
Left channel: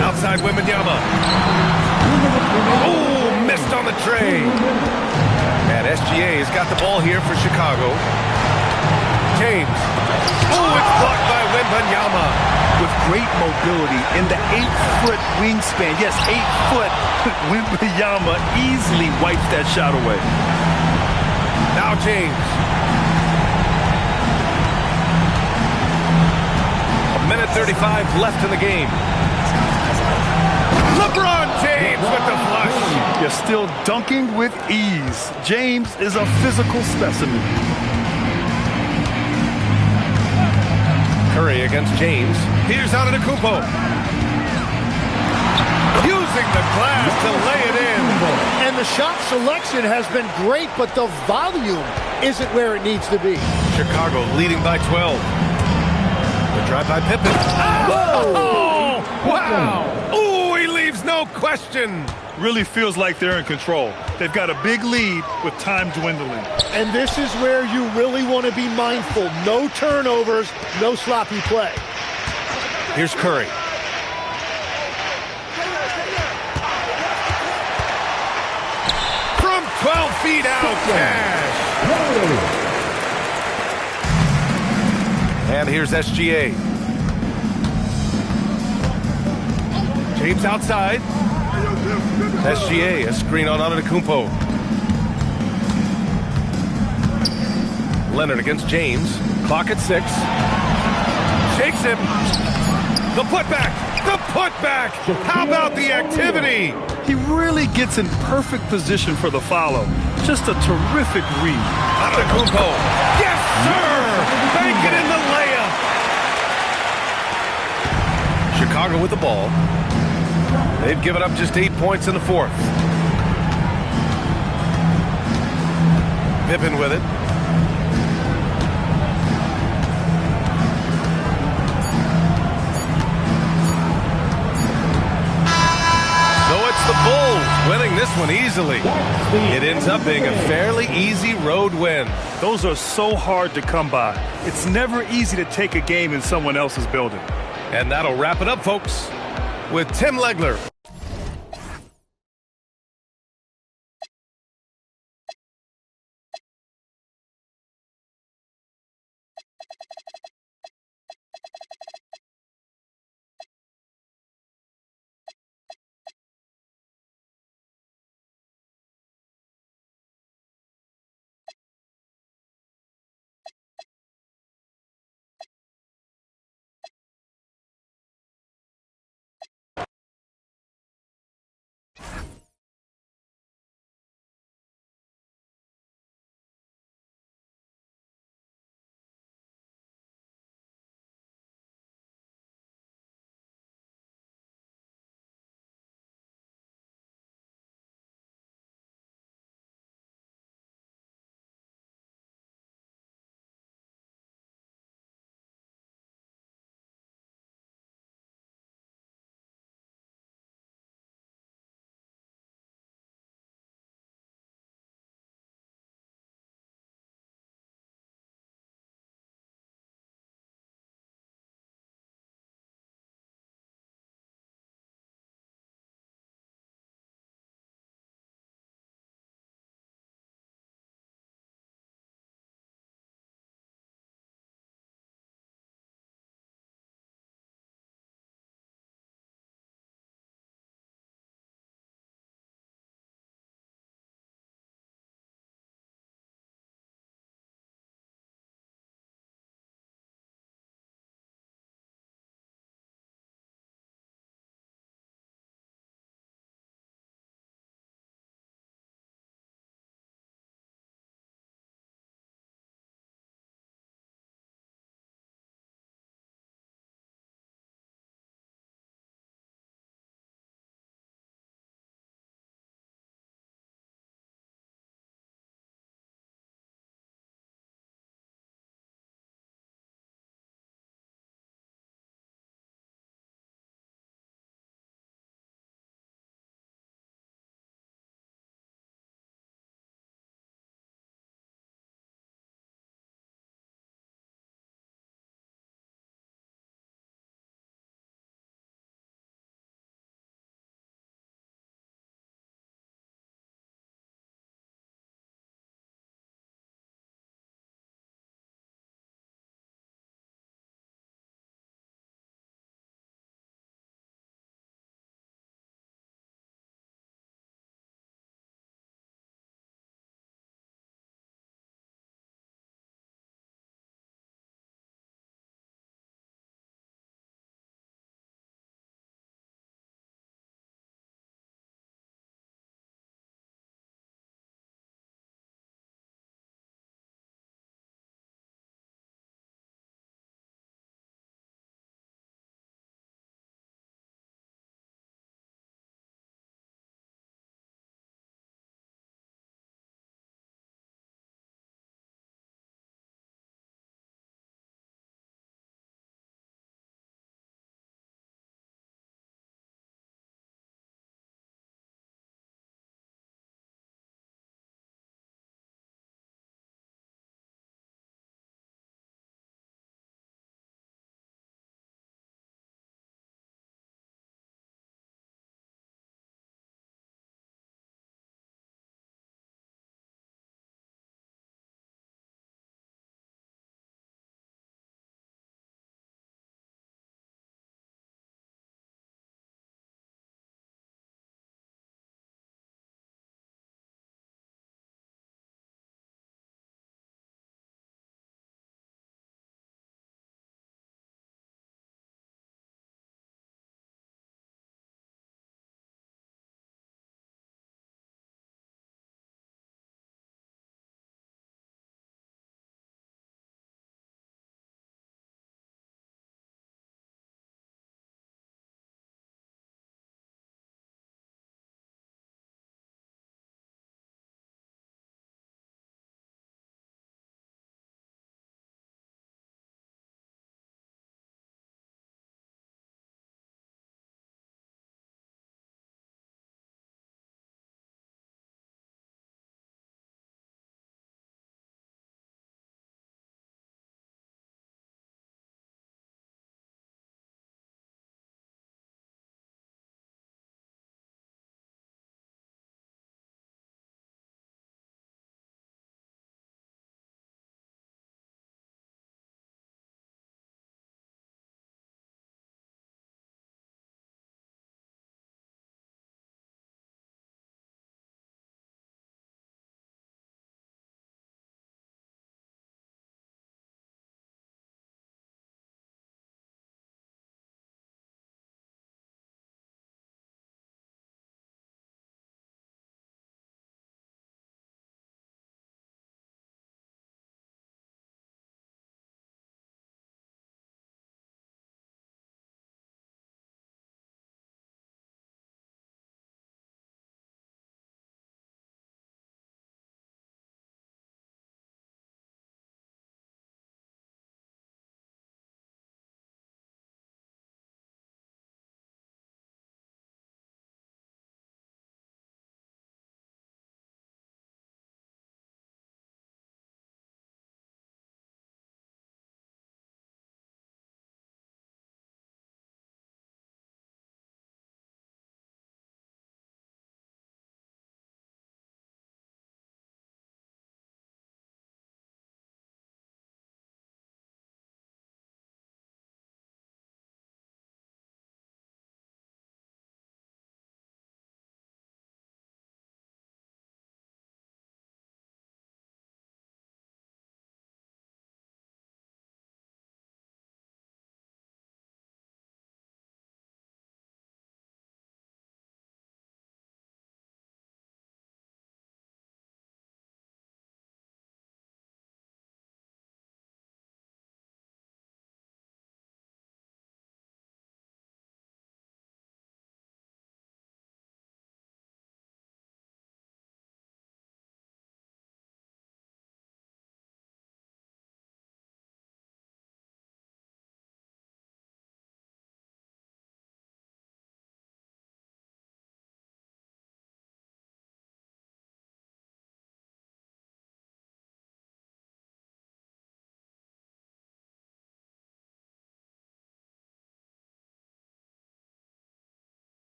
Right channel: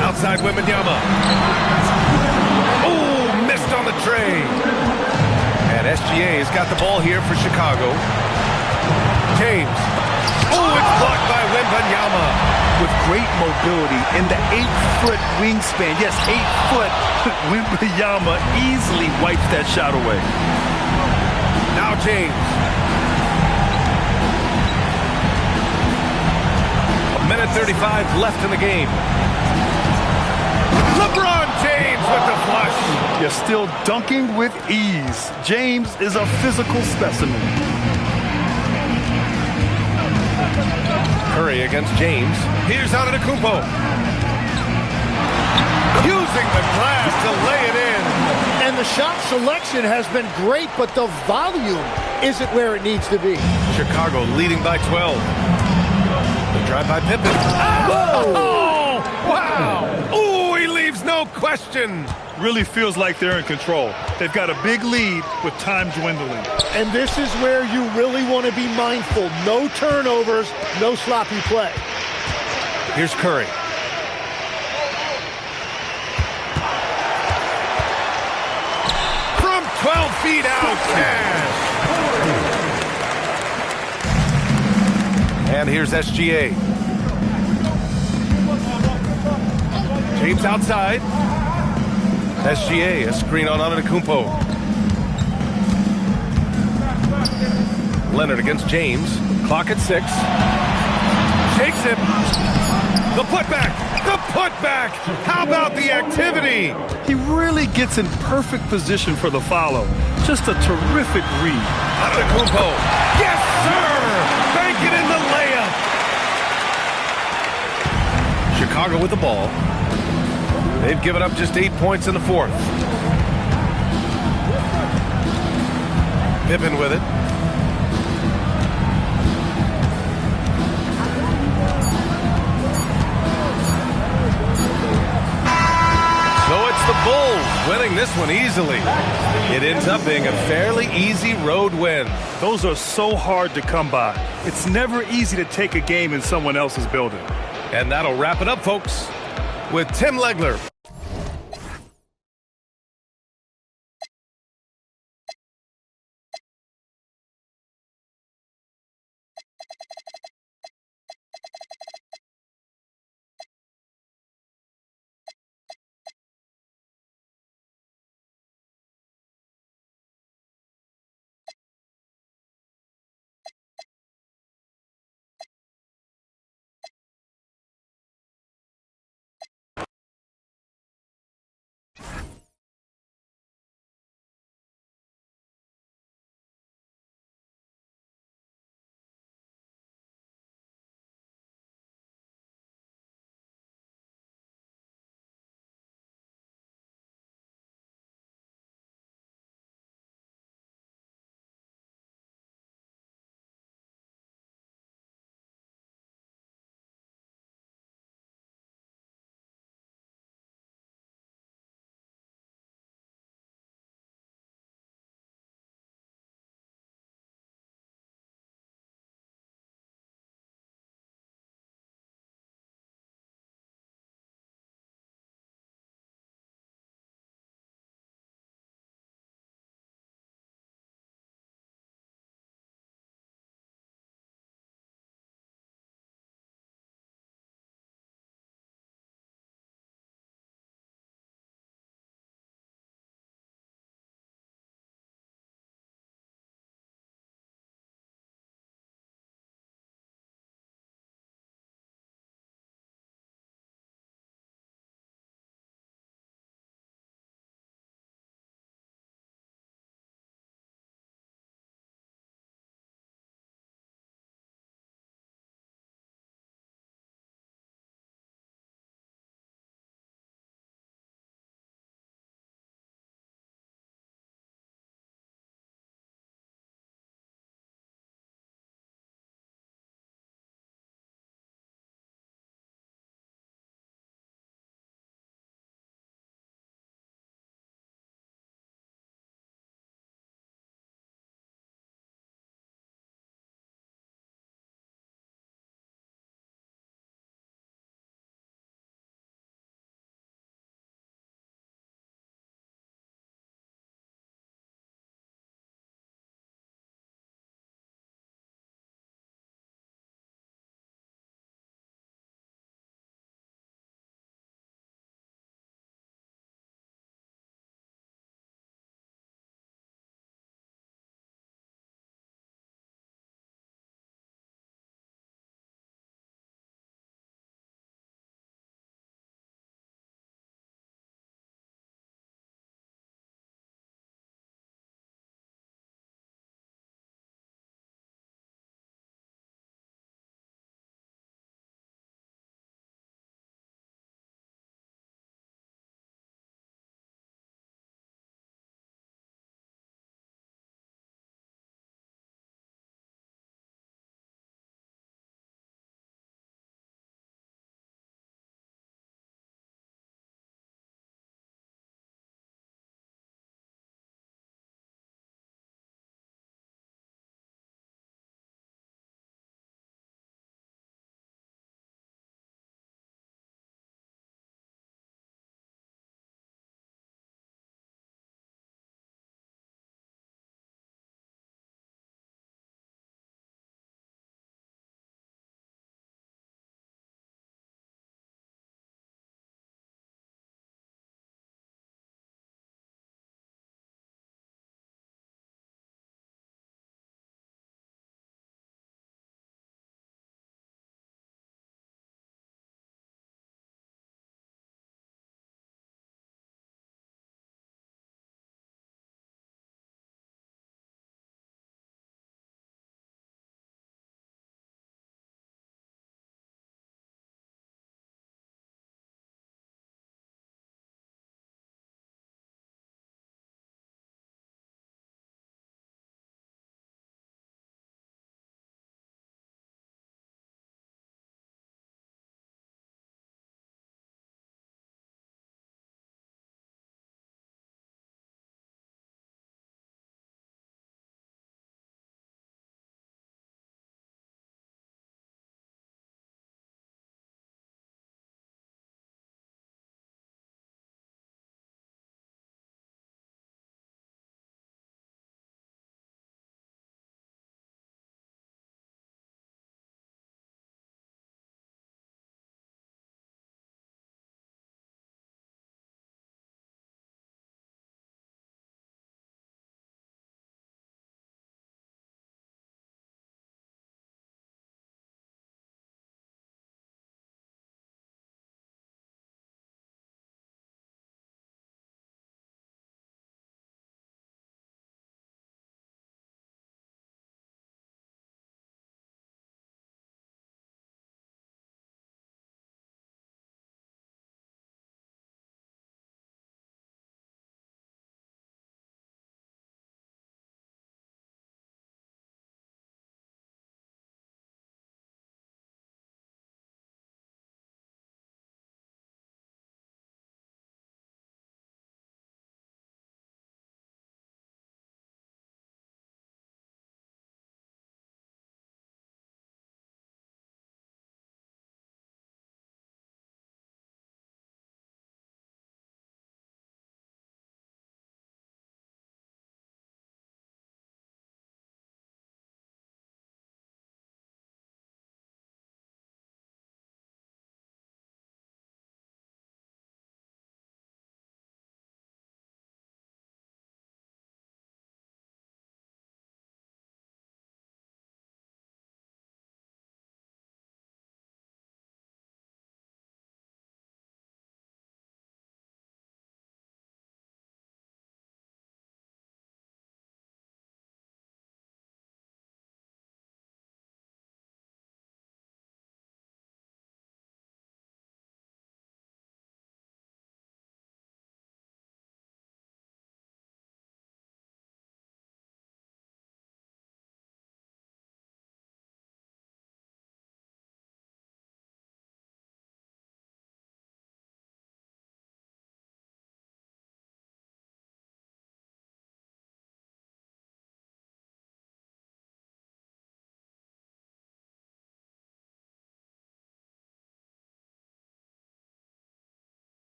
Outside Wembanyama. Oh, missed on the tray. And SGA has got the ball here for Chicago. James. Oh, it's blocked by Wembanyama. With great mobility in the 8-foot wingspan. Yes, 8 foot. Wembanyama easily wipes that shot away. Now James. 1:35 left in the game. LeBron James with the flush. You're still dunking with ease. James is a physical specimen. Curry against James. Here's Antetokounmpo. Using the glass to lay it in. And the shot selection has been great, but the volume isn't where it needs to be. Chicago leading by 12. The drive by Pippen. Whoa! Wow! Ooh, he leaves no question. Really feels like they're in control. They've got a big lead with time dwindling. And this is where you really want to be mindful. No turnovers, no sloppy play. Here's Curry. From 12 feet out, Cash. And here's SGA. James outside. SGA, a screen on Antetokounmpo. Leonard against James. Clock at 6. Shakes him. The putback. The putback. How about the activity? He really gets in perfect position for the follow. Just a terrific read. Antetokounmpo. Yes, sir. Banking in the layup. Chicago with the ball. They've given up just 8 points in the fourth. Pippen with it. So it's the Bulls winning this one easily. It ends up being a fairly easy road win. Those are so hard to come by. It's never easy to take a game in someone else's building. And that'll wrap it up, folks, with Tim Legler